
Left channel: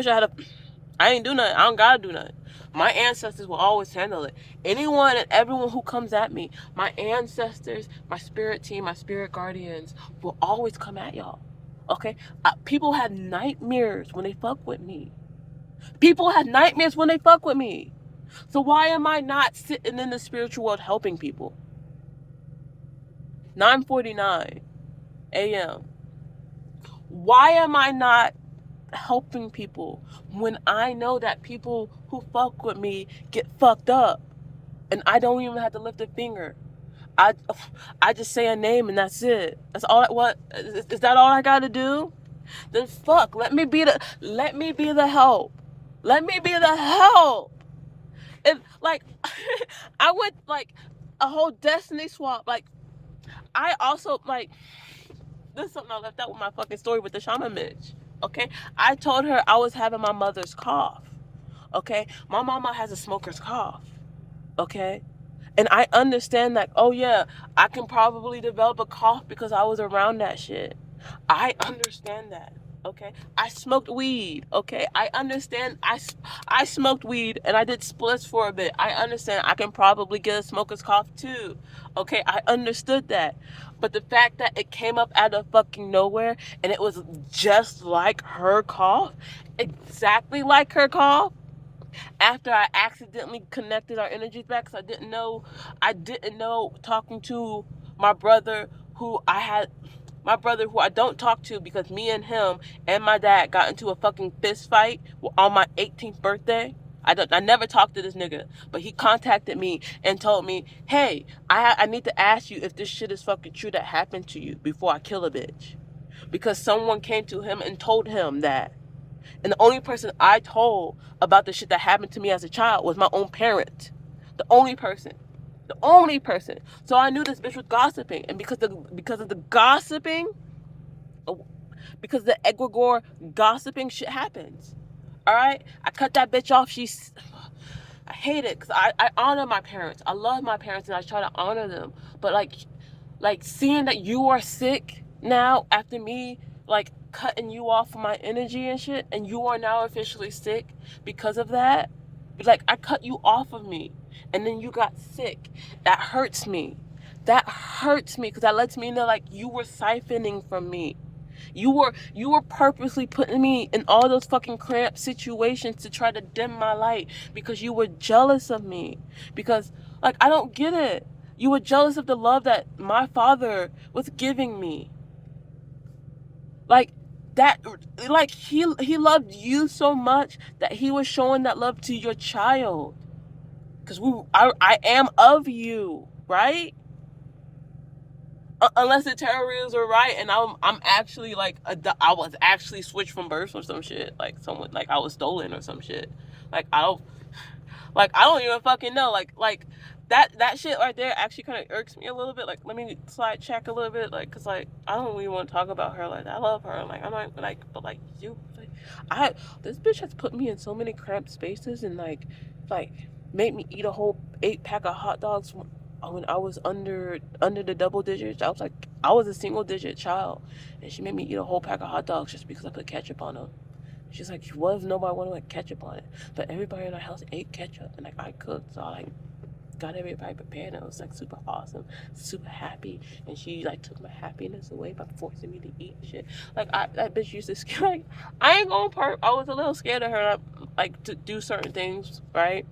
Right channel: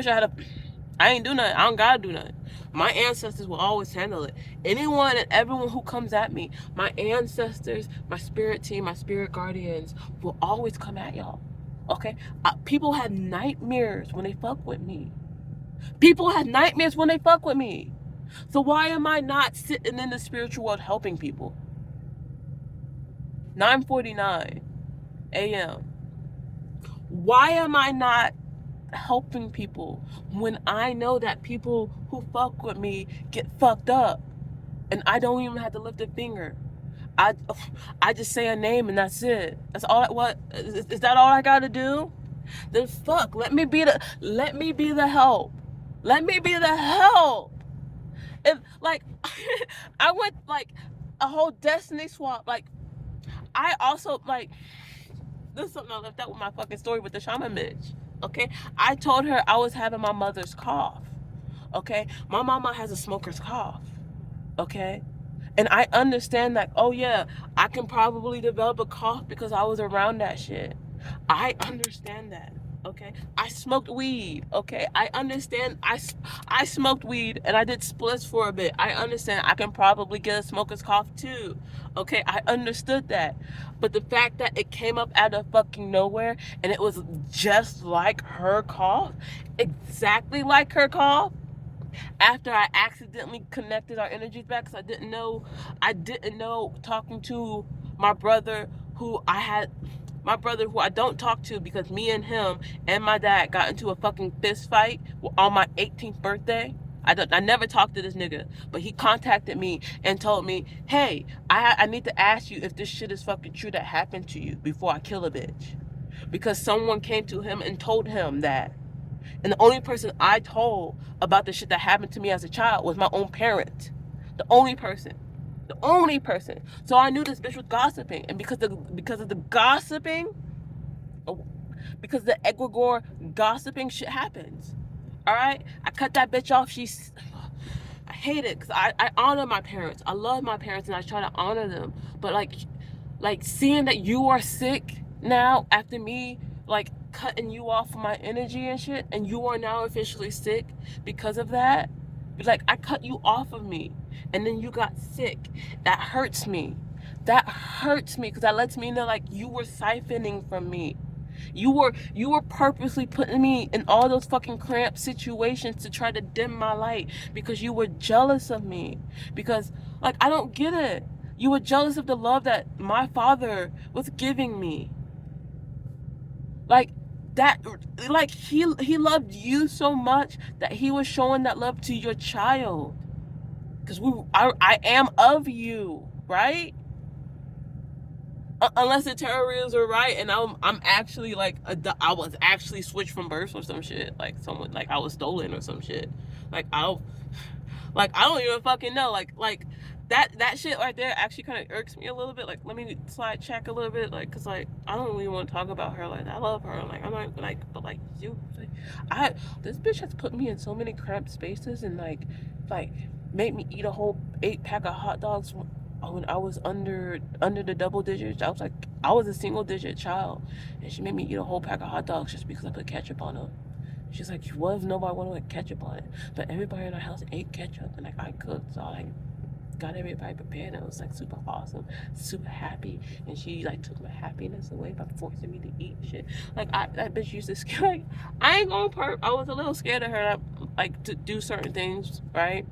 ain't do nothing. I don't gotta do nothing. My ancestors will always handle it. Anyone and everyone who comes at me, my ancestors, my spirit team, my spirit guardians will always come at y'all. Okay? People have nightmares when they fuck with me. People have nightmares when they fuck with me. So why am I not sitting in the spiritual world helping people? 9:49 a.m. Why am I not helping people when I know that people who fuck with me get fucked up and I don't even have to lift a finger? I I just say a name and that's it. That's all. What is that? All I gotta do? Then fuck. Let me be the help. Let me be the help. If like I would like a whole destiny swap. Like I also like this is something I left out with my fucking story with the shaman bitch. Okay, I told her I was having my mother's cough. Okay, my mama has a smoker's cough. Okay, and I understand that. Oh yeah, I can probably develop a cough because I was around that shit. I understand that. Okay, I smoked weed. Okay, I understand. I smoked weed and I did splits for a bit. I understand. I can probably get a smoker's cough too. Okay, I understood that. But the fact that it came up out of fucking nowhere and it was just like her cough, exactly like her cough, after I accidentally connected our energies back, because I didn't know talking to my brother who I had my brother who I don't talk to because me and him and my dad got into a fucking fist fight on my 18th birthday. I never talked to this nigga, but he contacted me and told me, "Hey, I need to ask you if this shit is fucking true that happened to you before I kill a bitch." Because someone came to him and told him that. And the only person I told about the shit that happened to me as a child was my own parent. The only person. The only person. So I knew this bitch was gossiping. And because of the gossiping, because the egregore gossiping, shit happens. Alright? I cut that bitch off. I hate it because I honor my parents. I love my parents and I try to honor them. But like seeing that you are sick now after me like cutting you off from my energy and shit, and you are now officially sick because of that. Like I cut you off of me and then you got sick. That hurts me. That hurts me because that lets me know like you were siphoning from me. You were purposely putting me in all those fucking cramped situations to try to dim my light because you were jealous of me. Because like I don't get it. You were jealous of the love that my father was giving me. Like that like he loved you so much that he was showing that love to your child. Cuz I am of you, right? Unless the terrorists are right and I'm actually like I was actually switched from birth or some shit, like someone like I was stolen or some shit. Like I don't even fucking know. Like that shit right there actually kind of irks me a little bit. Like let me slide check a little bit, like, cause like I don't really want to talk about her. Like I love her. Like I'm not like, but like you, like, I this bitch has put me in so many cramped spaces and like made me eat a whole 8 pack of hot dogs when I was under the double digits. I was a single digit child, and she made me eat a whole pack of hot dogs just because I put ketchup on them. She's like, what if nobody wanted like ketchup on it? But everybody in our house ate ketchup, and like I cooked, so I like got everybody prepared. And it was like super awesome, super happy, and she like took my happiness away by forcing me to eat shit. Like that bitch used to scare. Like I ain't gonna I was a little scared of her, like to do certain things, right?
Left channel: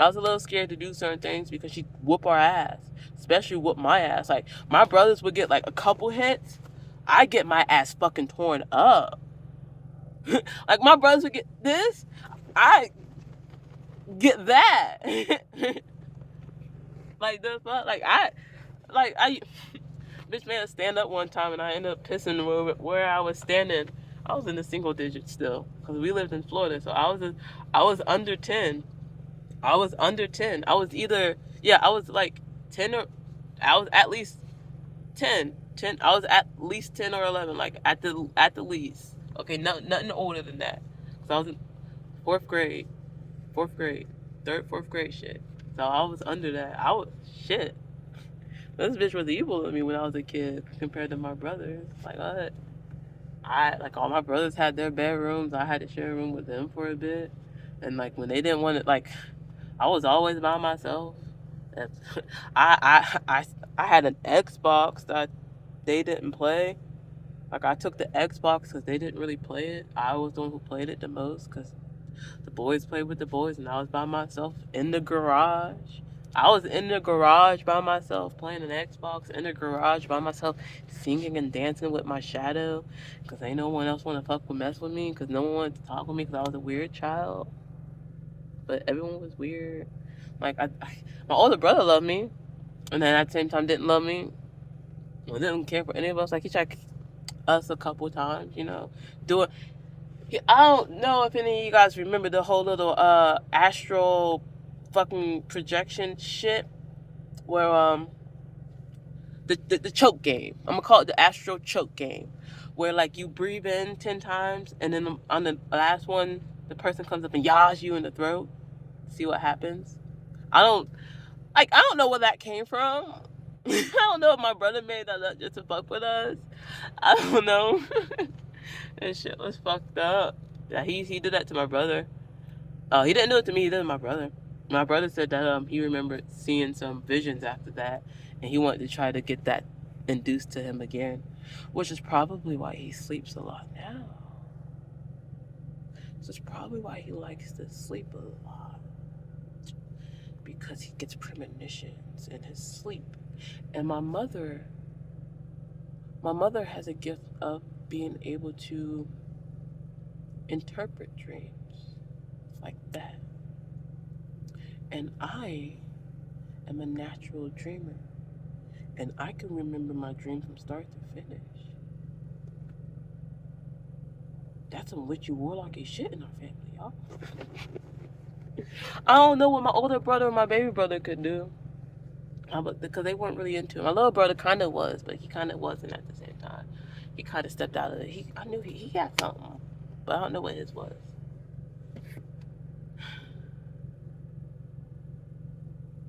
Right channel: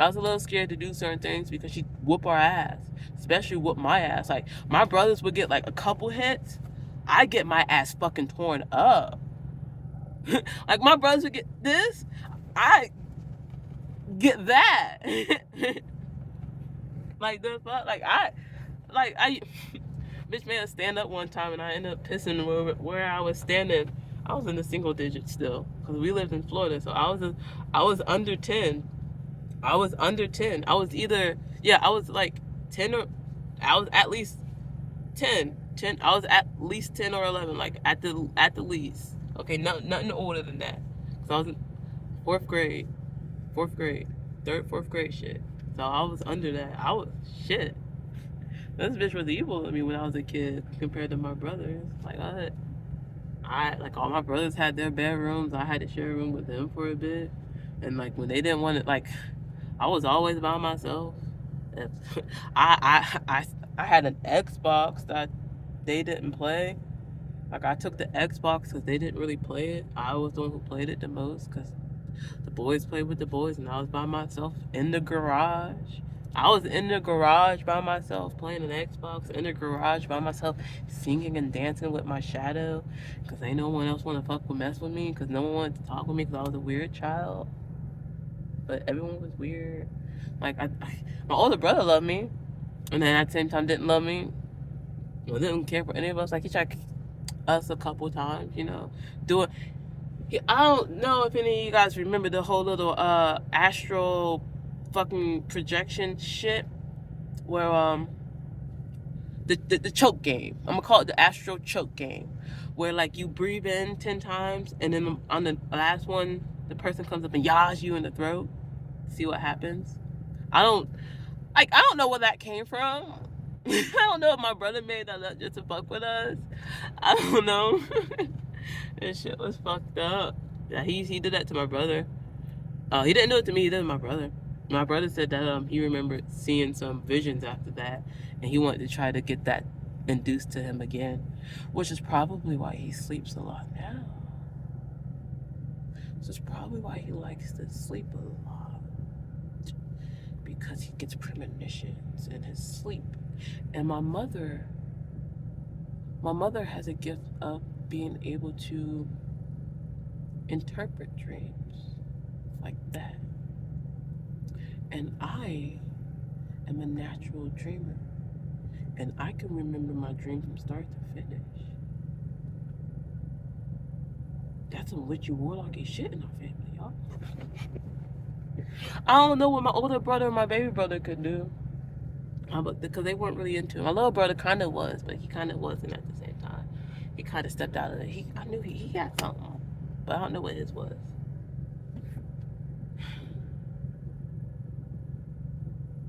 I was a little scared to do certain things because she'd whoop our ass, especially whoop my ass. Like my brothers would get like a couple hits, I get my ass fucking torn up. Like my brothers would get this, I get that. Like the fuck, I bitch man stand up one time and I ended up pissing where I was standing. I was in the single digits still because we lived in Florida, so I was under 10. I was under 10. I was either yeah, I was like 10 or I was at least 10. 10. I was at least 10 or 11, like at the least. Okay, nothing older than that. So I was in fourth grade, fourth grade, third, fourth grade shit. So I was under that. I was shit. This bitch was evil to me when I was a kid compared to my brothers. Like I like all my brothers had their bedrooms. I had to share a room with them for a bit, and like when they didn't want it, like I was always by myself. I I I I had an Xbox that they didn't play. Like I took the Xbox because they didn't really play it. I was the one who played it the most because The boys played with the boys, and I was by myself in the garage. I was in the garage by myself playing an Xbox in the garage by myself, singing and dancing with my shadow, because ain't no one else want to fuck with mess with me, because no one wanted to talk with me because I was a weird child. But everyone was weird. Like my older brother loved me, and then at the same time didn't love me. Well, didn't care for any of us. Like he tried us a couple times, doing. I don't know if any of you guys remember the whole little astral fucking projection shit where the choke game. I'm gonna call it the astral choke game, where like you breathe in 10 times and then on the last one the person comes up and yaws you in the throat. See what happens. I don't know where that came from. I don't know if my brother made that up just to fuck with us. I don't know. That shit was fucked up. Yeah, he did that to my brother. He didn't do it to me. He did it to my brother. My brother said that he remembered seeing some visions after that, and he wanted to try to get that induced to him again, which is probably why he sleeps a lot now. This is probably why he likes to sleep a lot, because he gets premonitions in his sleep. And my mother has a gift of being able to interpret dreams like that. And I am a natural dreamer. And I can remember my dream from start to finish. That's some witchy warlocky shit in our family, y'all. I don't know what my older brother and my baby brother could do. Because they weren't really into it. My little brother kind of was, but he kind of wasn't at the same time. He kind of stepped out of it. I knew he had something, but I don't know what his was.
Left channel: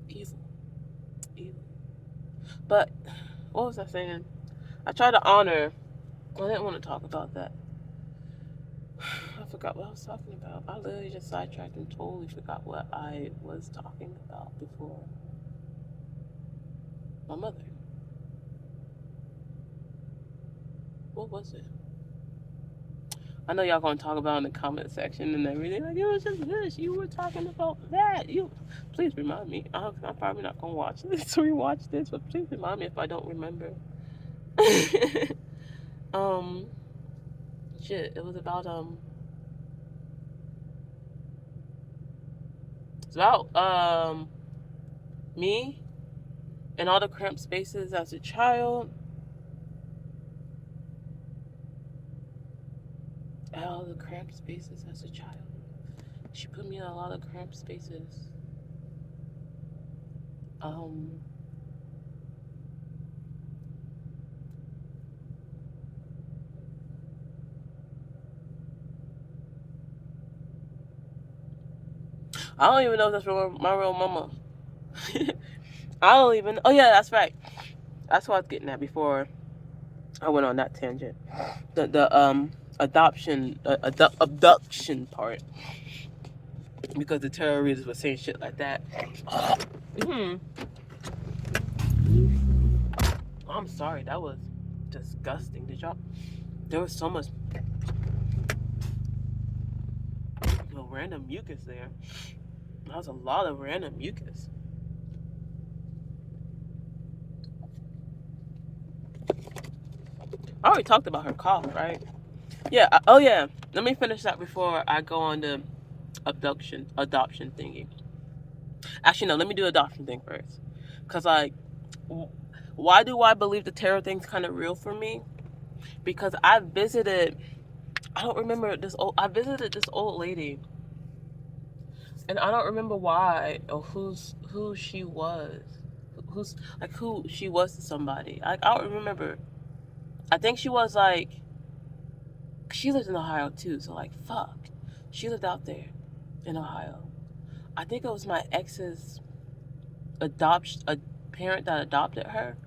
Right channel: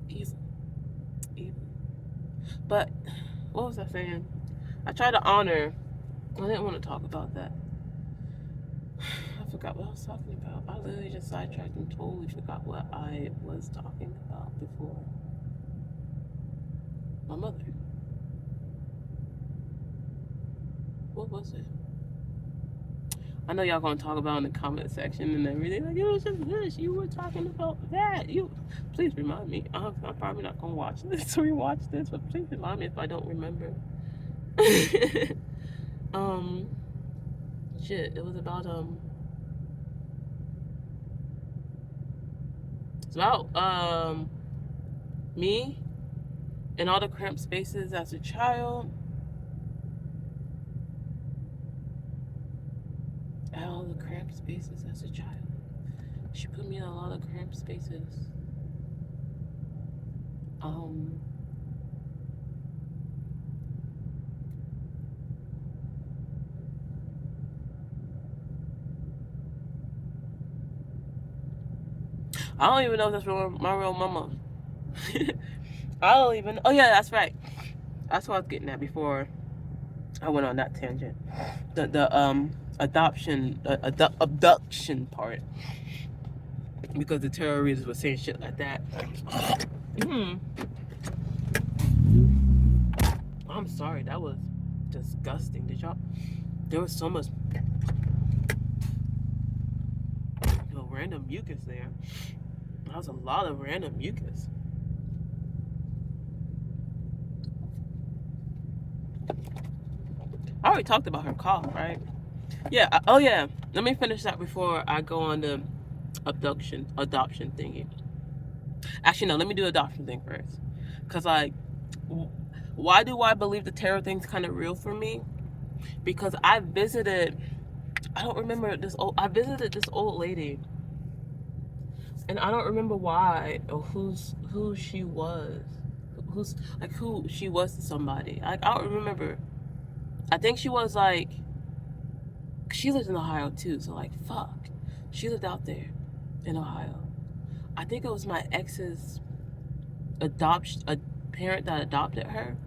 Evil. But what was I saying? I tried to honor. I didn't want to talk about that. I forgot what I was talking about. I literally just sidetracked and totally forgot what I was talking about before. My mother. What was it? I know y'all gonna talk about in the comment section and everything. Like, it was just this. You were talking about that. Please remind me. I'm probably not gonna watch this, rewatch this, but please remind me if I don't remember. Shit. It was about It's about me and all the cramped spaces as a child. All the cramped spaces as a child. She put me in a lot of cramped spaces. I don't even know if that's my real mama. I don't even. Oh yeah, that's right. That's what I was getting at before I went on that tangent. The adoption abduction part, because the terrorists were saying shit like that. I'm sorry, that was disgusting. Did y'all? There was so much random mucus there. That was a lot of random mucus. I already talked about her cough, right? Yeah. Oh yeah. Let me finish that before I go on the adoption thingy. Actually, no. Let me do adoption thing first. Cause like, why do I believe the tarot thing's kind of real for me? Because I visited. I don't remember this old. I visited this old lady, and I don't remember why or who she was. Who she was to somebody. I don't remember. I think she was like. She lived in Ohio too, so like fuck. She lived out there in Ohio. I think it was my ex's a parent that adopted her.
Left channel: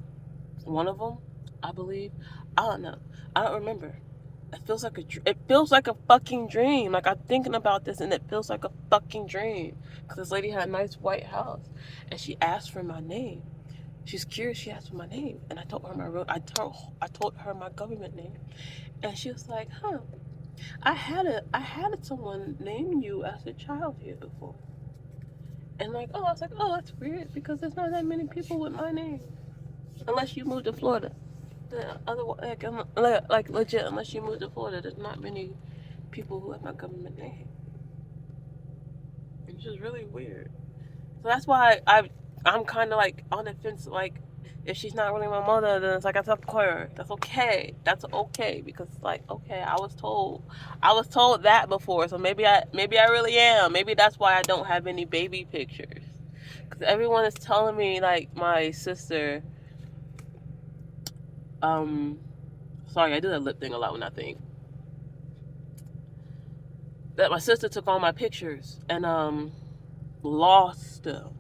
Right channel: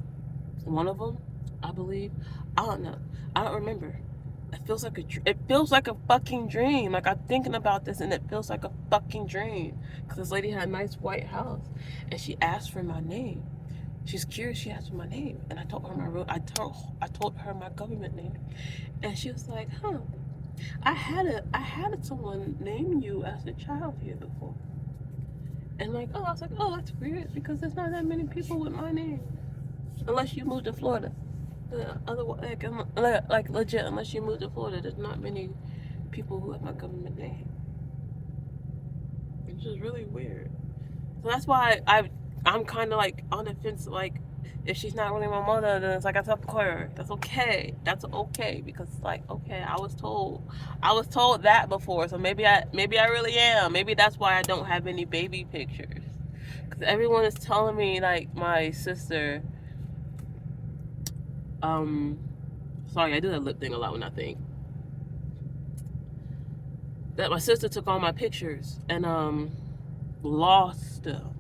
One of them, I believe. I don't know. I don't remember. It feels like a fucking dream. Like I'm thinking about this and it feels like a fucking dream. Cause this lady had a nice white house, and she asked for my name. She's curious. She asked for my name, and I told her I told her my government name, and she was like, "Huh." I had someone name you as a child here before, and like, oh, I was like, oh, that's weird because there's not that many people with my name, unless you moved to Florida. The other like legit, unless you moved to Florida, there's not many people who have my government name. It's just really weird. So that's why I'm kind of like on the fence. Like, if she's not really my mother, then it's like I have to call her. That's okay. That's okay because it's like okay, I was told that before. So maybe I really am. Maybe that's why I don't have any baby pictures. Because everyone is telling me like my sister. Um, sorry, I do that lip thing a lot when I think that my sister took all my pictures and lost them.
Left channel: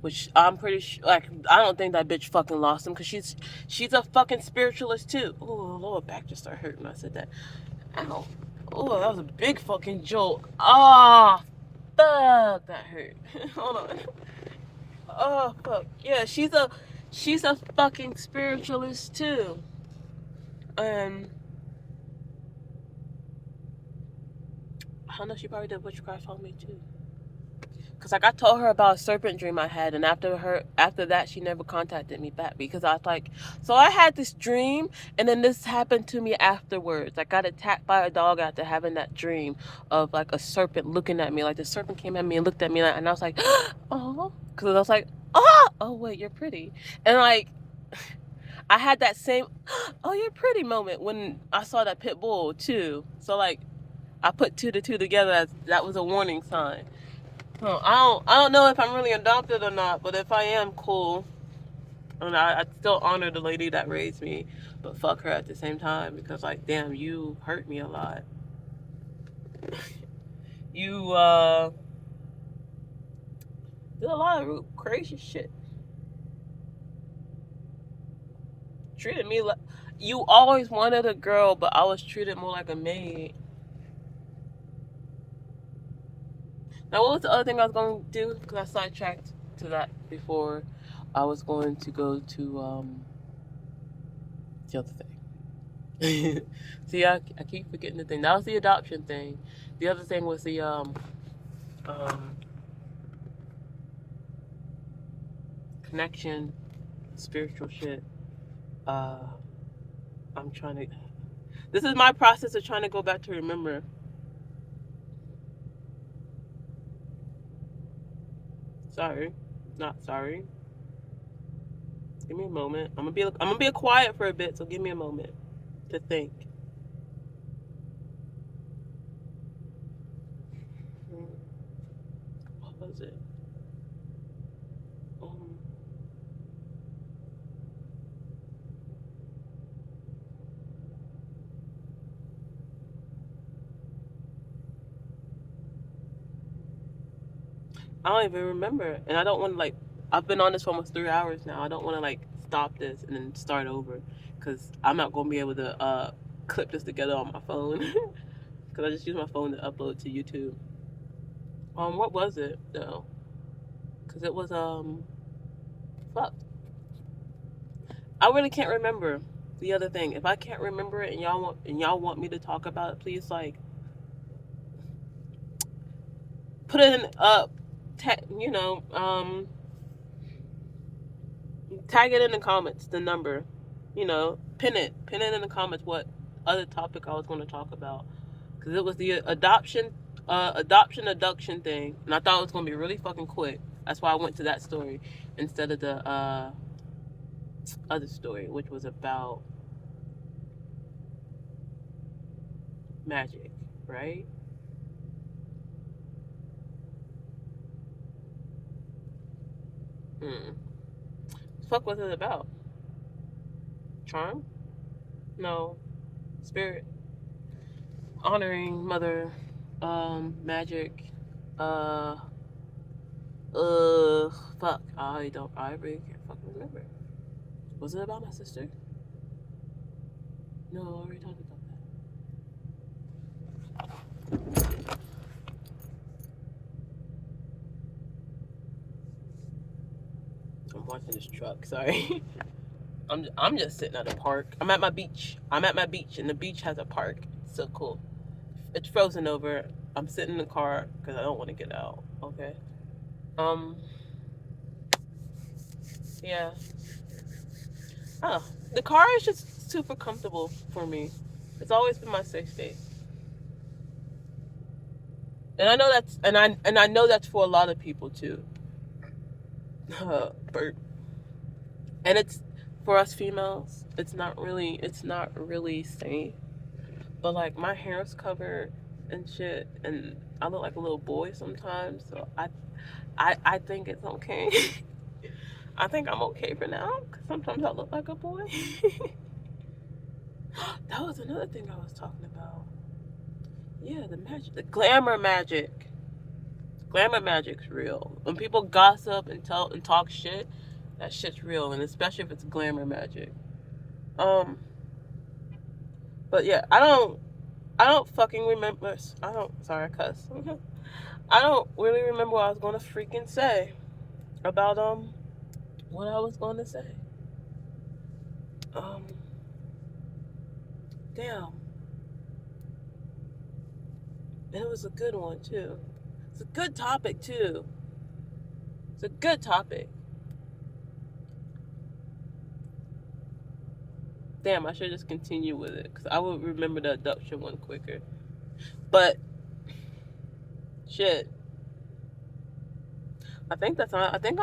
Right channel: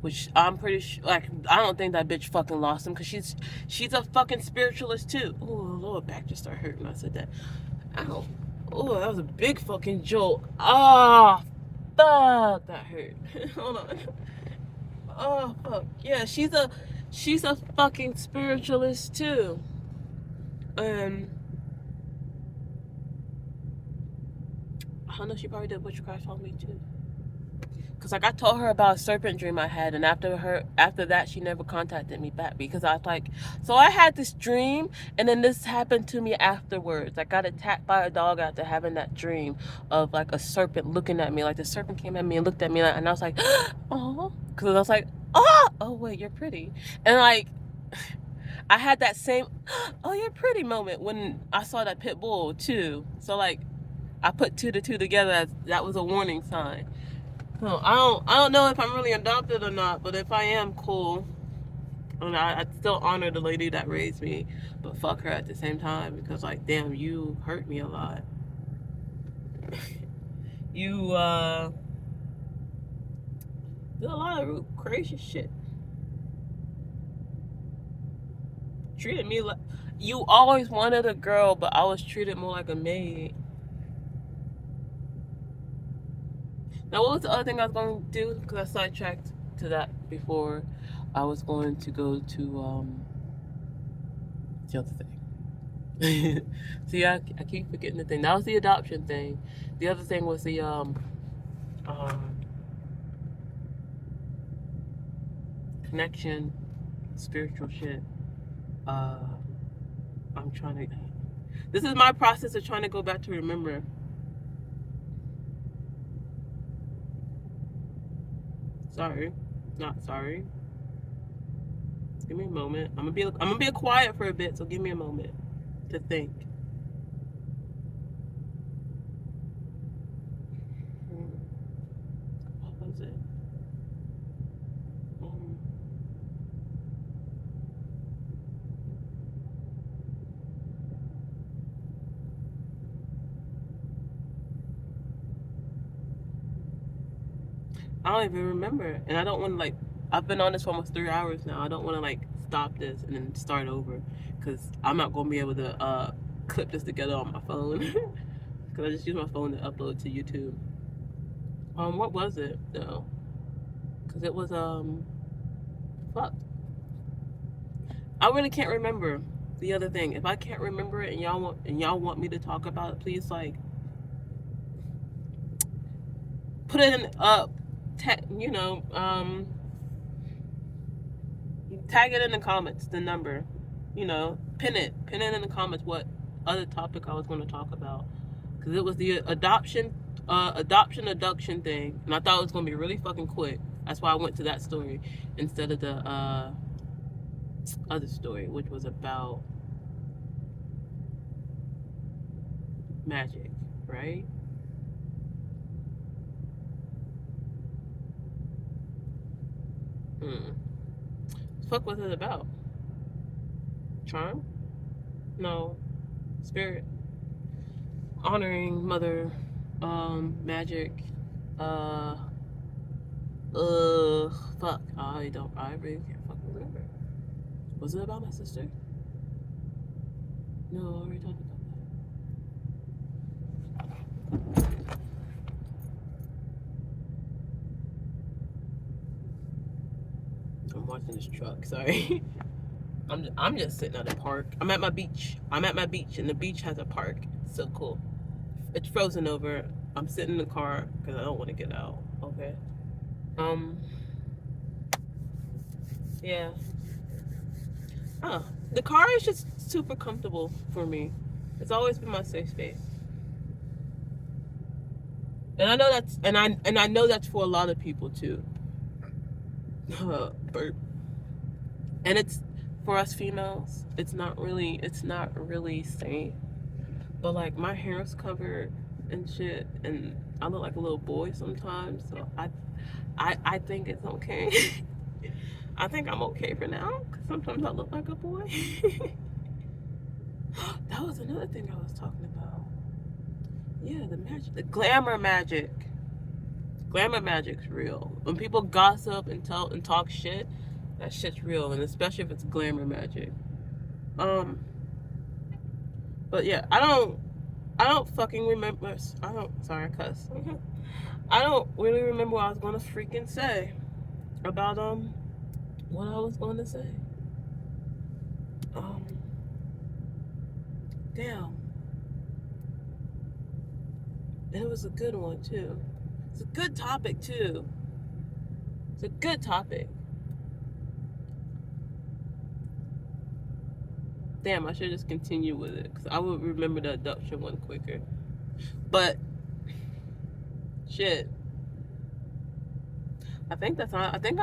Which I'm pretty sure, like, I don't think that bitch fucking lost him because she's a fucking spiritualist too. Oh, lower back just started hurting when I said that. Ow. Oh, that was a big fucking jolt. Ah, fuck, that hurt. Hold on. Oh, fuck. Yeah, she's a fucking spiritualist too. And I don't know, she probably did witchcraft on me too. Cause like I told her about a serpent dream I had, and after that she never contacted me back because I was like, so I had this dream, and then this happened to me afterwards. I got attacked by a dog after having that dream of like a serpent looking at me, like the serpent came at me and looked at me, and I was like, oh, because I was like, oh wait, you're pretty, and like I had that same, oh you're pretty moment when I saw that pit bull too. So like I put two to two together as that was a warning sign. Well, I don't know if I'm really adopted or not, but if I am, cool. And I still honor the lady that raised me, but fuck her at the same time because like, damn, you hurt me a lot. You did a lot of crazy shit. Treated me like you always wanted a girl, but I was treated more like a maid. Now, what was the other thing I was going to do? Because I sidetracked to that before. I was going to go to the other thing. See, I keep forgetting the thing. That was the adoption thing. The other thing was the um, connection, spiritual shit. Uh, I'm trying to. This is my process of trying to go back to remember. Sorry, not sorry. Give me a moment. I'm gonna be quiet for a bit. So give me a moment to think. What was it? Um, I don't even remember, and I don't want to like. I've been on this for almost 3 hours now. I don't want to like stop this and then start over, because I'm not gonna be able to clip this together on my phone, because I just use my phone to upload to YouTube. What was it though? Because it was fuck. I really can't remember the other thing. If I can't remember it and y'all want me to talk about it, please like put it in you know tag it in the comments, the number, pin it in the comments what other topic I was going to talk about, because it was the adoption abduction thing, and I thought it was going to be really fucking quick. That's why I went to that story instead of the other story, which was about magic, right? Hmm. Fuck was it about? Charm? No. Spirit. Honoring mother. Magic. Uh. Fuck. I really can't fucking remember. Was it about my sister? No, I already talked about that. I'm watching this truck, sorry. I'm just sitting at a park. I'm at my beach. I'm at my beach, and the beach has a park. It's so cool. It's frozen over. I'm sitting in the car because I don't want to get out. Okay. Um. Yeah. Oh, the car is just super comfortable for me. It's always been my safe space, and I know that's, and I know that's for a lot of people too. Burp. And it's for us females. It's not really safe. But like my hair is covered and shit, and I look like a little boy sometimes. So I think it's okay. I think I'm okay for now. Cause sometimes I look like a boy. That was another thing I was talking about. Yeah, the magic, the glamour magic. Glamour magic's real. When people gossip and talk shit, that shit's real, and especially if it's glamour magic. Um, but yeah, I don't fucking remember. I don't. Sorry, I cuss. I don't really remember what I was gonna freaking say about what I was gonna say. Um, damn, and it was a good one too. It's a good topic too. It's a good topic. Damn, I should just continue with it because I would remember the adoption one quicker. But shit, I think that's all. I think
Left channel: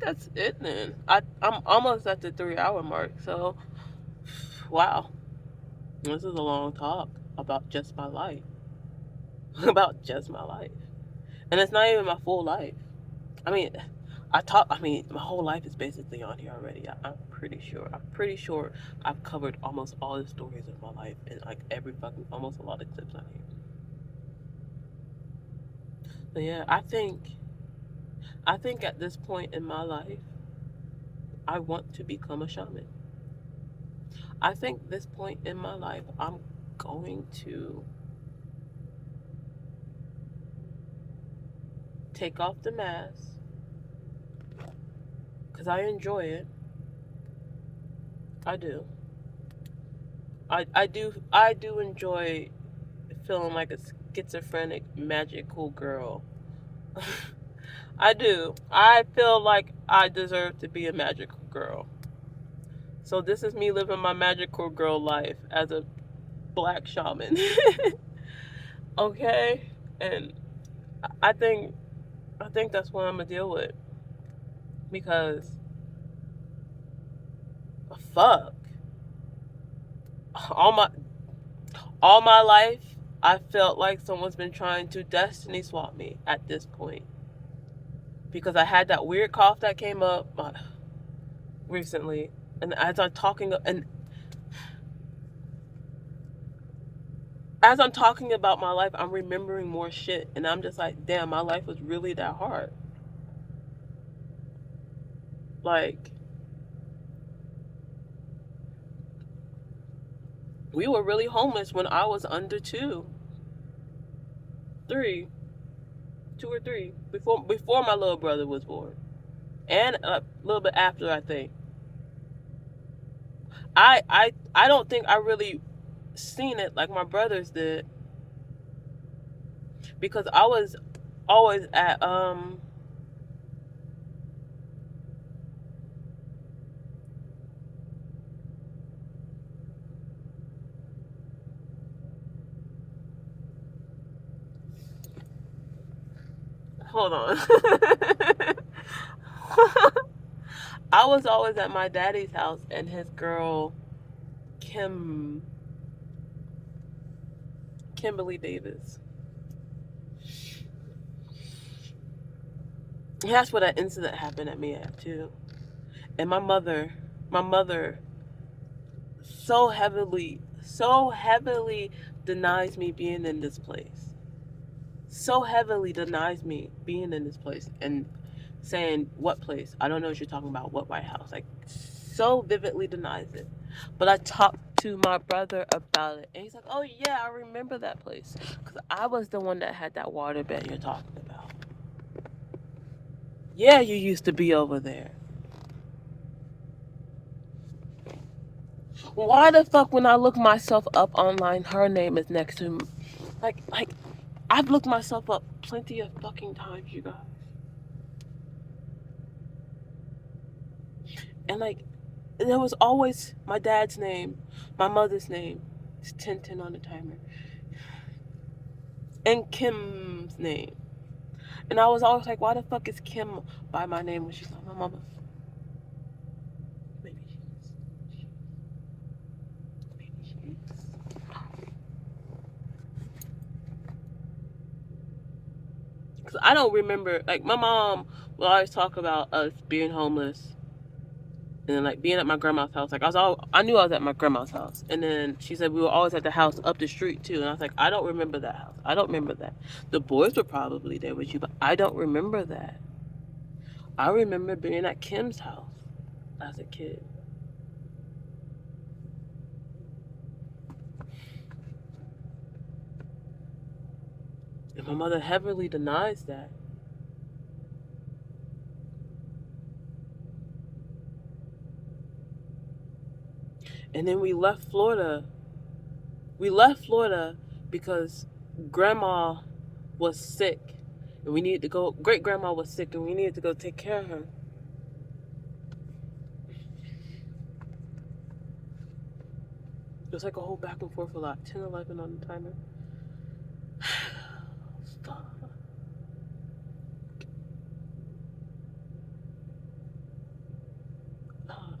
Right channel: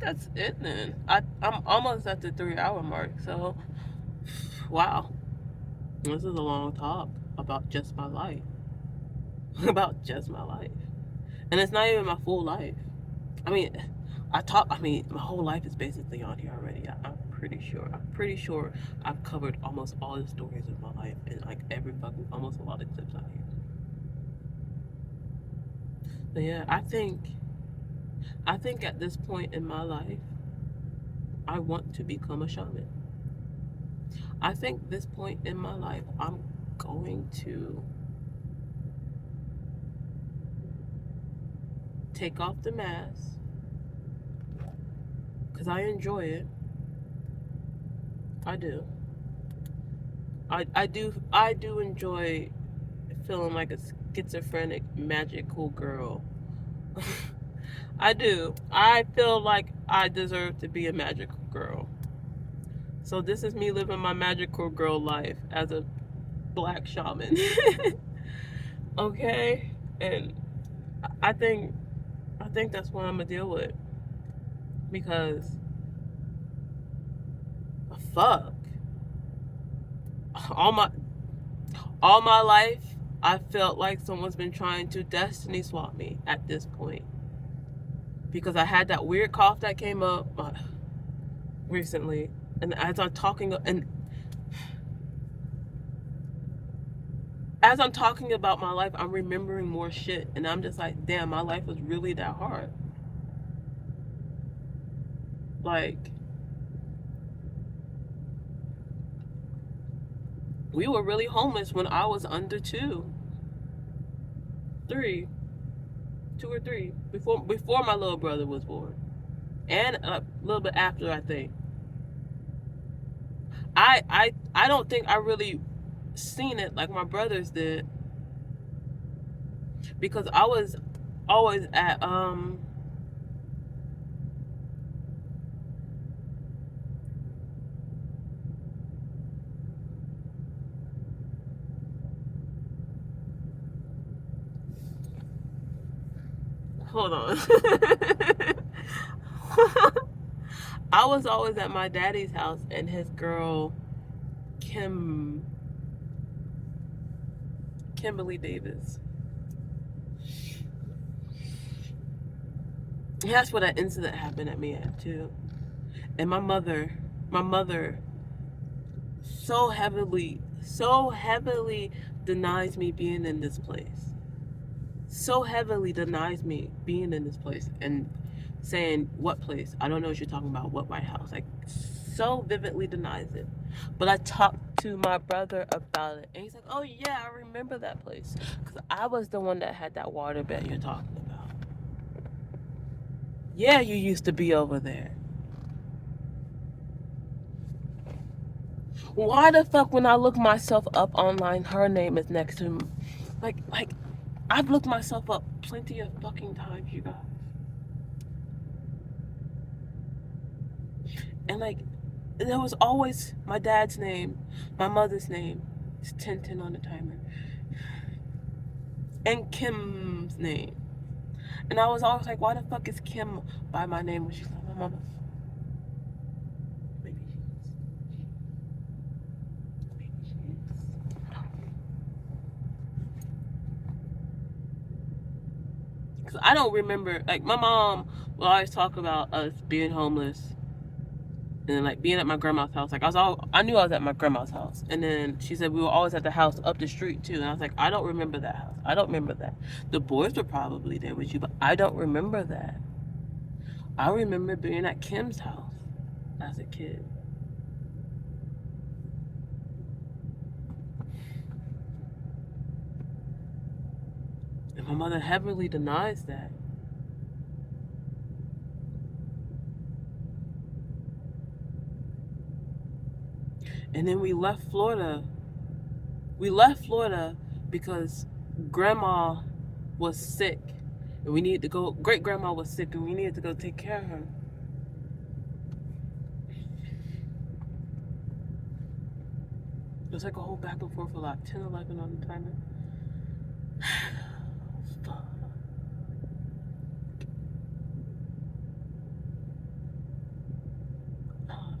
that's it then. I'm almost at the 3 hour mark. So wow, this is a long talk about just my life. About just my life, and it's not even my full life. I mean, my whole life is basically on here already. I'm pretty sure. I'm pretty sure I've covered almost all the stories of my life in like every fucking almost a lot of clips on here. But yeah, I think at this point in my life, I want to become a shaman. I think this point in my life, I'm going to take off the mask because I enjoy it. I do. I do enjoy feeling like a schizophrenic magical girl. I do. I feel like I deserve to be a magical girl. So this is me living my magical girl life as a black shaman. Okay? And I think I think that's what I'm gonna deal with. Because fuck. All my all my life I felt like someone's been trying to destiny swap me at this point. Because I had that weird cough that came up recently. And as I'm talking about my life, I'm remembering more shit. And I'm just like, damn, my life was really that hard. Like, we were really homeless when I was under 3, 2 or 3, before my little brother was born. And a little bit after, I think. I don't think I really seen it like my brothers did. Because I was always at hold on. I was always at my daddy's house and his girl Kimberly Davis. That's where that incident happened at me at too. And my mother so heavily denies me being in this place. So heavily denies me being in this place and saying what place? I don't know what you're talking about. What White House? Like so vividly denies it. But I talked to my brother about it, and he's like, "Oh yeah, I remember that place because I was the one that had that waterbed you're talking about. Yeah, you used to be over there." Why the fuck when I look myself up online, her name is next to me? Like, I've looked myself up plenty of fucking times, you guys. And like, there was always my dad's name, my mother's name. It's 1010 on the timer. And Kim's name. And I was always like, why the fuck is Kim by my name when she's not my mama? Maybe she is. Because I don't remember, like, my mom will always talk about us being homeless and then, like, being at my grandma's house. Like, I knew I was at my grandma's house. And then she said we were always at the house up the street, too. And I was like, I don't remember that house. I don't remember that. The boys were probably there with you, but I don't remember that. I remember being at Kim's house as a kid. And my mother heavily denies that. And then we left Florida. We left Florida because grandma was sick. And we needed to go, great grandma was sick and we needed to go take care of her. It was like a whole back and forth for like 10, 11 on the timer.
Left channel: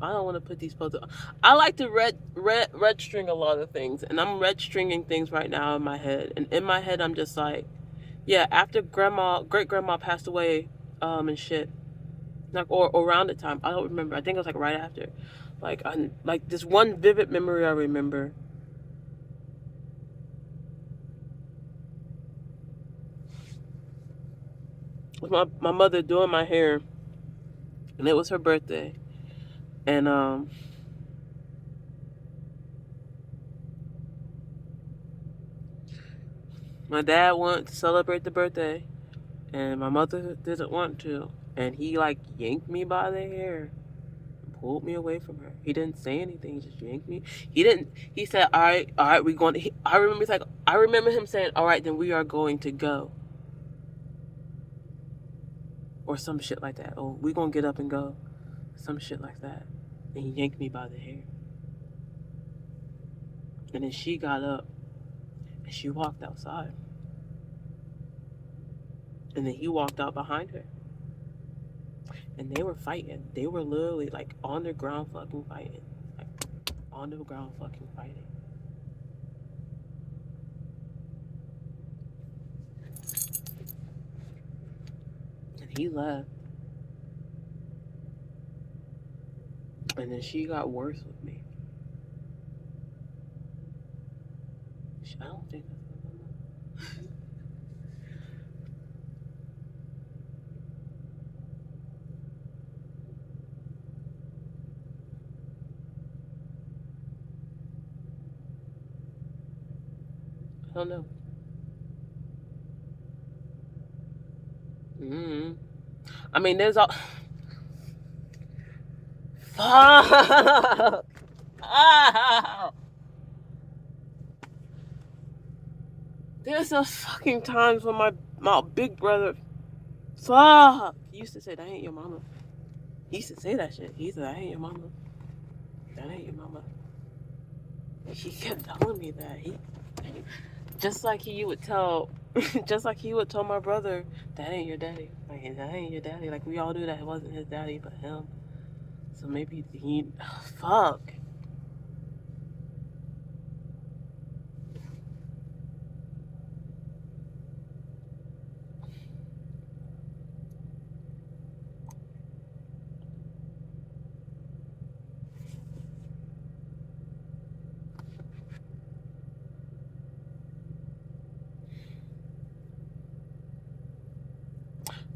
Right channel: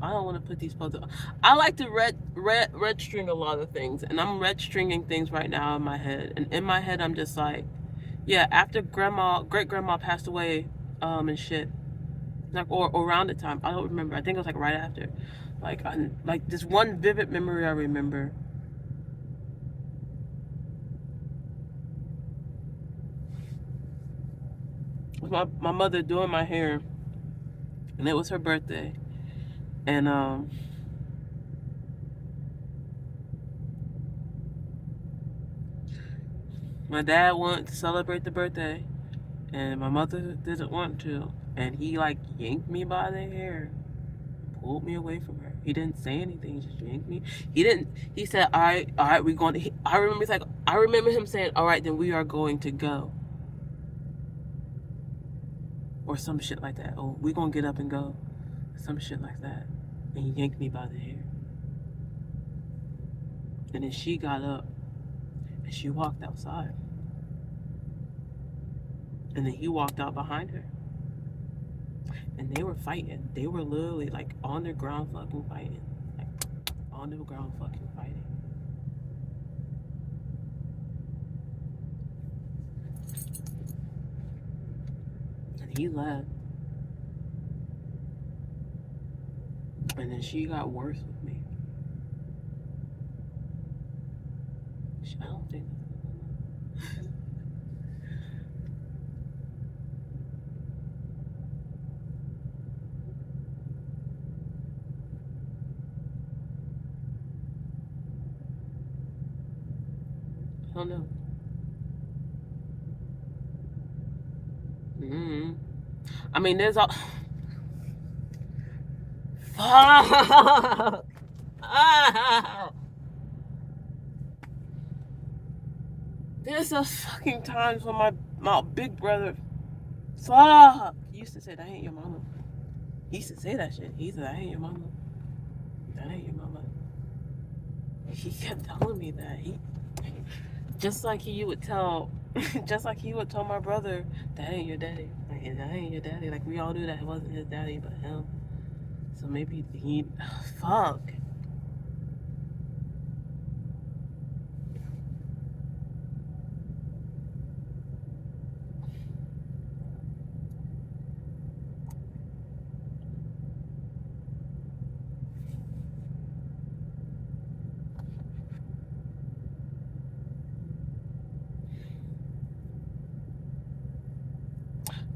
I don't want to put these photos. I like to red string a lot of things, and I'm red stringing things right now in my head. And in my head, I'm just like, yeah. After great grandma passed away, and shit, like or around the time, I don't remember. I think it was like right after. Like this one vivid memory I remember. Was my mother doing my hair, and it was her birthday, and my dad wanted to celebrate the birthday, and my mother didn't want to, and he like yanked me by the hair, pulled me away from her. He didn't say anything, he just yanked me. He said, all right, we're going to, I remember him saying, all right, then we are going to go. Or some shit like that. Oh, we gonna get up and go. Some shit like that. And he yanked me by the hair. And then she got up and she walked outside. And then he walked out behind her. And they were fighting. They were literally like on the ground fucking fighting. Like on the ground fucking fighting. And he left. And then she got worse with me. I don't think. I don't know. Mm-hmm. I mean, there's all. Fuck! Ah! There's those fucking times when my big brother, fuck, he used to say, that ain't your mama. He used to say that shit. He said, that ain't your mama. That ain't your mama. He kept telling me that. Just like he would tell, just like he would tell my brother, that ain't your daddy. Like, that ain't your daddy. Like, we all knew that it wasn't his daddy, but him. So maybe he, fuck.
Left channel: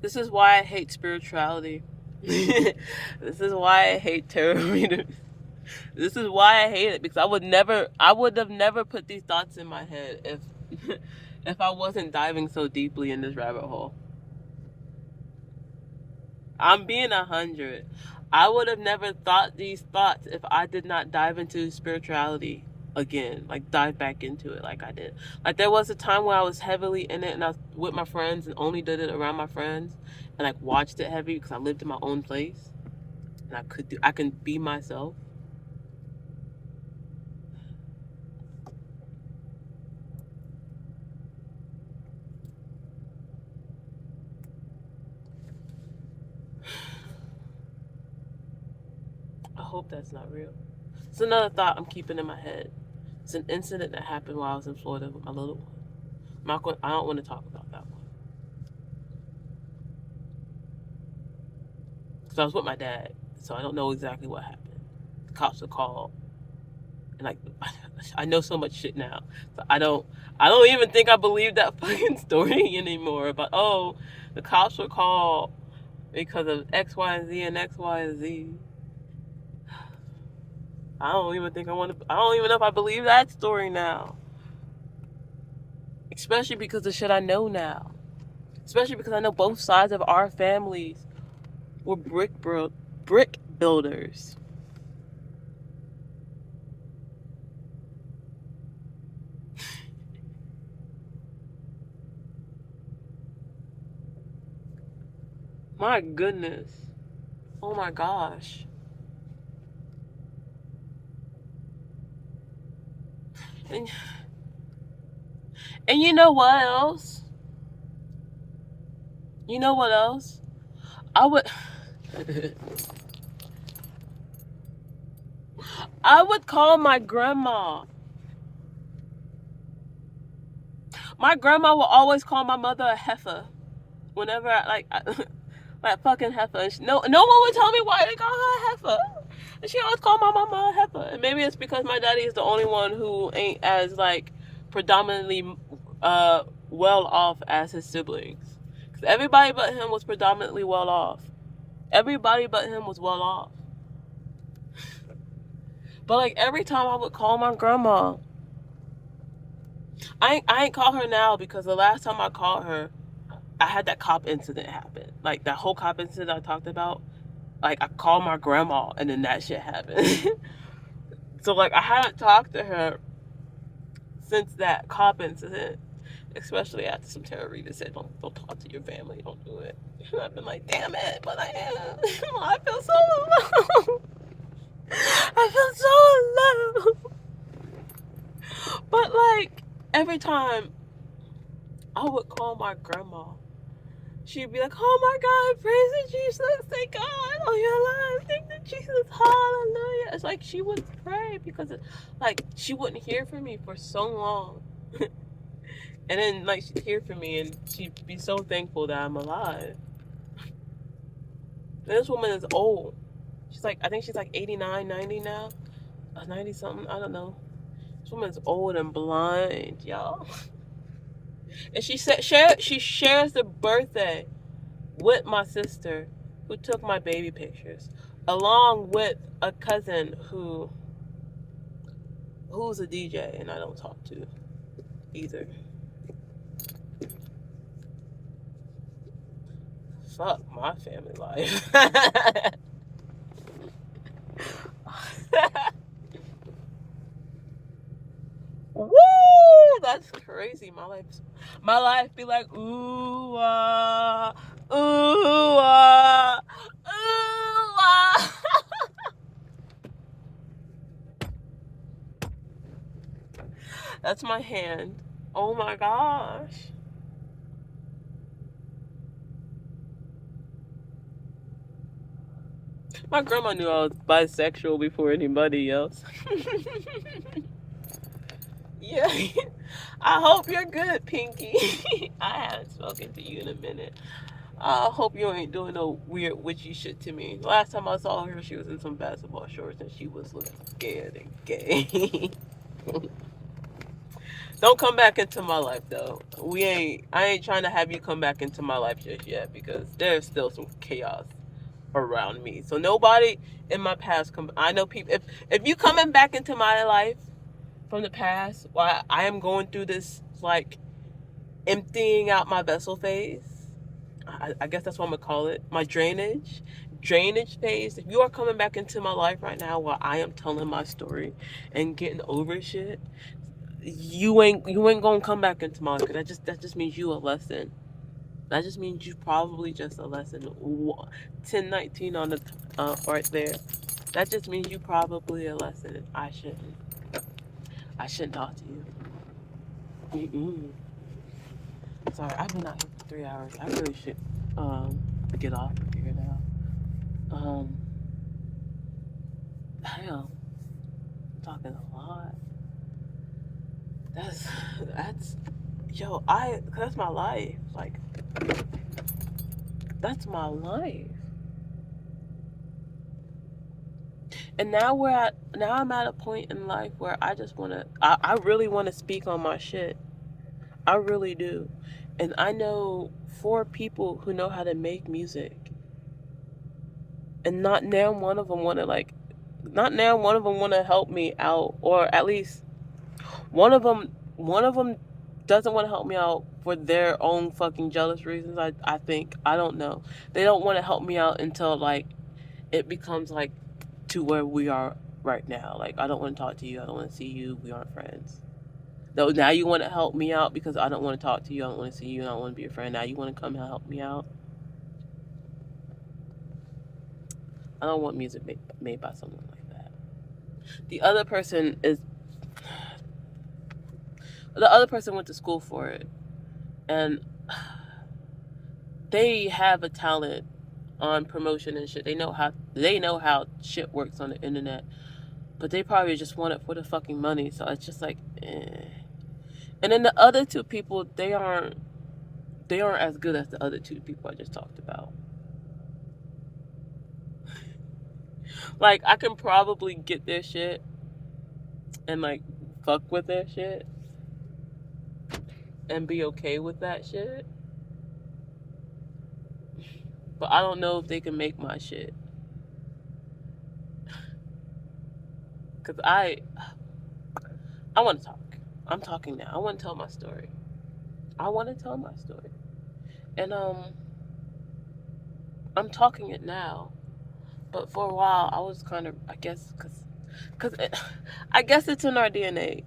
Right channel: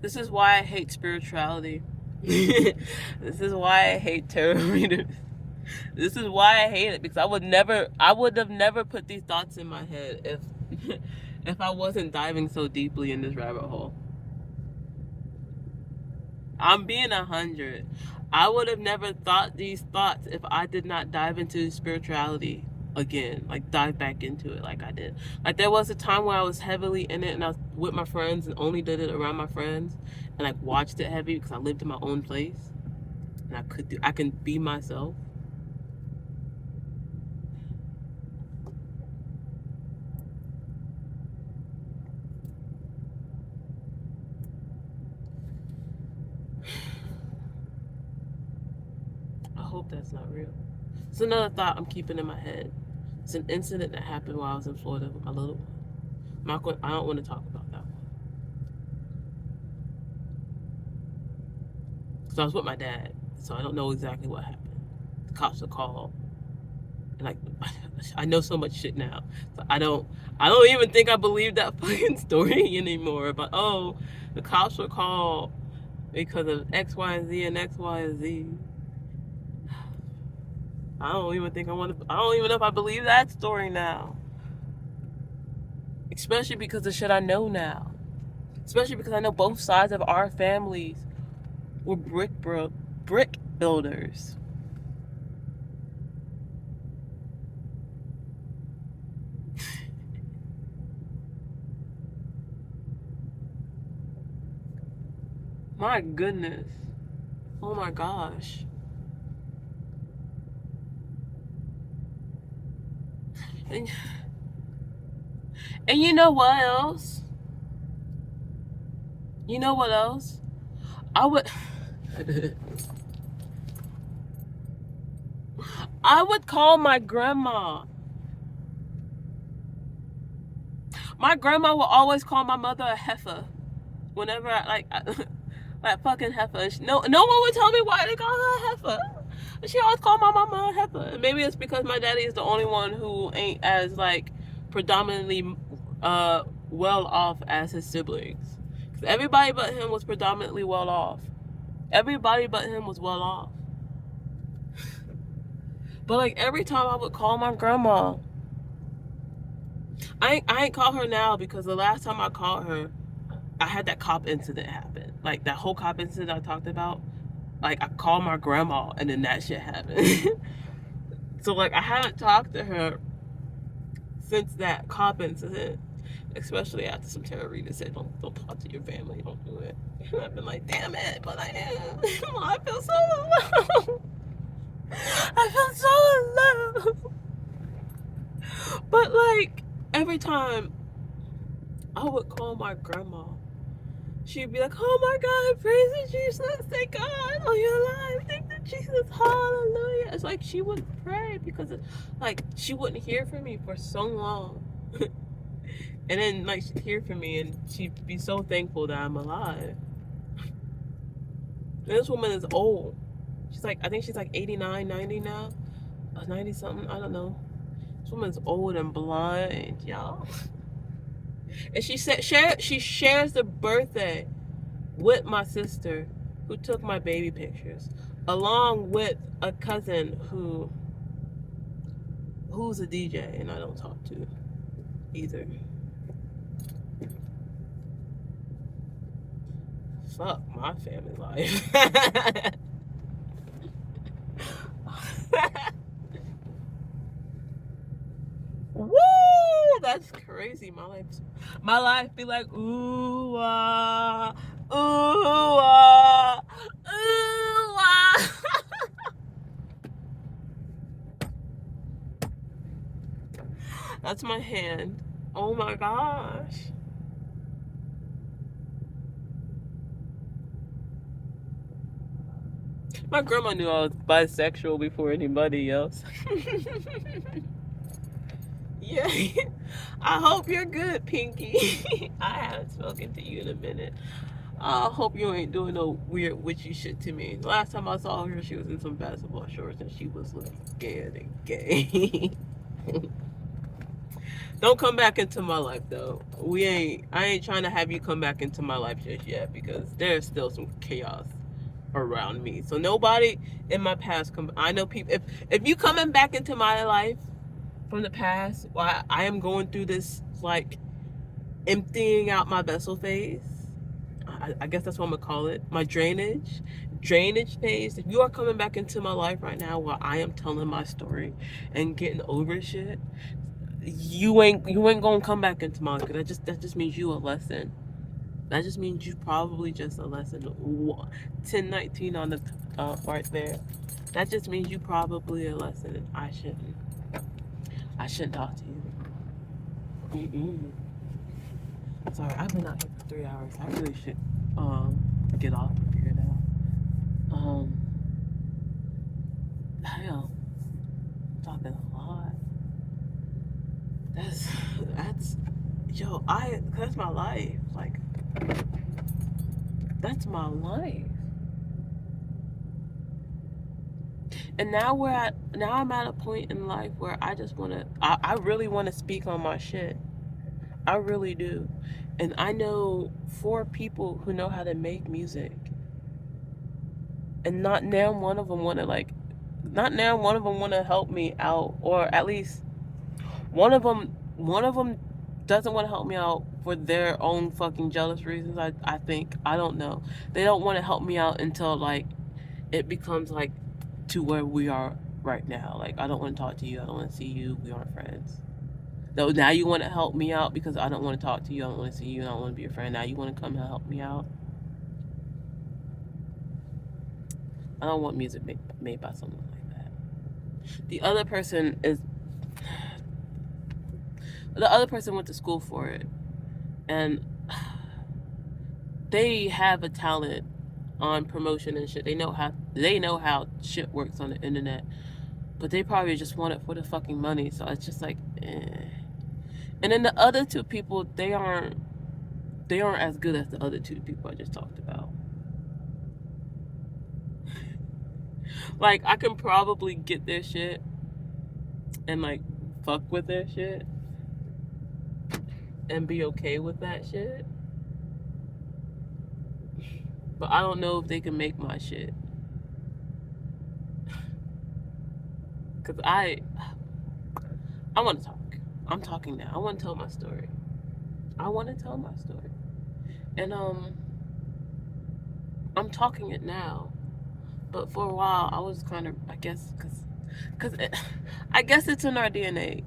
This is why I hate spirituality. This is why I hate tarot readers. This is why I hate it, because I would have never put these thoughts in my head if if I wasn't diving so deeply in this rabbit hole. I'm being 100. I would have never thought these thoughts if I did not dive into spirituality again, like dive back into it like I did. Like there was a time where I was heavily in it and I was with my friends and only did it around my friends and like watched it heavy because I lived in my own place and I can be myself. I hope that's not real. It's another thought I'm keeping in my head. It's an incident that happened while I was in Florida with my little one. I don't want to talk about that one. Because I was with my dad, so I don't know exactly what happened. The cops were called. And like, I know so much shit now. So I don't even think I believe that fucking story anymore. But oh, the cops were called because of X, Y, and Z and X, Y, and Z. I don't even know if I believe that story now. Especially because of the shit I know now. Especially because I know both sides of our families were brick builders. My goodness. Oh my gosh. And, and you know what else? You know what else? I would I would call my grandma. My grandma would always call my mother a heifer. Whenever like fucking heifer. No one would tell me why they call her a heifer. She always called my mama a heifer. And maybe it's because my daddy is the only one who ain't as like predominantly well off as his siblings. Because everybody but him was predominantly well off. Everybody but him was well off. But like every time I would call my grandma, I ain't call her now because the last time I called her, I had that cop incident happen. Like that whole cop incident I talked about. Like I called my grandma and then that shit happened. So like I haven't talked to her since that cop incident. Especially after some terrorista said, don't talk to your family, don't do it. And I've been like, damn it, but I am. I feel so alone. I feel so alone. But like every time I would call my grandma, she'd be like, oh my God, praise the Jesus, thank God, oh you're alive, thank the Jesus, hallelujah. It's like she would pray because like she wouldn't hear from me for so long. And then like she'd hear from me and she'd be so thankful that I'm alive. And this woman is old. I think she's like 89, 90 now. 90 something, I don't know. This woman's old and blind, y'all. And she shares the birthday with my sister who took my baby pictures, along with a cousin who's a DJ and I don't talk to either. Fuck my family life. Woo! That's crazy. My life be like ooh ah, ooh ah, ooh ah. That's my hand. Oh my gosh. My grandma knew I was bisexual before anybody else. Yeah. I hope you're good, Pinky. I haven't spoken to you in a minute. I hope you ain't doing no weird witchy shit to me. Last time I saw her, she was in some basketball shorts and she was looking scared and gay. Don't come back into my life though. I ain't trying to have you come back into my life just yet because there's still some chaos around me. So nobody in my past I know people if you coming back into my life from the past while I am going through this like emptying out my vessel phase. I guess that's what I'm gonna call it. My drainage. drainage phase, if you are coming back into my life right now while I am telling my story and getting over shit, you ain't gonna come back into my life. That just means you a lesson. That just means you probably just a lesson. 1019 on the right there. That just means you probably a lesson. I shouldn't talk to you. Mm-mm. Sorry, I've been out here for 3 hours. I really should get off of here now. Hell, I'm talking a lot. That's that's yo, that's my life. Like, that's my life. And now I'm at a point in life where I really wanna speak on my shit. I really do. And I know 4 people who know how to make music. And not now one of them wanna help me out, or at least one of them doesn't want to help me out for their own fucking jealous reasons. I think, I don't know. They don't want to help me out until like it becomes like to where we are right now. Like, I don't want to talk to you. I don't want to see you. We aren't friends. No, now you want to help me out because I don't want to talk to you. I don't want to see you. I don't want to be a friend. Now you want to come and help me out. I don't want music made by someone like that. The other person is the other person went to school for it, and they have a talent on promotion and shit. They know how shit works on the internet, but they probably just want it for the fucking money. So it's just like, eh. And then the other 2 people, they aren't as good as the other 2 people I just talked about. Like, I can probably get their shit and like fuck with their shit and be okay with that shit, but I don't know if they can make my shit. Cause I want to talk. I'm talking now. I want to tell my story. And I'm talking it now. But for a while, I was kind of, I guess, cause I guess it's in our DNA.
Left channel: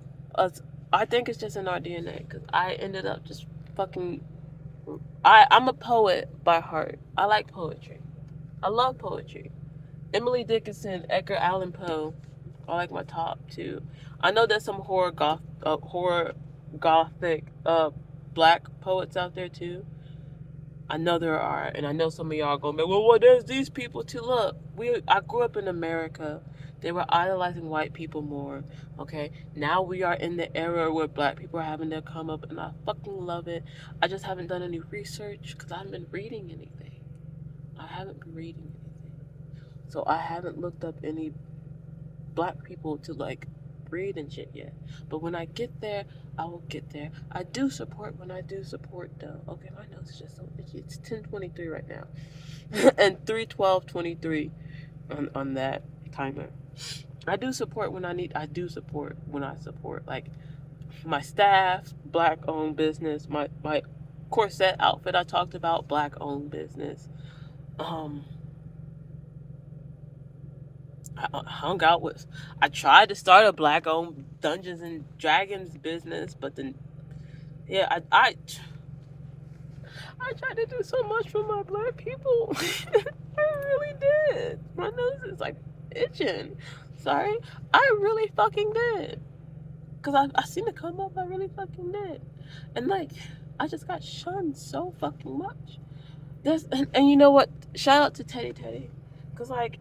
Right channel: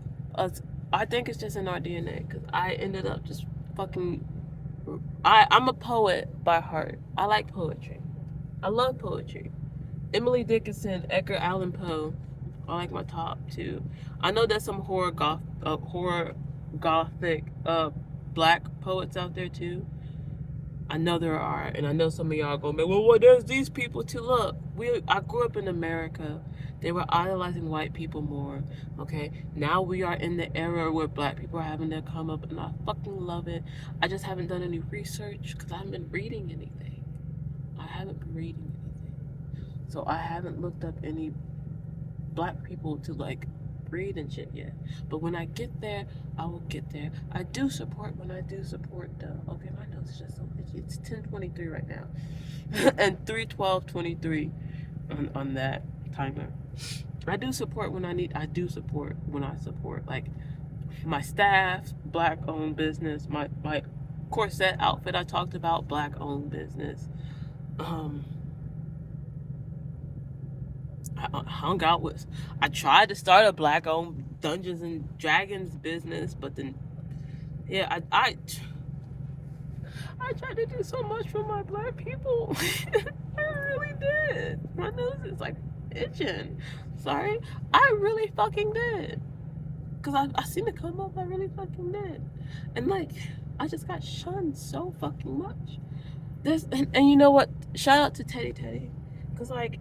I think it's just in our DNA. Cause I ended up just fucking. I'm a poet by heart. I like poetry. I love poetry. Emily Dickinson, Edgar Allan Poe are like my top 2. I know there's some horror gothic black poets out there too. I know there are, and I know some of y'all gonna be, well, there's these people too. Look, I grew up in America. They were idolizing white people more. Okay, now we are in the era where black people are having their come up, and I fucking love it. I just haven't done any research because I haven't been reading anything. So I haven't looked up any black people to like read and shit yet. But when I get there, I will get there. I do support when I do support though. Okay, my nose is just so itchy. It's 10:23 right now. And 3:12:23 on that timer. I do support when I support. Like, my staff, black owned business, my corset outfit I talked about, black owned business. I tried to start a black owned Dungeons and Dragons business, but then, yeah, I tried to do so much for my black people. I really did. My nose is like itching. Sorry. I really fucking did. Because I seen it come up, I really fucking did. And like, I just got shunned so fucking much. And you know what? Shout out to Teddy. Because like,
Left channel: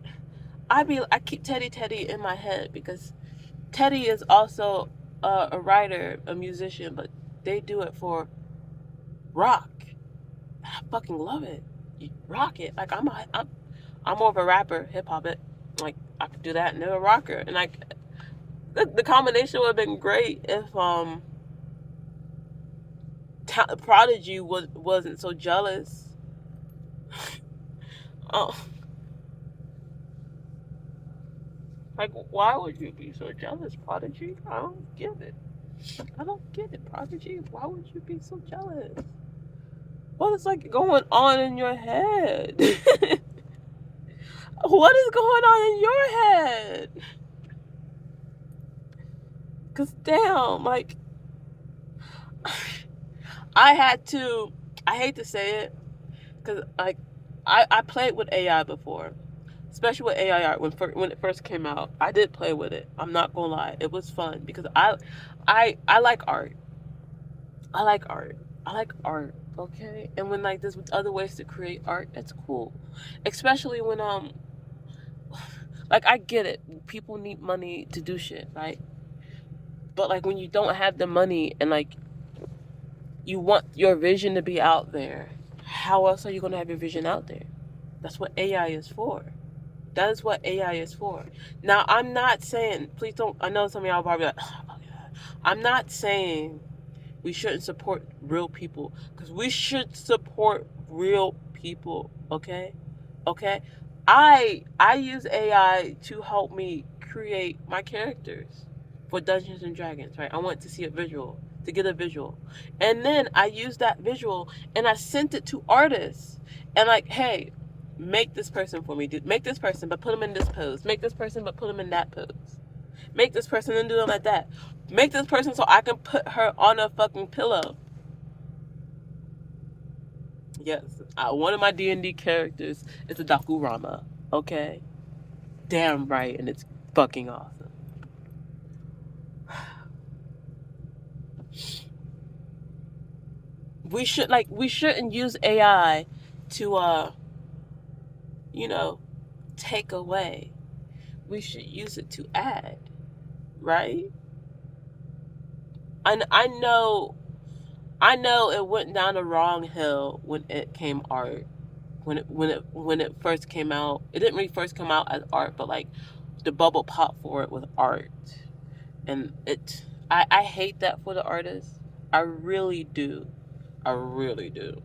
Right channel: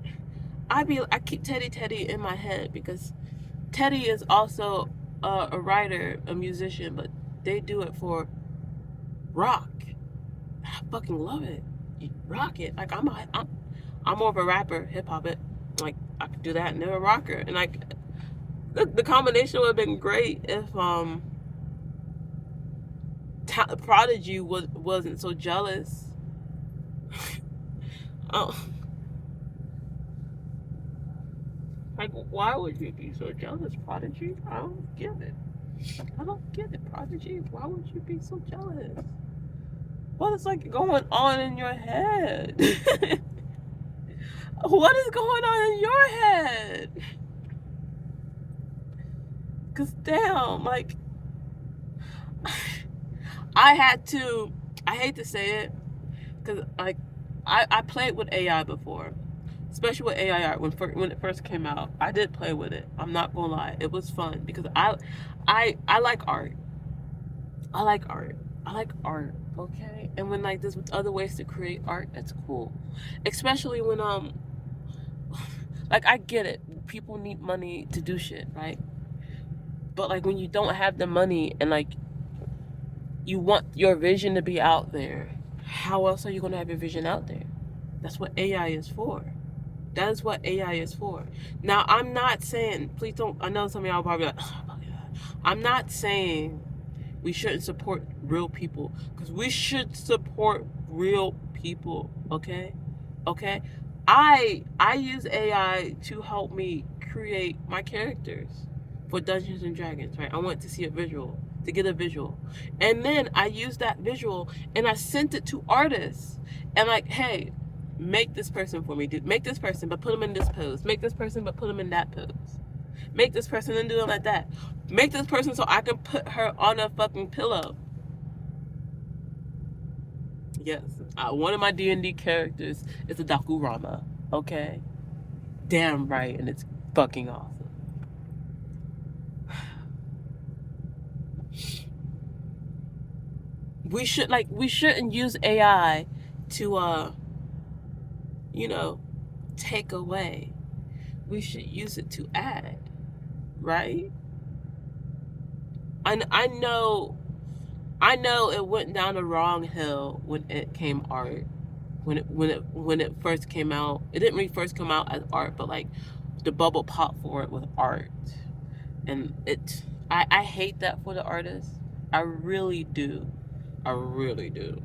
I keep Teddy in my head because Teddy is also a writer, a musician, but they do it for rock. I fucking love it. You rock it. Like, I'm more of a rapper, hip hop it. Like, I could do that and they're a rocker. And like, the combination would have been great if Prodigy wasn't so jealous. Oh. Like, why would you be so jealous, Prodigy? I don't get it, Prodigy. Why would you be so jealous? What is like going on in your head? What is going on in your head? Cause damn, like I had to. I hate to say it, cause like I played with AI before, especially with AI art when it first came out. I did play with it. I'm not gonna lie, it was fun because I like art. I like art. I like art. Okay, and when like there's other ways to create art, that's cool. Especially when like I get it. People need money to do shit, right? But like when you don't have the money and like you want your vision to be out there, how else are you gonna have your vision out there? That's what AI is for. That is what AI is for. Now I'm not saying, please don't. I know some of y'all probably like, oh, I'm not saying we shouldn't support real people because we should support real people. Okay. I use AI to help me create my characters for Dungeons and Dragons. Right. I want to see a visual to get a visual, and then I use that visual and I sent it to artists and like, hey, make this person for me. Make this person, but put them in this pose. Make this person, but put them in that pose. Make this person and do them like that. Make this person so I can put her on a fucking pillow. Yes, one of my D&D characters is a Dakurama. Okay, damn right, and it's fucking awesome. We shouldn't use AI to you know take away. We should use it to add, right? I know it went down the wrong hill when it came art. When it first came out, it didn't really first come out as art, but like the bubble pop for it was art, and I hate that for the artists. I really do. I really do.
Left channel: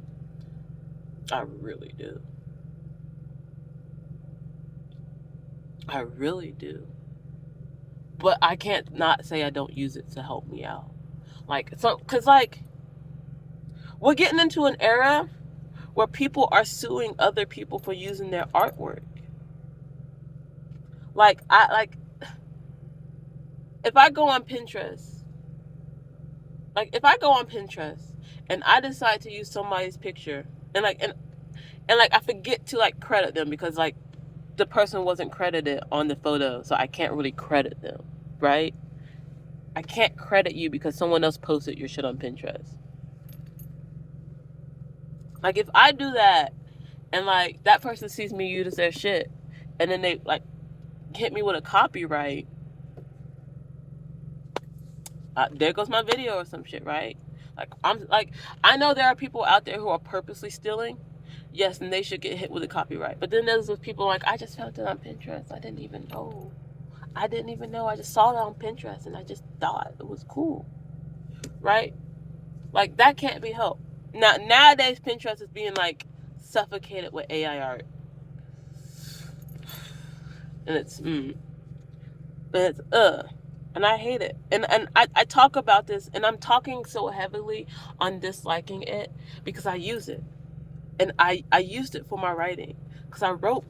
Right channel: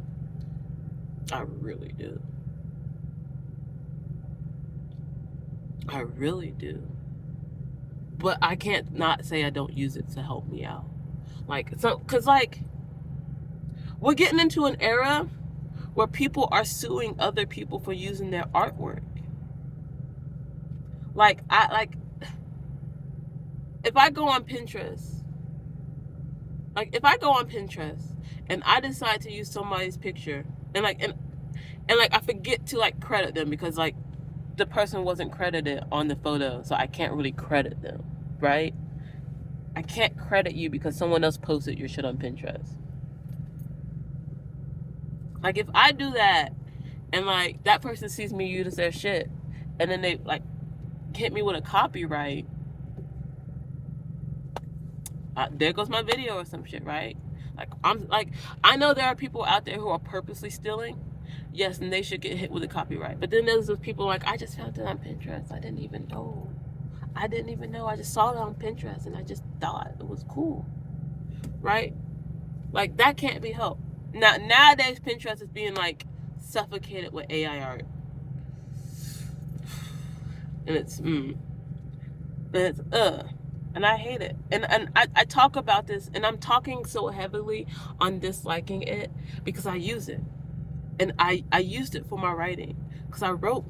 I really do. I really do. But I can't not say I don't use it to help me out. Like so, cause like we're getting into an era where people are suing other people for using their artwork. Like if I go on Pinterest, if I go on Pinterest and I decide to use somebody's picture and like I forget to like credit them because like the person wasn't credited on the photo, so I can't really credit them, right? I can't credit you because someone else posted your shit on Pinterest. Like if I do that and like that person sees me use their shit and then they like hit me with a copyright, there goes my video or some shit, right? I know there are people out there who are purposely stealing, yes, and they should get hit with a copyright. But then there's those people like, I just found it on Pinterest. I didn't even know. I just saw it on Pinterest and I just thought it was cool, right? Like that can't be helped. Nowadays Pinterest is being like suffocated with AI art, and it's and I hate it. And I talk about this, and I'm talking so heavily on disliking it because I use it, and I used it for my writing because I wrote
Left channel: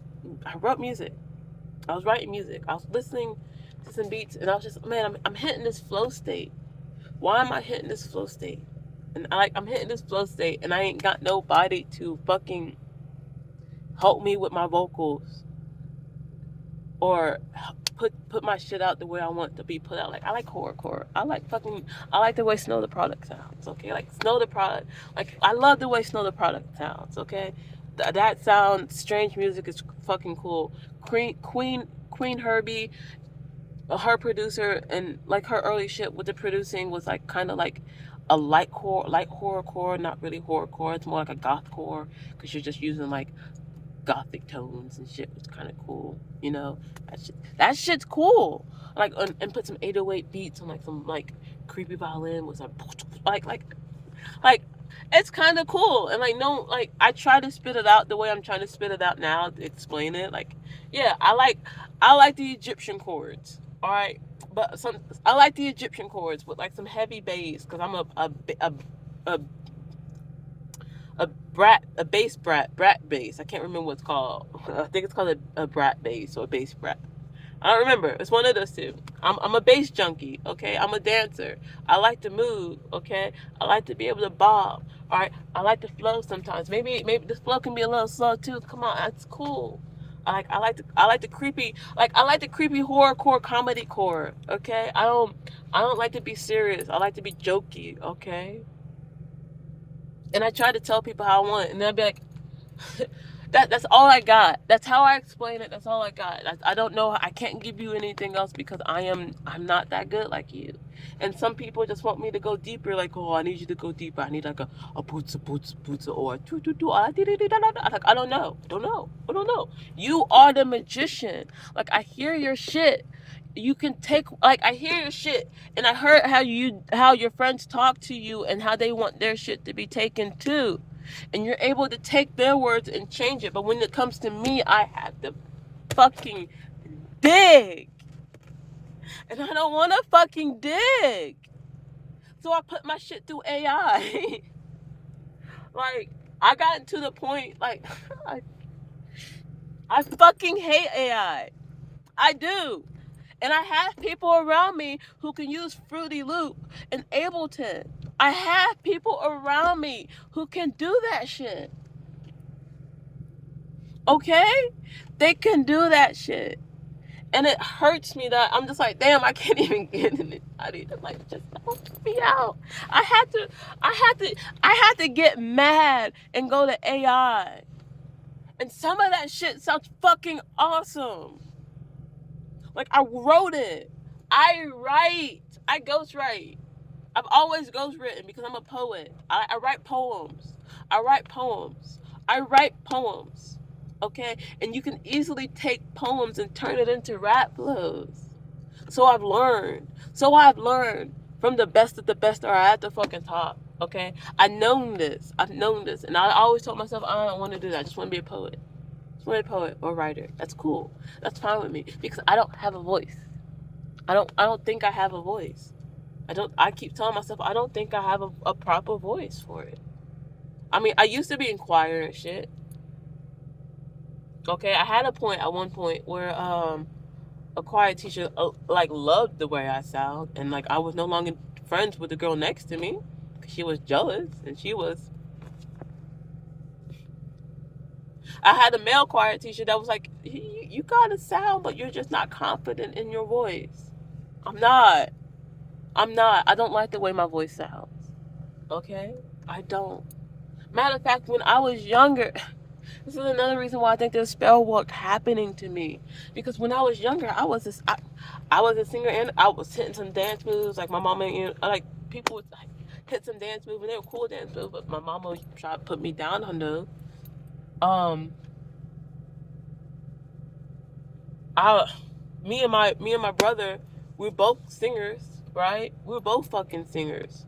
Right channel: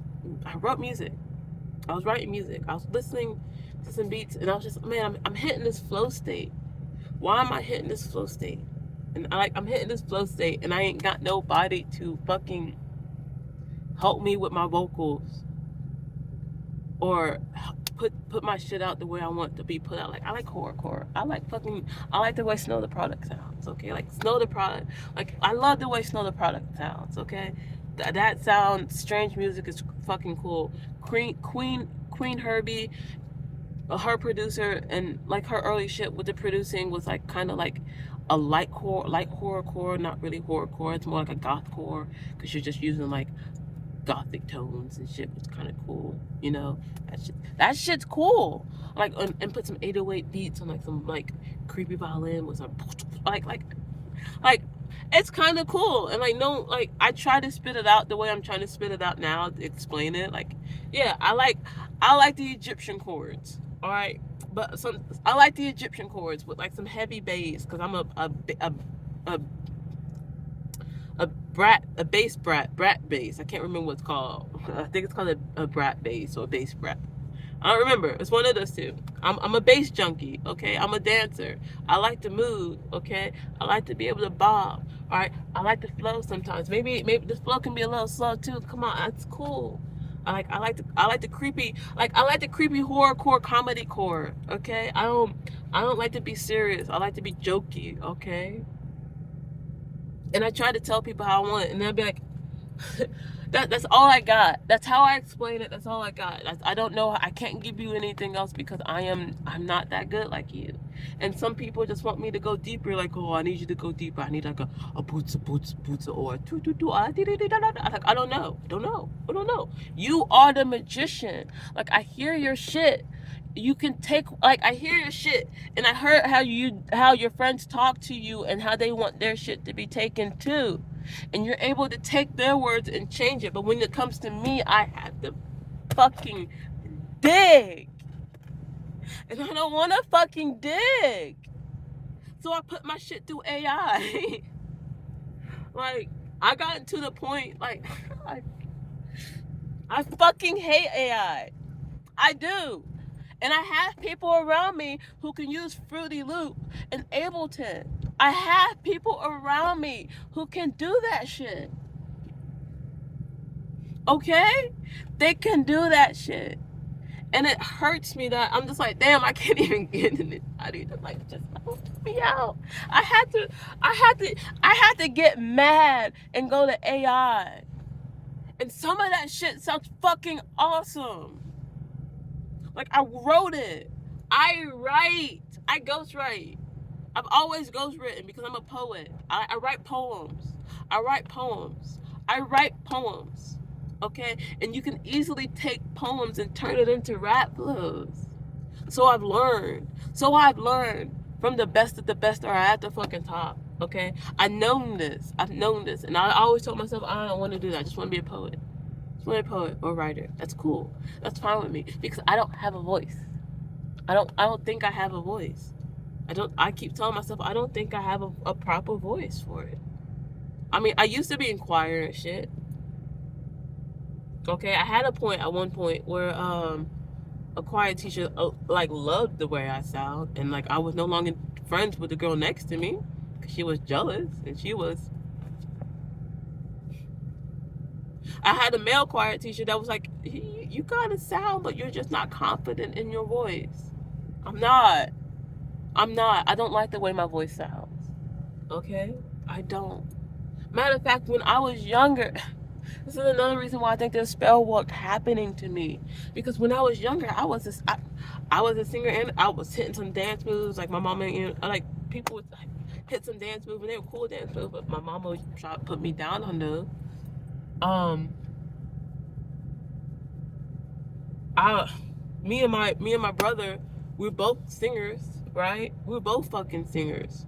music. I was writing music. I was listening to some beats, and I was just, man, I'm hitting this flow state. Why am I hitting this flow state? And I'm hitting this flow state, and I ain't got nobody to fucking help me with my vocals or put my shit out the way I want to be put out. Like I like horrorcore. I like the way Snow the Product sounds. Okay, like Snow the Product. Like I love the way Snow the Product sounds. Okay, that sound, strange music is fucking cool. Queen Herbie, her producer, and like her early shit with the producing was like kind of like a light horrorcore, not really horrorcore. It's more like a gothcore because you're just using like gothic tones and shit. Was kind of cool, you know. That shit's cool. Like and put some 808 beats on like some like creepy violin with some like it's kind of cool. And like no, like I try to spit it out the way I'm trying to spit it out now to explain it. Like yeah, I like the Egyptian chords. All right, but I like the Egyptian chords with like some heavy bass because I'm a a bass brat bass. I can't remember what it's called. I think it's called a brat bass or a bass brat. I don't remember. It's one of those two. I'm a bass junkie, okay? I'm a dancer. I like to move, okay? I like to be able to bob. All right. I like to flow sometimes. Maybe this flow can be a little slow too. Come on, that's cool. I like the creepy horrorcore comedy core, okay? I don't like to be serious. I like to be jokey, okay? And I try to tell people how I want it, and they'll be like, that's all I got. That's how I explain it. That's all I got. I don't know. I can't give you anything else because I'm not that good like you. And some people just want me to go deeper. Like, oh, I need you to go deeper. I need like a boots or like I don't know. I don't know. You are the magician. Like I hear your shit. You can take like I hear your shit, and I heard how your friends talk to you and how they want their shit to be taken too, and you're able to take their words and change it. But when it comes to me, I have to fucking dig, and I don't want to fucking dig. So I put my shit through AI. Like I got to the point like I fucking hate AI. I do. And I have people around me who can use Fruity Loop and Ableton. I have people around me who can do that shit. Okay? They can do that shit. And it hurts me that I'm just like, damn, I can't even get in it. I need to like just help me out. I had to get mad and go to AI. And some of that shit sounds fucking awesome. Like I wrote it. I ghostwrite. I've always ghostwritten because I'm a poet. I write poems. I write poems. I write poems. Okay? And you can easily take poems and turn it into rap flows. So I've learned. From the best of the best or at the fucking top. Okay? I've known this. And I always told myself, I don't want to do that. I just want to be a poet. Just want to be a poet or writer. That's cool. That's fine with me. Because I don't have a voice. I don't think I have a voice. I keep telling myself I don't think I have a proper voice for it. I mean, I used to be in choir and shit. Okay, I had at one point where a choir teacher like loved the way I sound, and like I was no longer friends with the girl next to me because she was jealous, and I had a male choir teacher that was like, you got a sound, but you're just not confident in your voice. I'm not. I don't like the way my voice sounds. Okay? I don't. Matter of fact, when I was younger, this is another reason why I think there's spell work happening to me. Because when I was younger, I was a singer and I was hitting some dance moves. Like my mama, like people would like, hit some dance moves and they were cool dance moves, but my mama tried to put me down on those. Me and my brother, we were both singers, right? We were both fucking singers.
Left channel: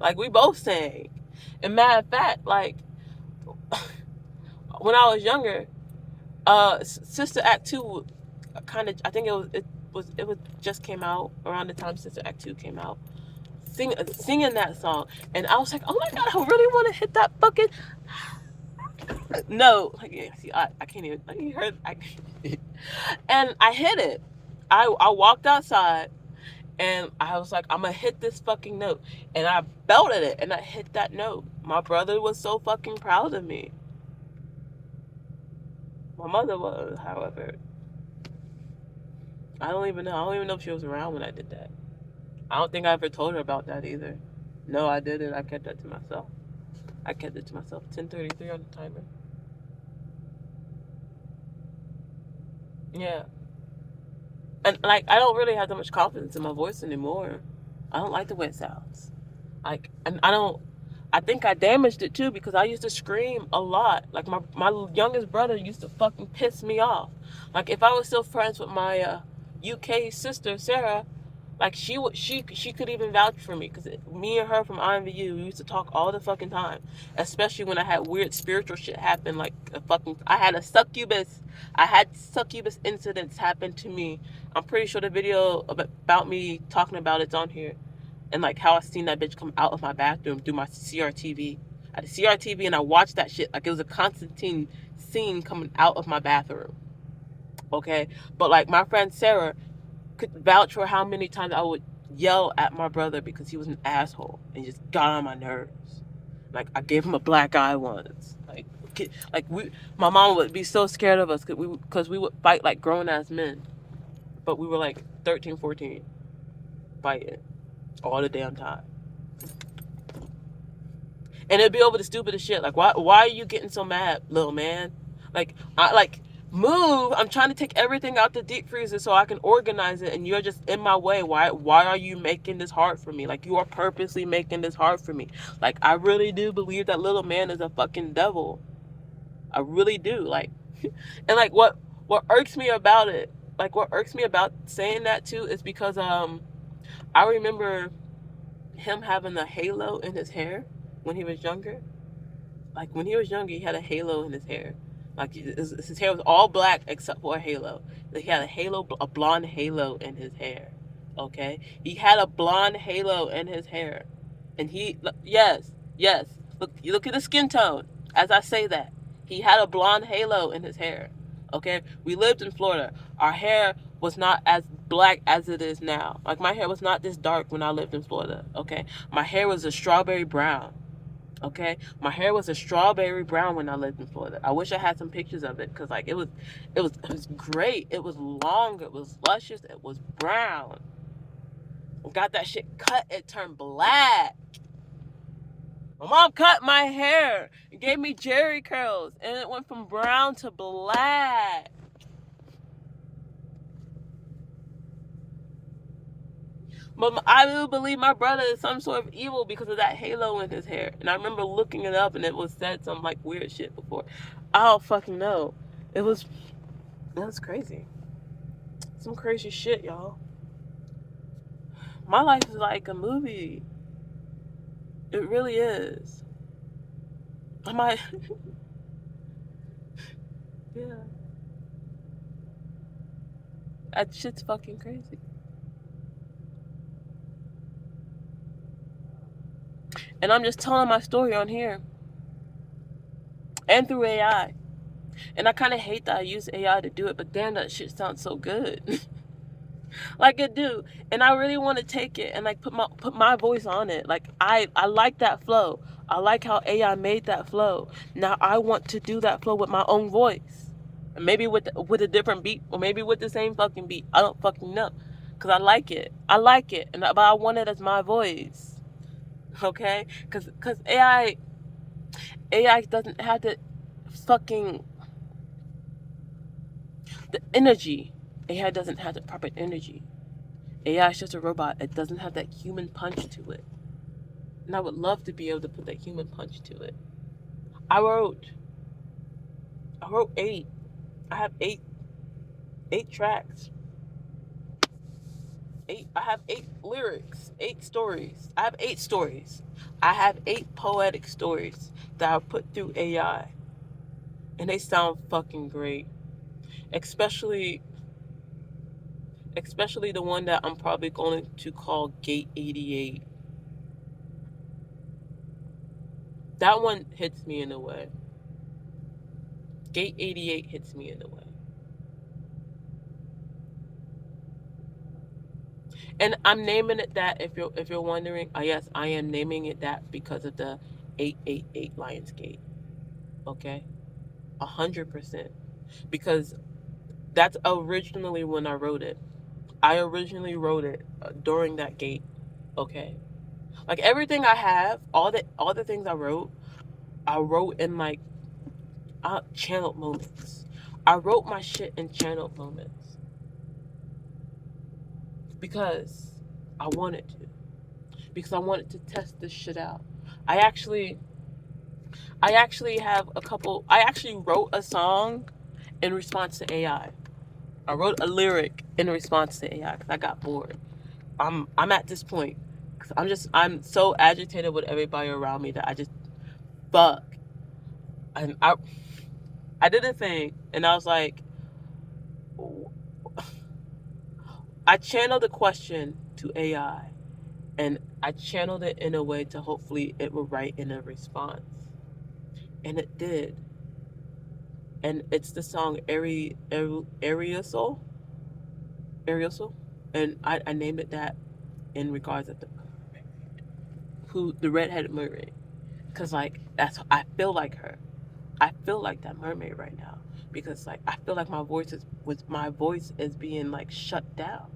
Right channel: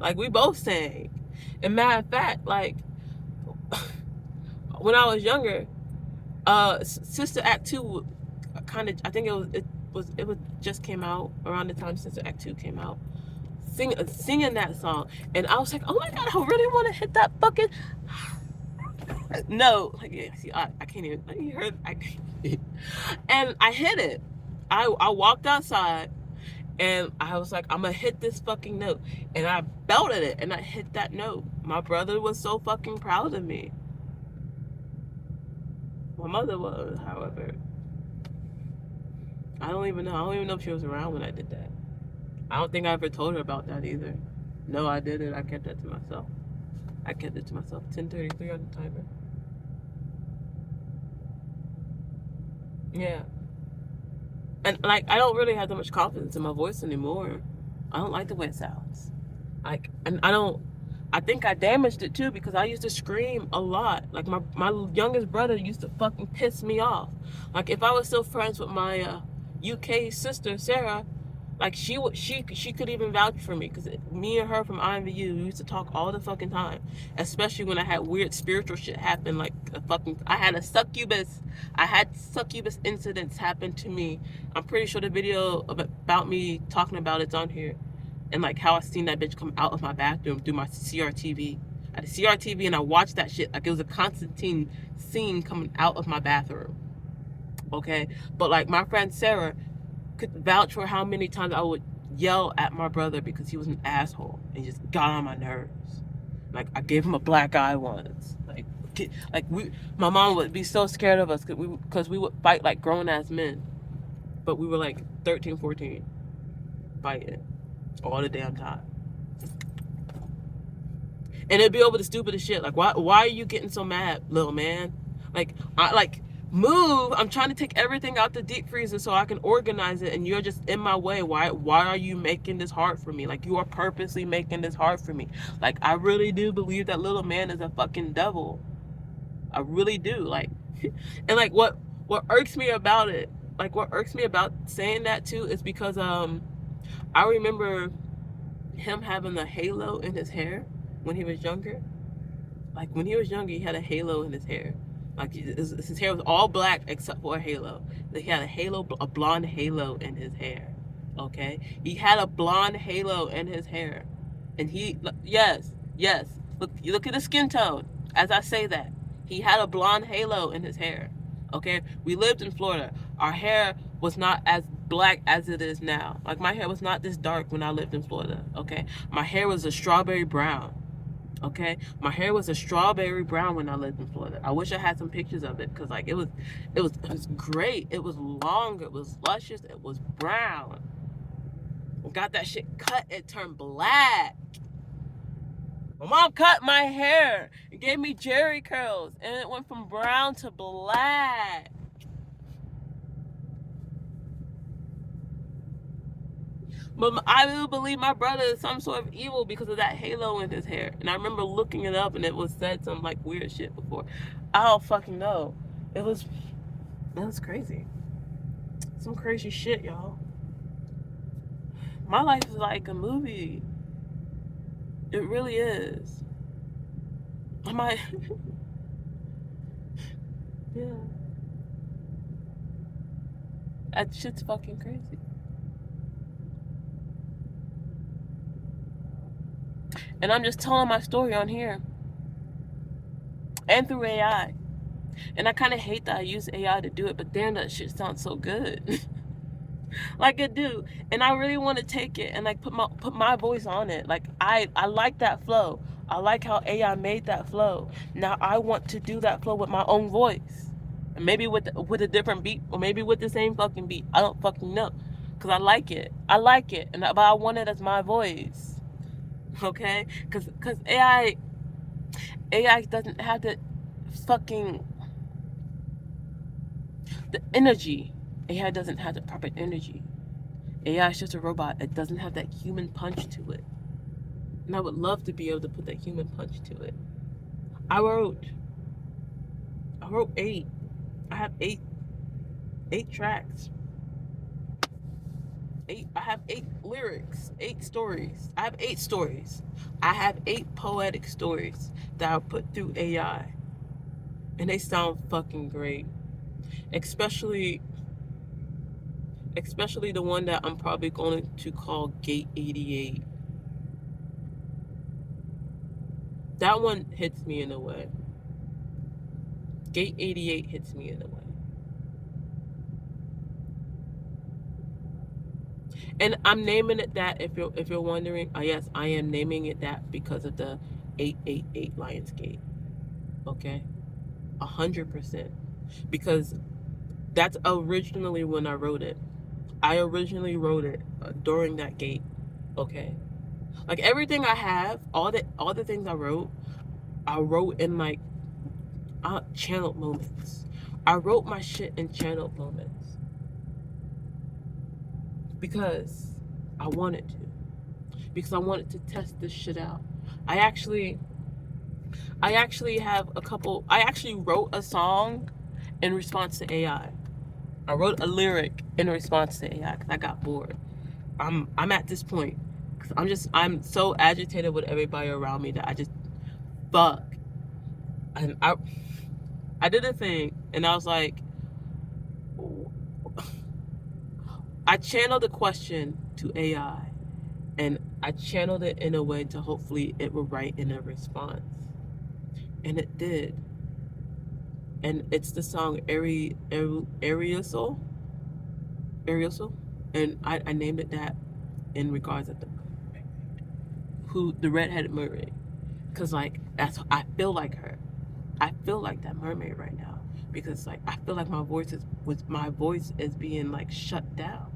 Like we both sang. And matter of fact, like when I was younger, Sister Act 2 kind of, I think it was just came out around the time Sister Act 2 came out. Singing that song, and I was like, oh my god, I really want to hit that fucking no, like yeah, see, I can't even. Like, you heard, and I hit it. I walked outside, and I was like, I'm gonna hit this fucking note, and I belted it, and I hit that note. My brother was so fucking proud of me. My mother was, however, I don't even know if she was around when I did that. I don't think I ever told her about that either. No, I didn't. I kept that to myself. 10:33 on the timer. Yeah. And like I don't really have that much confidence in my voice anymore. I don't like the way it sounds. Like, and I think I damaged it too because I used to scream a lot. Like my youngest brother used to fucking piss me off. Like if I was still friends with my UK sister Sarah, like she could even vouch for me because me and her from IMVU we used to talk all the fucking time, especially when I had weird spiritual shit happen. Like I had succubus incidents happen to me. I'm pretty sure the video about me talking about it's on here, and like how I seen that bitch come out of my bathroom through my CRTV. I had a CRTV and I watched that shit like it was a Constantine scene coming out of my bathroom. Okay, but like my friend Sarah could vouch for how many times I would yell at my brother because he was an asshole and just got on my nerves. Like I gave him a black eye once. My mom would be so scared of us because we would fight like grown ass men, but we were like 13, 14, fighting all the damn time. And it'd be over the stupidest shit. Like, why are you getting so mad, little man? I move. I'm trying to take everything out the deep freezer so I can organize it, and you're just in my way. Why are you making this hard for me? Like, you are purposely making this hard for me. Like, I really do believe that little man is a fucking devil. I really do. Like, and like what irks me about it, like what irks me about saying that too, is because I remember him having a halo in his hair when he was younger. Like when he was younger, he had a halo in his hair. Like his hair was all black except for a halo. He had a halo, a blonde halo in his hair. Okay, he had a blonde halo in his hair, and yes. Look, you look at the skin tone. As I say that, he had a blonde halo in his hair. Okay, we lived in Florida. Our hair was not as black as it is now. Like my hair was not this dark when I lived in Florida. Okay, my hair was a strawberry brown. Okay, my hair was a strawberry brown when I lived in Florida. I wish I had some pictures of it because like it was great. It was long. It was luscious. It was brown. Got that shit cut. It turned black. My mom cut my hair. It gave me jerry curls, and it went from brown to black. But I do believe my brother is some sort of evil because of that halo in his hair. And I remember looking it up, and it was said some like weird shit before. I don't fucking know. It was crazy. Some crazy shit, y'all. My life is like a movie. It really is. I might. Yeah. That shit's fucking crazy. And I'm just telling my story on here. And through AI. And I kind of hate that I use AI to do it, but damn, that shit sounds so good. Like it do. And I really want to take it and like put my voice on it. Like I like that flow. I like how AI made that flow. Now I want to do that flow with my own voice. Maybe with a different beat, or maybe with the same fucking beat. I don't fucking know. Cause I like it. I like it. But I want it as my voice. Okay? Cause AI doesn't have the fucking the energy. AI doesn't have the proper energy. AI is just a robot. It doesn't have that human punch to it. And I would love to be able to put that human punch to it. I wrote 8. I have eight tracks. I have 8 lyrics, 8 stories. I have 8 stories. I have 8 poetic stories that I put through AI. And they sound fucking great. Especially the one that I'm probably going to call Gate 88. That one hits me in a way. Gate 88 hits me in a way. And I'm naming it that if you're wondering. Yes, I am naming it that because of the 888 Lionsgate. Okay? 100%. Because that's originally when I wrote it. I originally wrote it during that gate. Okay? Like everything I have, all the things I wrote in like channeled moments. I wrote my shit in channeled moments because I wanted to. Because I wanted to test this shit out. I actually have a couple. I actually wrote a song in response to AI. I wrote a lyric in response to AI because I got bored. I'm at this point because I'm so agitated with everybody around me that I just fuck. And I did a thing and I was like, I channeled the question to AI and I channeled it in a way to hopefully it will write in a response. and it did. And it's the song Arioso, and I named it that in regards of the redheaded mermaid, because like that's I feel like her. I feel like that mermaid right now because like I feel like my voice is being like shut down,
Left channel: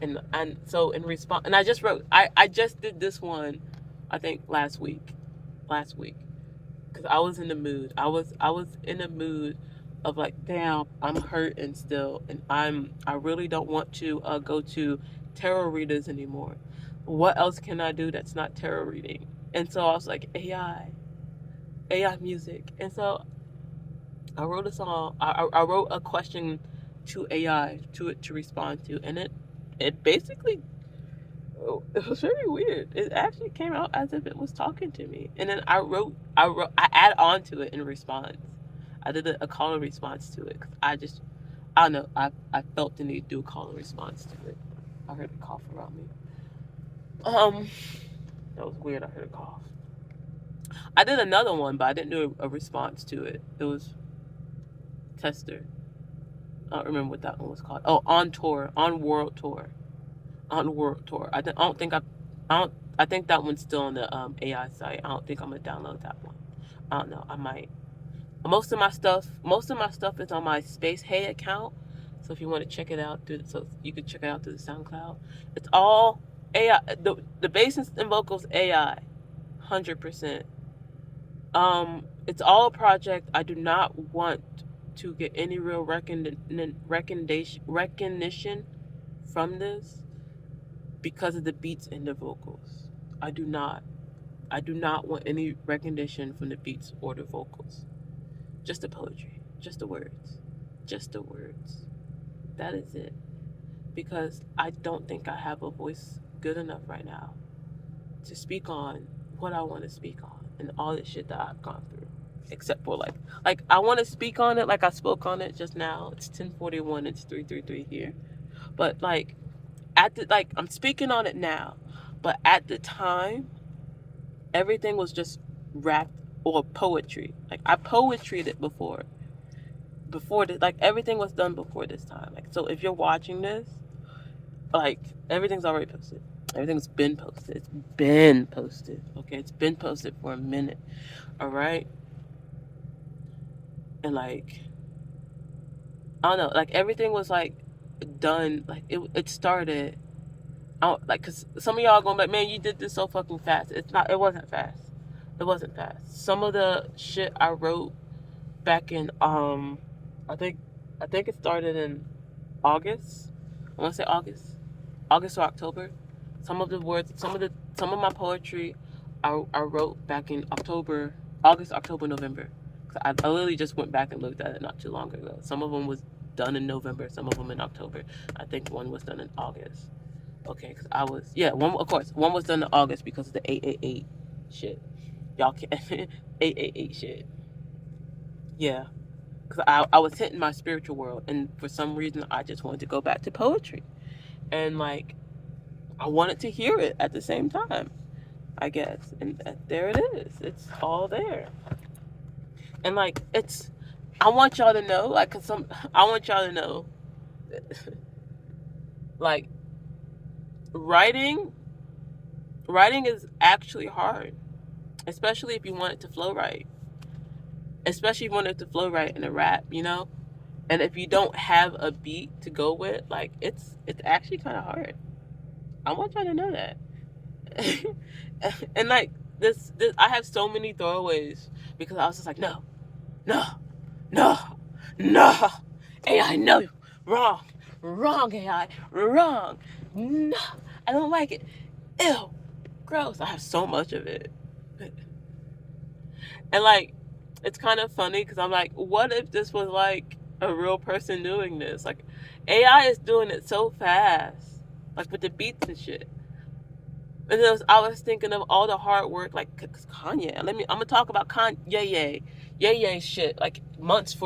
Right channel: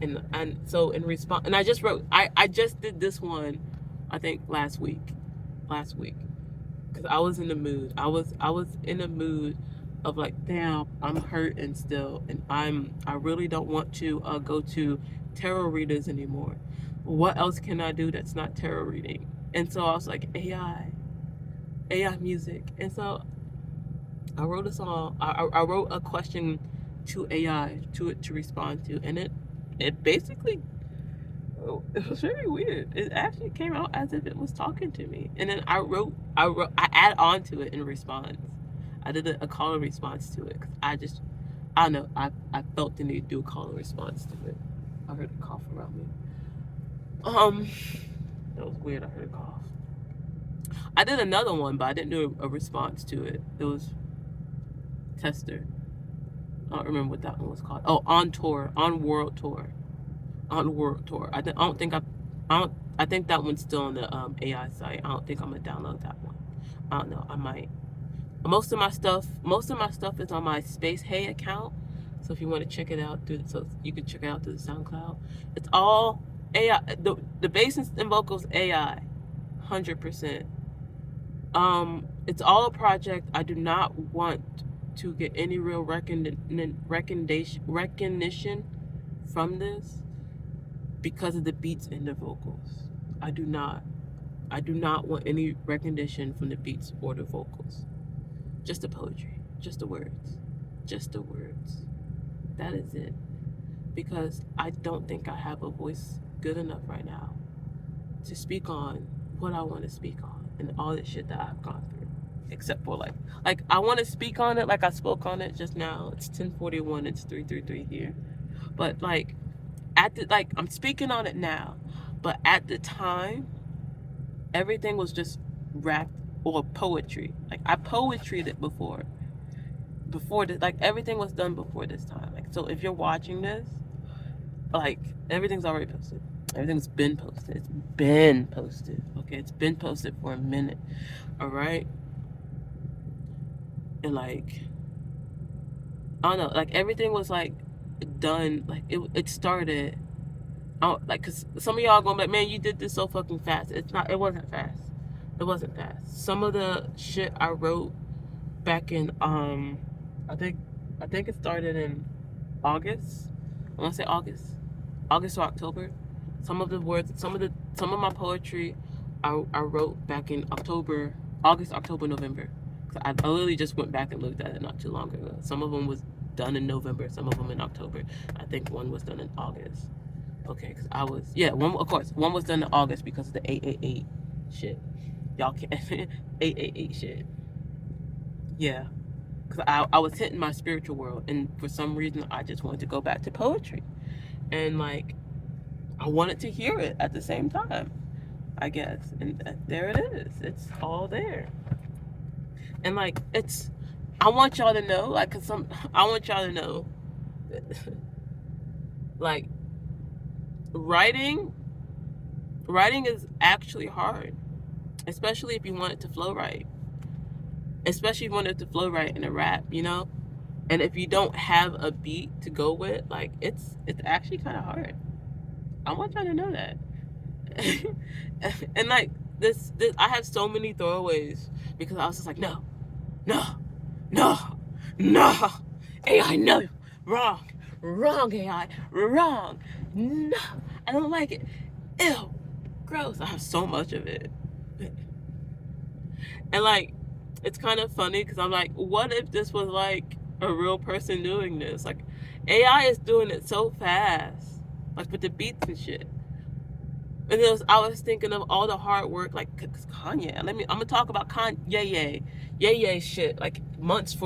and so in response, and I just did this one, I think last week because I was in the mood. I was in a mood of like, damn, I'm hurting still, and I really don't want to go to tarot readers anymore. What else can I do that's not tarot reading? And so I was like, AI music, and so I wrote a song. I wrote a question to AI to respond to, and it basically, it was very weird. It actually came out as if it was talking to me, and then I add on to it in response. I did a call and response to it because I don't know, I felt the need to do a call and response to it. I heard a cough around me. Um, that was weird. I heard a cough. I did another one, but I didn't do a response to it. It was Tester. I don't remember what that one was called. Oh, on tour, on world tour, on world tour. I don't. I think that one's still on the AI site. I don't think I'm gonna download that one. I don't know. I might. Most of my stuff is on my Space Hey account. So if you want to check it out so you can check it out through the SoundCloud. It's all AI. The bass and vocals AI, 100%. It's all a project. I do not want to get any real recognition from this because of the beats and the vocals. I do not. I do not want any recognition from the beats or the vocals. Just the poetry, just the words, just the words. That is it. Because I don't think I have a voice good enough right now to speak on what I want to speak on and all the shit that I've gone through. Except for like I want to speak on it like I spoke on it just now. It's 10:41. It's 3:33 here. But like I'm speaking on it now. But at the time, everything was just rap or poetry. Like I poetried it before this, like everything was done before this time. Like so, if you're watching this, like everything's already posted. Everything's been posted. It's been posted. Okay, it's been posted for a minute. All right, and like I don't know, like everything was like done. Like it started. I don't, like, cause some of y'all going like, man, you did this so fucking fast. It's not. It wasn't fast. It wasn't fast. Some of the shit I wrote back in I think it started in August. I want to say August or October. Some of the words, some of my poetry, I wrote back in August, October, November. I literally just went back and looked at it not too long ago. Some of them was done in November, some of them in October. I think one was done in August. Okay, cause I was one was done in August because of the 888 shit. Y'all can't 888 shit. Yeah, because I was hitting my spiritual world, and for some reason I just wanted to go back to poetry, and like I wanted to hear it at the same time, I guess, and there it is. It's all there, and like I want y'all to know, like, I want y'all to know, like writing is actually hard, especially if you want it to flow right. Especially if you want it to flow right in a rap, you know? And if you don't have a beat to go with, like it's actually kind of hard. I want y'all to know that. And like this, I have so many throwaways because I was just like, no, no, no, no, AI, no, wrong, AI, wrong, no, I don't like it. Ew, gross. I have so much of it, and like it's kind of funny because I'm like, what if this was like a real person doing this? Like AI is doing it so fast, like with the beats and shit. And I was thinking of all the hard work, like Kanye. I'm gonna talk about Ye shit, like months,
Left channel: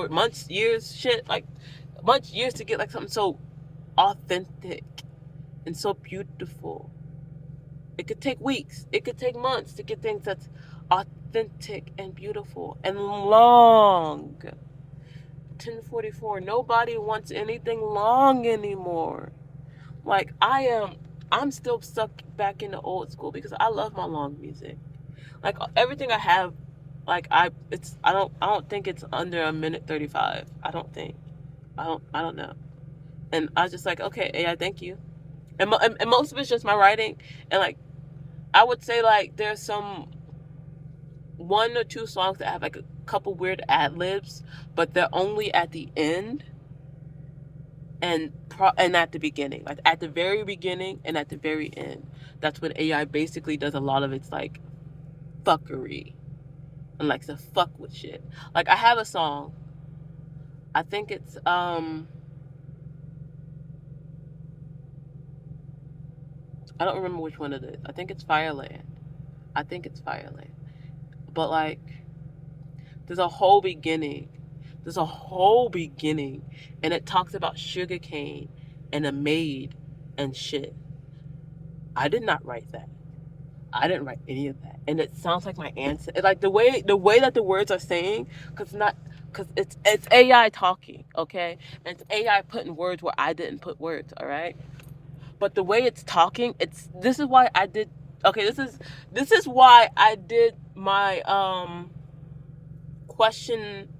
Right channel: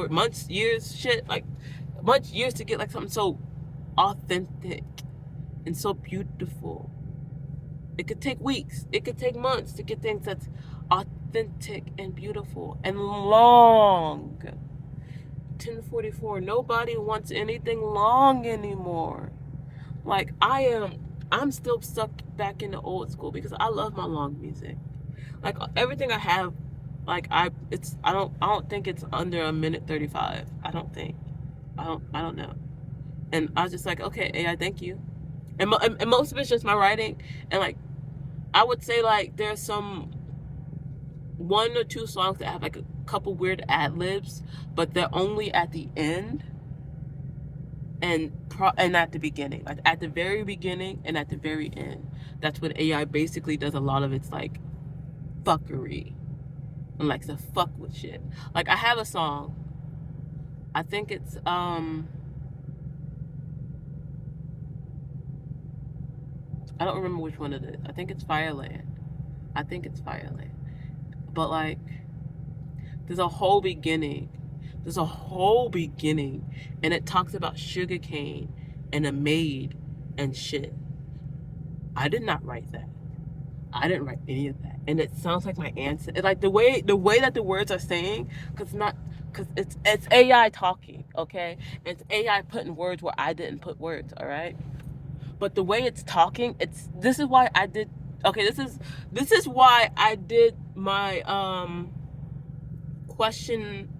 years shit, like years to get like something so authentic and so beautiful. It could take weeks, it could take months to get things that's authentic and beautiful and long. 1044. Nobody wants anything long anymore. Like I'm still stuck back in the old school because I love my long music. Like everything I have, like I don't think it's under a minute 35. I don't think. I don't know. And I was just like, okay, AI, thank you. And most of it's just my writing. And like I would say like there's some one or two songs that have like a couple weird ad libs, but they're only at the end and at the beginning, like at the very beginning and at the very end. That's when AI basically does a lot of its like fuckery and likes to fuck with shit. Like I have a song. I think it's I don't remember which one it is. I think it's Fireland. I think it's Fireland. But like there's a whole beginning. There's a whole beginning and it talks about sugarcane and a maid and shit. I did not write that. I didn't write any of that, and it sounds like my ancestor. Like the way that the words are saying, because it's AI talking, okay, and it's AI putting words where I didn't put words, all right. But the way it's talking, this is why I did. Okay, this is why I did my question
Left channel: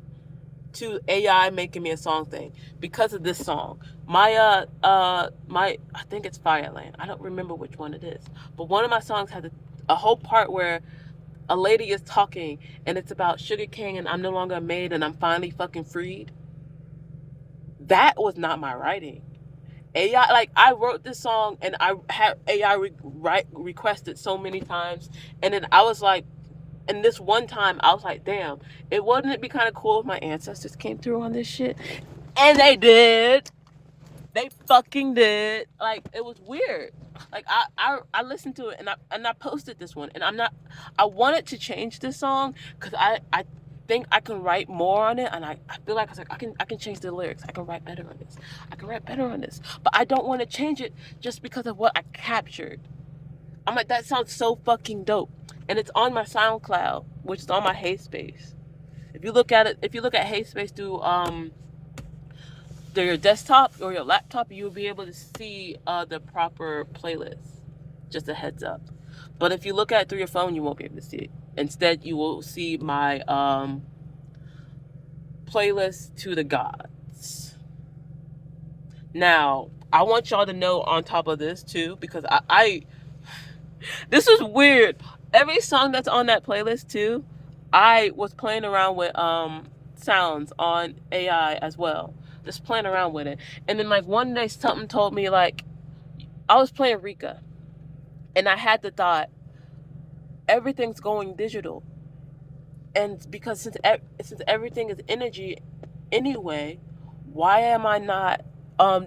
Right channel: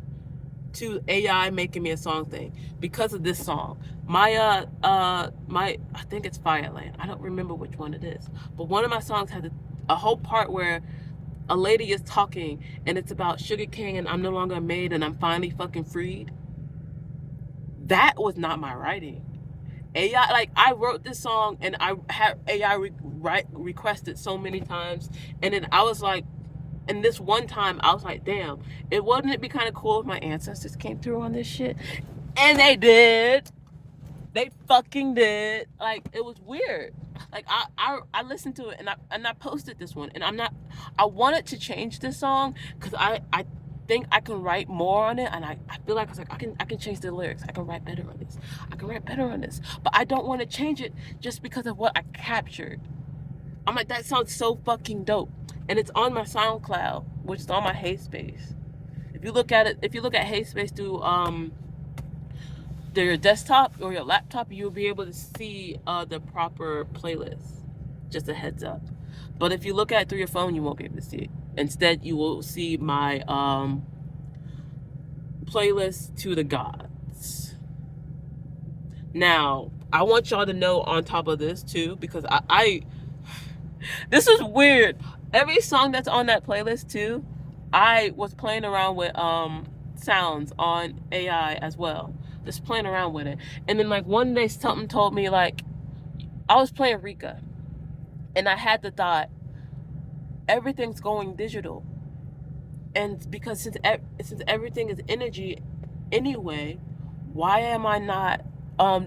to AI making me a song thing because of this song. My I think it's Fireland. I don't remember which one it is, but one of my songs has a whole part where a lady is talking and it's about sugar cane and I'm no longer a maid and I'm finally fucking freed. That was not my writing. AI, like I wrote this song and I had AI requested so many times, and then I was like, and this one time I was like, damn, wouldn't it be kind of cool if my ancestors came through on this shit? And they did. They fucking did. Like it was weird. Like I listened to it and I posted this one and I wanted to change this song because I think I can write more on it and I feel like I can change the lyrics. I can write better on this. I can write better on this. But I don't want to change it just because of what I captured. I'm like, that sounds so fucking dope. And it's on my SoundCloud, which is on my HeySpace. If you look at it, if you look at HeySpace through your desktop or your laptop, you'll be able to see the proper playlist. Just a heads up. But if you look at it through your phone, you won't be able to see it. Instead, you will see my playlist to the gods. Now, I want y'all to know on top of this too, because I this is weird. Every song that's on that playlist too, I was playing around with sounds on AI as well. Just playing around with it. And then like one day something told me like I was playing Rika and I had the thought everything's going digital. And because since everything is energy anyway, why am I not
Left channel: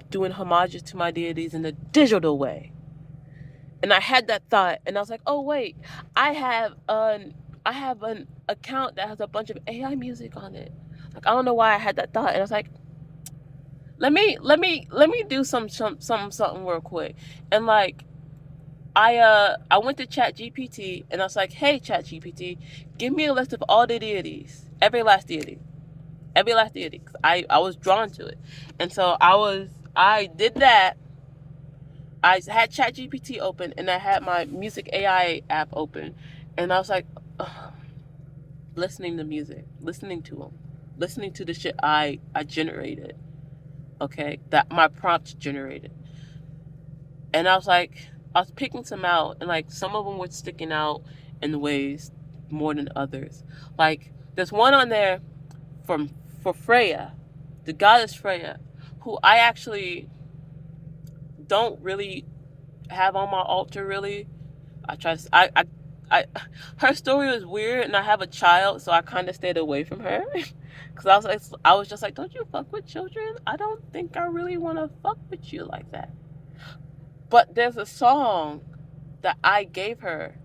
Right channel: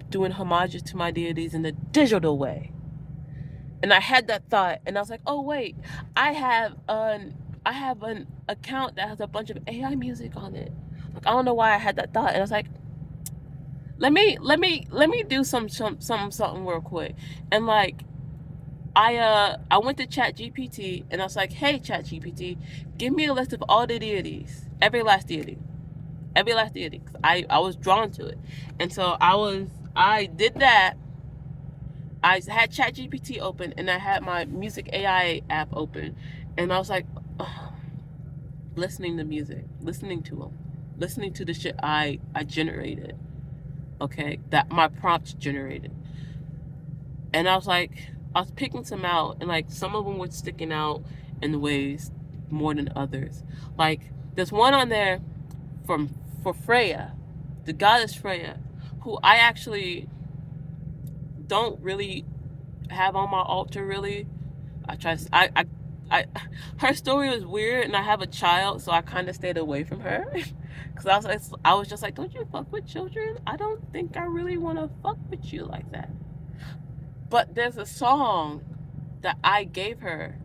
doing homages to my deities in the digital way? And I had that thought, and I was like, "Oh wait, I have an account that has a bunch of AI music on it." Like I don't know why I had that thought, and I was like, let me do something real quick, and like I went to Chat GPT, and I was like, "Hey Chat GPT, give me a list of all the deities, every last deity, every last deity." 'Cause I was drawn to it, and so I did that. I had ChatGPT open and I had my music AI app open, and I was like, ugh, listening to music, listening to them, listening to the shit I generated, okay, that my prompts generated, and I was picking some out, and like some of them were sticking out in ways more than others. Like there's one on there from for Freya, the goddess Freya, who I actually don't really have on my altar really. I try to, I, her story was weird, and I have a child, so I kind of stayed away from her, because I was just like, don't you fuck with children? I don't think I really want to fuck with you like that. But there's a song that I gave her,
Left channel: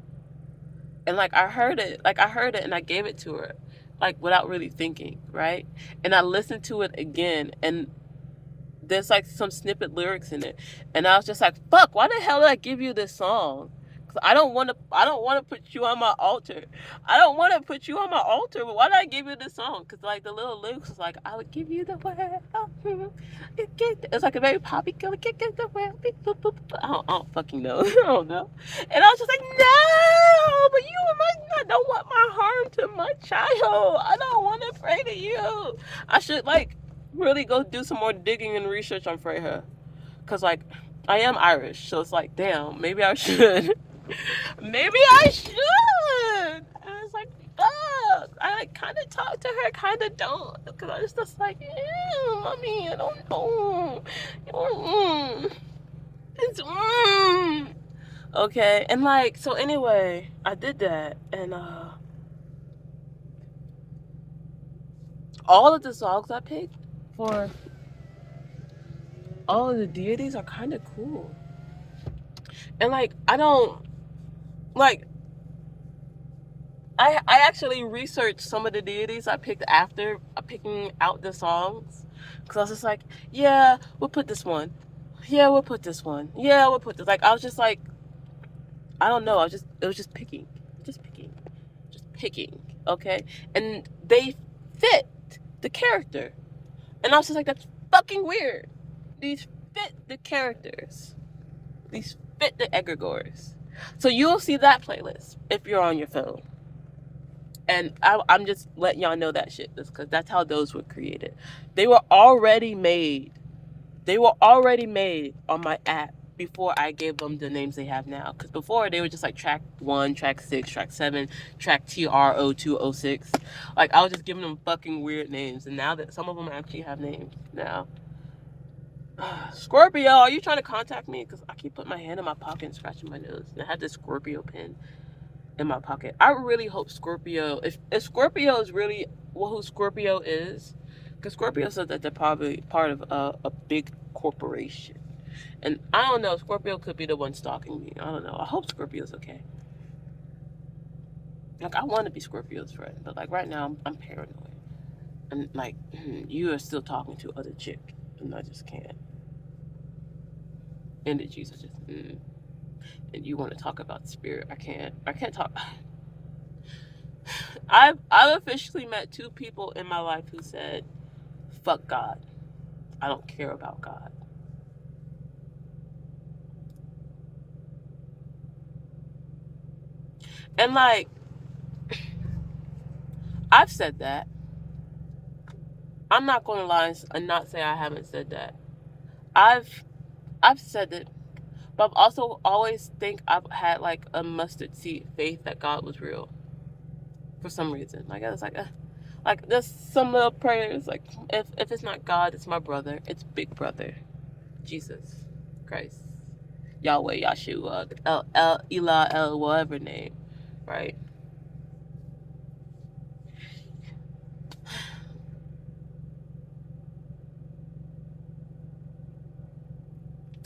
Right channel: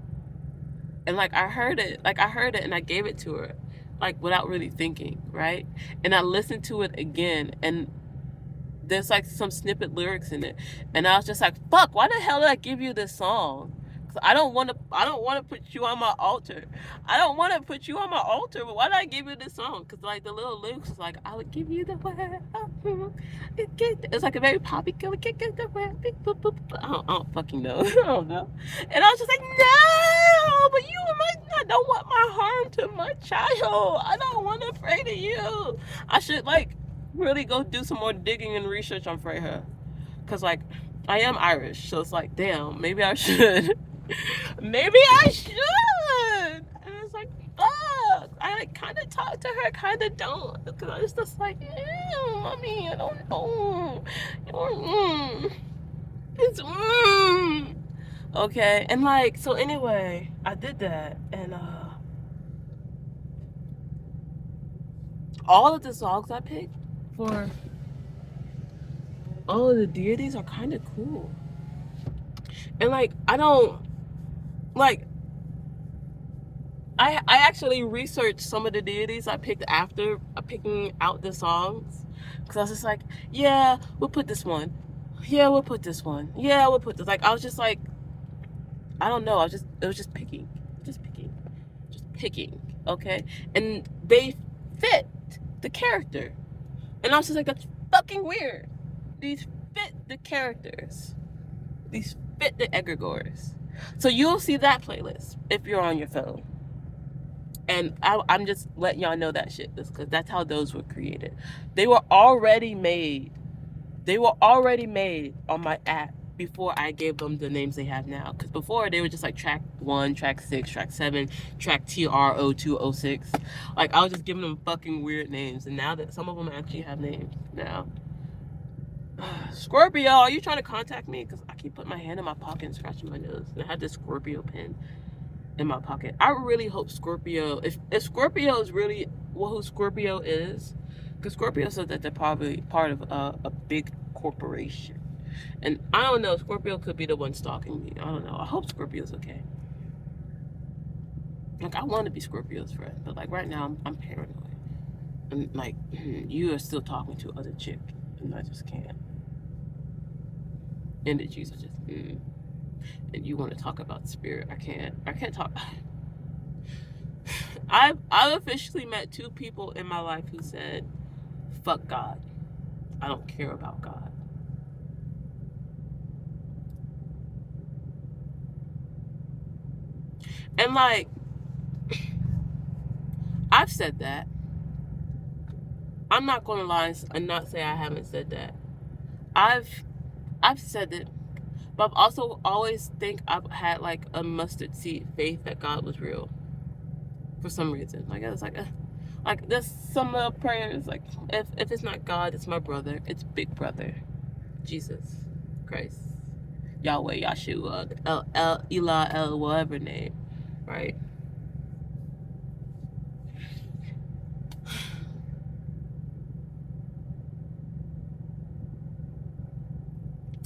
and like I heard it, and I gave it to her, like without really thinking, right? And I listened to it again, and there's like some snippet lyrics in it, and I was just like, fuck, why the hell did I give you this song? I don't want to. I don't want to put you on my altar. I don't want to put you on my altar. But why did I give you this song? Because like the little lyrics was like, "I would give you the world." It's like a very poppy. Get the world. I don't fucking know. I don't know. And I was just like, no, but you I don't want my harm to my child. I don't want to pray to you. I should like really go do some more digging and research on Freya. Because like I am Irish, so it's like, damn, maybe I should. Maybe I should. And it's like, fuck. I like kind of talk to her, kind of don't. Because I was just like, mommy, I don't know. It's okay. And like, so anyway, I did that, and all of the songs I picked for all of the deities are kind of cool. And like, I don't like. I actually researched some of the deities I picked after picking out the songs, because I was just like, yeah, we'll put this one. Yeah, we'll put this one. Yeah, we'll put this. Like, I was just like, I don't know. It was just picking, just picking. Okay, and they fit the character, and I was just like, that's fucking weird. These fit the characters. These fit the egregores. So you'll see that playlist if you're on your phone. And I'm just letting y'all know that shit, because that's how those were created. They were already made. They were already made on my app before I gave them the names they have now. Because before, they were just like track 1, track 6, track 7, track TR0206. Like, I was just giving them fucking weird names. And now that some of them actually have names now. Scorpio, are you trying to contact me? Because I keep putting my hand in my pocket and scratching my nose. And I had this Scorpio pen in my pocket. I really hope Scorpio, if Scorpio is really who Scorpio is, because Scorpio says that they're probably part of a big corporation. And I don't know, Scorpio could be the one stalking me. I don't know. I hope Scorpio's okay. Like, I want to be Scorpio's friend, but like right now I'm paranoid. And like, you are still talking to other chick, and I just can't. Energies are just, and you want to talk about spirit. I can't talk. I've officially met 2 people in my life who said, fuck God. I don't care about God. And like, I've said that. I'm not going to lie and not say I haven't said that. I've said it, but I've also always think I've had like a mustard seed faith that God was real. For some reason. Like, I was like there's some little prayers, like, if it's not God, it's my brother. It's Big Brother. Jesus Christ. Yahweh, Yahshua, El, whatever name. Right?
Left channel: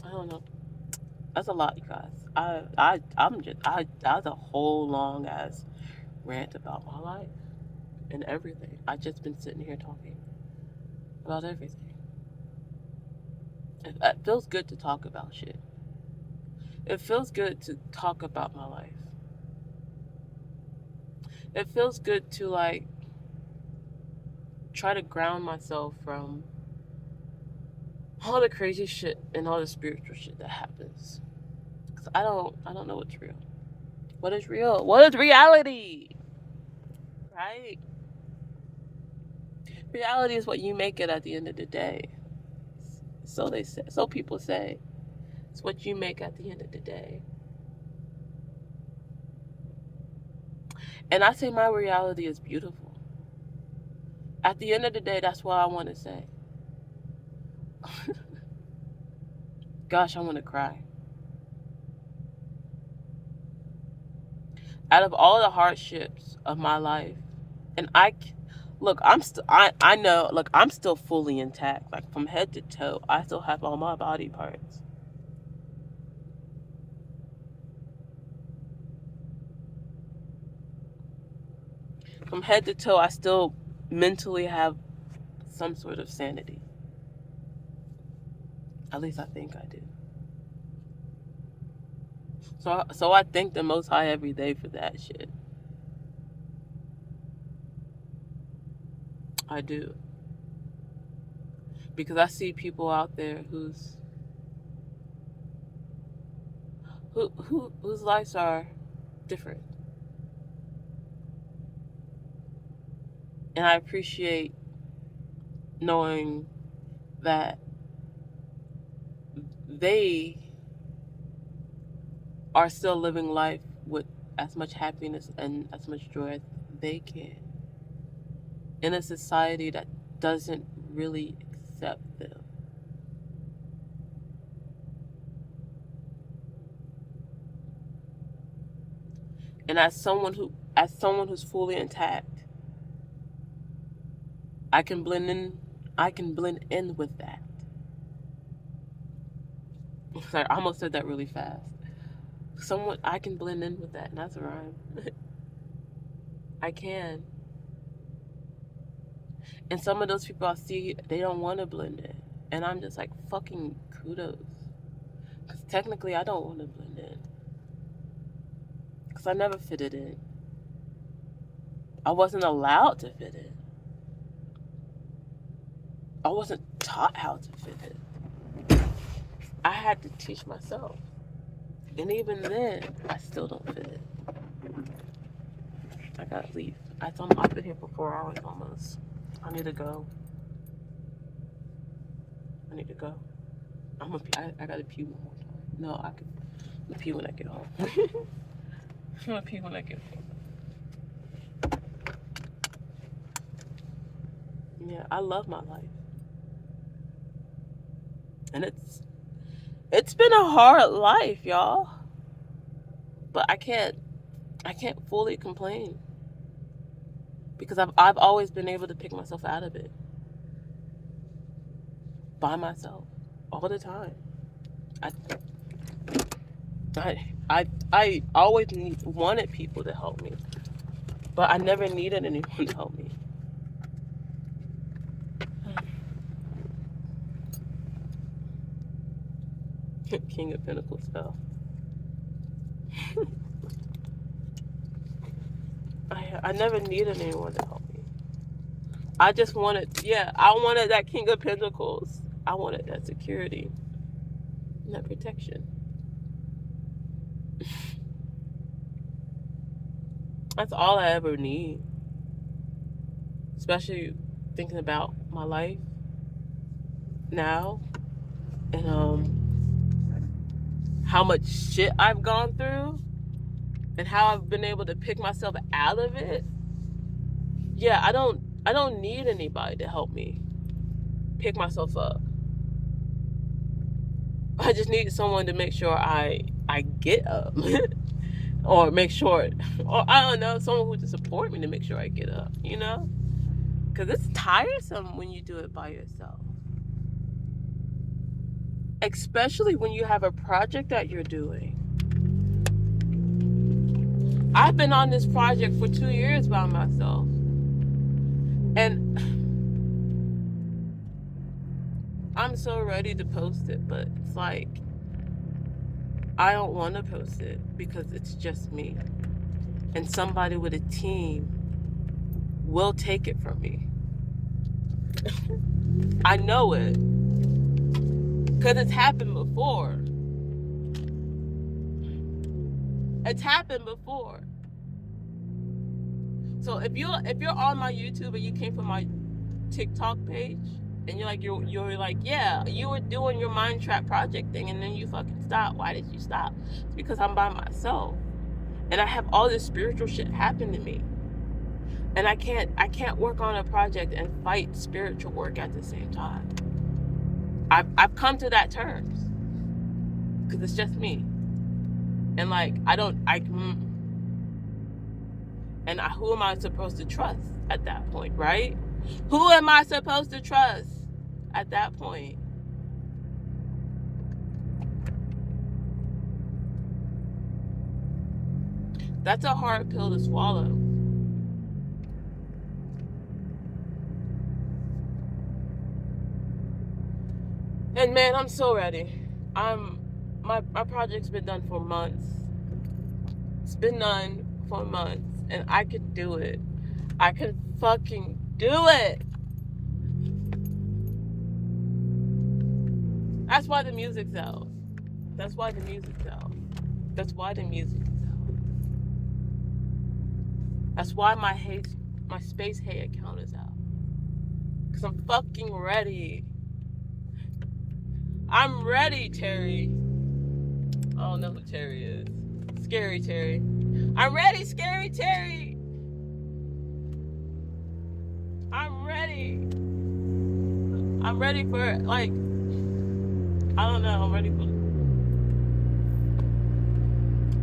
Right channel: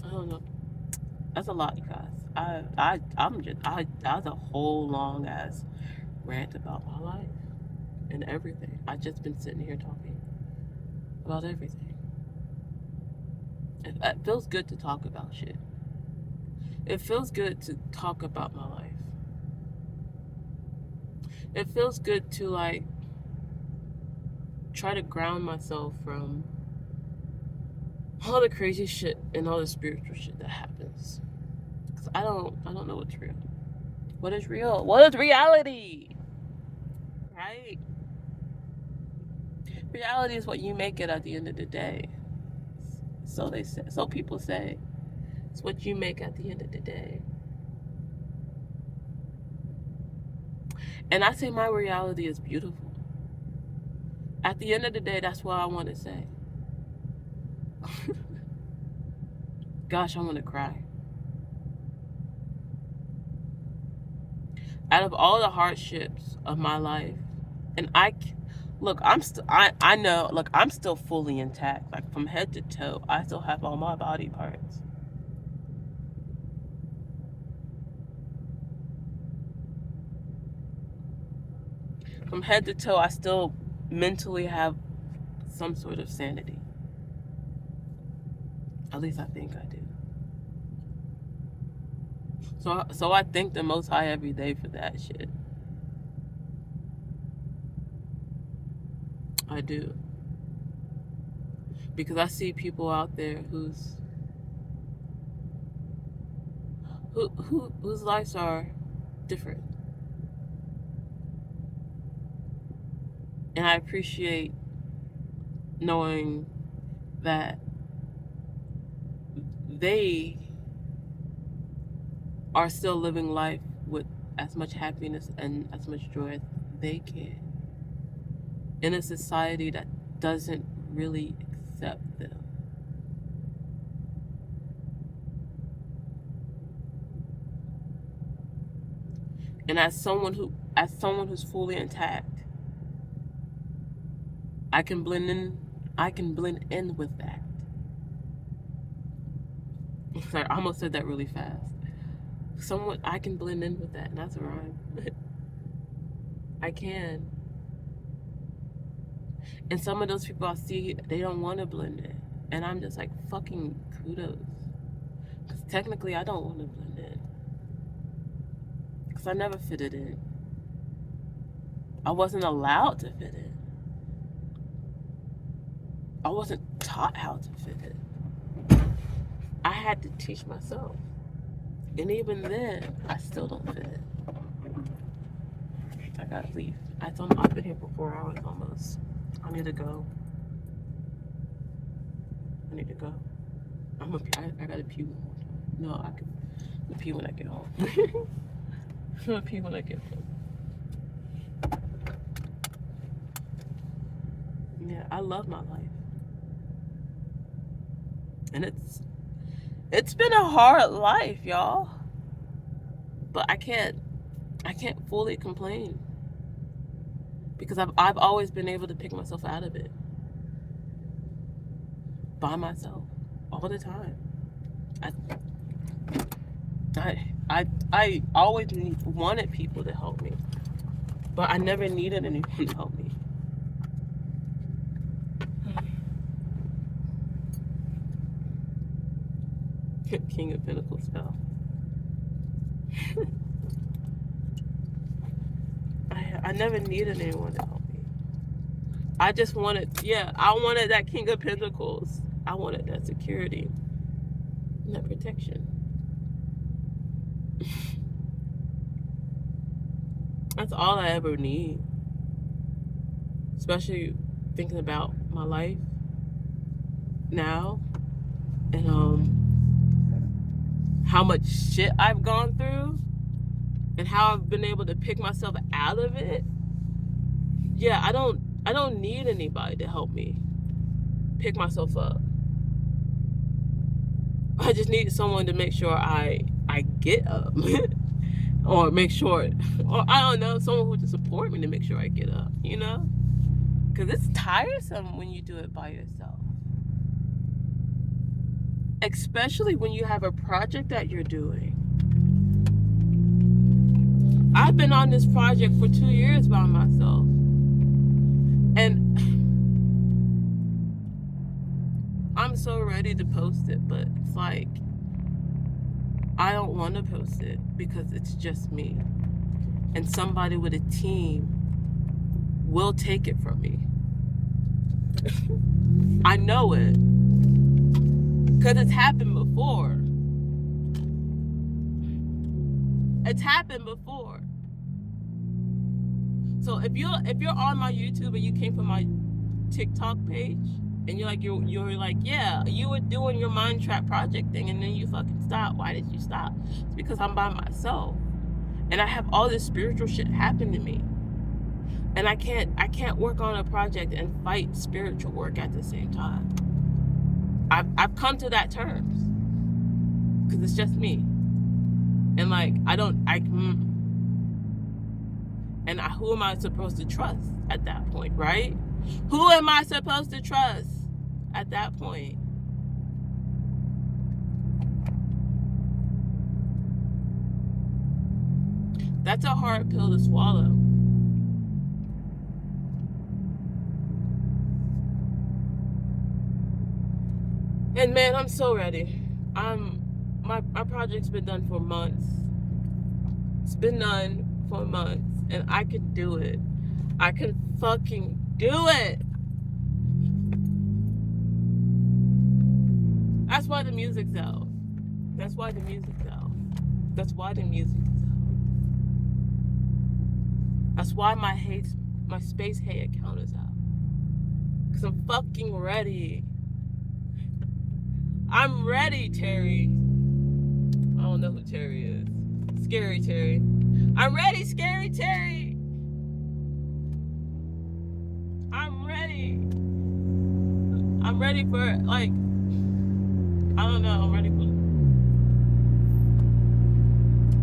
I don't know. That's a lot, you guys. That's a whole long ass rant about my life and everything. I've just been sitting here talking about everything. It feels good to talk about shit. It feels good to talk about my life. It feels good to like try to ground myself from all the crazy shit and all the spiritual shit that happens. Cause I don't know what's real. What is real? What is reality? Right? Reality is what you make it at the end of the day. So they say. So people say. It's what you make at the end of the day. And I say my reality is beautiful. At the end of the day, that's what I want to say. Gosh, I want to cry. Out of all the hardships of my life, and I know, look, I'm still fully intact, like from head to toe. I still have all my body parts. From head to toe, I still mentally have some sort of sanity. At least I think I do. So I thank the Most High every day for that shit. I do. Because I see people out there whose lives are different. And I appreciate knowing that they are still living life with as much happiness and as much joy as they can in a society that doesn't really accept them. And as someone who's fully intact, I can blend in with that. Sorry, I almost said that really fast. I can blend in with that, and that's a rhyme. I can. And some of those people I see, they don't want to blend in. And I'm just like, fucking kudos. Because technically, I don't want to blend in. Because I never fitted in. I wasn't allowed to fit in. I wasn't taught how to fit in. I had to teach myself. And even then, I still don't fit in. I gotta leave. I've been here for 4 hours almost. I need to go. I gotta pee one more time. No, I can pee when I get home. I'm gonna pee when I get home. Yeah, I love my life. And it's been a hard life, y'all. But I can't fully complain. Because I've always been able to pick myself out of it. By myself. All the time. I always wanted people to help me. But I never needed anyone to help me. King of Pentacles fell. I never needed anyone to help me. I just wanted, I wanted that King of Pentacles. I wanted that security and that protection. That's all I ever need. Especially thinking about my life now and how much shit I've gone through and how I've been able to pick myself out of it. Yeah, I don't need anybody to help me pick myself up. I just need someone to make sure I get up. Or make sure, or I don't know, someone who to support me to make sure I get up, you know? Because it's tiresome when you do it by yourself. Especially when you have a project that you're doing. I've been on this project for 2 years by myself. And I'm so ready to post it, but it's like, I don't want to post it because it's just me. And somebody with a team will take it from me. I know it. Because it's happened before. It's happened before. So if you're on my YouTube and you came from my TikTok page and you're like, yeah, you were doing your mind trap project thing and then you fucking stopped. Why did you stop? It's because I'm by myself. And I have all this spiritual shit happen to me. And I can't work on a project and fight spiritual work at the same time. I've come to that terms. Because it's just me. And like, who am I supposed to trust at that point, right? Who am I supposed to trust at that point? That's a hard pill to swallow. And man, I'm so ready. My project's been done for months. It's been none for months, and I can do it. I can fucking do it. That's why the music's out. That's why the music's out. That's why the music's out. That's why my Space Hate account is out. Cause I'm fucking ready. I'm ready, Terry. I don't know who Terry is. Scary Terry. I'm ready, Scary Terry. I'm ready. I'm ready for, like, I don't know. I'm ready for.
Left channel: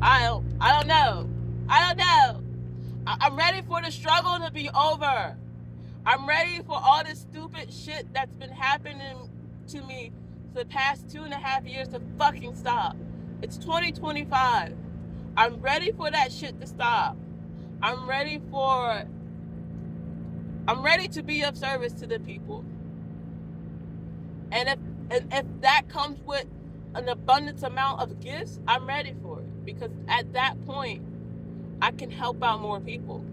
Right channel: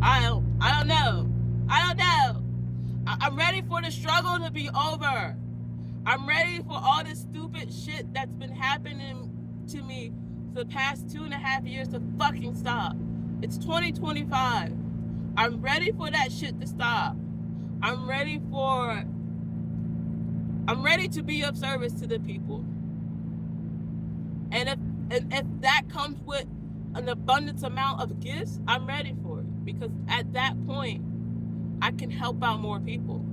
I don't know. I don't know. I'm ready for the struggle to be over. I'm ready for all this stupid shit that's been happening to me for the past 2.5 years to fucking stop. It's 2025. I'm ready for that shit to stop. I'm ready to be of service to the people. And if that comes with an abundance amount of gifts, I'm ready for it. Because at that point, I can help out more people.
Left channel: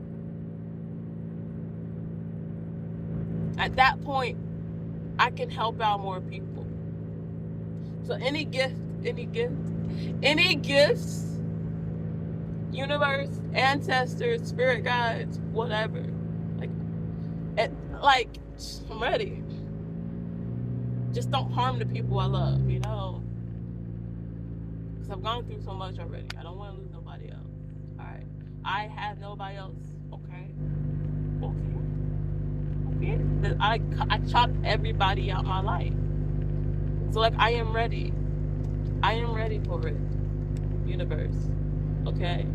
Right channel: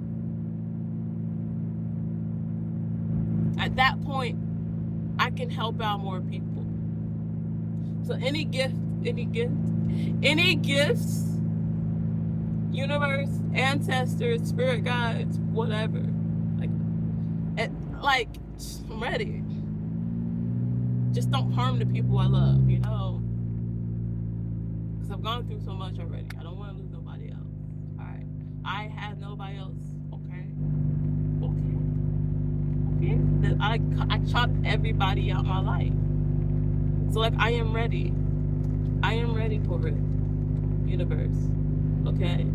At that point, I can help out more people. So any gifts, universe, ancestors, spirit guides, whatever. I'm ready. Just don't harm the people I love, you know? Because I've gone through so much already. I don't want to lose nobody else. All right. I have nobody else. Okay. I chopped everybody out my life. So, like, I am ready. I am ready for it, universe. Okay?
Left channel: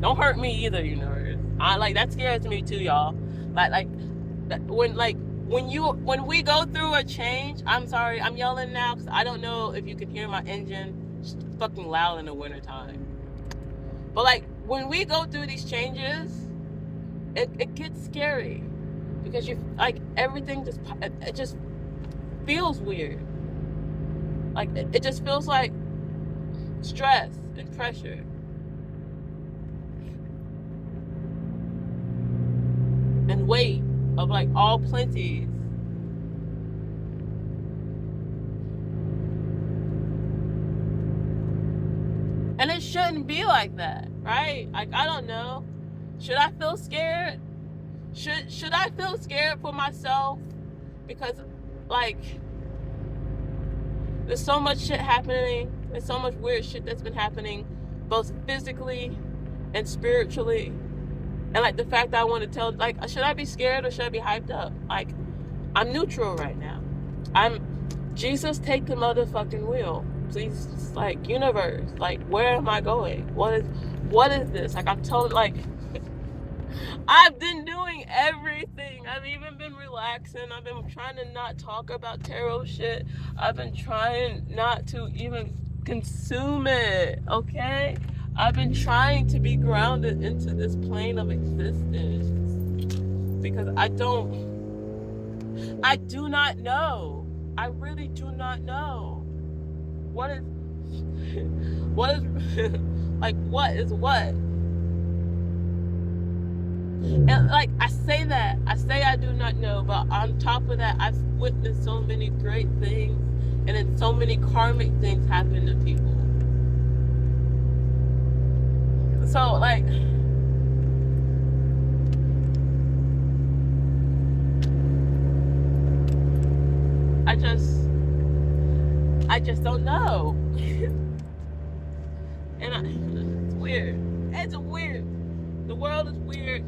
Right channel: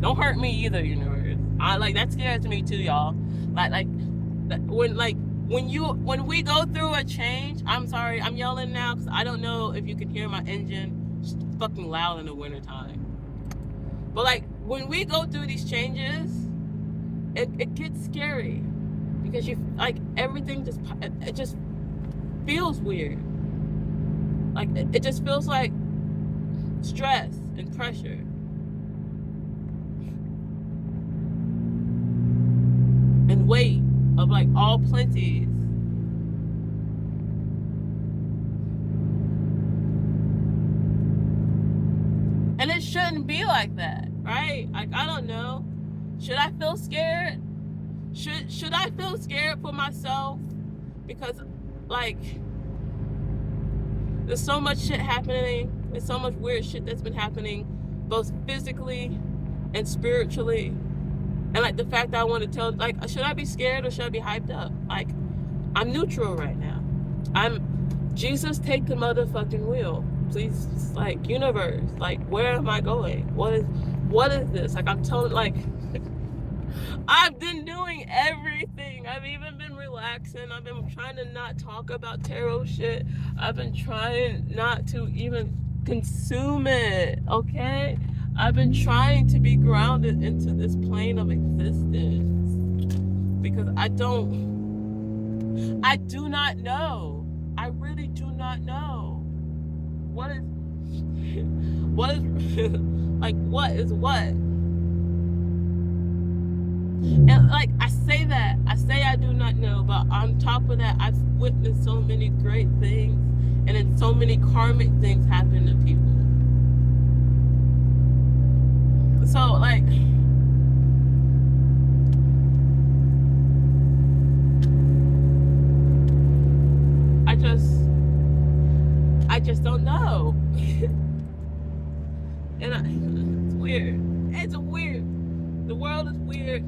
Don't hurt me either, universe. That scares me too, y'all. When we go through a change, I'm sorry, I'm yelling now because I don't know if you can hear my engine. It's fucking loud in the wintertime. But like when we go through these changes, it gets scary because you like everything just feels weird. Like it just feels like stress and pressure. And weight of like all plenties. And it shouldn't be like that, right? Like I don't know. Should I feel scared? Should I feel scared for myself? Because like there's so much shit happening. There's so much weird shit that's been happening, both physically and spiritually. And like the fact that I want to tell, like, should I be scared or should I be hyped up? Like, I'm neutral right now. Jesus, take the motherfucking wheel. Please, like, universe, like, where am I going? What is this? Like, I'm telling, like, I've been doing everything. I've even been relaxing. I've been trying to not talk about tarot shit. I've been trying not to even consume it, okay? I've been trying to be grounded into this plane of existence because I do not know. I really do not know. What is like what is what? And like I say I do not know, but on top of that, I've witnessed so many great things and then so many karmic things happen to people. So like I just don't know. And it's weird. It's weird. The world is weird.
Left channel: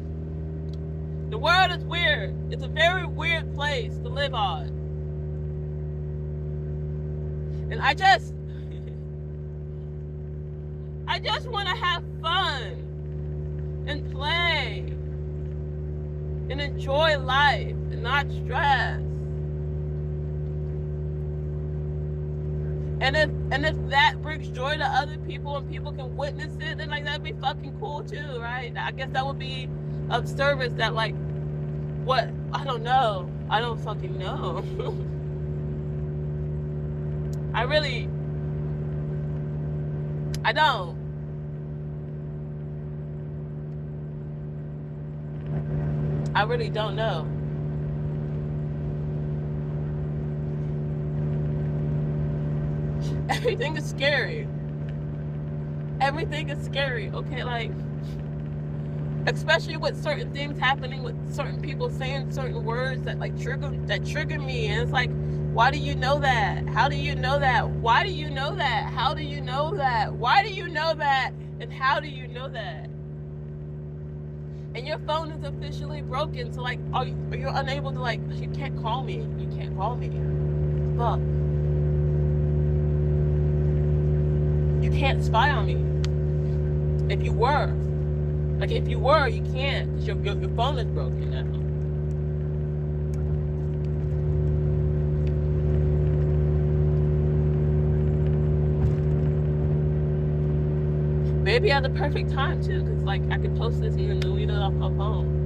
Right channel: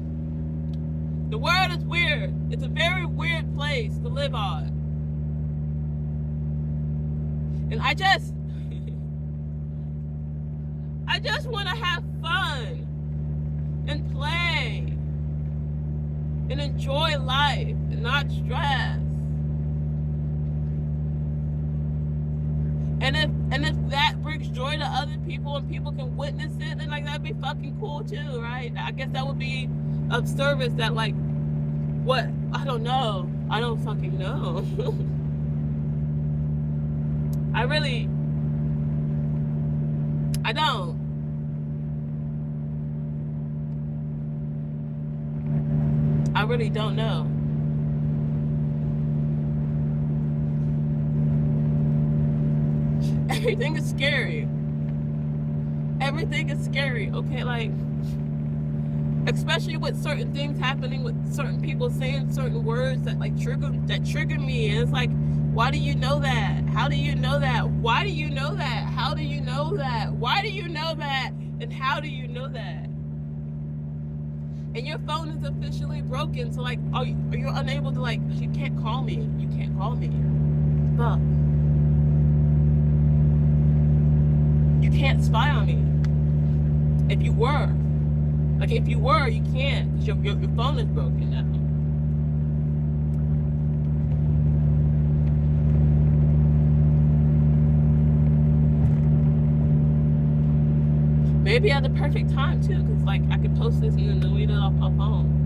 The world is weird. It's a very weird place to live on. And I just want to have fun and play and enjoy life and not stress. And if that brings joy to other people and people can witness it, then like that'd be fucking cool too, right? I guess that would be of service. That like what? I don't know. I don't fucking know. I I don't. I really don't know. Everything is scary. Everything is scary. Okay, like especially with certain things happening, with certain people saying certain words that like trigger me, and it's like, why do you know that? How do you know that? Why do you know that? How do you know that? Why do you know that? And how do you know that? And your phone is officially broken, so like, you're unable to, like, you can't call me. You can't call me. Fuck. You can't spy on me. If you were. Like, if you were, you can't, because your phone is broken now. Maybe at the perfect time, too, because, like, I could post this and then delete it off my phone.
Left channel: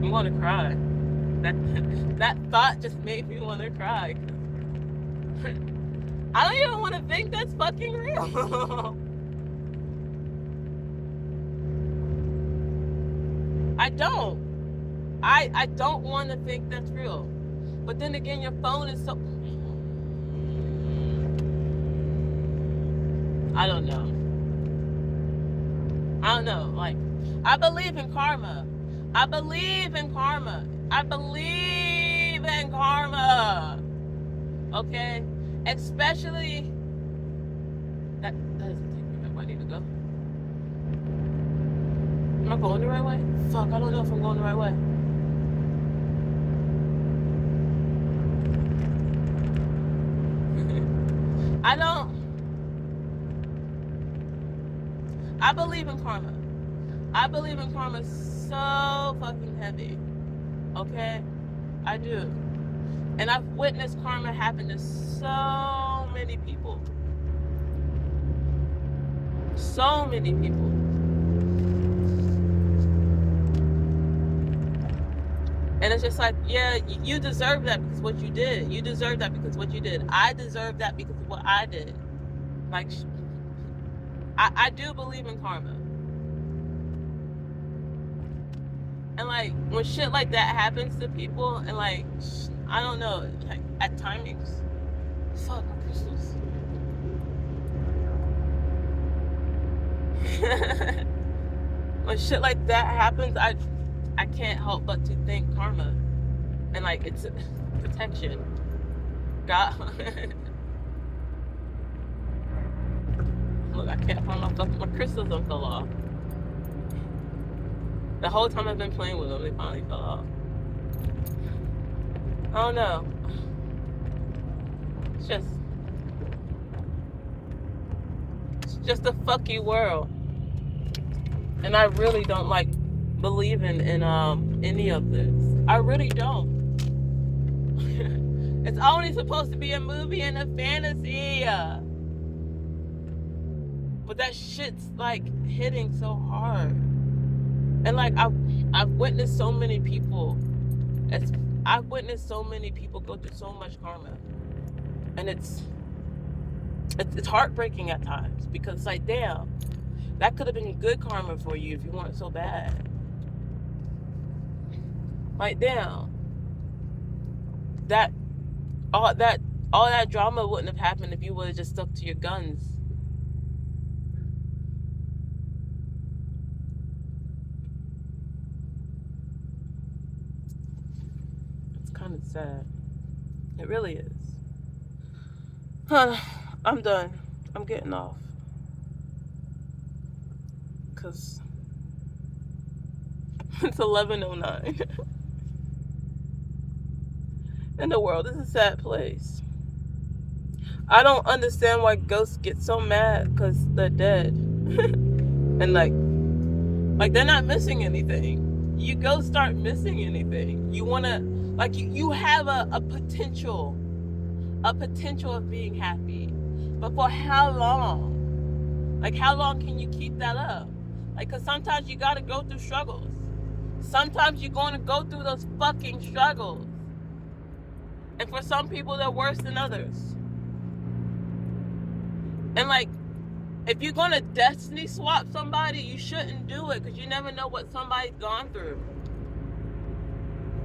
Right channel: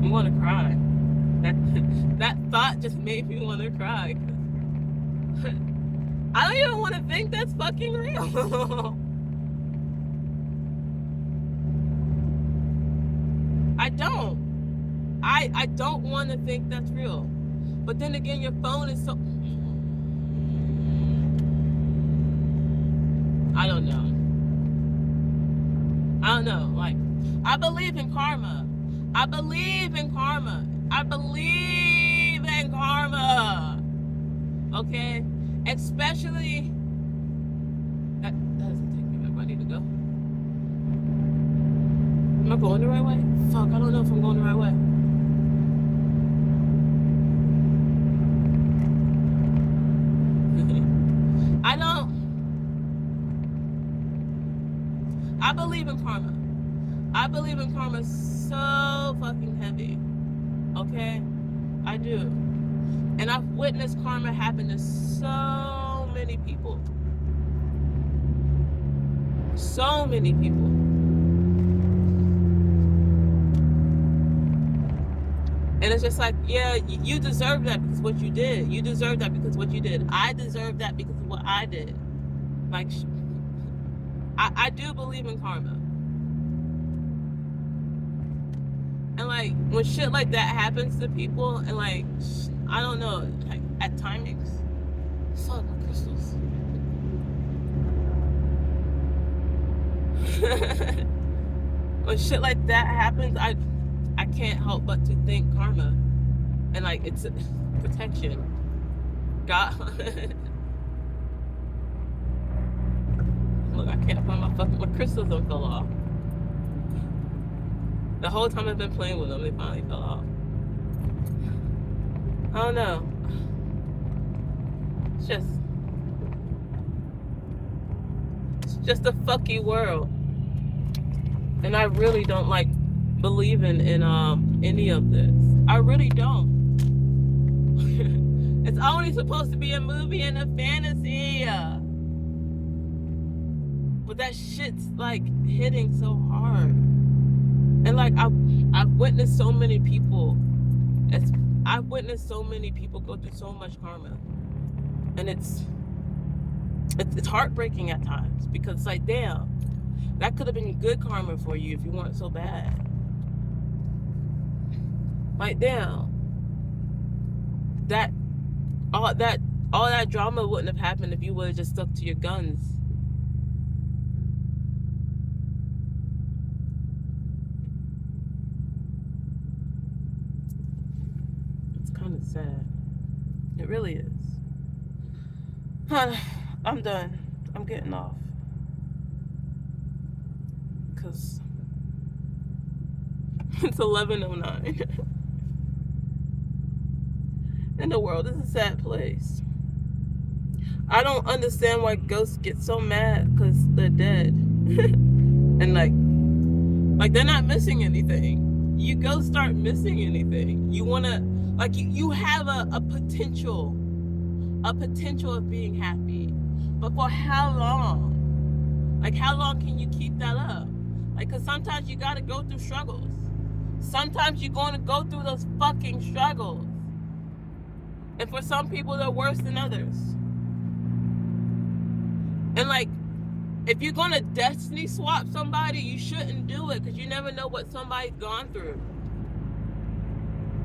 I'm gonna cry. That thought just made me want to cry. I don't even want to think that's fucking real. I don't. I don't want to think that's real. But then again, your phone is so... I don't know. I don't know. Like, I believe in karma. I believe in karma. I believe in karma. Okay? Especially... That doesn't take me where I need to go. Am I going the right way? Fuck, I don't know if I'm going the right way. I don't... I believe in karma. I believe in karma so fucking heavy. Okay? I do. And I've witnessed karma happen to so many people. So many people. And it's just like, yeah, you deserve that because of what you did. You deserve that because of what you did. I deserve that because of what I did. Like, I do believe in karma. And like, when shit like that happens to people, and like, I don't know, like, at timings, fuck my crystals. When shit like that happens, I can't help but to thank karma. And like, it's protection. God. Look, I can't find my crystals don't fell off. The whole time I've been playing with them, they finally fell off. I don't know. It's just a fucky world. And I really don't like believing in any of this. I really don't. It's only supposed to be a movie and a fantasy. But that shit's like hitting so hard. And like, I've witnessed so many people. I've witnessed so many people go through so much karma, and it's heartbreaking at times, because it's like, damn, that could have been good karma for you if you weren't so bad. Like, damn, all that drama wouldn't have happened if you would have just stuck to your guns. Kind of sad. It really is. I'm done. I'm getting off. Because it's 11:09. And the world is a sad place. I don't understand why ghosts get so mad because they're dead. And like, Like they're not missing anything. You go start missing anything. You wanna like you have a potential of being happy. But for how long? Like how long can you keep that up? Like cause sometimes you gotta go through struggles. Sometimes you're gonna go through those fucking struggles. And for some people they're worse than others. And like if you're gonna destiny swap somebody, you shouldn't do it because you never know what somebody's gone through.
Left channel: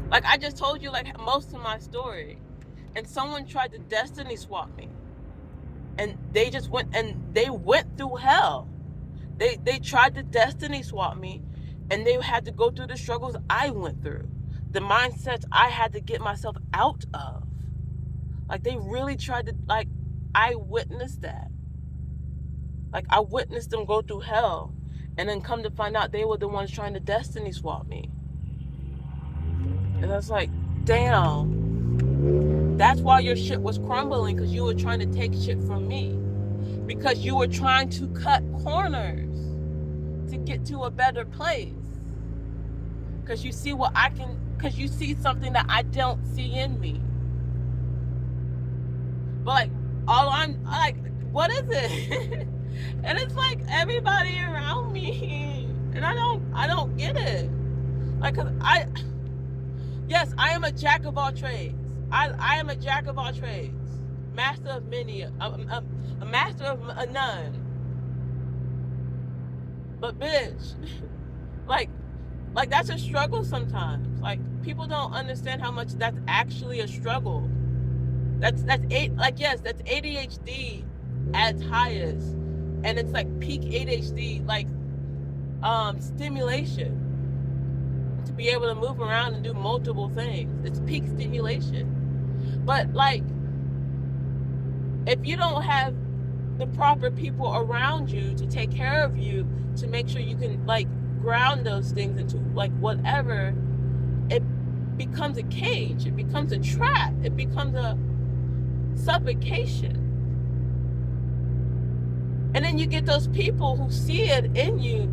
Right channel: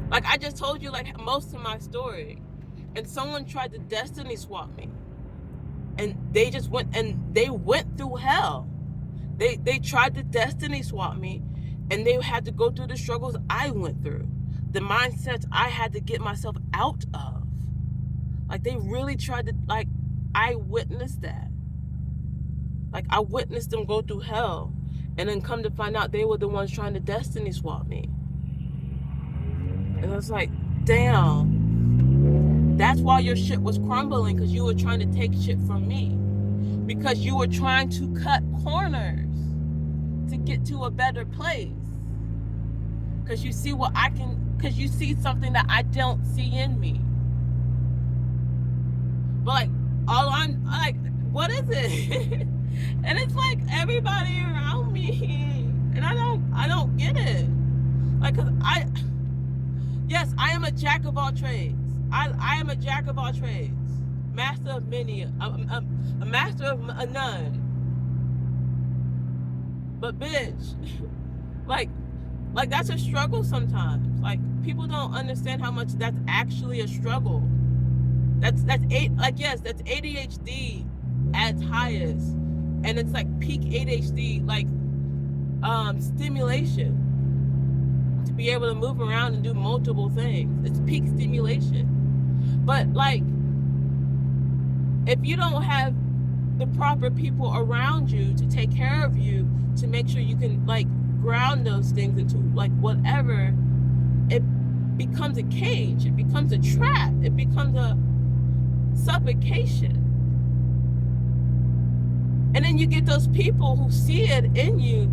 Like I just told you like most of my story. And someone tried to destiny swap me. And they just went through hell. They tried to destiny swap me and they had to go through the struggles I went through. The mindsets I had to get myself out of. Like they really tried to like I witnessed that. Like I witnessed them go through hell and then come to find out they were the ones trying to destiny swap me. And I was like, damn. That's why your shit was crumbling because you were trying to take shit from me. Because you were trying to cut corners to get to a better place. Because you see because you see something that I don't see in me. But like, all I'm like, what is it? And it's like everybody around me, and I don't get it. Like, cause yes, I am a jack of all trades. I am a jack of all trades, master of many, a master of none. But bitch, like that's a struggle sometimes. Like people don't understand how much that's actually a struggle. That's ADHD at its highest, and it's like peak ADHD like stimulation to be able to move around and do multiple things. It's peak stimulation. But like if you don't have the proper people around you to take care of you, to make sure you can like ground those things into like whatever, it becomes a cage, it becomes a trap, it becomes a suffocation. And then you get those people who see it in you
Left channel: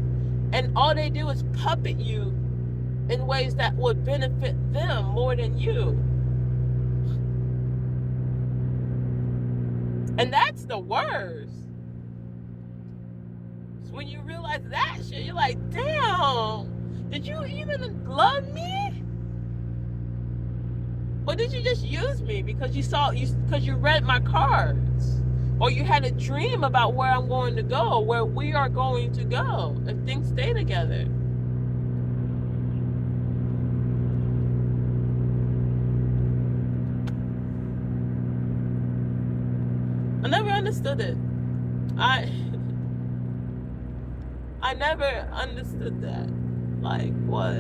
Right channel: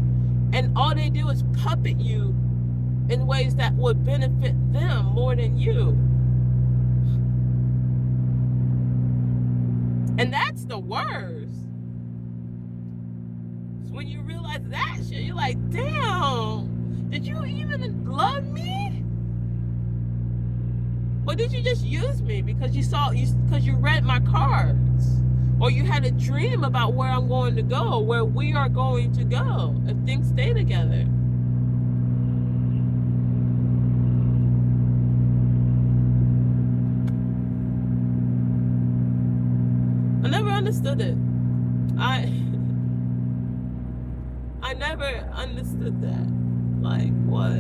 and all they do is puppet you in ways that would benefit them more than you. And that's the worst. So when you realize that shit, you're like, damn, did you even love me? Or did you just use me because you read my cards? Or you had a dream about where I'm going to go, where we are going to go if things stay together. I never understood it. I never understood that. Like, what?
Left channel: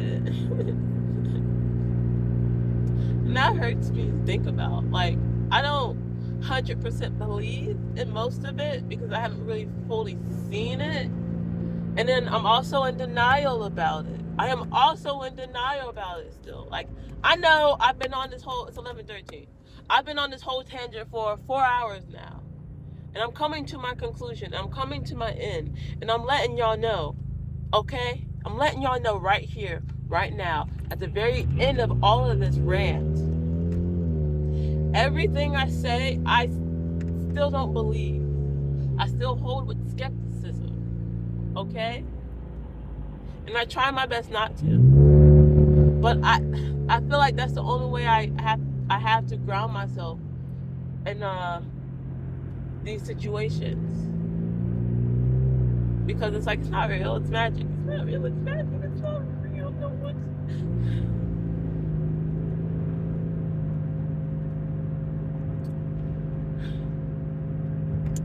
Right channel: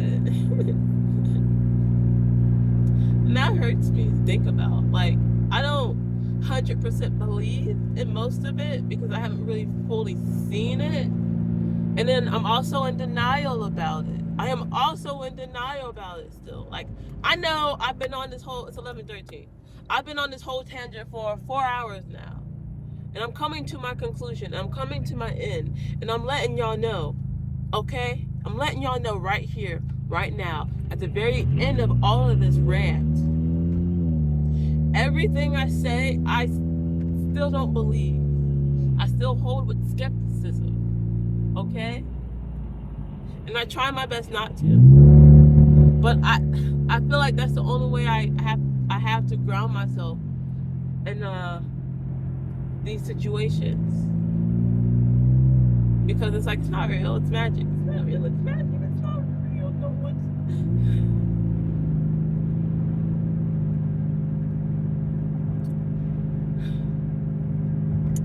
And that hurts me to think about. Like, I don't 100% believe in most of it because I haven't really fully seen it. And then I'm also in denial about it. I am also in denial about it still. Like, I know I've been on this whole, it's 11:13. I've been on this whole tangent for 4 hours now. And I'm coming to my conclusion. I'm coming to my end. And I'm letting y'all know, okay? I'm letting y'all know right here, right now, at the very end of all of this rant. Everything I say, I still don't believe. I still hold with skepticism, okay? And I try my best not to. But I feel like that's the only way I have to ground myself in these situations. Because it's like, it's not real, it's magic. It's not real, it's magic. It's not real, no one's...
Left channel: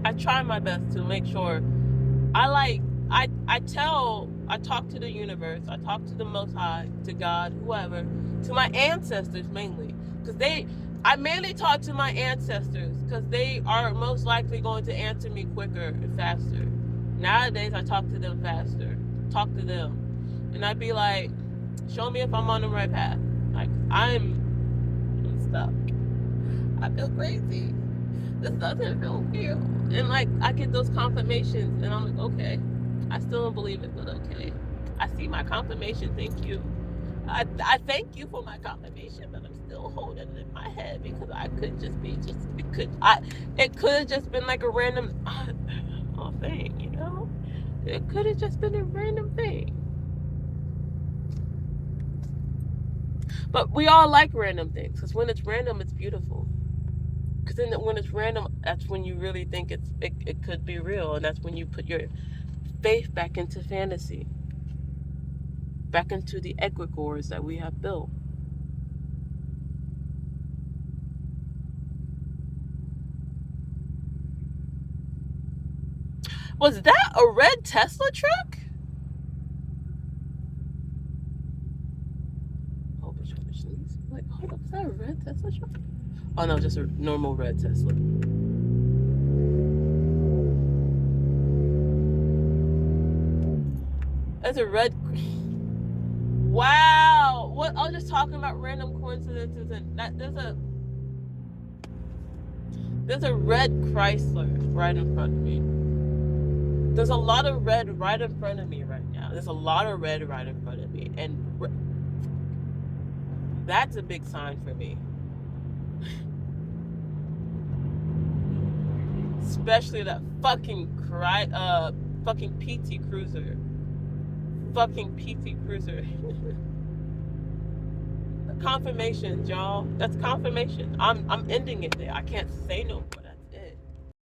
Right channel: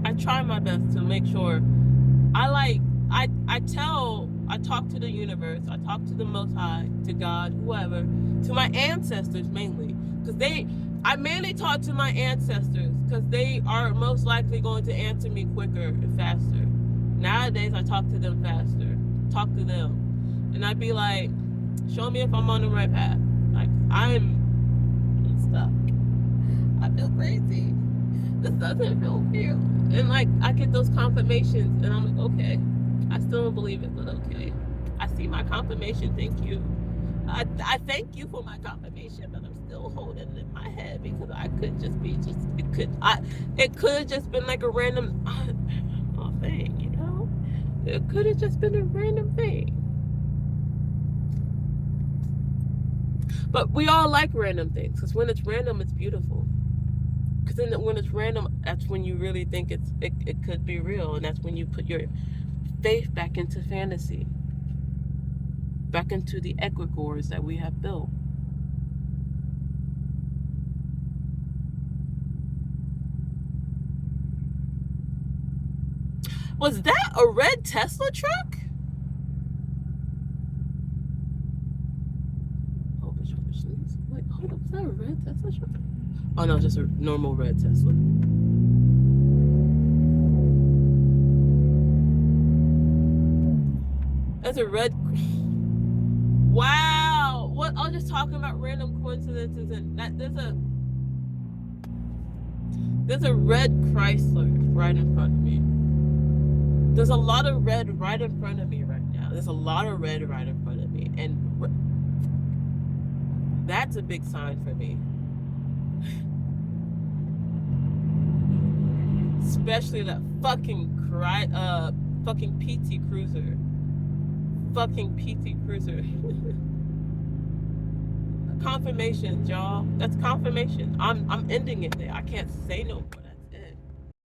I try my best to make sure I talk to the universe, I talk to the Most High, to God, whoever, to my ancestors mainly, because I mainly talk to my ancestors because they are most likely going to answer me quicker and faster. Nowadays, I talk to them faster, talk to them, and I'd be like, show me if I'm on the right path. Like, I'm stuck. I feel crazy. This doesn't feel real. And like, I get those confirmations and I'm like, okay, I still don't believe it, but okay. I see my confirmation. Thank you. I thank you for my confirmation, but I'm still holding it in my head because I could just be just it could have just been like a random thing, you know? It could have just been a random thing. But we all like random things because when it's random, it's beautiful. Because then when it's random, that's when you really think it could be real, and that's when you put your faith back into fantasy, back into the egregores that we have built. Was that a red Tesla truck? Oh, like, hold up, is that a red Tesla truck? Oh no, just a normal red Tesla. That's a red. Wow. What? I was just talking about random coincidences, and that there's a red Chrysler right in front of me. There's a lot of red right in front of me right now. There's a lot of red right in front of me, and that's a big sign for me. Especially that fucking PT Cruiser. Fucking PT Cruiser. Confirmation, y'all. That's confirmation. I'm ending it there. I can't say no more.